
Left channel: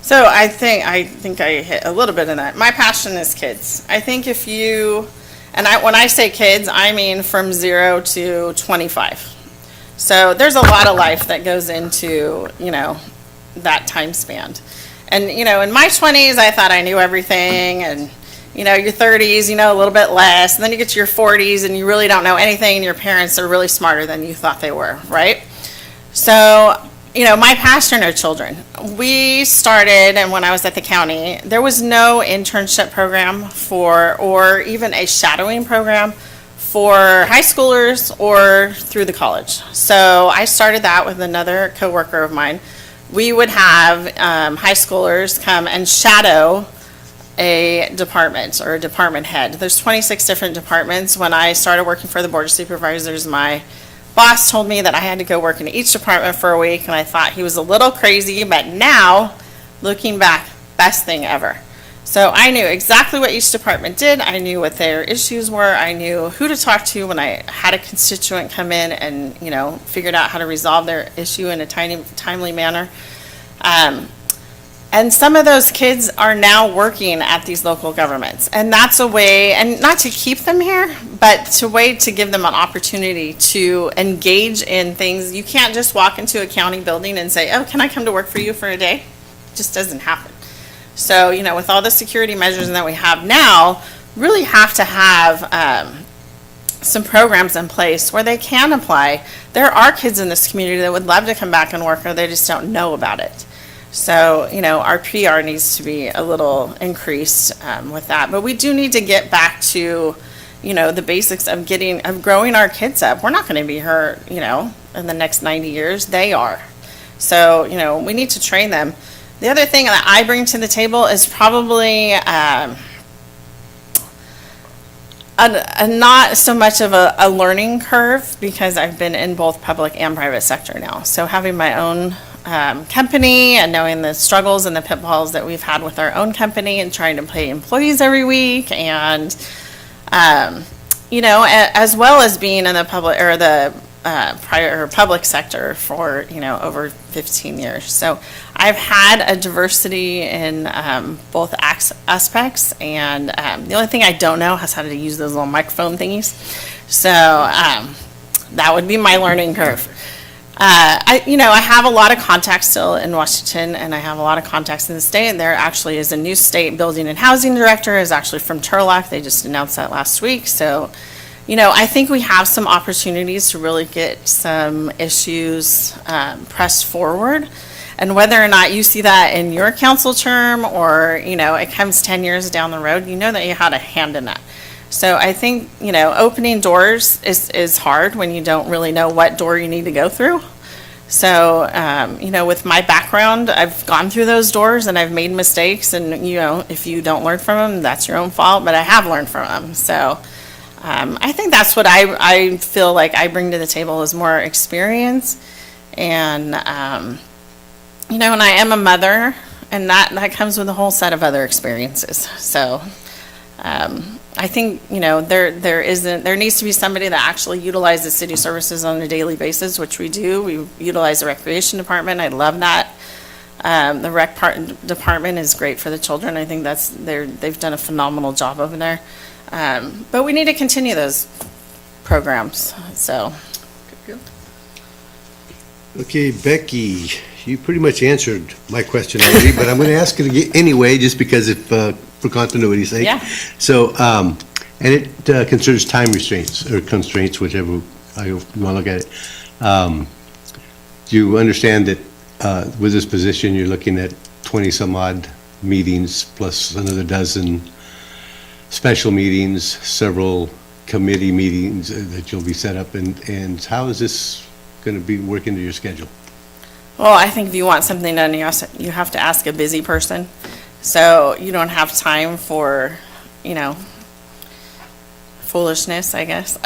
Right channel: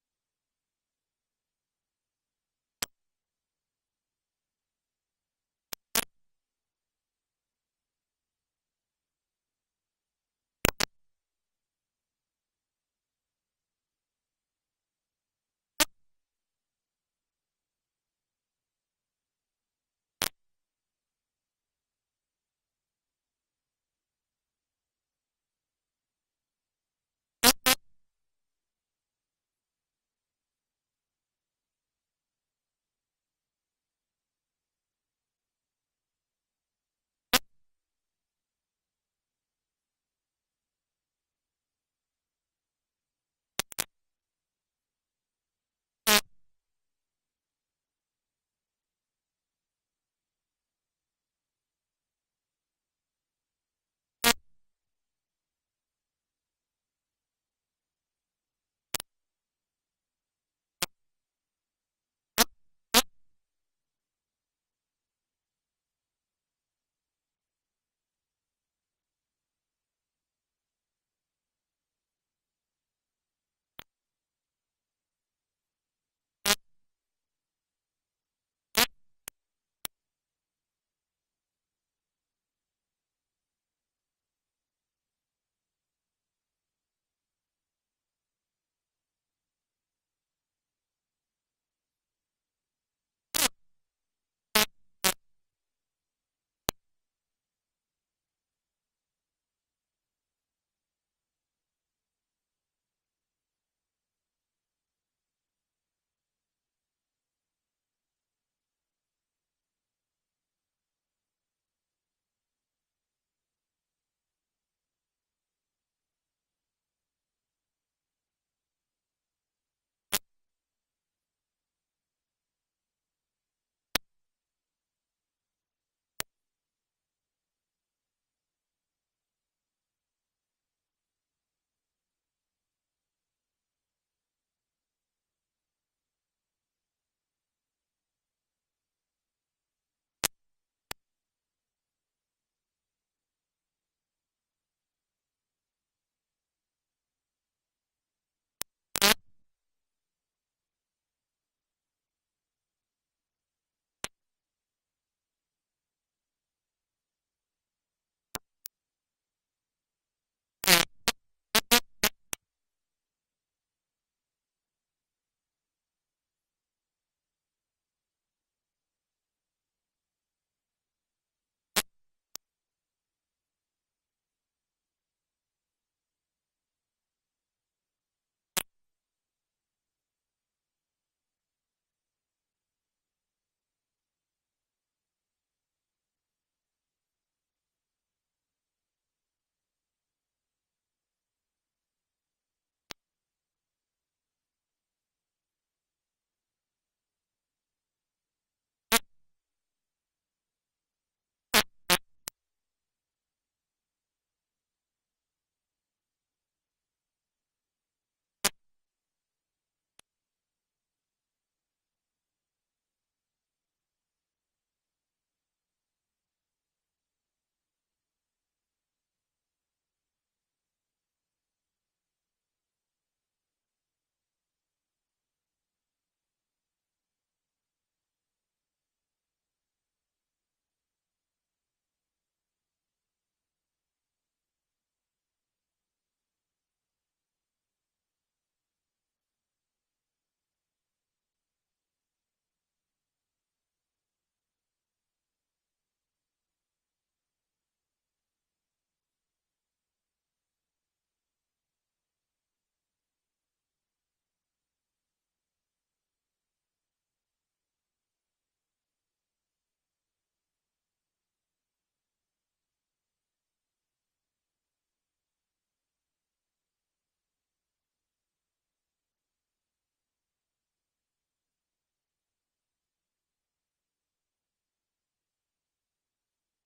So I think I hit a little bit of that. My passion is kids. I think if you, when I say kids, I mean from 0 to 25. So there's a lot of life that goes into, that time span. And, in my 20s, I thought I knew everything, and, your 30s, a little bit less. And then you get to your 40s and you really don't know anything, and your parents are really smarter than you thought they were, right? So, my passion are children. We started, and when I was at the county, there was no internship program or even a shadowing program for high schoolers or through the college. So I started that with another coworker of mine. We would have high schoolers come and shadow a department or a department head. There's 26 different departments. When I started working for the Board of Supervisors, my boss told me that I had to go work in each department for a week, and I thought he was a little crazy, but now, looking back, best thing ever. So I knew exactly what each department did. I knew what their issues were. I knew who to talk to when I had a constituent come in and, figured out how to resolve their issue in a timely manner. And some of those kids are now working at these local governments. And that's a way, and not to keep them here, but to give them an opportunity to engage in things. You can't just walk into a county building and say, oh, can I come to work for you for a day? It just doesn't happen. So, with all the security measures that we have now, really have to have some programs in place where they can apply. There are kids in this community that would love to come back and work, or they just don't know about it. So, our PR needs to be a little increased with that. But we do need to get back to, the basics of growing our kids up. We're not going to be here, in the next 90 years. They are. So, we need to train them. The other thing that I bring to the table is probably not so much of a learning curve, because I've been in both public and private sector now. So having my own company and knowing the struggles and the pitfalls that we've had with our own company and trying to pay employees every week, and as well as being in the public or the private or public sector for over 15 years. So I've had a diversity in both aspects, and the only thing I don't know is how to use those little microphone thingies. So that would be my learning curve. I have a lot of contacts still in Washington, and I have a lot of contacts in the state. And there actually is a new state building and housing director, is actually from Turlock. They just announced that last week. So, I think we have some opportunities to really get some issues pressed forward. And whether or not you see that in your council term, or, it comes 10 years down the road, that you had a hand in that. So I think, opening doors is hard when you don't really know what door you need to go through. So, with my background, I've gone through those doors and I've made mistakes, and, if you don't learn from them, that's your own fault, but I have learned from them. So, I think that's what I feel like I bring to the table, is more experience. And, and I am a mother, and that comes with a whole set of other experiences. So, I think, there needs to be somebody that actually utilizes city services on a daily basis, which we do. We utilize the recreation department. I love that. The rec department is great for the children. I think they've done a phenomenal job over there. But we need to continue those programs, so. Okay, Becky, you pretty much answered my question already, but I'm going to ask it again anyway, just because for continuity's sake. Yeah. So, and it considers time restraints, or constraints, whichever you want to look at it. Do you understand that with this position, you're looking at 20-some odd meetings, plus another dozen special meetings, several committee meetings that you'll be set up, and how is this going to be working into your schedule? Well, I think if you want something done, you have to ask a busy person. So you don't have time for, foolishness, I guess.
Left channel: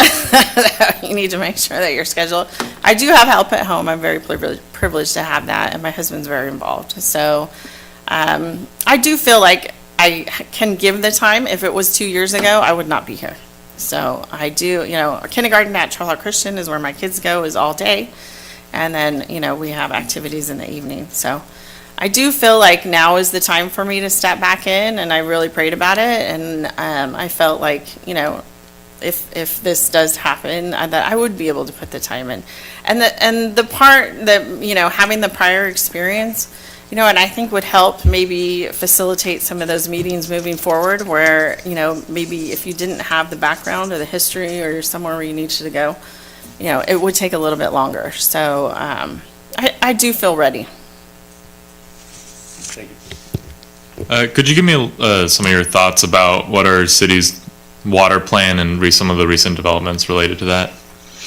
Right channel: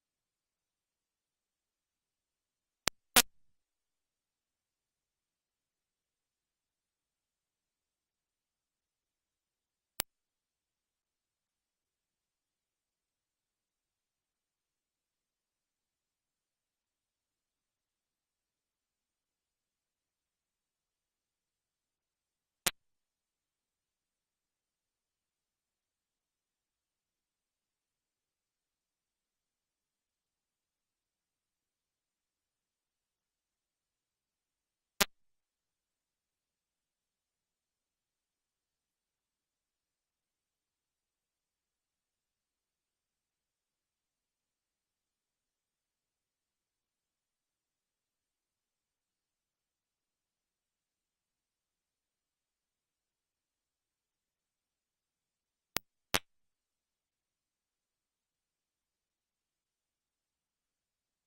You need to make sure that you're scheduled. I do have help at home. I'm very privileged to have that, and my husband's very involved. So I do feel like I can give the time. If it was 2 years ago, I would not be here. So I do, kindergarten at Turlock Christian is where my kids go, is all day. And then, we have activities in the evening. So I do feel like now is the time for me to step back in, and I really prayed about it, and I felt like, you know, if this does happen, that I would be able to put the time in. And the part that, you know, having the prior experience, you know, and I think would help maybe facilitate some of those meetings moving forward where, you know, maybe if you didn't have the background or the history or you're somewhere where you needed to go, you know, it would take a little bit longer. So I do feel ready. Could you give me some of your thoughts about what our city's water plan and some of the recent developments related to that?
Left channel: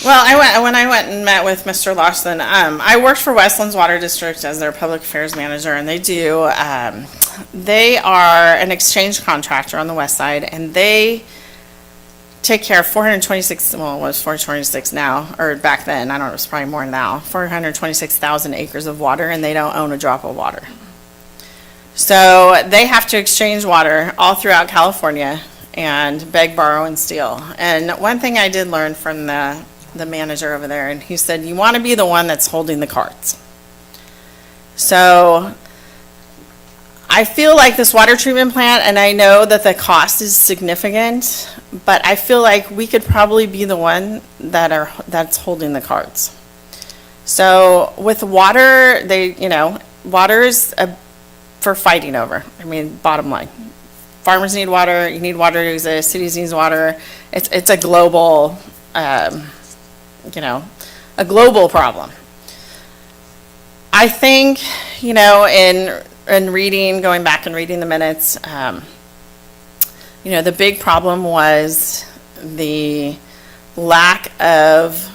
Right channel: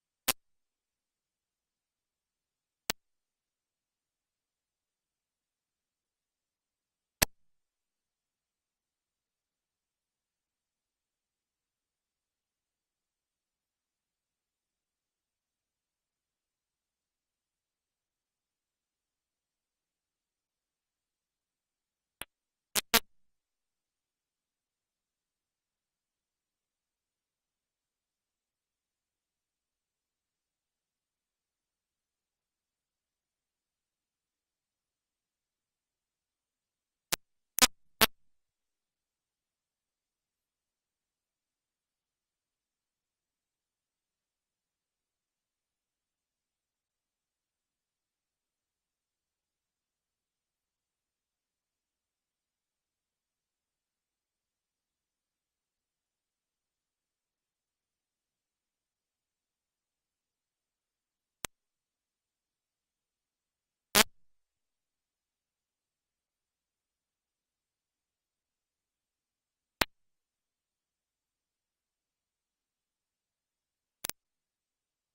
Well, when I went and met with Mr. Lawson, I worked for Westlands Water District as their public affairs manager, and they are an exchange contractor on the west side, and they take care of 426, well, it was 426 now, or back then, I don't know, it was probably more now, 426,000 acres of water, and they don't own a drop of water. So they have to exchange water all throughout California and beg, borrow, and steal. And one thing I did learn from the manager over there, and he said, you want to be the one that's holding the cards. So I feel like this water treatment plant, and I know that the cost is significant, but I feel like we could probably be the one that's holding the cards. So with water, water is for fighting over. I mean, bottom line. Farmers need water, you need water to exist, cities need water. It's a global, a global problem. I think, in reading, going back and reading the minutes, the big problem was the lack of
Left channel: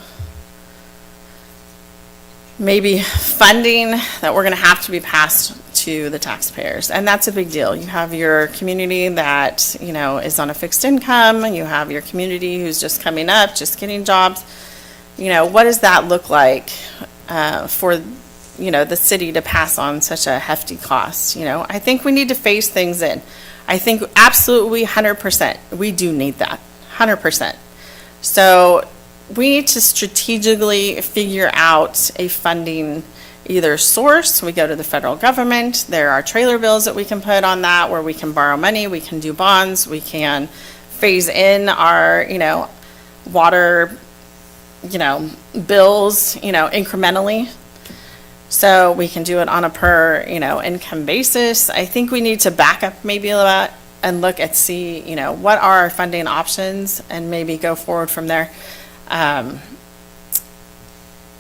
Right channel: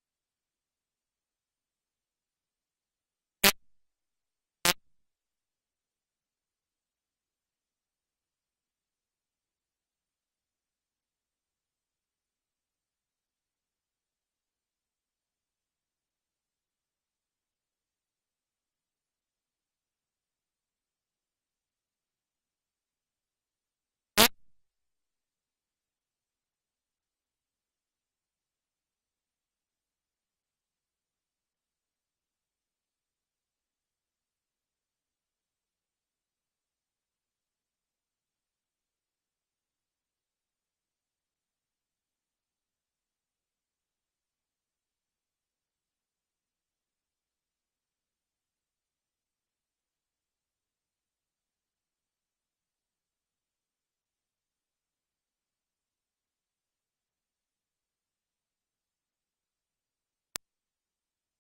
maybe funding that we're going to have to be passed to the taxpayers. And that's a big deal. You have your community that, is on a fixed income, and you have your community who's just coming up, just getting jobs. What does that look like for, the city to pass on such a hefty cost? I think we need to phase things in. I think absolutely 100%, we do need that, 100%. So we need to strategically figure out a funding either source. We go to the federal government. There are trailer bills that we can put on that where we can borrow money, we can do bonds, we can phase in our, water, bills, incrementally. So we can do it on a per, income basis. I think we need to back up maybe a lot and look at see, what are our funding options and maybe go forward from there. I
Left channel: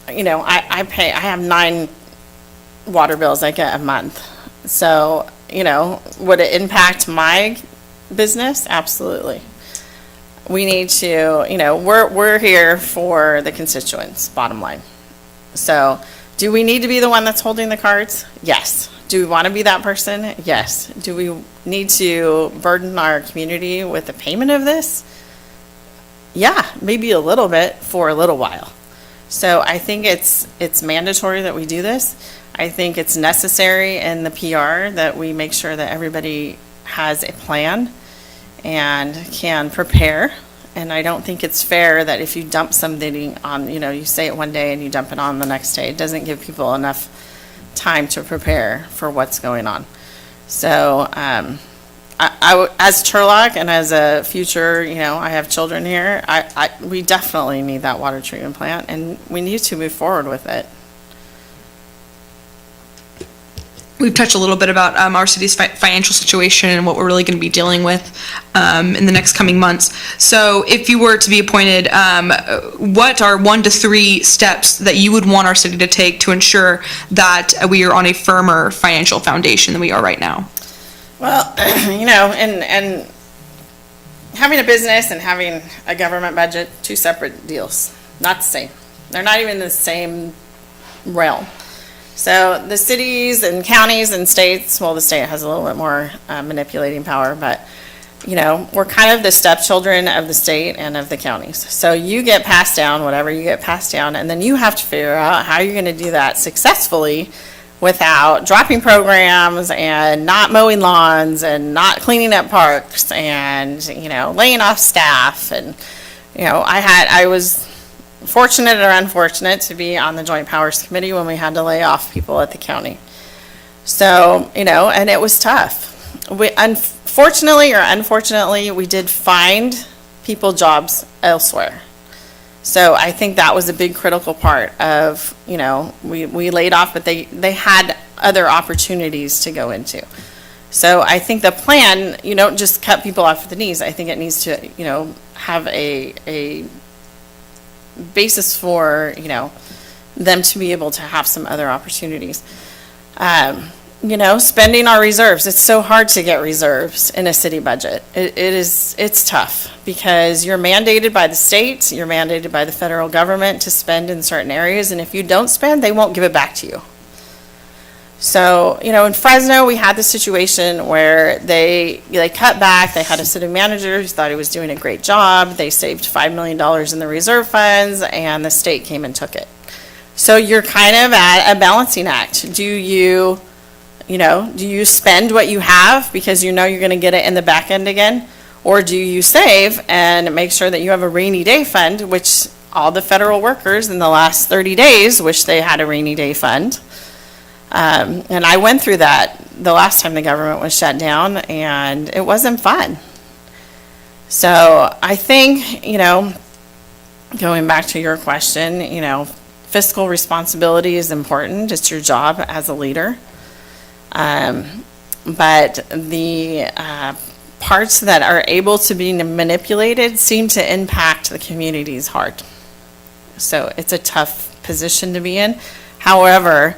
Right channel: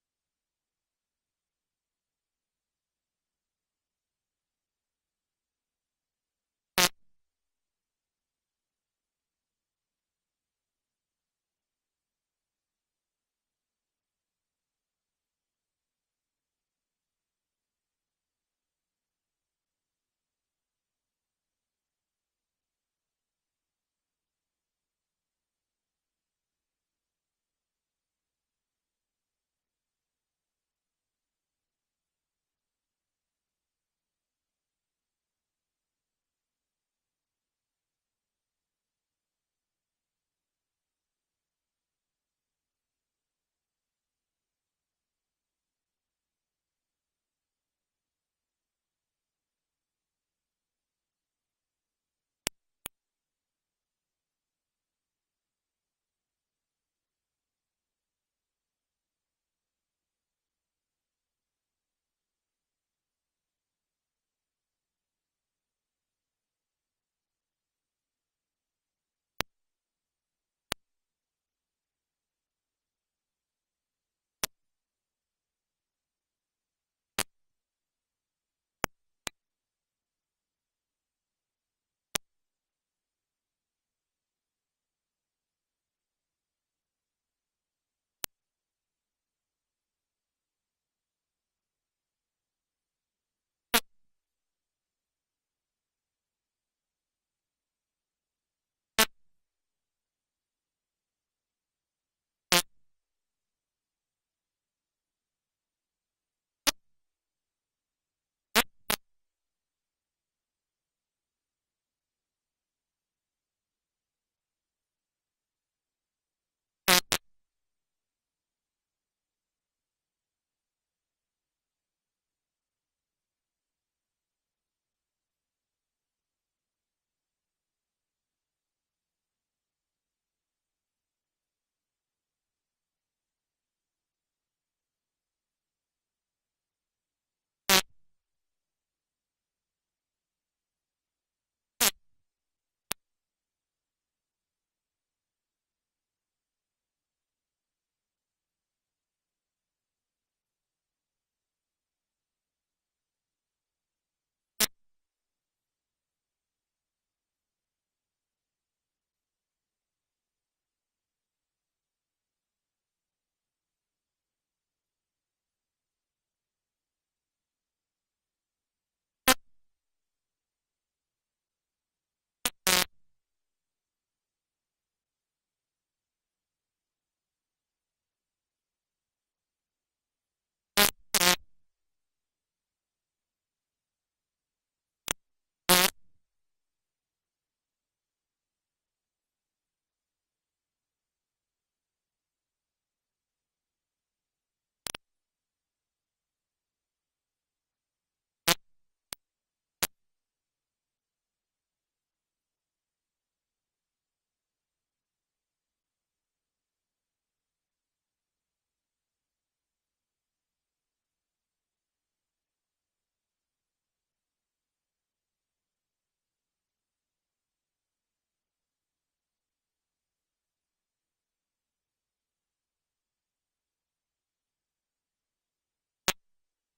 have 9 water bills I get a month. So, would it impact my business? Absolutely. We need to, we're here for the constituents, bottom line. So, do we need to be the one that's holding the cards? Yes. Do we want to be that person? Yes. Do we need to burden our community with the payment of this? Yeah, maybe a little bit for a little while. So I think it's mandatory that we do this. I think it's necessary in the PR that we make sure that everybody has a plan and can prepare. And I don't think it's fair that if you dump something on, you say it one day and you dump it on the next day, it doesn't give people enough time to prepare for what's going on. So as Turlock and as a future, I have children here, we definitely need that water treatment plant, and we need to move forward with it. We've touched a little bit about our city's financial situation and what we're really going to be dealing with in the next coming months. So if you were to be appointed, what are 1 to 3 steps that you would want our city to take to ensure that we are on a firmer financial foundation than we are right now? Well, and having a business and having a government budget, 2 separate deals, not the same. They're not even in the same realm. So the cities and counties and states, well, the state has a little bit more manipulating power, but, we're kind of the stepchildren of the state and of the counties. So you get passed down, whatever you get passed down, and then you have to figure out how you're going to do that successfully without dropping programs and not mowing lawns and not cleaning up parks and, laying off staff. And, I was fortunate or unfortunate to be on the Joint Powers Committee when we had to lay off people at the county. So, and it was tough. Unfortunately, we did find people jobs elsewhere. So I think that was a big critical part of, we laid off, but they had other opportunities to go into. So I think the plan, you don't just cut people off at the knees. I think it needs to, have a basis for, them to be able to have some other opportunities. Spending our reserves. It's so hard to get reserves in a city budget. It's tough because you're mandated by the state, you're mandated by the federal government to spend in certain areas, and if you don't spend, they won't give it back to you. So, in Fresno, we had the situation where they cut back. They had a city manager who thought he was doing a great job. They saved $5 million in the reserve funds, and the state came and took it. So you're kind of at a balancing act. Do you spend what you have because you're going to get it in the back end again? Or do you save and make sure that you have a rainy day fund, which all the federal workers in the last 30 days wish they had a rainy day fund? And I went through that the last time the government was shut down, and it wasn't fun. So I think, going back to your question, fiscal responsibility is important. It's your job as a leader. But the parts that are able to be manipulated seem to impact the community's heart. So it's a tough position to be in. However,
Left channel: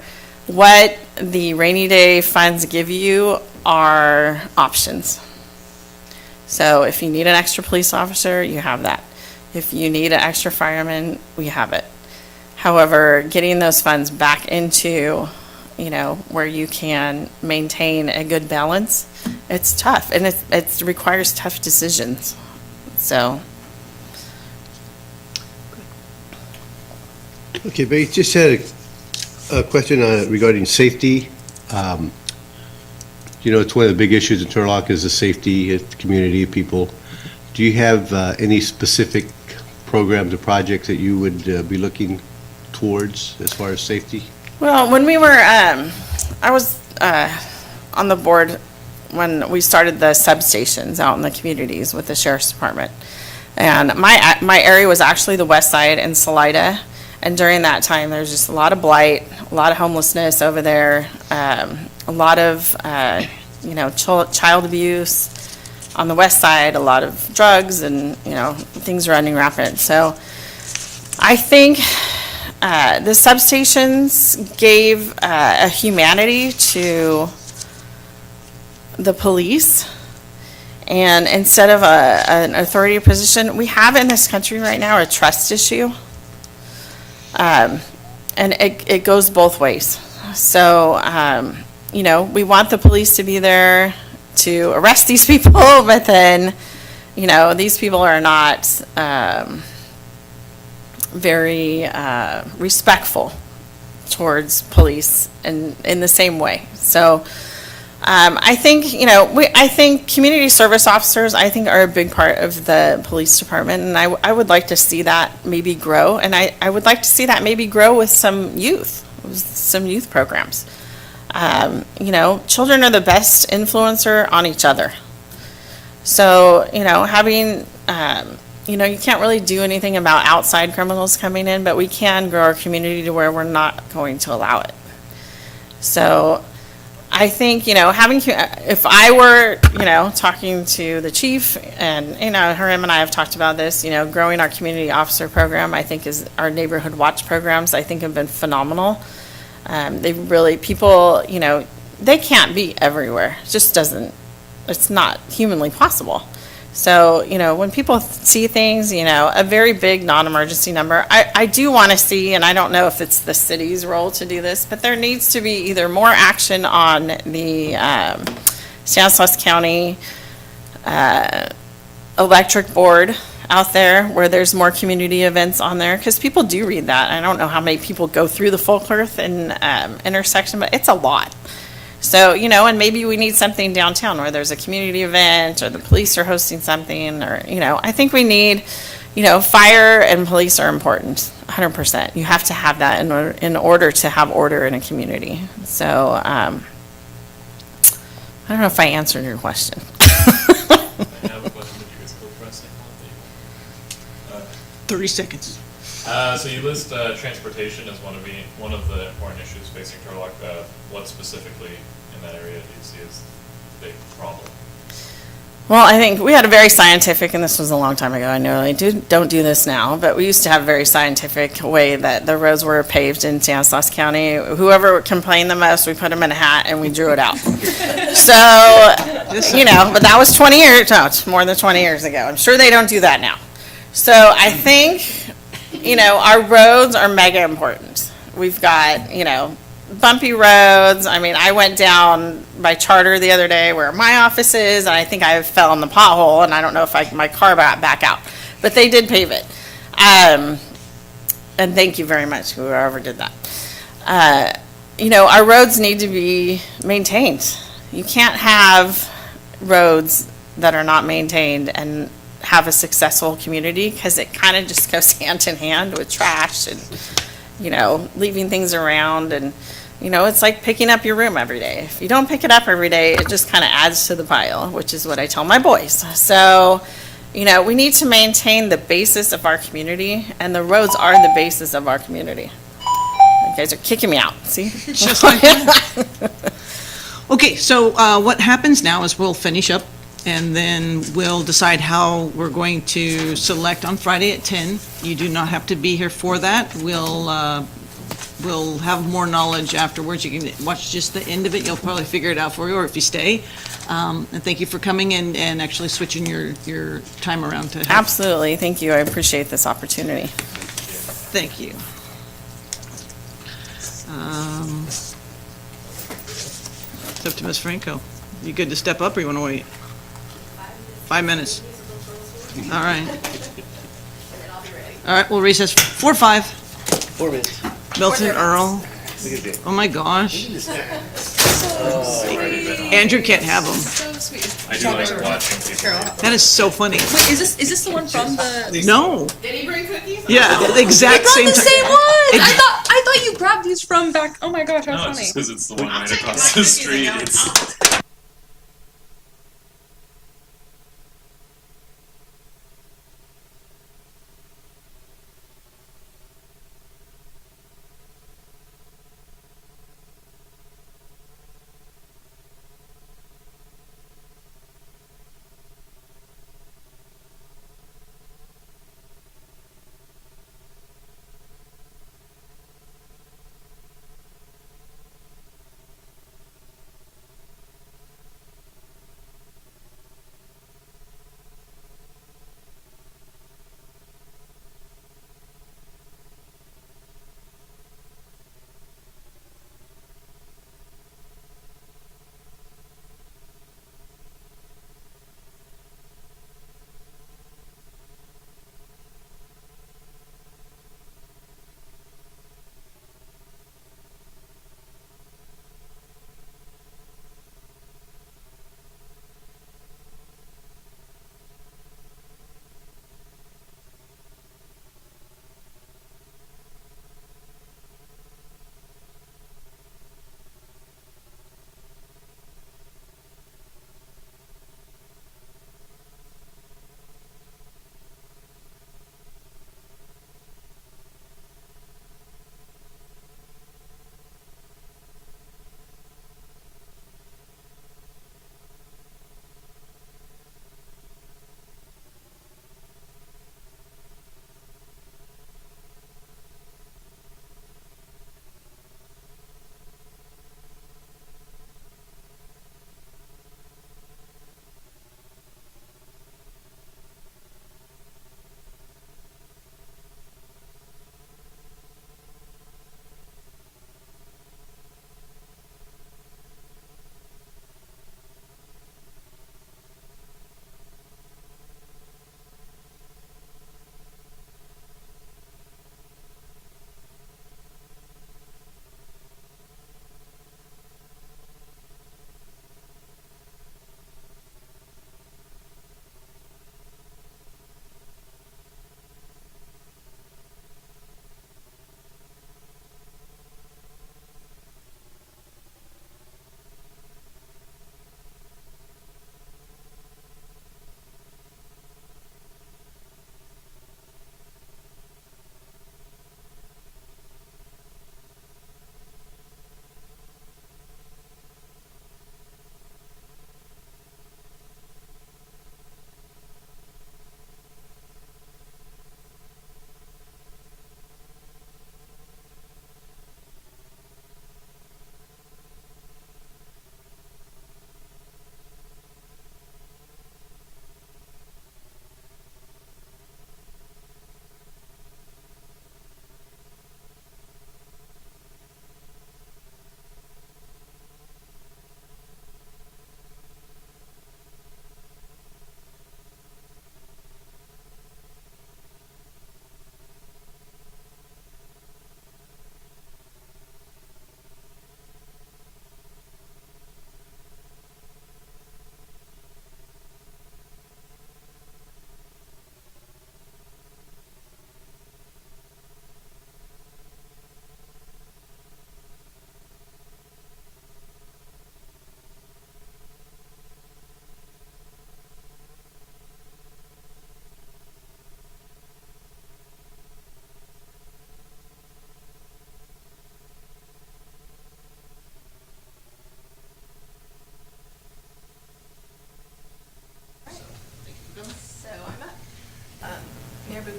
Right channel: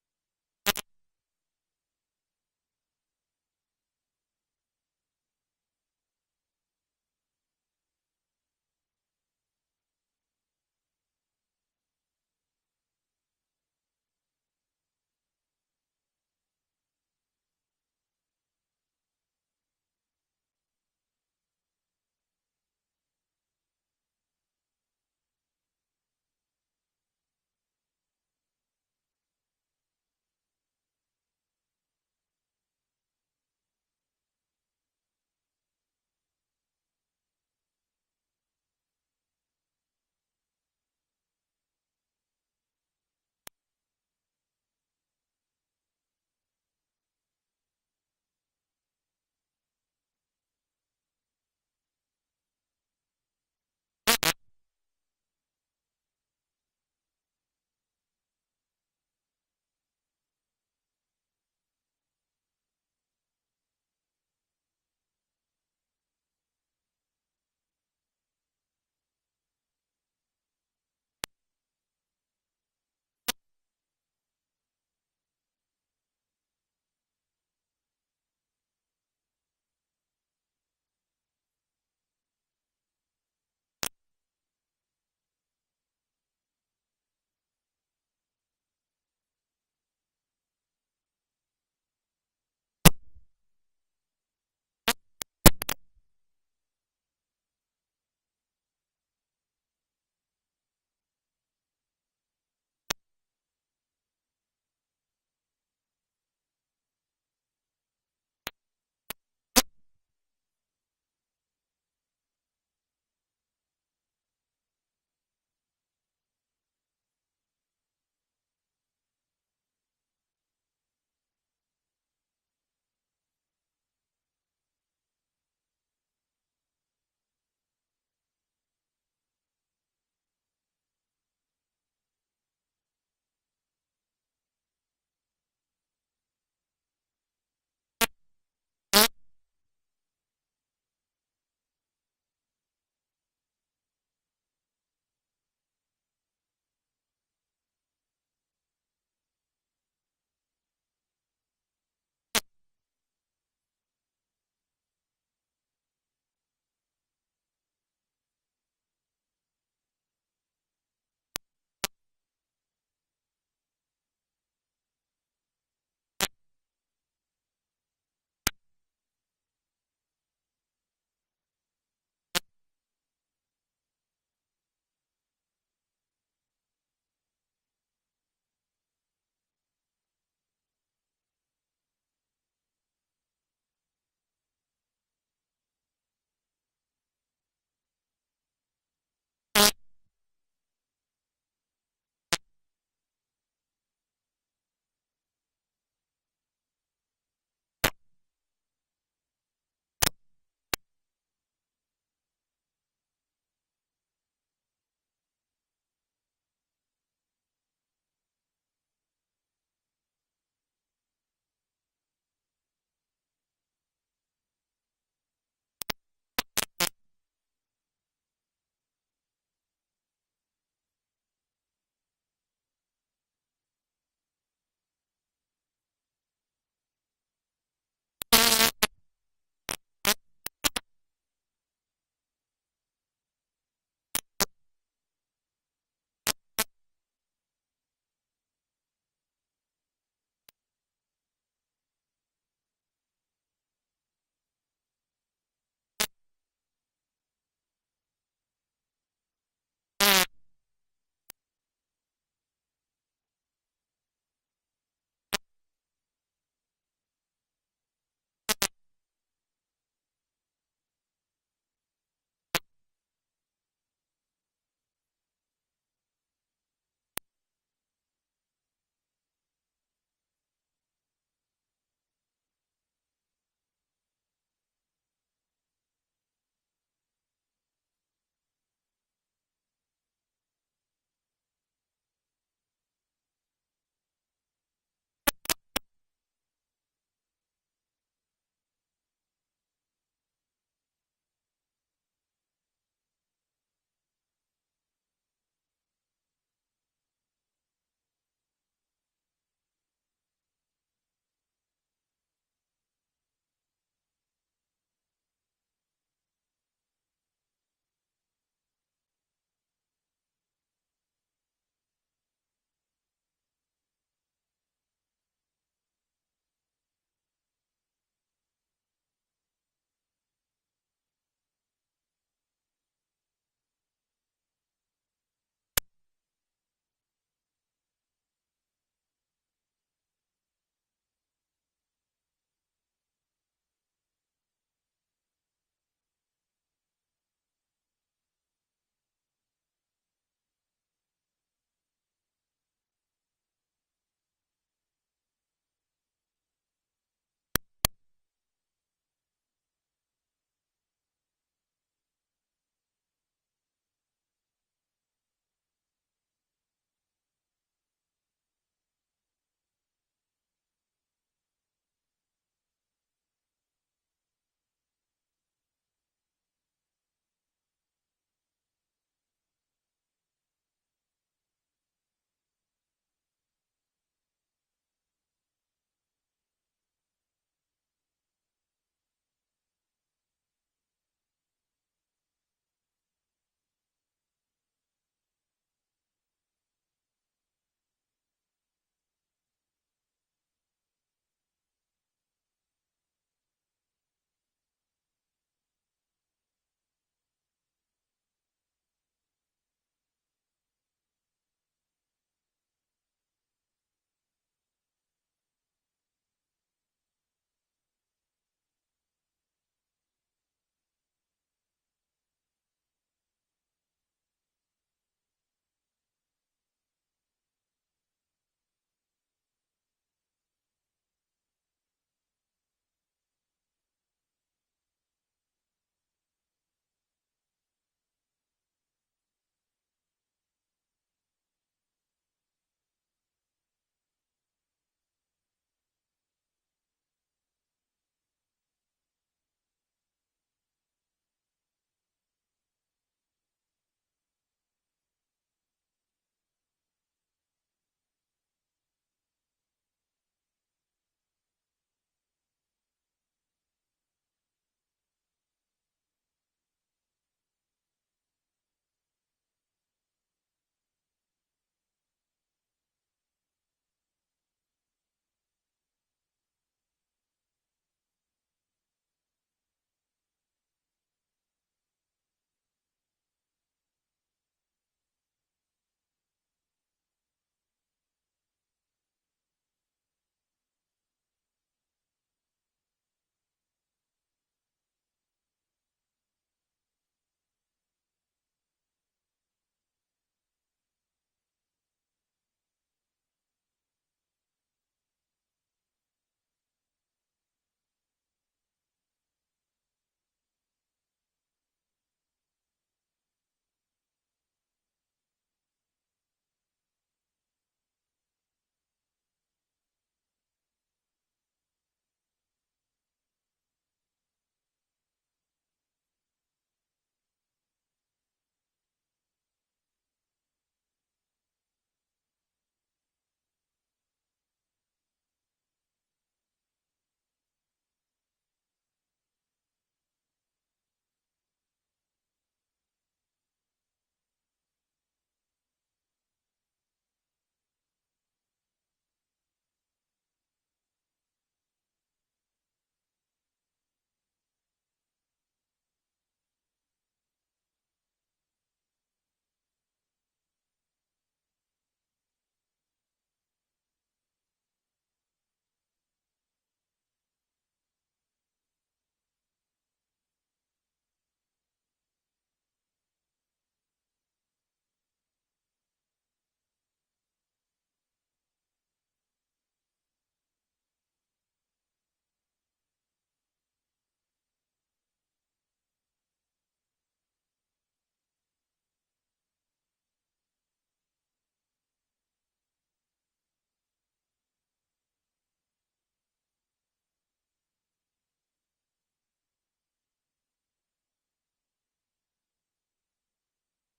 what the rainy day funds give you are options. So if you need an extra police officer, you have that. If you need an extra fireman, we have it. However, getting those funds back into, where you can maintain a good balance, it's tough, and it requires tough decisions. So. Okay, but just had a question regarding safety. It's one of the big issues in Turlock is the safety of the community, people. Do you have any specific programs or projects that you would be looking towards as far as safety? Well, when we were, I was on the board when we started the substations out in the communities with the sheriff's department. And my area was actually the west side in Salida. And during that time, there's just a lot of blight, a lot of homelessness over there, a lot of, child abuse on the west side, a lot of drugs and, things running rampant. So I think the substations gave a humanity to the police. And instead of an authority position, we have in this country right now a trust issue. And it goes both ways. So, we want the police to be there to arrest these people, but then, these people are not very respectful towards police in the same way. So, I think, I think community service officers, I think, are a big part of the police department, and I would like to see that maybe grow, and I would like to see that maybe grow with some youth programs. Children are the best influencer on each other. So, having, you can't really do anything about outside criminals coming in, but we can grow our community to where we're not going to allow it. So, I think, if I were, talking to the chief and, him and I have talked about this, growing our community officer program, I think is our neighborhood watch programs, I think have been phenomenal. They really, people, they can't be everywhere. It just it's not humanly possible. So, when people see things, a very big non-emergency number, I do want to see, and I don't know if it's the city's role to do this, but there needs to be either more action on the Stanislaus County electric board out there where there's more community events on there, because people do read that. I don't know how many people go through the Folkworth and intersection, but it's a lot. So, and maybe we need something downtown where there's a community event or the police are hosting something or, I think we need, fire and police are important, 100%. You have to have that in order to have order in a community. So, I don't know if I answered your question. I have a question that you guys go pressing. 30 seconds. So you list transportation as one of the important issues facing Turlock. What specifically in that area do you see as the big problem? Well, I think we had a very scientific, and this was a long time ago, I know I don't do this now, but we used to have a very scientific way that the roads were paved in Stanislaus County. Whoever complained the most, we put them in a hat and we drew it out. So, but that was 20 years, no, it's more than 20 years ago. I'm sure they don't do that now. So I think, our roads are mega important. We've got, bumpy roads. I mean, I went down by Charter the other day where my office is, and I think I fell in the pothole, and I don't know if my car got back out. But they did pave it. And thank you very much, whoever did that. Our roads need to be maintained. You can't have roads that are not maintained and have a successful community, because it kind of just goes hand in hand with trash and, leaving things around. And, it's like picking up your room every day. If you don't pick it up every day, it just kind of adds to the pile, which is what I tell my boys. So, we need to maintain the basis of our community, and the roads are the basis of our community. You guys are kicking me out, see? Just like that. Okay, so what happens now is we'll finish up, and then we'll decide how we're going to select on Friday at 10. You do not have to be here for that. We'll have more knowledge afterwards. You can watch just the end of it. You'll probably figure it out for you, or if you stay. And thank you for coming in and actually switching your time around to help. Absolutely, thank you. I appreciate this opportunity. Thank you. It's up to Ms. Franco. You good to step up, or you want to wait? 5 minutes. All right. All right, we'll recess for 5. 4 minutes. Milton Earl. Oh my gosh. Andrew can't have them. So sweet. I do like watching people. That is so funny. Wait, is this the one from the? No. Did he bring cookies? Yeah, the exact same The time. same one. I thought you grabbed these from back. Oh my gosh, how No, it's funny. just because it's the one right across the street. It's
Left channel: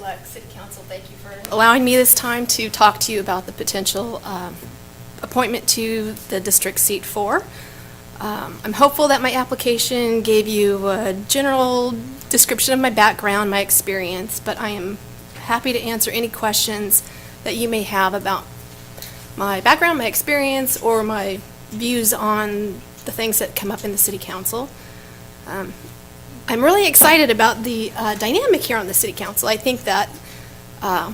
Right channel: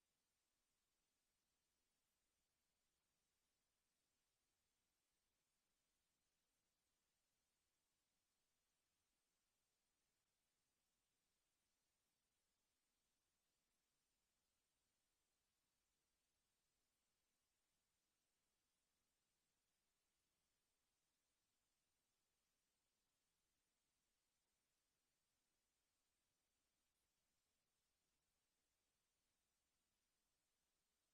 Turlock City Council. Thank you for allowing me this time to talk to you about the potential appointment to the District Seat 4. I'm hopeful that my application gave you a general description of my background, my experience, but I am happy to answer any questions that you may have about my background, my experience, or my views on the things that come up in the City Council. I'm really excited about the dynamic here on the City Council. I think that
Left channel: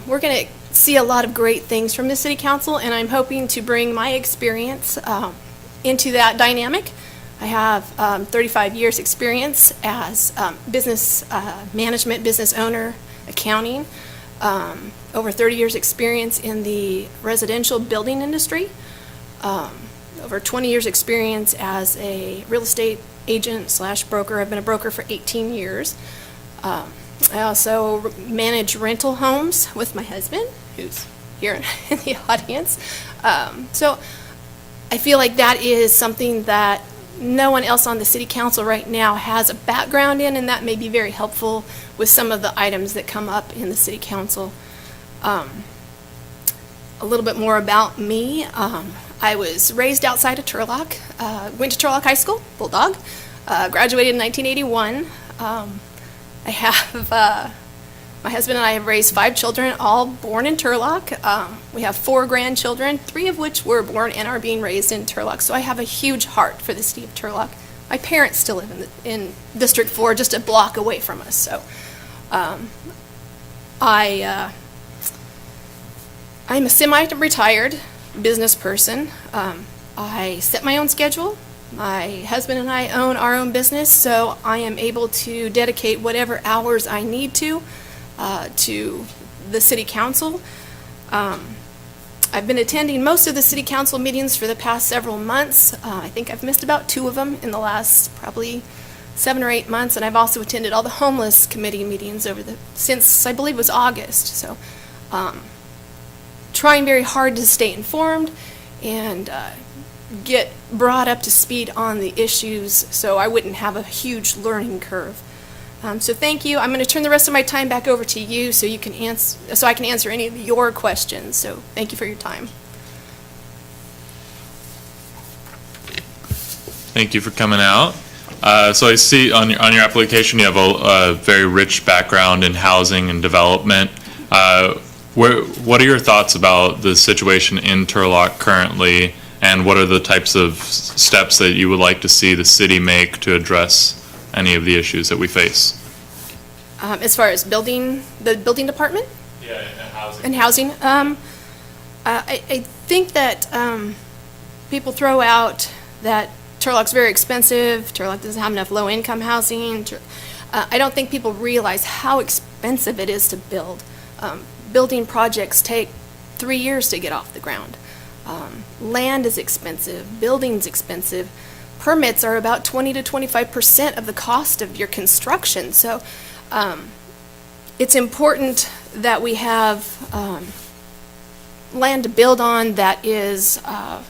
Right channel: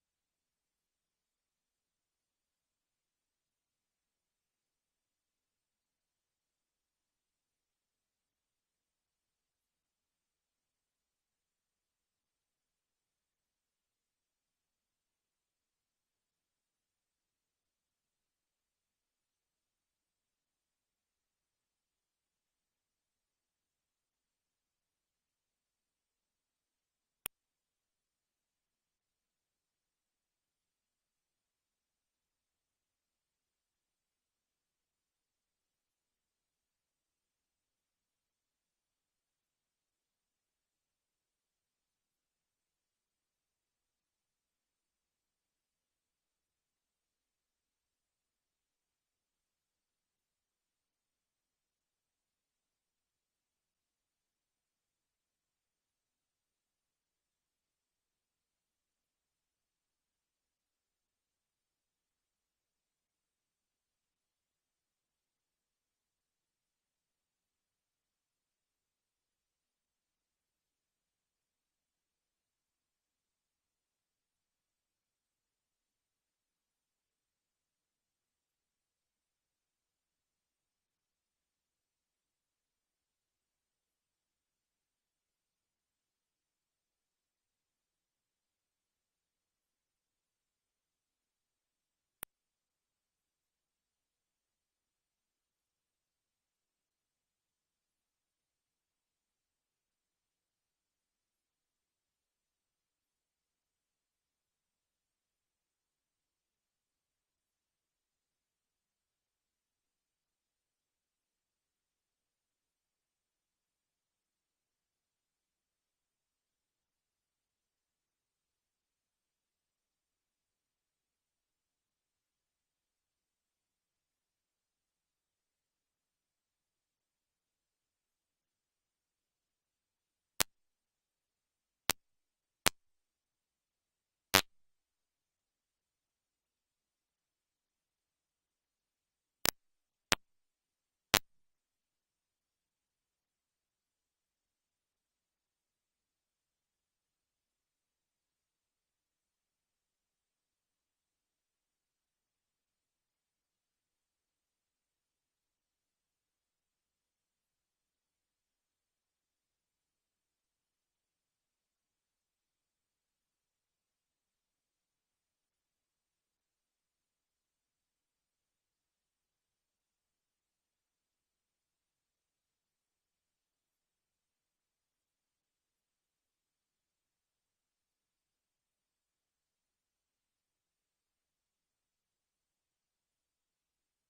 we're going to see a lot of great things from the City Council, and I'm hoping to bring my experience into that dynamic. I have 35 years experience as business management, business owner, accounting, over 30 years experience in the residential building industry, over 20 years experience as a real estate agent slash broker. I've been a broker for 18 years. I also manage rental homes with my husband, who's here in the audience. So I feel like that is something that no one else on the City Council right now has a background in, and that may be very helpful with some of the items that come up in the City Council. A little bit more about me. I was raised outside of Turlock, went to Turlock High School, Bulldog, graduated in 1981. I have, my husband and I have raised 5 children, all born in Turlock. We have 4 grandchildren, 3 of which were born and are being raised in Turlock. So I have a huge heart for the city of Turlock. My parents still live in District 4, just a block away from us. So I'm a semi-retired business person. I set my own schedule. My husband and I own our own business, so I am able to dedicate whatever hours I need to the City Council. I've been attending most of the City Council meetings for the past several months. I think I've missed about 2 of them in the last probably 7 or 8 months, and I've also attended all the homeless committee meetings since I believe it was August. So trying very hard to stay informed and get brought up to speed on the issues so I wouldn't have a huge learning curve. So thank you. I'm going to turn the rest of my time back over to you so you can so I can answer any of your questions. So thank you for your time. Thank you for coming out. So I see on your application you have a very rich background in housing and development. What are your thoughts about the situation in Turlock currently, and what are the types of steps that you would like to see the city make to address any of the issues that we face? As far as the building department? Yeah, and housing. And housing. I think that people throw out that Turlock's very expensive, Turlock doesn't have enough low-income housing. I don't think people realize how expensive it is to build. Building projects take 3 years to get off the ground. Land is expensive, building's expensive. Permits are about 20 to 25% of the cost of your construction. So it's important that we have land to build on that is of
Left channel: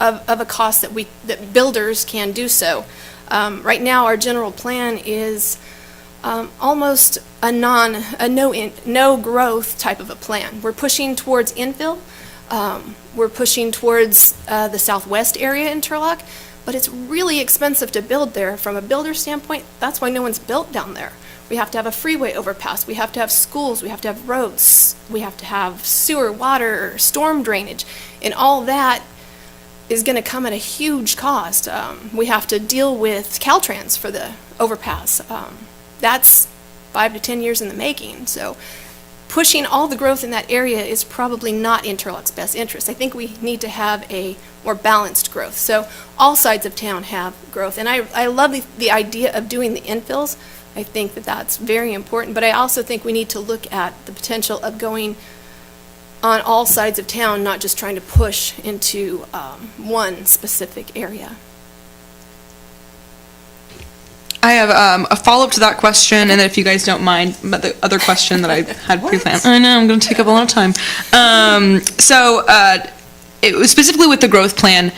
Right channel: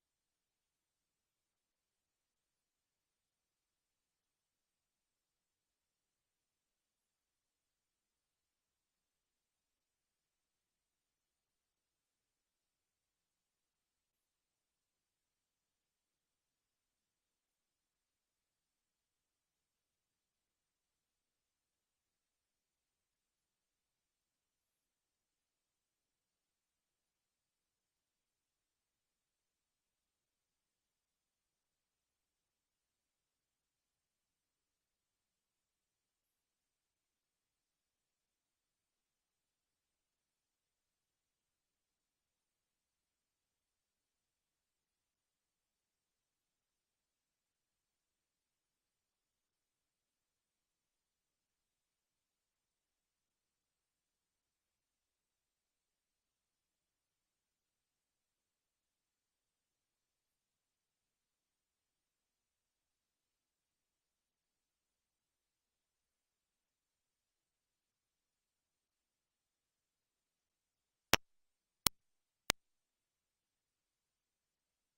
a cost that builders can do so. Right now, our general plan is almost a no growth type of a plan. We're pushing towards infill. We're pushing towards the southwest area in Turlock, but it's really expensive to build there. From a builder standpoint, that's why no one's built down there. We have to have a freeway overpass. We have to have schools. We have to have roads. We have to have sewer, water, storm drainage, and all that is going to come at a huge cost. We have to deal with Caltrans for the overpass. That's 5 to 10 years in the making. So pushing all the growth in that area is probably not in Turlock's best interest. I think we need to have a more balanced growth. So all sides of town have growth. And I love the idea of doing the infills. I think that that's very important. But I also think we need to look at the potential of going on all sides of town, not just trying to push into one specific area. I have a follow-up to that question, and then if you guys don't mind, but the other question that I had pre-planned. I know, I'm going to take up a lot of time. It was specifically with the growth plan.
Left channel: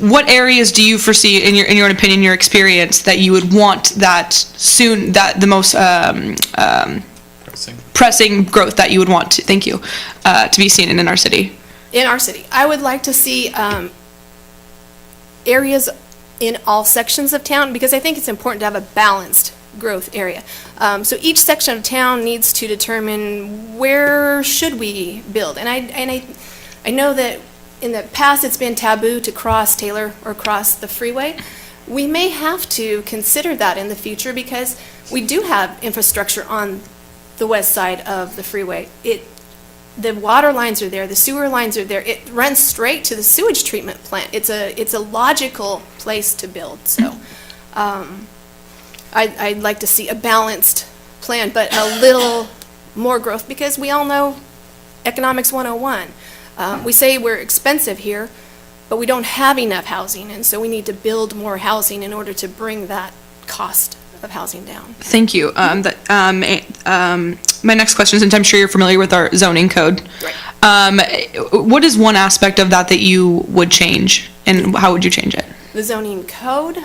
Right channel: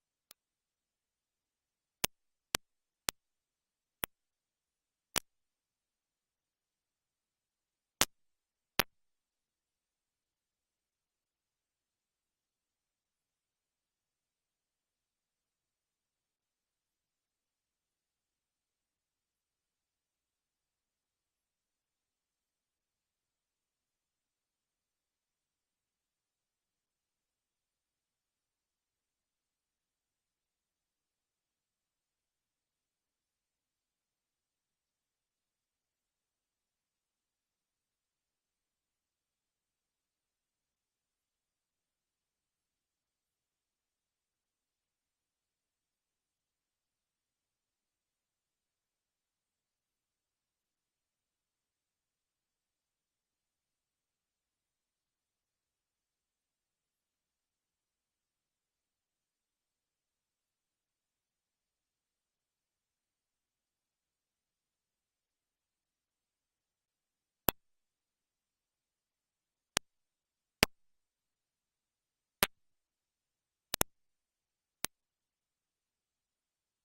What areas do you foresee, in your opinion, your experience, that you would want that the most pressing growth that you would want to, thank you, to be seen in our city? In our city, I would like to see areas in all sections of town, because I think it's important to have a balanced growth area. So each section of town needs to determine where should we build. And I know that in the past it's been taboo to cross Taylor or cross the freeway. We may have to consider that in the future, because we do have infrastructure on the west side of the freeway. The water lines are there, the sewer lines are there. It runs straight to the sewage treatment plant. It's a logical place to build. So I'd like to see a balanced plan, but a little more growth, because we all know economics 101. We say we're expensive here, but we don't have enough housing, and so we need to build more housing in order to bring that cost of housing down. Thank you. My next question is, and I'm sure you're familiar with our zoning code. Right. What is one aspect of that that you would change, and how would you change it? The zoning code,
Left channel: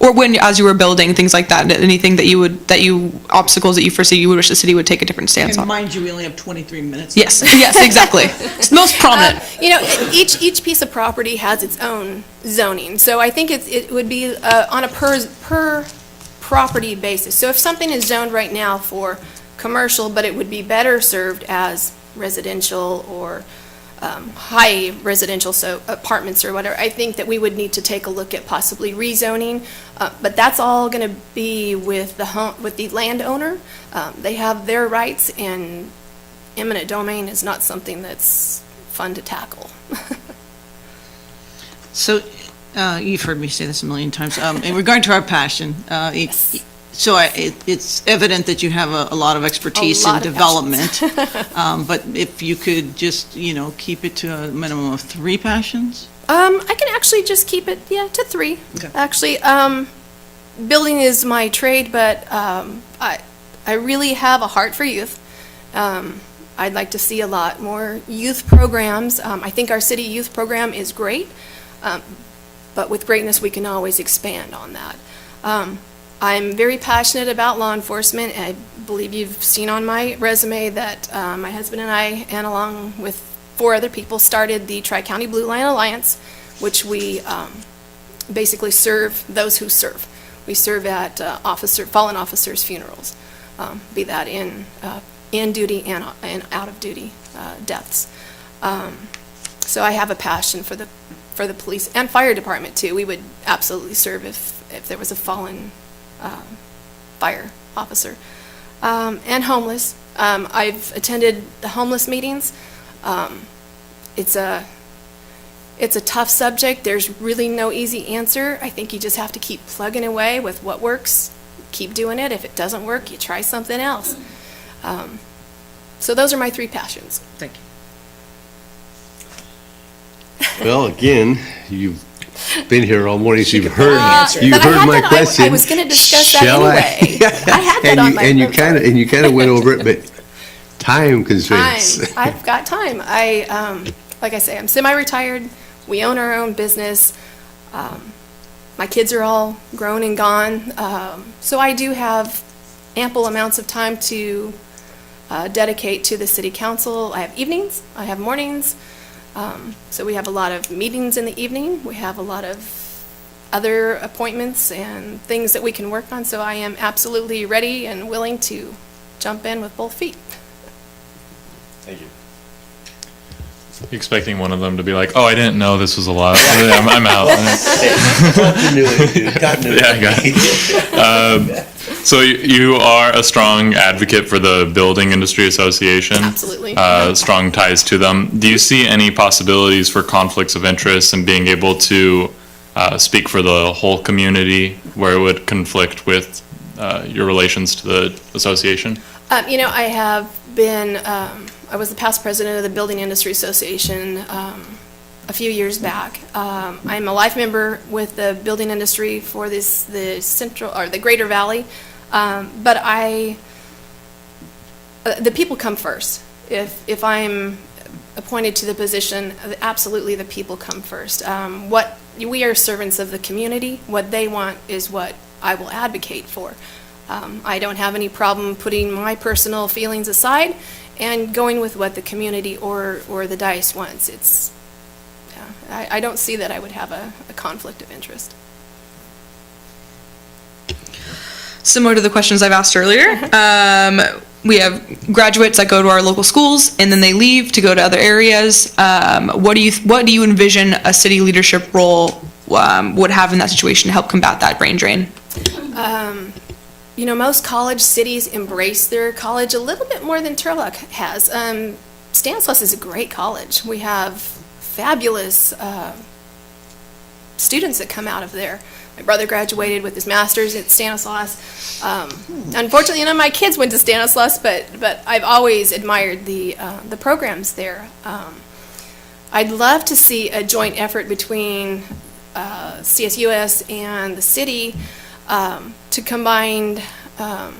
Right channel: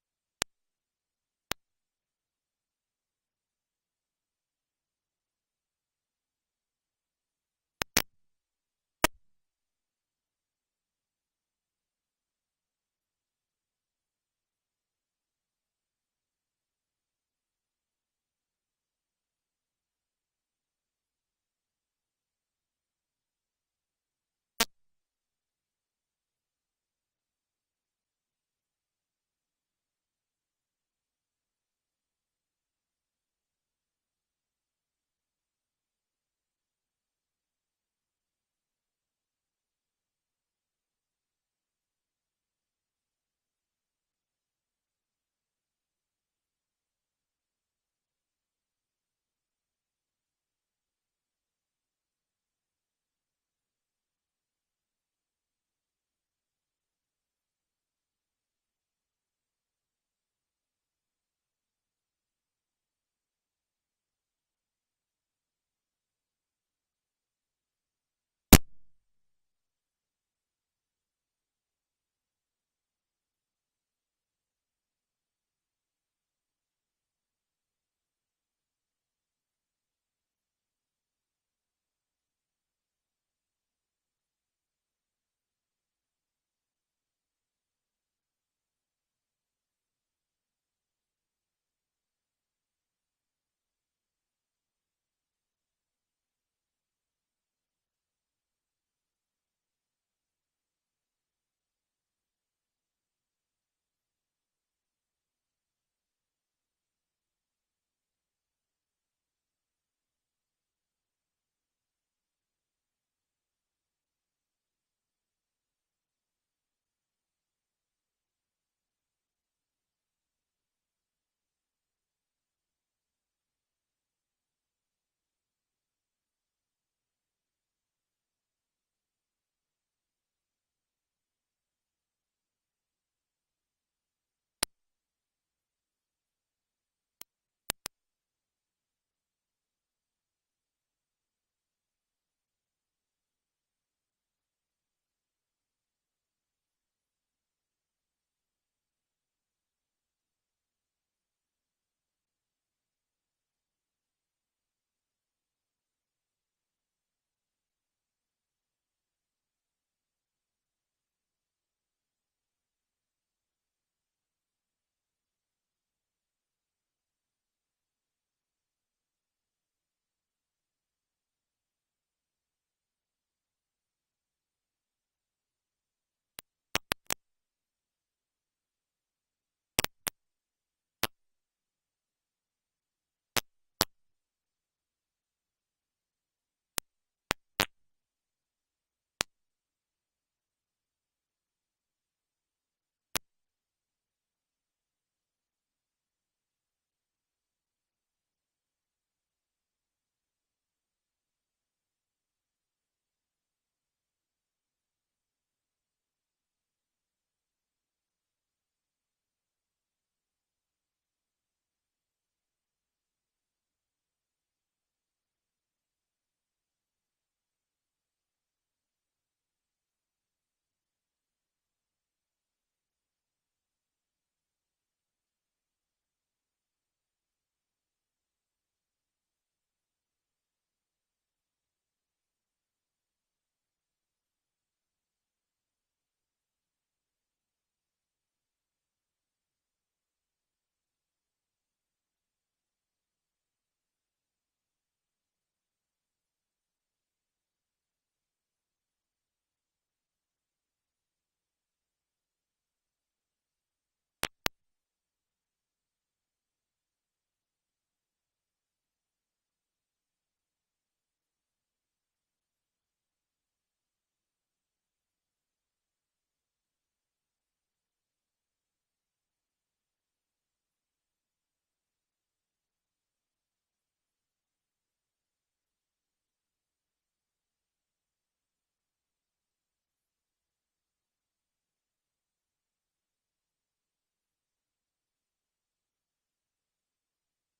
Or when, as you were building, things like that, anything obstacles that you foresee you would wish the city would take a different stance And on? mind you, we only have 23 minutes. Yes, yes, exactly. It's the most prominent. each piece of property has its own zoning, so I think it would be on a per property basis. So if something is zoned right now for commercial, but it would be better served as residential or high residential, so apartments or whatever, I think that we would need to take a look at possibly rezoning, but that's all going to be with the landowner. They have their rights, and eminent domain is not something that's fun to tackle. So, you've heard me say this a million times. In regard to our passion, Yes. so it's evident that you have a lot of expertise in lot of development. But if you could just, keep it to a minimum of 3 passions? I can actually just keep it, to 3. Okay. Actually, building is my trade, but I really have a heart for youth. I'd like to see a lot more youth programs. I think our city youth program is great, but with greatness, we can always expand on that. I'm very passionate about law enforcement. I believe you've seen on my resume that my husband and I, and along with 4 other people, started the Tri-County Blue Line Alliance, which we basically serve those who serve. We serve at fallen officers' funerals, be that in duty and out of duty deaths. So I have a passion for the police and fire department too. We would absolutely serve if there was a fallen fire officer. And homeless. I've attended the homeless meetings. It's a tough subject. There's really no easy answer. I think you just have to keep plugging away with what works. Keep doing it. If it doesn't work, you try something else. So those are my 3 passions. Thank you. Well, again, you've been here all morning, so you've heard But I had my that- question. I was going to discuss that Shall I? anyway. I had that on my And you notes kind already. of went over it, but time constraints. I've got time. Like I say, I'm semi-retired. We own our own business. My kids are all grown and gone. So I do have ample amounts of time to dedicate to the city council. I have evenings, I have mornings. So we have a lot of meetings in the evening. We have a lot of other appointments and things that we can work on. So I am absolutely ready and willing to jump in with both feet. Thank you. You expecting one of them to be like, "Oh, I didn't know this was a lot. I'm out." Continuity, dude, continuity. Yeah, I got it. So you are a strong advocate for the Building Industry Association. Absolutely. Strong ties to them. Do you see any possibilities for conflicts of interest and being able to speak for the whole community where it would conflict with your relations to the association? I have been, I was the past president of the Building Industry Association a few years back. I'm a life member with the building industry for the central, or the Greater Valley, but the people come first. If I'm appointed to the position, absolutely the people come first. We are servants of the community. What they want is what I will advocate for. I don't have any problem putting my personal feelings aside and going with what the community or the dice wants. I don't see that I would have a conflict of interest. Similar to the questions I've asked earlier, we have graduates that go to our local schools and then they leave to go to other areas. What do you envision a city leadership role would have in that situation to help combat that brain drain? Most college cities embrace their college a little bit more than Turlock has. Stanislaus is a great college. We have fabulous students that come out of there. My brother graduated with his master's at Stanislaus. Unfortunately, none of my kids went to Stanislaus, but I've always admired the programs there. I'd love to see a joint effort between CSUS and the city to combine our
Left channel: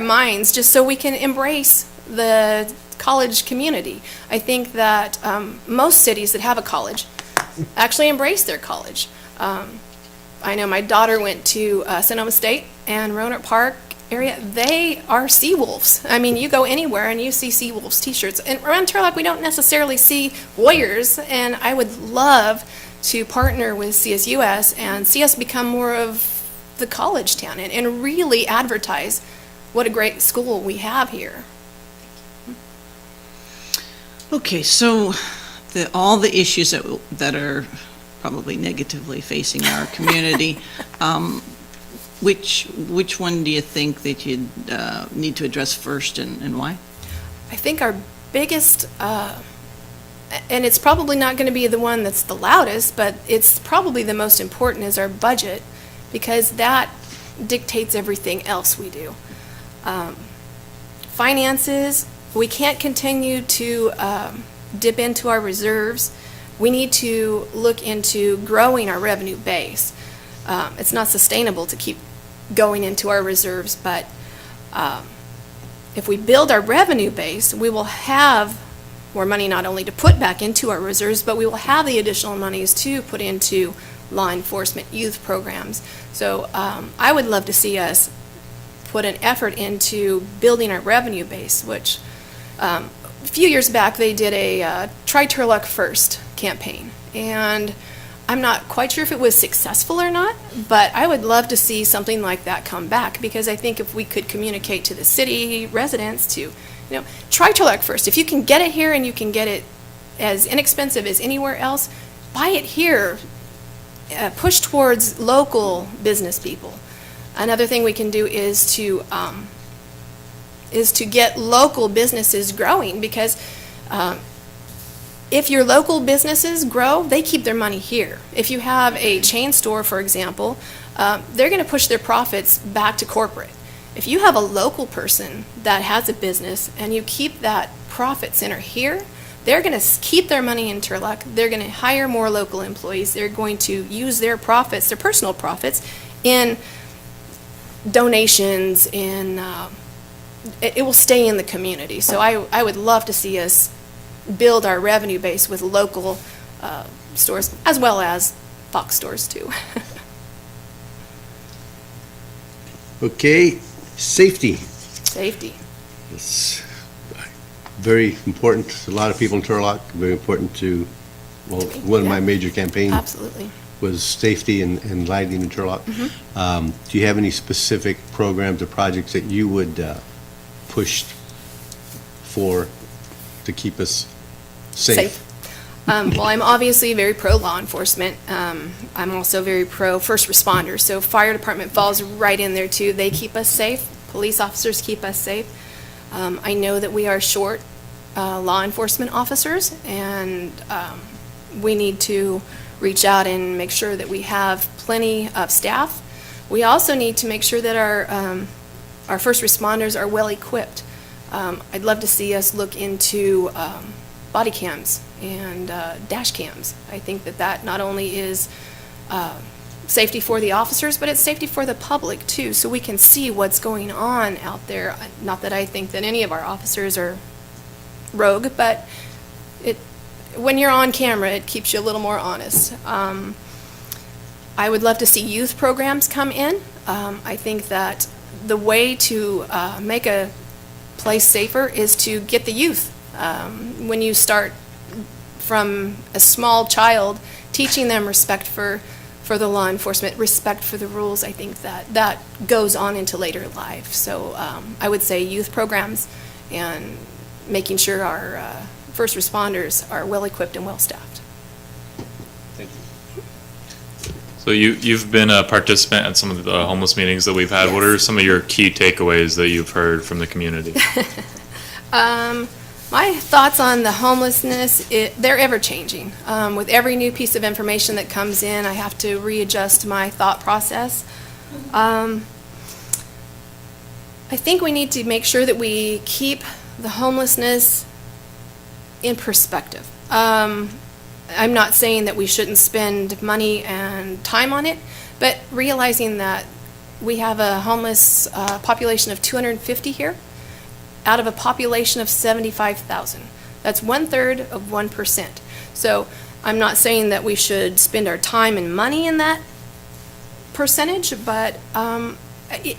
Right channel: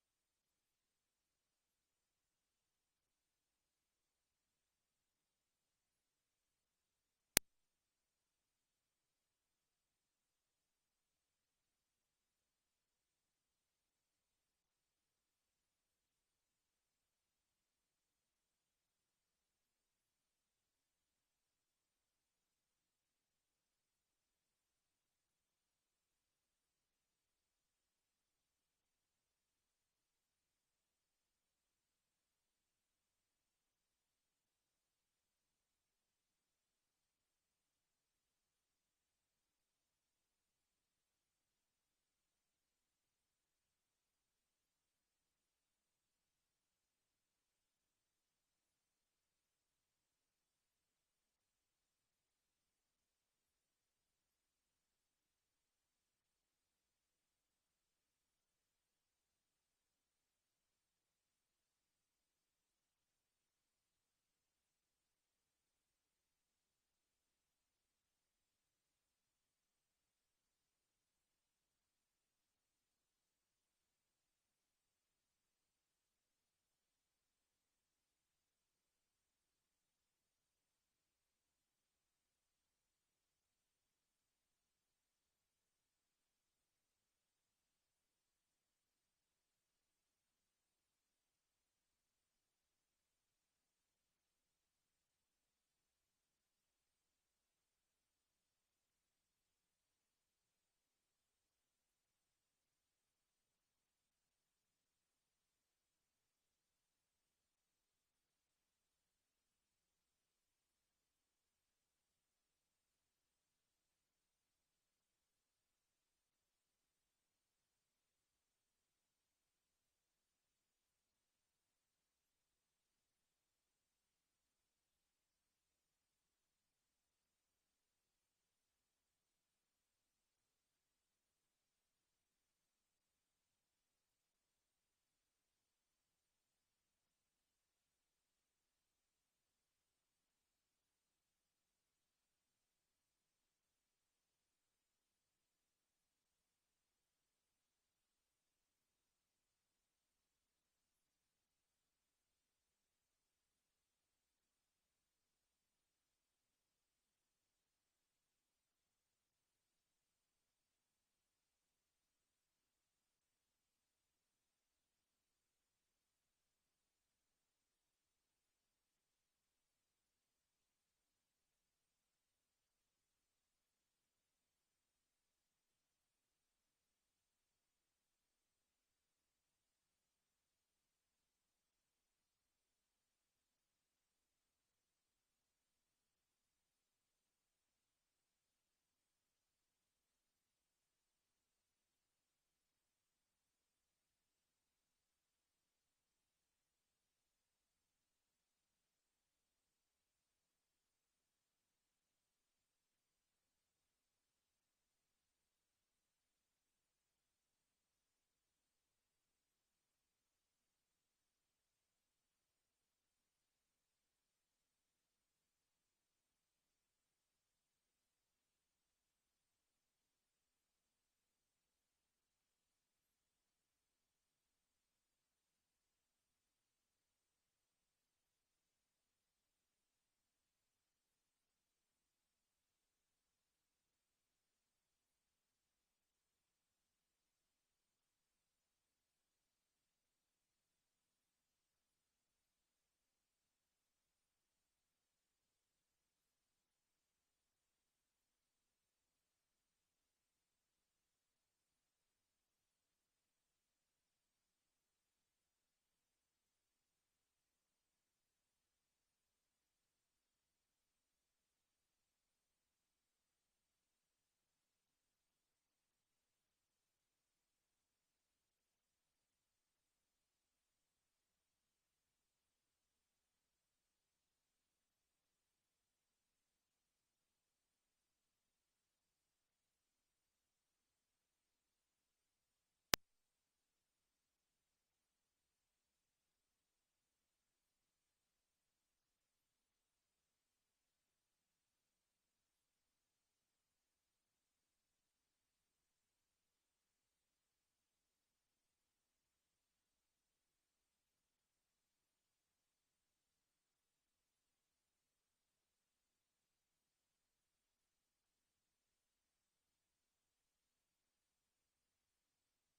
minds just so we can embrace the college community. I think that most cities that have a college actually embrace their college. I know my daughter went to Sonoma State and Roanoke Park area. They are Seawolves. I mean, you go anywhere and you see Seawolves t-shirts. And around Turlock, we don't necessarily see Warriors, and I would love to partner with CSUS and see us become more of the college town and really advertise what a great school we have here. Okay, so all the issues that are probably negatively facing our community, which one do you think that you'd need to address first and why? I think our biggest, and it's probably not going to be the one that's the loudest, but it's probably the most important, is our budget, because that dictates everything else we do. Finances, we can't continue to dip into our reserves. We need to look into growing our revenue base. It's not sustainable to keep going into our reserves, but if we build our revenue base, we will have more money not only to put back into our reserves, but we will have the additional monies to put into law enforcement, youth programs. So I would love to see us put an effort into building our revenue base, which a few years back they did a Try Turlock First campaign. And I'm not quite sure if it was successful or not, but I would love to see something like that come back, because I think if we could communicate to the city residents to, try Turlock First. If you can get it here and you can get it as inexpensive as anywhere else, buy it here. Push towards local business people. Another thing we can do is to get local businesses growing, because if your local businesses grow, they keep their money here. If you have a chain store, for example, they're going to push their profits back to corporate. If you have a local person that has a business and you keep that profit center here, they're going to keep their money in Turlock. They're going to hire more local employees. They're going to use their profits, their personal profits, in donations, it will stay in the community. So I would love to see us build our revenue base with local stores, as well as Fox stores too. Okay, safety. Safety. It's very important to a lot of people in Turlock, very important to, well, one of my major campaigns Absolutely. was safety and lighting in Turlock. Do you have any specific programs or projects that you would push for to keep us safe? Well, I'm obviously very pro law enforcement. I'm also very pro first responders. So fire department falls right in there too. They keep us safe. Police officers keep us safe. I know that we are short law enforcement officers, and we need to reach out and make sure that we have plenty of staff. We also need to make sure that our first responders are well equipped. I'd love to see us look into body cams and dash cams. I think that not only is safety for the officers, but it's safety for the public too, so we can see what's going on out there. Not that I think that any of our officers are rogue, but when you're on camera, it keeps you a little more honest. I would love to see youth programs come in. I think that the way to make a place safer is to get the youth. When you start from a small child, teaching them respect for the law enforcement, respect for the rules, I think that goes on into later life. So I would say youth programs and making sure our first responders are well-equipped and well-staffed. So you've been a participant at some of the homeless meetings that we've had. Yes. What are some of your key takeaways that you've heard from the community? My thoughts on the homelessness, they're ever-changing. With every new piece of information that comes in, I have to readjust my thought process. I think we need to make sure that we keep the homelessness in perspective. I'm not saying that we shouldn't spend money and time on it, but realizing that we have a homeless population of 250 here out of a population of 75,000. That's 1/3 of 1%. So I'm not saying that we should spend our time and money in that percentage, but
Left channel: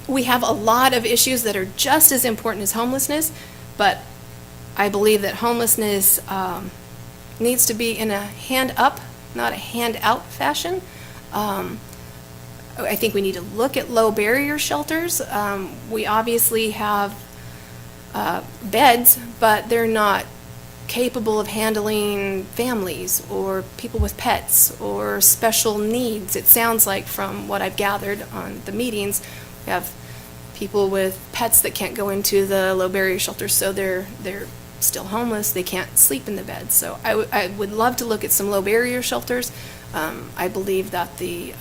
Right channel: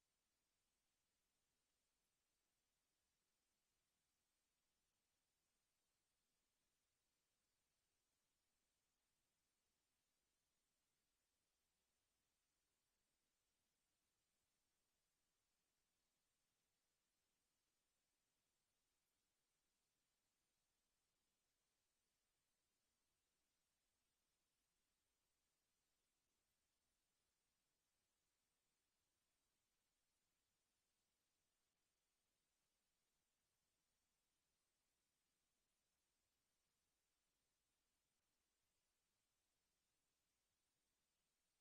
we have a lot of issues that are just as important as homelessness, but I believe that homelessness needs to be in a hand-up, not a hand-out fashion. I think we need to look at low-barrier shelters. We obviously have beds, but they're not capable of handling families or people with pets or special needs. It sounds like, from what I've gathered on the meetings, we have people with pets that can't go into the low-barrier shelters, so they're still homeless. They can't sleep in the bed. So I would love to look at some low-barrier shelters. I believe that the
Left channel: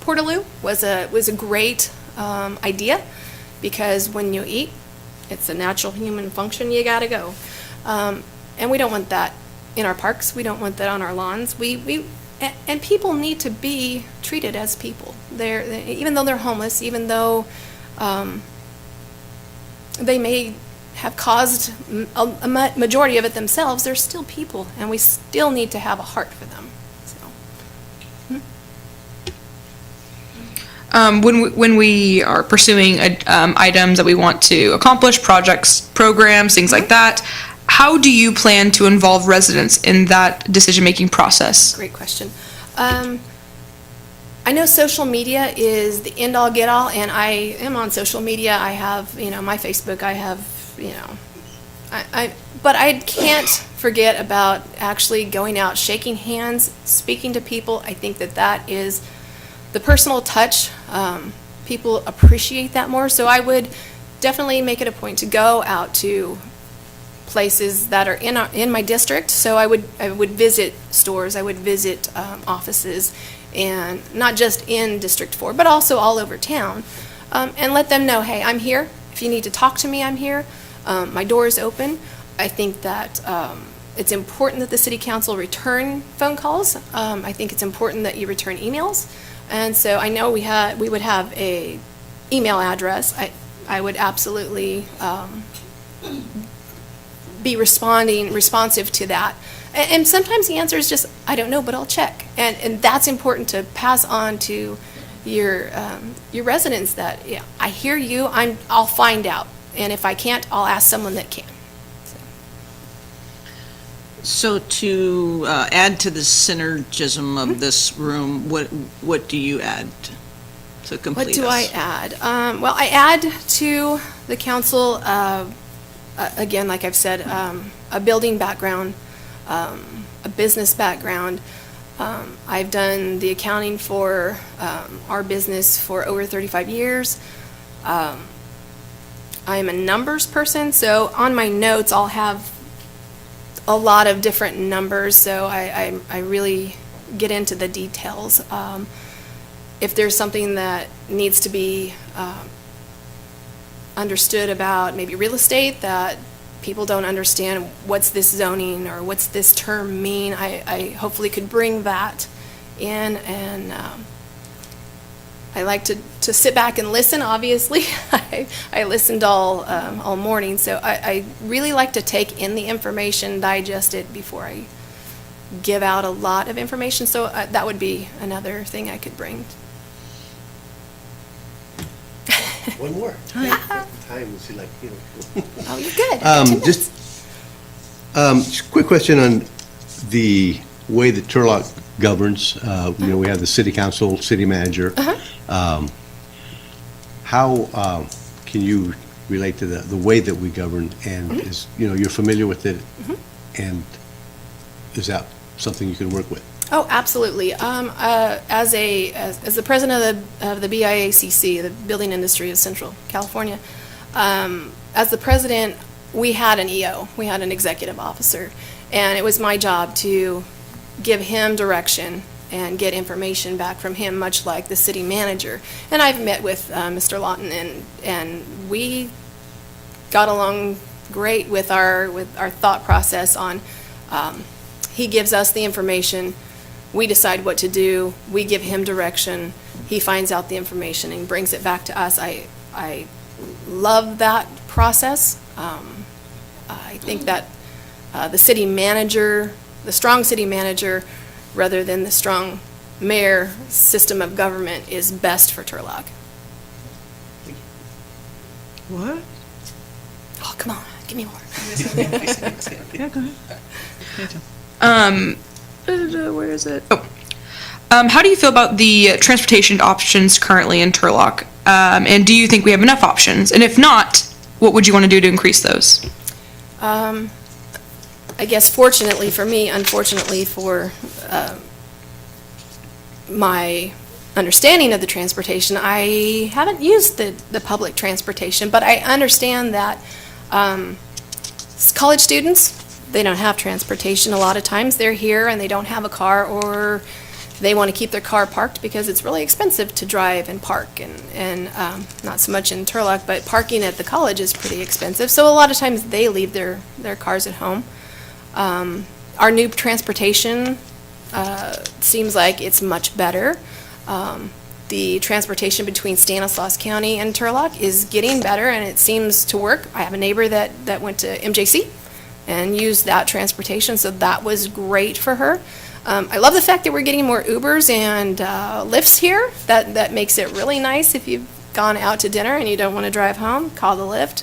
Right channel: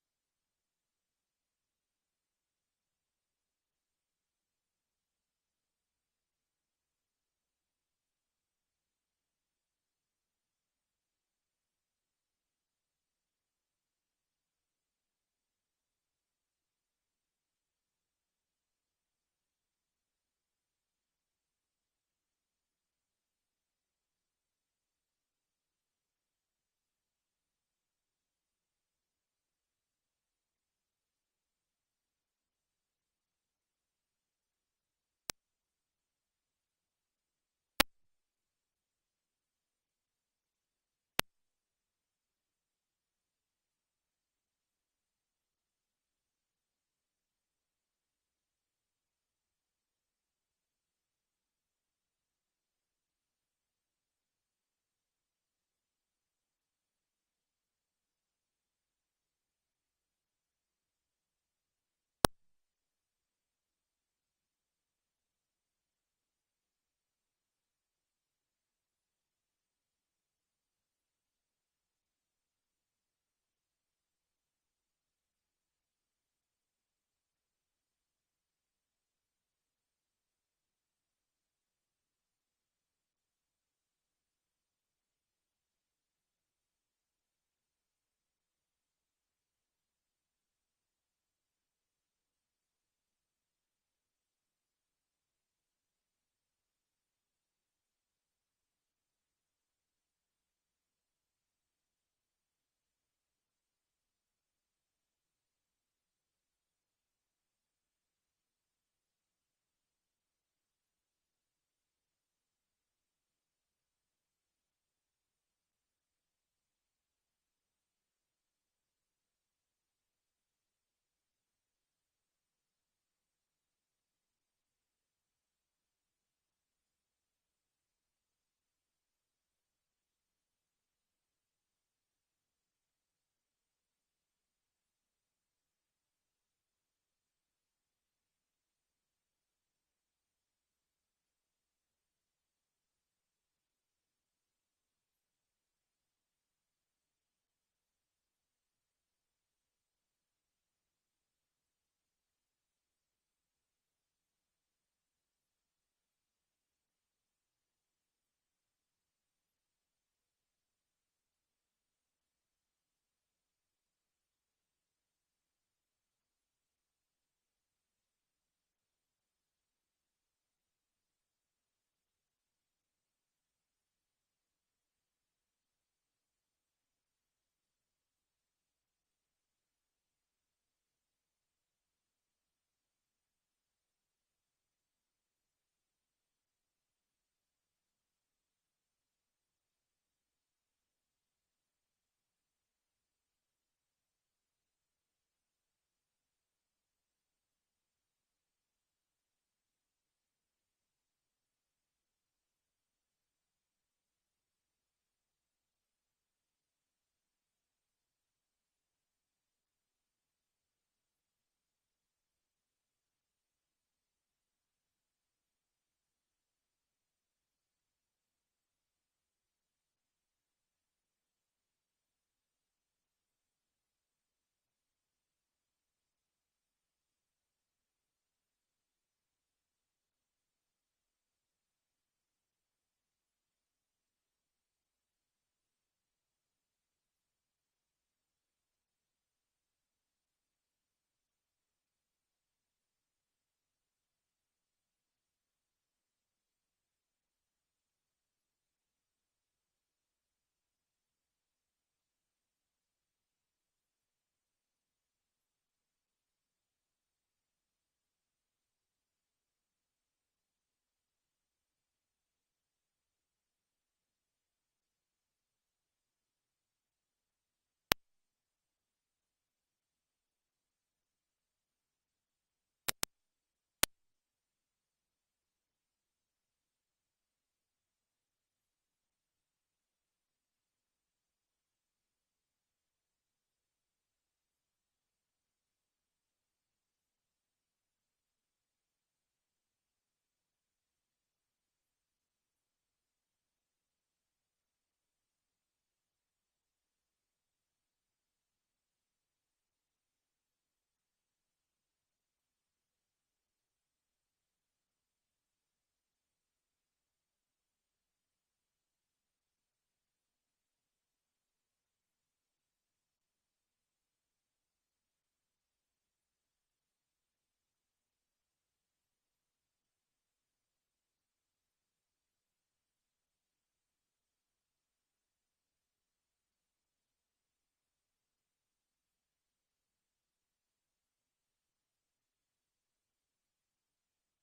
Portaloo was a great idea, because when you eat, it's a natural human function. You gotta go, and we don't want that in our parks. We don't want that on our lawns. And people need to be treated as people. Even though they're homeless, even though they may have caused a majority of it themselves, they're still people, and we still need to have a heart for them. When we are pursuing items that we want to accomplish, projects, programs, things like that, how do you plan to involve residents in that decision-making process? Great question. I know social media is the end-all, get-all, and I am on social media. I have, my Facebook. I have, but I can't forget about actually going out, shaking hands, speaking to people. I think that is the personal touch. People appreciate that more. So I would definitely make it a point to go out to places that are in my district. So I would visit stores. I would visit offices, and not just in District 4, but also all over town, and let them know, hey, I'm here. If you need to talk to me, I'm here. My door is open. I think that it's important that the city council return phone calls. I think it's important that you return emails. And so I know we would have a email address. I would absolutely be responsive to that. And sometimes the answer is just, I don't know, but I'll check. And that's important to pass on to your residents, that, yeah, I hear you, I'll find out. And if I can't, I'll ask someone that can. So to add to the synergism of this room, what do you add to complete What do I us? add? Well, I add to the council, again, like I've said, a building background, a business background. I've done the accounting for our business for over 35 years. I am a numbers person, so on my notes I'll have a lot of different numbers, so I really get into the details. If there's something that needs to be understood about maybe real estate, that people don't understand, what's this zoning or what's this term mean, I hopefully could bring that in. And I like to sit back and listen, obviously. I listened all morning, so I really like to take in the information, digest it before I give out a lot of information, so that would be another thing I could bring. One more. Time is like, Oh, you're good. 10 minutes. Just a quick question on the way that Turlock governs. We have the city council, city manager. How can you relate to the way that we govern? And is, you're familiar with it? And is that something you can work with? Oh, absolutely. As the president of the BIACC, the Building Industry of Central California, as the president, we had an EO, we had an executive officer, and it was my job to give him direction and get information back from him, much like the city manager. And I've met with Mr. Lawton, and we got along great with our thought process on. He gives us the information, we decide what to do, we give him direction, he finds out the information and brings it back to us. I love that process. I think that the city manager, the strong city manager, rather than the strong mayor system of government, is best for Turlock. What? Oh, come on, give me more. Yeah, go ahead. Where is it? Oh. How do you feel about the transportation options currently in Turlock? And do you think we have enough options? And if not, what would you want to do to increase those? I guess fortunately for me, unfortunately for my understanding of the transportation, I haven't used the public transportation, but I understand that college students, they don't have transportation. A lot of times they're here and they don't have a car, or they want to keep their car parked because it's really expensive to drive and park, and not so much in Turlock, but parking at the college is pretty expensive. So a lot of times they leave their cars at home. Our new transportation seems like it's much better. The transportation between Stanislaus County and Turlock is getting better, and it seems to work. I have a neighbor that went to MJC and used that transportation, so that was great for her. I love the fact that we're getting more Ubers and Lyfts here. That makes it really nice. If you've gone out to dinner and you don't want to drive home, call the Lyft.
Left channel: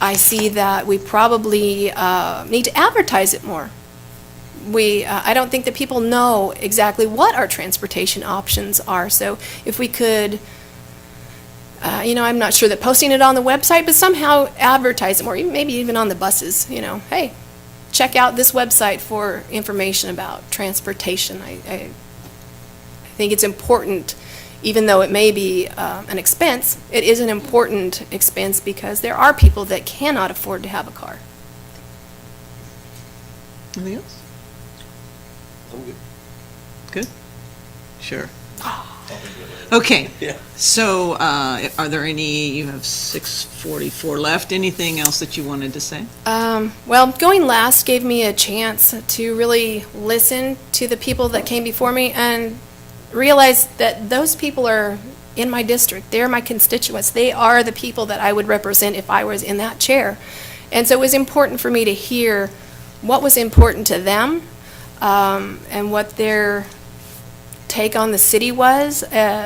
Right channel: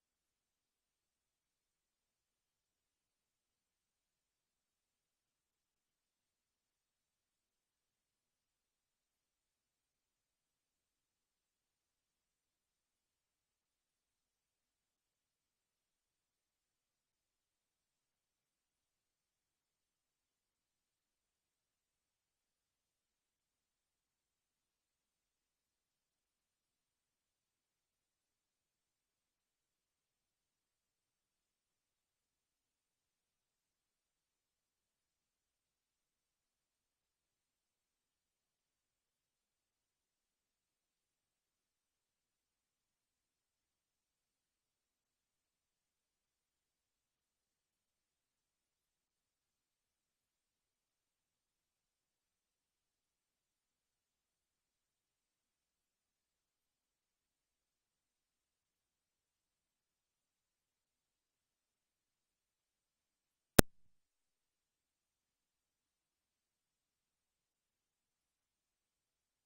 I see that we probably need to advertise it more. I don't think that people know exactly what our transportation options are. So if we could, I'm not sure that posting it on the website, but somehow advertise it more, maybe even on the buses, hey, check out this website for information about transportation. I think it's important, even though it may be an expense, it is an important expense because there are people that cannot afford to have a car. Anything else? I'm good. Good? Sure. Okay. Yeah. So, are there you have 6:44 left. Anything else that you wanted to say? Well, going last gave me a chance to really listen to the people that came before me and realize that those people are in my district. They're my constituents. They are the people that I would represent if I was in that chair. And so it was important for me to hear what was important to them, and what their take on the city was. I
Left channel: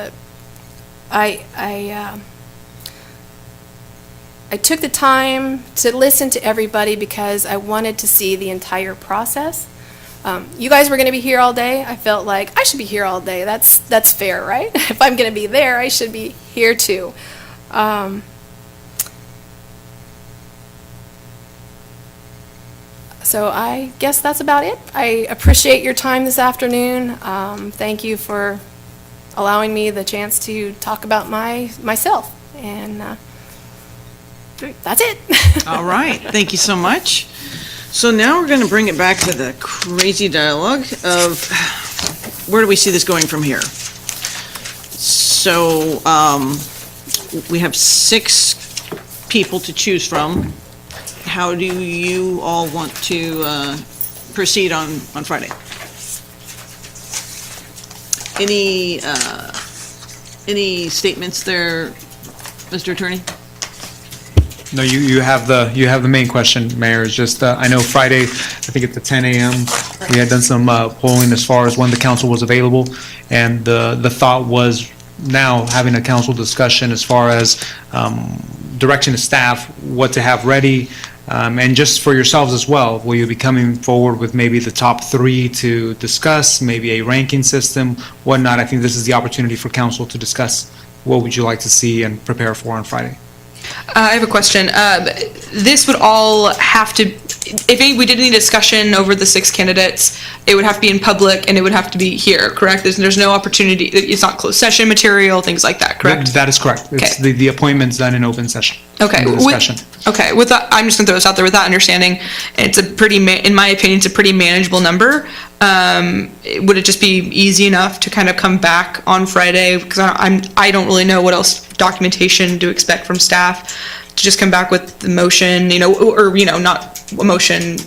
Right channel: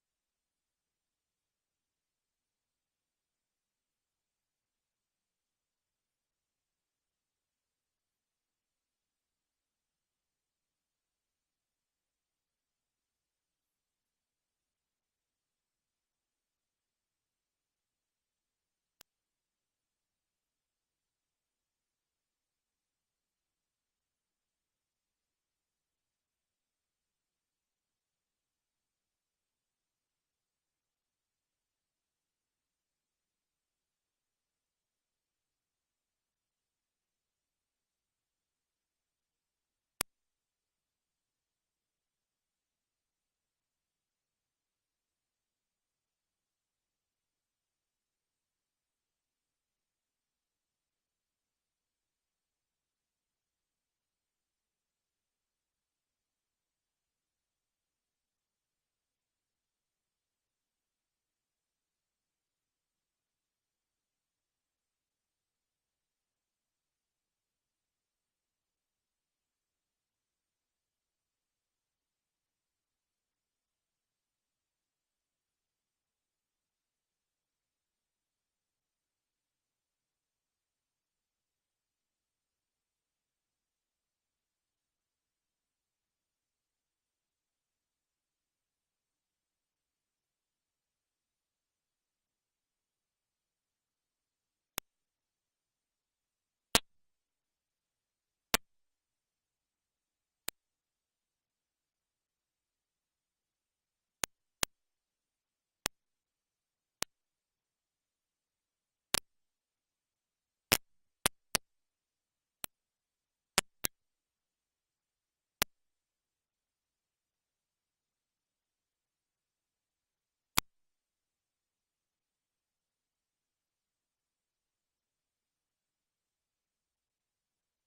took the time to listen to everybody because I wanted to see the entire process. You guys were going to be here all day. I felt like I should be here all day. That's fair, right? If I'm going to be there, I should be here too. So I guess that's about it. I appreciate your time this afternoon. Thank you for allowing me the chance to talk about myself. And that's it. All right. Thank you so much. So now we're going to bring it back to the crazy dialogue of where do we see this going from here? So we have 6 people to choose from. How do you all want to proceed on Friday? Any statements there, Mr. Attorney? No, you have the main question, Mayor. It's just, I know Friday, I think at the 10 a.m., we had done some polling as far as when the council was available. And the thought was now having a council discussion as far as direction to staff, what to have ready, and just for yourselves as well. Will you be coming forward with maybe the top 3 to discuss, maybe a ranking system, whatnot? I think this is the opportunity for council to discuss what would you like to see and prepare for on Friday. I have a question. This would all have to, if we did any discussion over the 6 candidates, it would have to be in public and it would have to be here, correct? There's no opportunity, it's not closed session material, things like that, correct? That is correct. It's Okay. the appointment's done in open session. Okay. The discussion. Okay, with that, I'm just gonna throw this out there, with that understanding, it's a pretty, in my opinion, it's a pretty manageable number. Would it just be easy enough to kind of come back on Friday? Because I don't really know what else documentation to expect from staff, to just come back with the motion, or, not a motion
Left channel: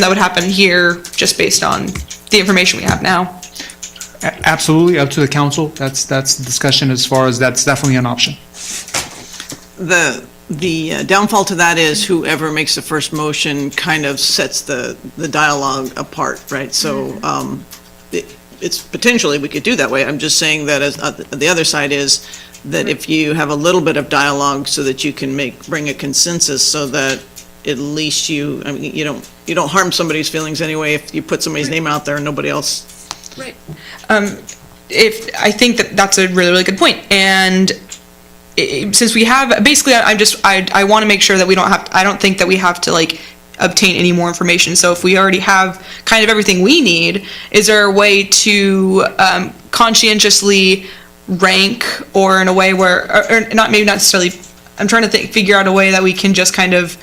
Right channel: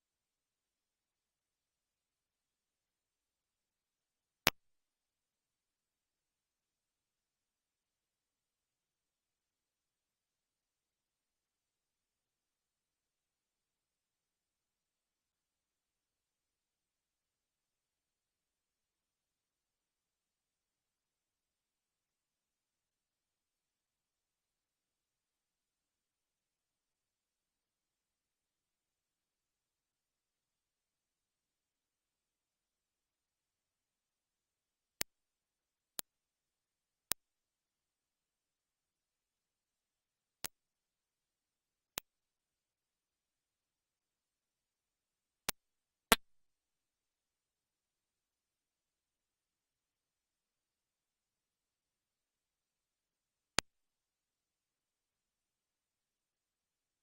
that would happen here, just based on the information we have now. Absolutely, up to the council. That's the discussion as far as that's definitely an option. The downfall to that is whoever makes the first motion kind of sets the dialogue apart, right? So it's potentially, we could do that way. I'm just saying that as the other side is that if you have a little bit of dialogue so that you can bring a consensus, so that at least you don't harm somebody's feelings anyway if you put somebody's name out there and nobody else. Right. I think that's a really, really good point. And since we have, basically, I want to make sure that I don't think that we have to obtain any more information. So if we already have kind of everything we need, is there a way to conscientiously rank, or in a way where, or not, maybe not necessarily, I'm trying to figure out a way that we can just kind of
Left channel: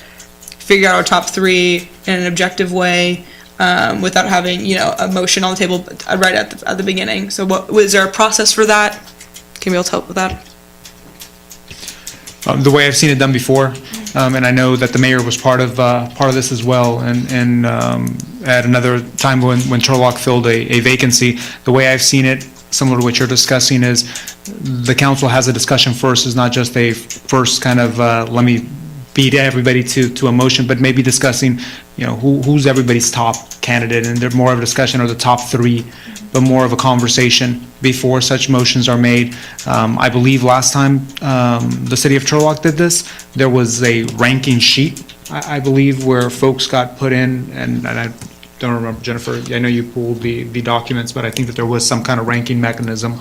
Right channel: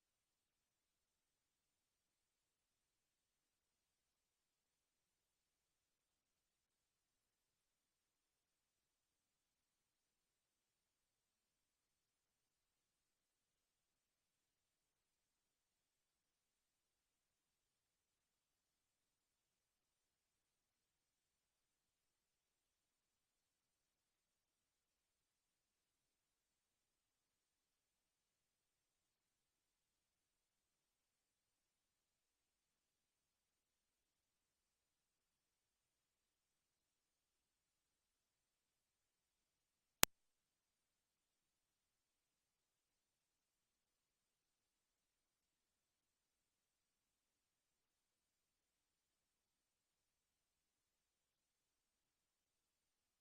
figure out our top 3 in an objective way, without having, a motion on the table right at the beginning. So was there a process for that? Can we all help with that? The way I've seen it done before, and I know that the mayor was part of this as well, and at another time when Turlock filled a vacancy, the way I've seen it, similar to what you're discussing, is the council has a discussion first. Is not just a first kind of let me beat everybody to a motion, but maybe discussing, who's everybody's top candidate, and they're more of a discussion, or the top 3, but more of a conversation before such motions are made. I believe last time the city of Turlock did this, there was a ranking sheet, I believe, where folks got put in, and I don't remember, Jennifer, I know you pulled the documents, but I think that there was some kind of ranking mechanism.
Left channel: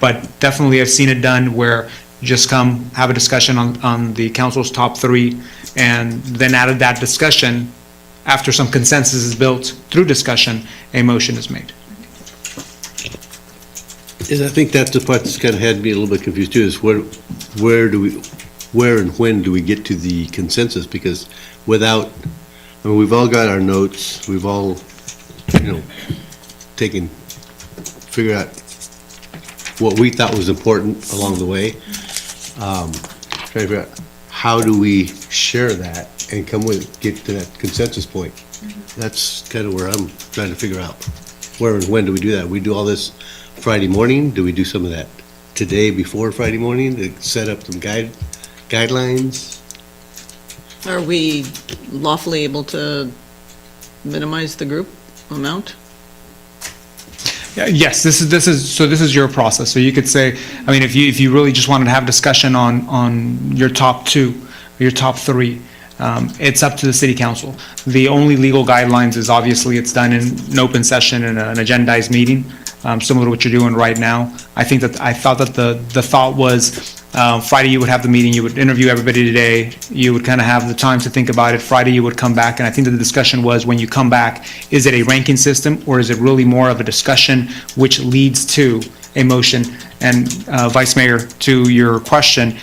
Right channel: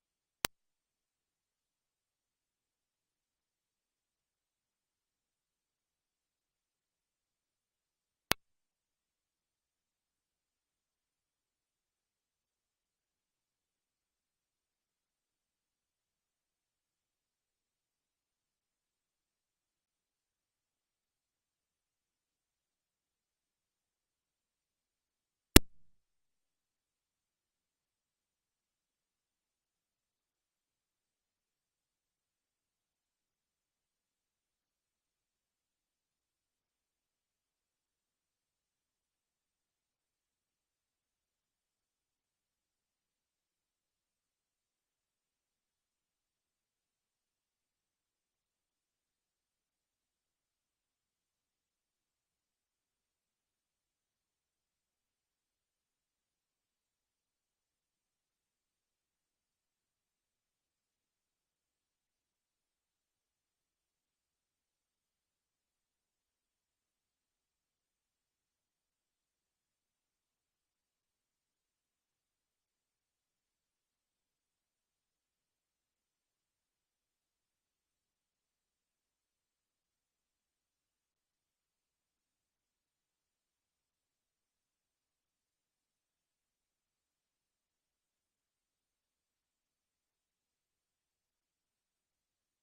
But definitely I've seen it done where you just come, have a discussion on the council's top 3, and then out of that discussion, after some consensus is built through discussion, a motion is made. I think that's the part that's kind of had me a little bit confused too, is where and when do we get to the consensus? Because without, we've all got our notes, we've all, figured out what we thought was important along the way. Trying to figure out how do we share that and get to that consensus point. That's kind of where I'm trying to figure out where and when do we do that. We do all this Friday morning? Do we do some of that today before Friday morning to set up some guidelines? Are we lawfully able to minimize the group amount? Yes, this is your process. So you could say, if you really just wanted to have discussion on your top 2, or your top 3, it's up to the city council. The only legal guidelines is obviously it's done in an open session in an agendized meeting, similar to what you're doing right now. I thought that the thought was Friday you would have the meeting, you would interview everybody today, you would kind of have the time to think about it. Friday you would come back, and I think that the discussion was, when you come back, is it a ranking system, or is it really more of a discussion which leads to a motion? And Vice Mayor, to your question,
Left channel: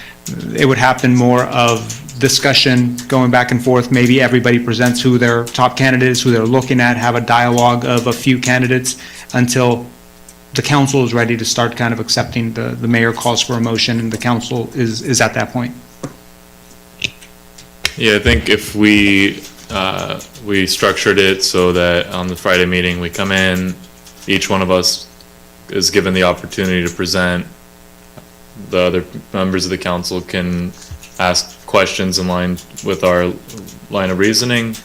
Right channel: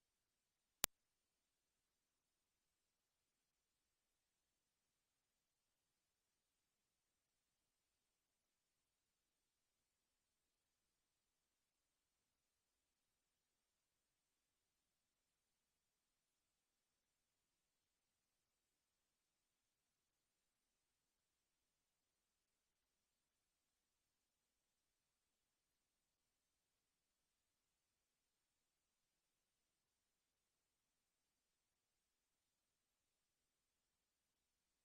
it would happen more of discussion going back and forth. Maybe everybody presents who their top candidate is, who they're looking at, have a dialogue of a few candidates until the council is ready to start kind of accepting the mayor calls for a motion, and the council is at that point. Yeah, I think if we structured it so that on the Friday meeting, we come in, each one of us is given the opportunity to present, the other members of the council can ask questions in line with our line of reasoning.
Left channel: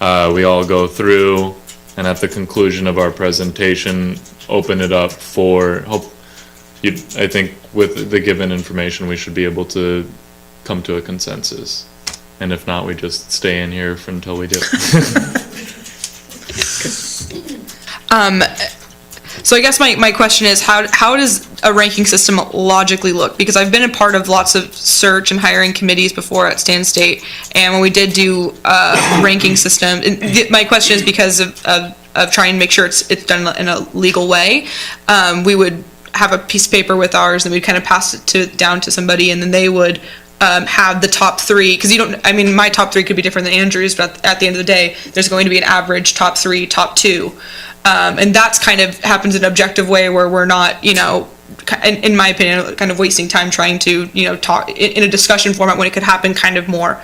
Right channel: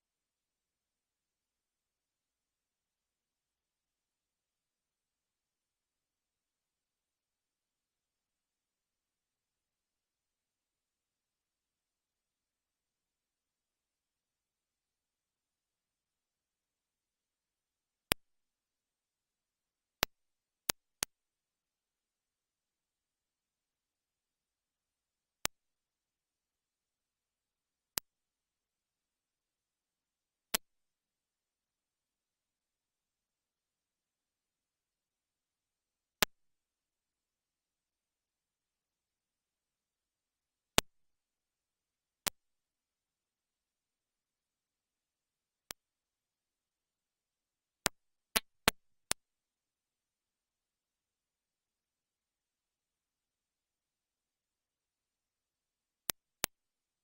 We all go through, and at the conclusion of our presentation, open it up for I think with the given information, we should be able to come to a consensus. And if not, we just stay in here until we do. So I guess my question is, how does a ranking system logically look? Because I've been a part of lots of search and hiring committees before at Stan State, and when we did do a ranking system, my question is because of trying to make sure it's done in a legal way. We would have a piece of paper with ours, and we'd kind of pass it down to somebody, and then they would have the top three, because my top three could be different than Andrew's, but at the end of the day, there's going to be an average top three, top two. And that's kind of happens in an objective way where we're not, in my opinion, kind of wasting time trying to, talk in a discussion format when it could happen kind of more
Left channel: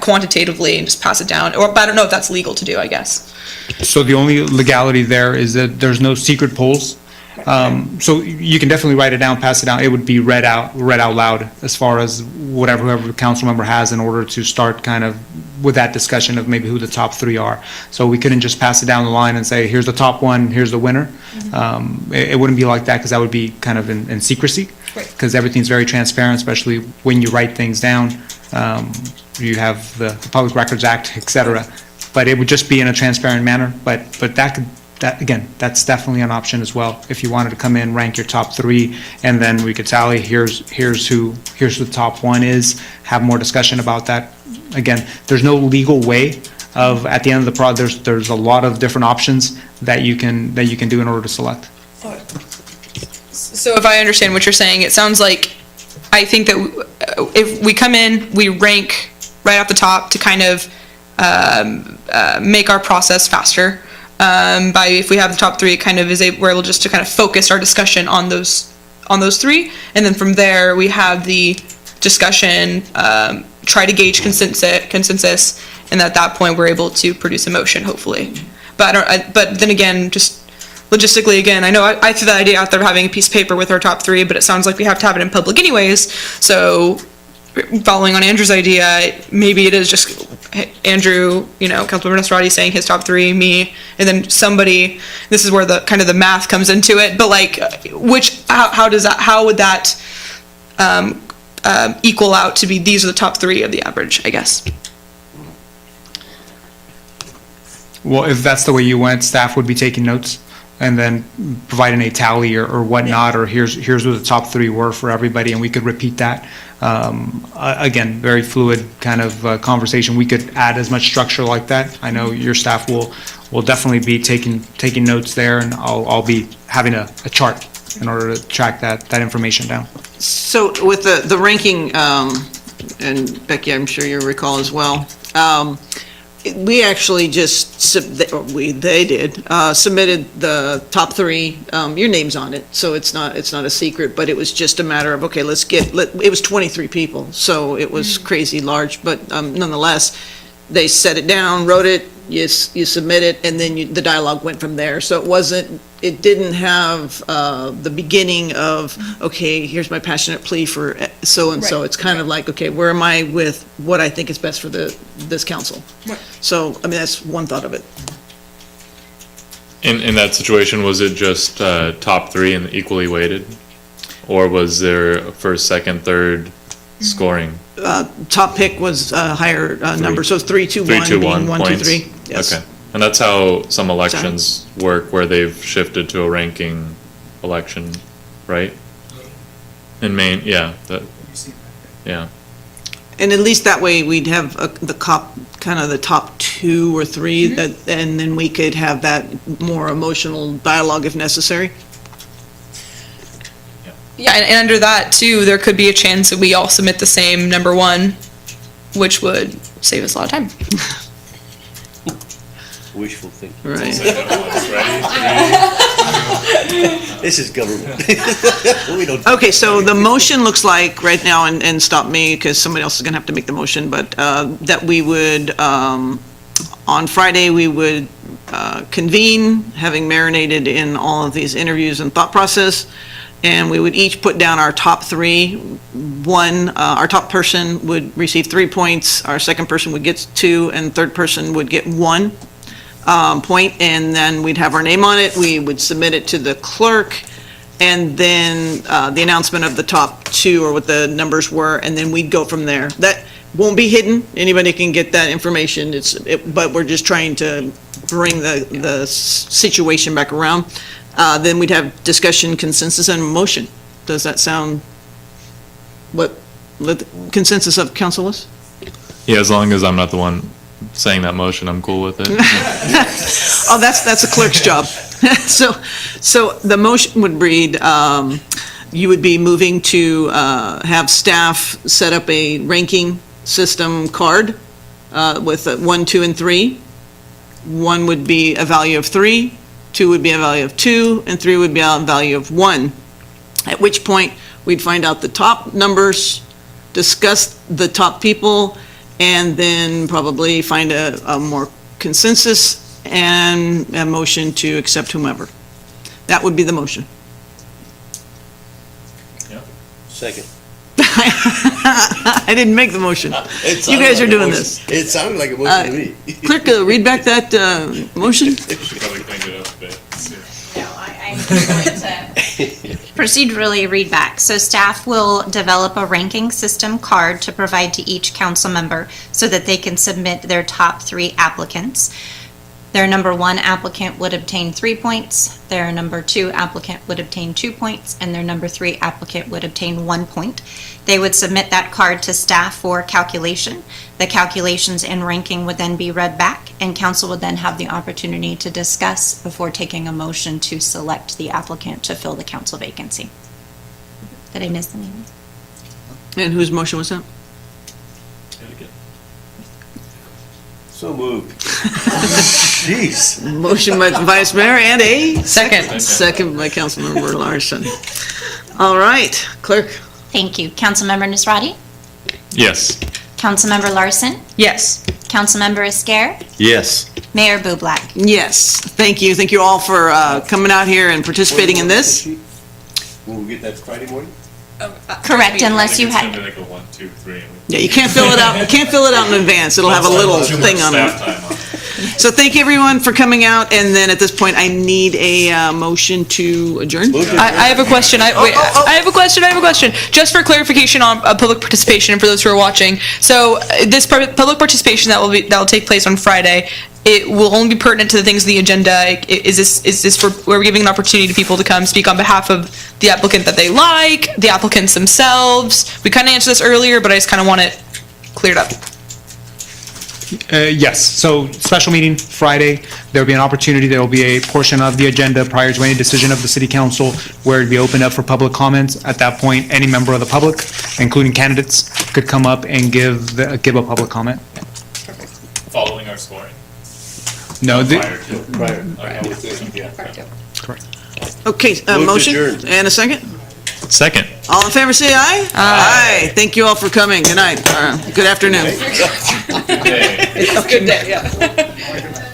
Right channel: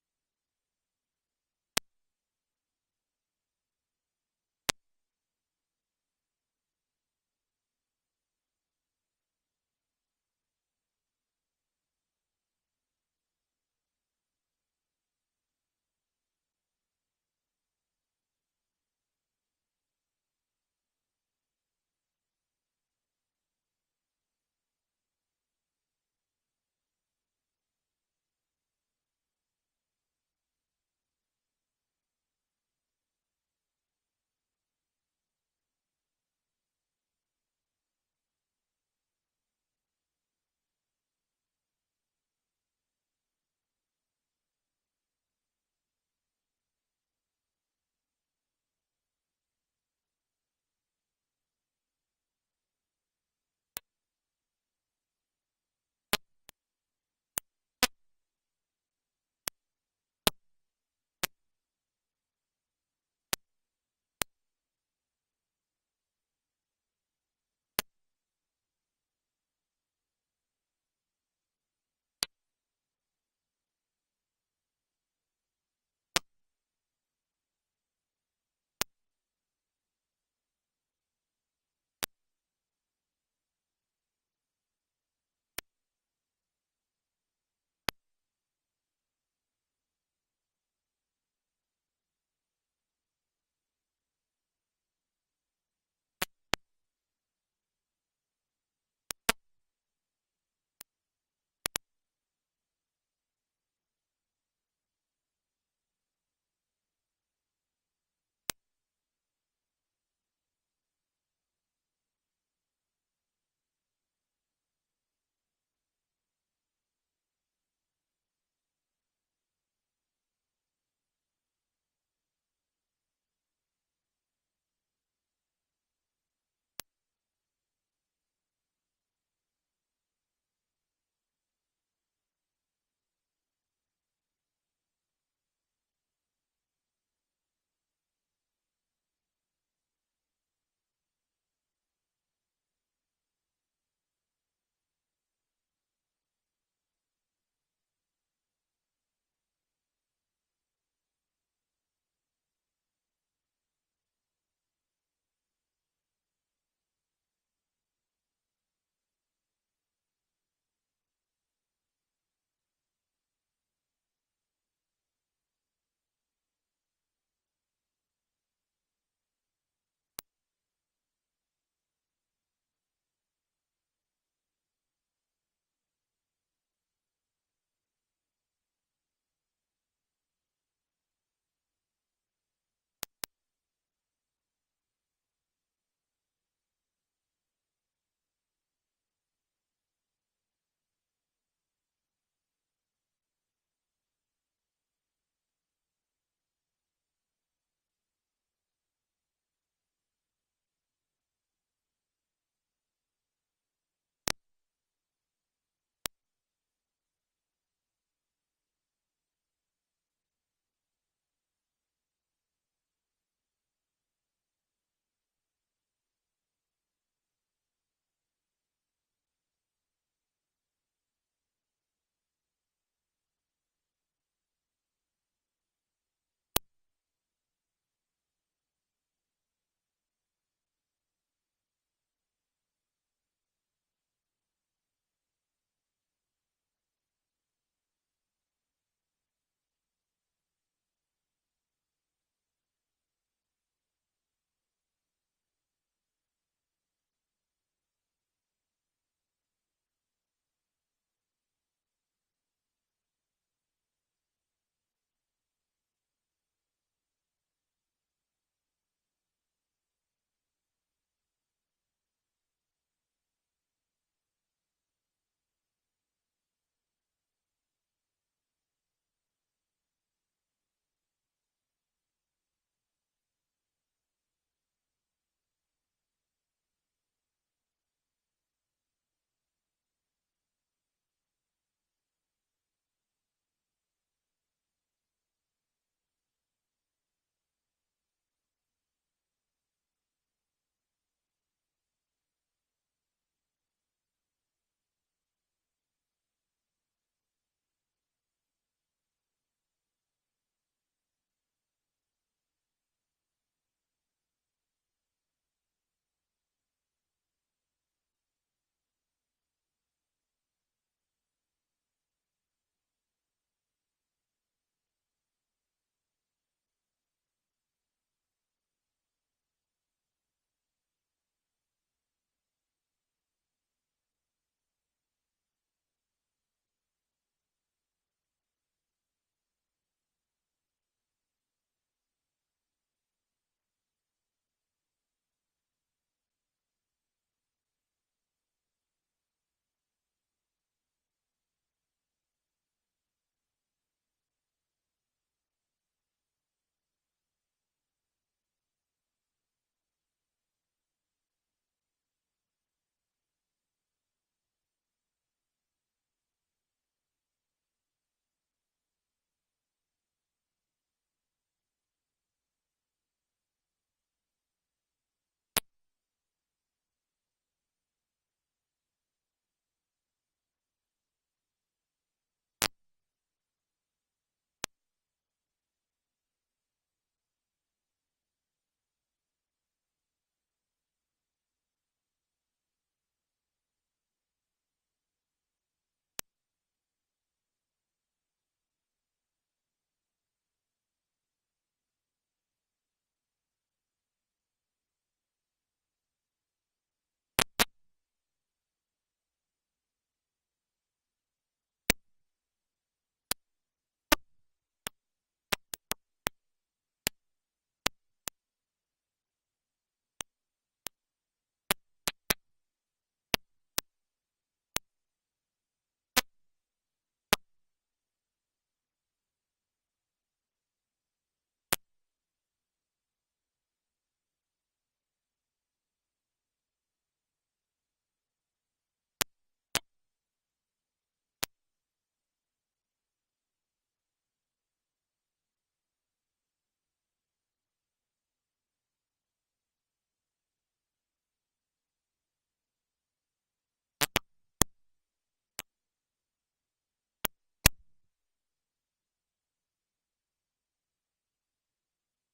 quantitatively and just pass it down. But I don't know if that's legal to do, I guess. So the only legality there is that there's no secret polls. So you can definitely write it down, pass it down. It would be read out loud as far as whoever the council member has in order to start kind of with that discussion of maybe who the top three are. So we couldn't just pass it down the line and say, here's the top one, here's the winner. It wouldn't be like that, because that would be kind of in secrecy. Because everything's very transparent, especially when you write things down. You have the Public Records Act, et cetera. But it would just be in a transparent manner. But that's definitely an option as well. If you wanted to come in, rank your top three, and then we could tally, here's who the top one is, have more discussion about that. Again, there's no legal way of, at the end of the process, there's a lot of different options that you can do in order to select. So if I understand what you're saying, it sounds like, I think that if we come in, we rank right off the top to kind of make our process faster. If we have the top three, it kind of we're able just to kind of focus our discussion on those three, and then from there we have the discussion, try to gauge consensus, and at that point we're able to produce a motion, hopefully. But then again, just logistically, again, I know I threw that idea out there of having a piece of paper with our top three, but it sounds like we have to have it in public anyways. So following on Andrew's idea, maybe it is just Andrew, Councilmember Nasrati saying his top three, me, and then somebody. This is where the kind of the math comes into it. But how would that equal out to be? These are the top three of the average, I guess. Well, if that's the way you went, staff would be taking notes and then providing a tally or whatnot, or here's what the top three were for everybody, and we could repeat that. Again, very fluid kind of conversation. We could add as much structure like that. I know your staff will definitely be taking notes there, and I'll be having a chart in order to track that information down. So with the ranking, and Becky, I'm sure you recall as well, we actually just, they did, submitted the top three, your name's on it, so it's not a secret, but it was just a matter of, okay, it was 23 people, so it was crazy large, but nonetheless, they set it down, wrote it, you submit it, and then the dialogue went from there. So it didn't have the beginning of, okay, here's my passionate plea for so-and-so. Right. It's kind of like, okay, where am I with what I think is best for this council? Right. So, that's one thought of it. In that situation, was it just top three and equally weighted? Or was there first, second, third scoring? Top pick was a higher number, so 3, 2, 1, 3, 2, 1 being 1, 2, points. 3. Yes. Okay. And that's how some elections work, where they've shifted to a ranking election, right? In Maine, yeah. Yeah. And at least that way, we'd have the top 2 or 3, and then we could have that more emotional dialogue if necessary. Yeah, and under that too, there could be a chance that we all submit the same number one, which would save us a lot of time. Wishful thinking. Right. This is government. We don't. Okay, so the motion looks like right now, and stop me because somebody else is going to have to make the motion, but that we would, on Friday, we would convene, having marinated in all of these interviews and thought process, and we would each put down our top three. Our top person would receive 3 points, our second person would get 2, and third person would get 1 point, and then we'd have our name on it, we would submit it to the clerk, and then the announcement of the top 2 or what the numbers were, and then we'd go from there. That won't be hidden, anybody can get that information, but we're just trying to bring the situation back around. Then we'd have discussion, consensus, and motion. Does that sound what the consensus of council is? Yeah, as long as I'm not the one saying that motion, I'm cool with it. Oh, that's a clerk's job. So the motion would read, you would be moving to have staff set up a ranking system card with 1, 2, and 3. 1 would be a value of 3, 2 would be a value of 2, and 3 would be a value of 1. At which point, we'd find out the top numbers, discuss the top people, and then probably find a more consensus and a motion to accept whomever. That would be the motion. Second. I didn't make the motion. You guys are doing this. It sounded like a motion to me. Clerk, read back that motion. Procedurally read back. So staff will develop a ranking system card to provide to each council member so that they can submit their top 3 applicants. Their number 1 applicant would obtain 3 points, their number 2 applicant would obtain 2 points, and their number 3 applicant would obtain 1 point. They would submit that card to staff for calculation. The calculations and ranking would then be read back, and council would then have the opportunity to discuss before taking a motion to select the applicant to fill the council vacancy. Did I miss the name? And whose motion was that? So moved. Jeez. Motion by the Vice Mayor and a Second. second by Councilmember Larson. All right, clerk. Thank you. Councilmember Nisrati? Yes. Councilmember Larson? Yes. Councilmember Esquer? Yes. Mayor Bublak? Yes, thank you. Thank you all for coming out here and participating in this. Will we get that Friday morning? Correct, unless you had, Like a 1, 2, 3. Yeah, you can't fill it out. You can't fill it out in advance. It'll have a little thing on it. So thank everyone for coming out. And then at this point, I need a motion to adjourn. I have a question. I have a question. Just for clarification on public participation, and for those who are watching. So this public participation that will take place on Friday, it will only be pertinent to the things on the agenda. Is this for, we're giving an opportunity to people to come speak on behalf of the applicant that they like, the applicants themselves? We kind of answered this earlier, but I just kind of want it cleared up. Yes, so special meeting Friday, there'll be an opportunity, there'll be a portion of the agenda prior to any decision of the city council where it'd be opened up for public comments. At that point, any member of the public, including candidates, could come up and give a public comment. Following our scoring. No, Prior. correct. Okay, Move motion adjourned. and a second. Second. All in favor, say aye. Aye. Thank you all for coming. Good night. Good afternoon. Good day. It's a good day, yeah.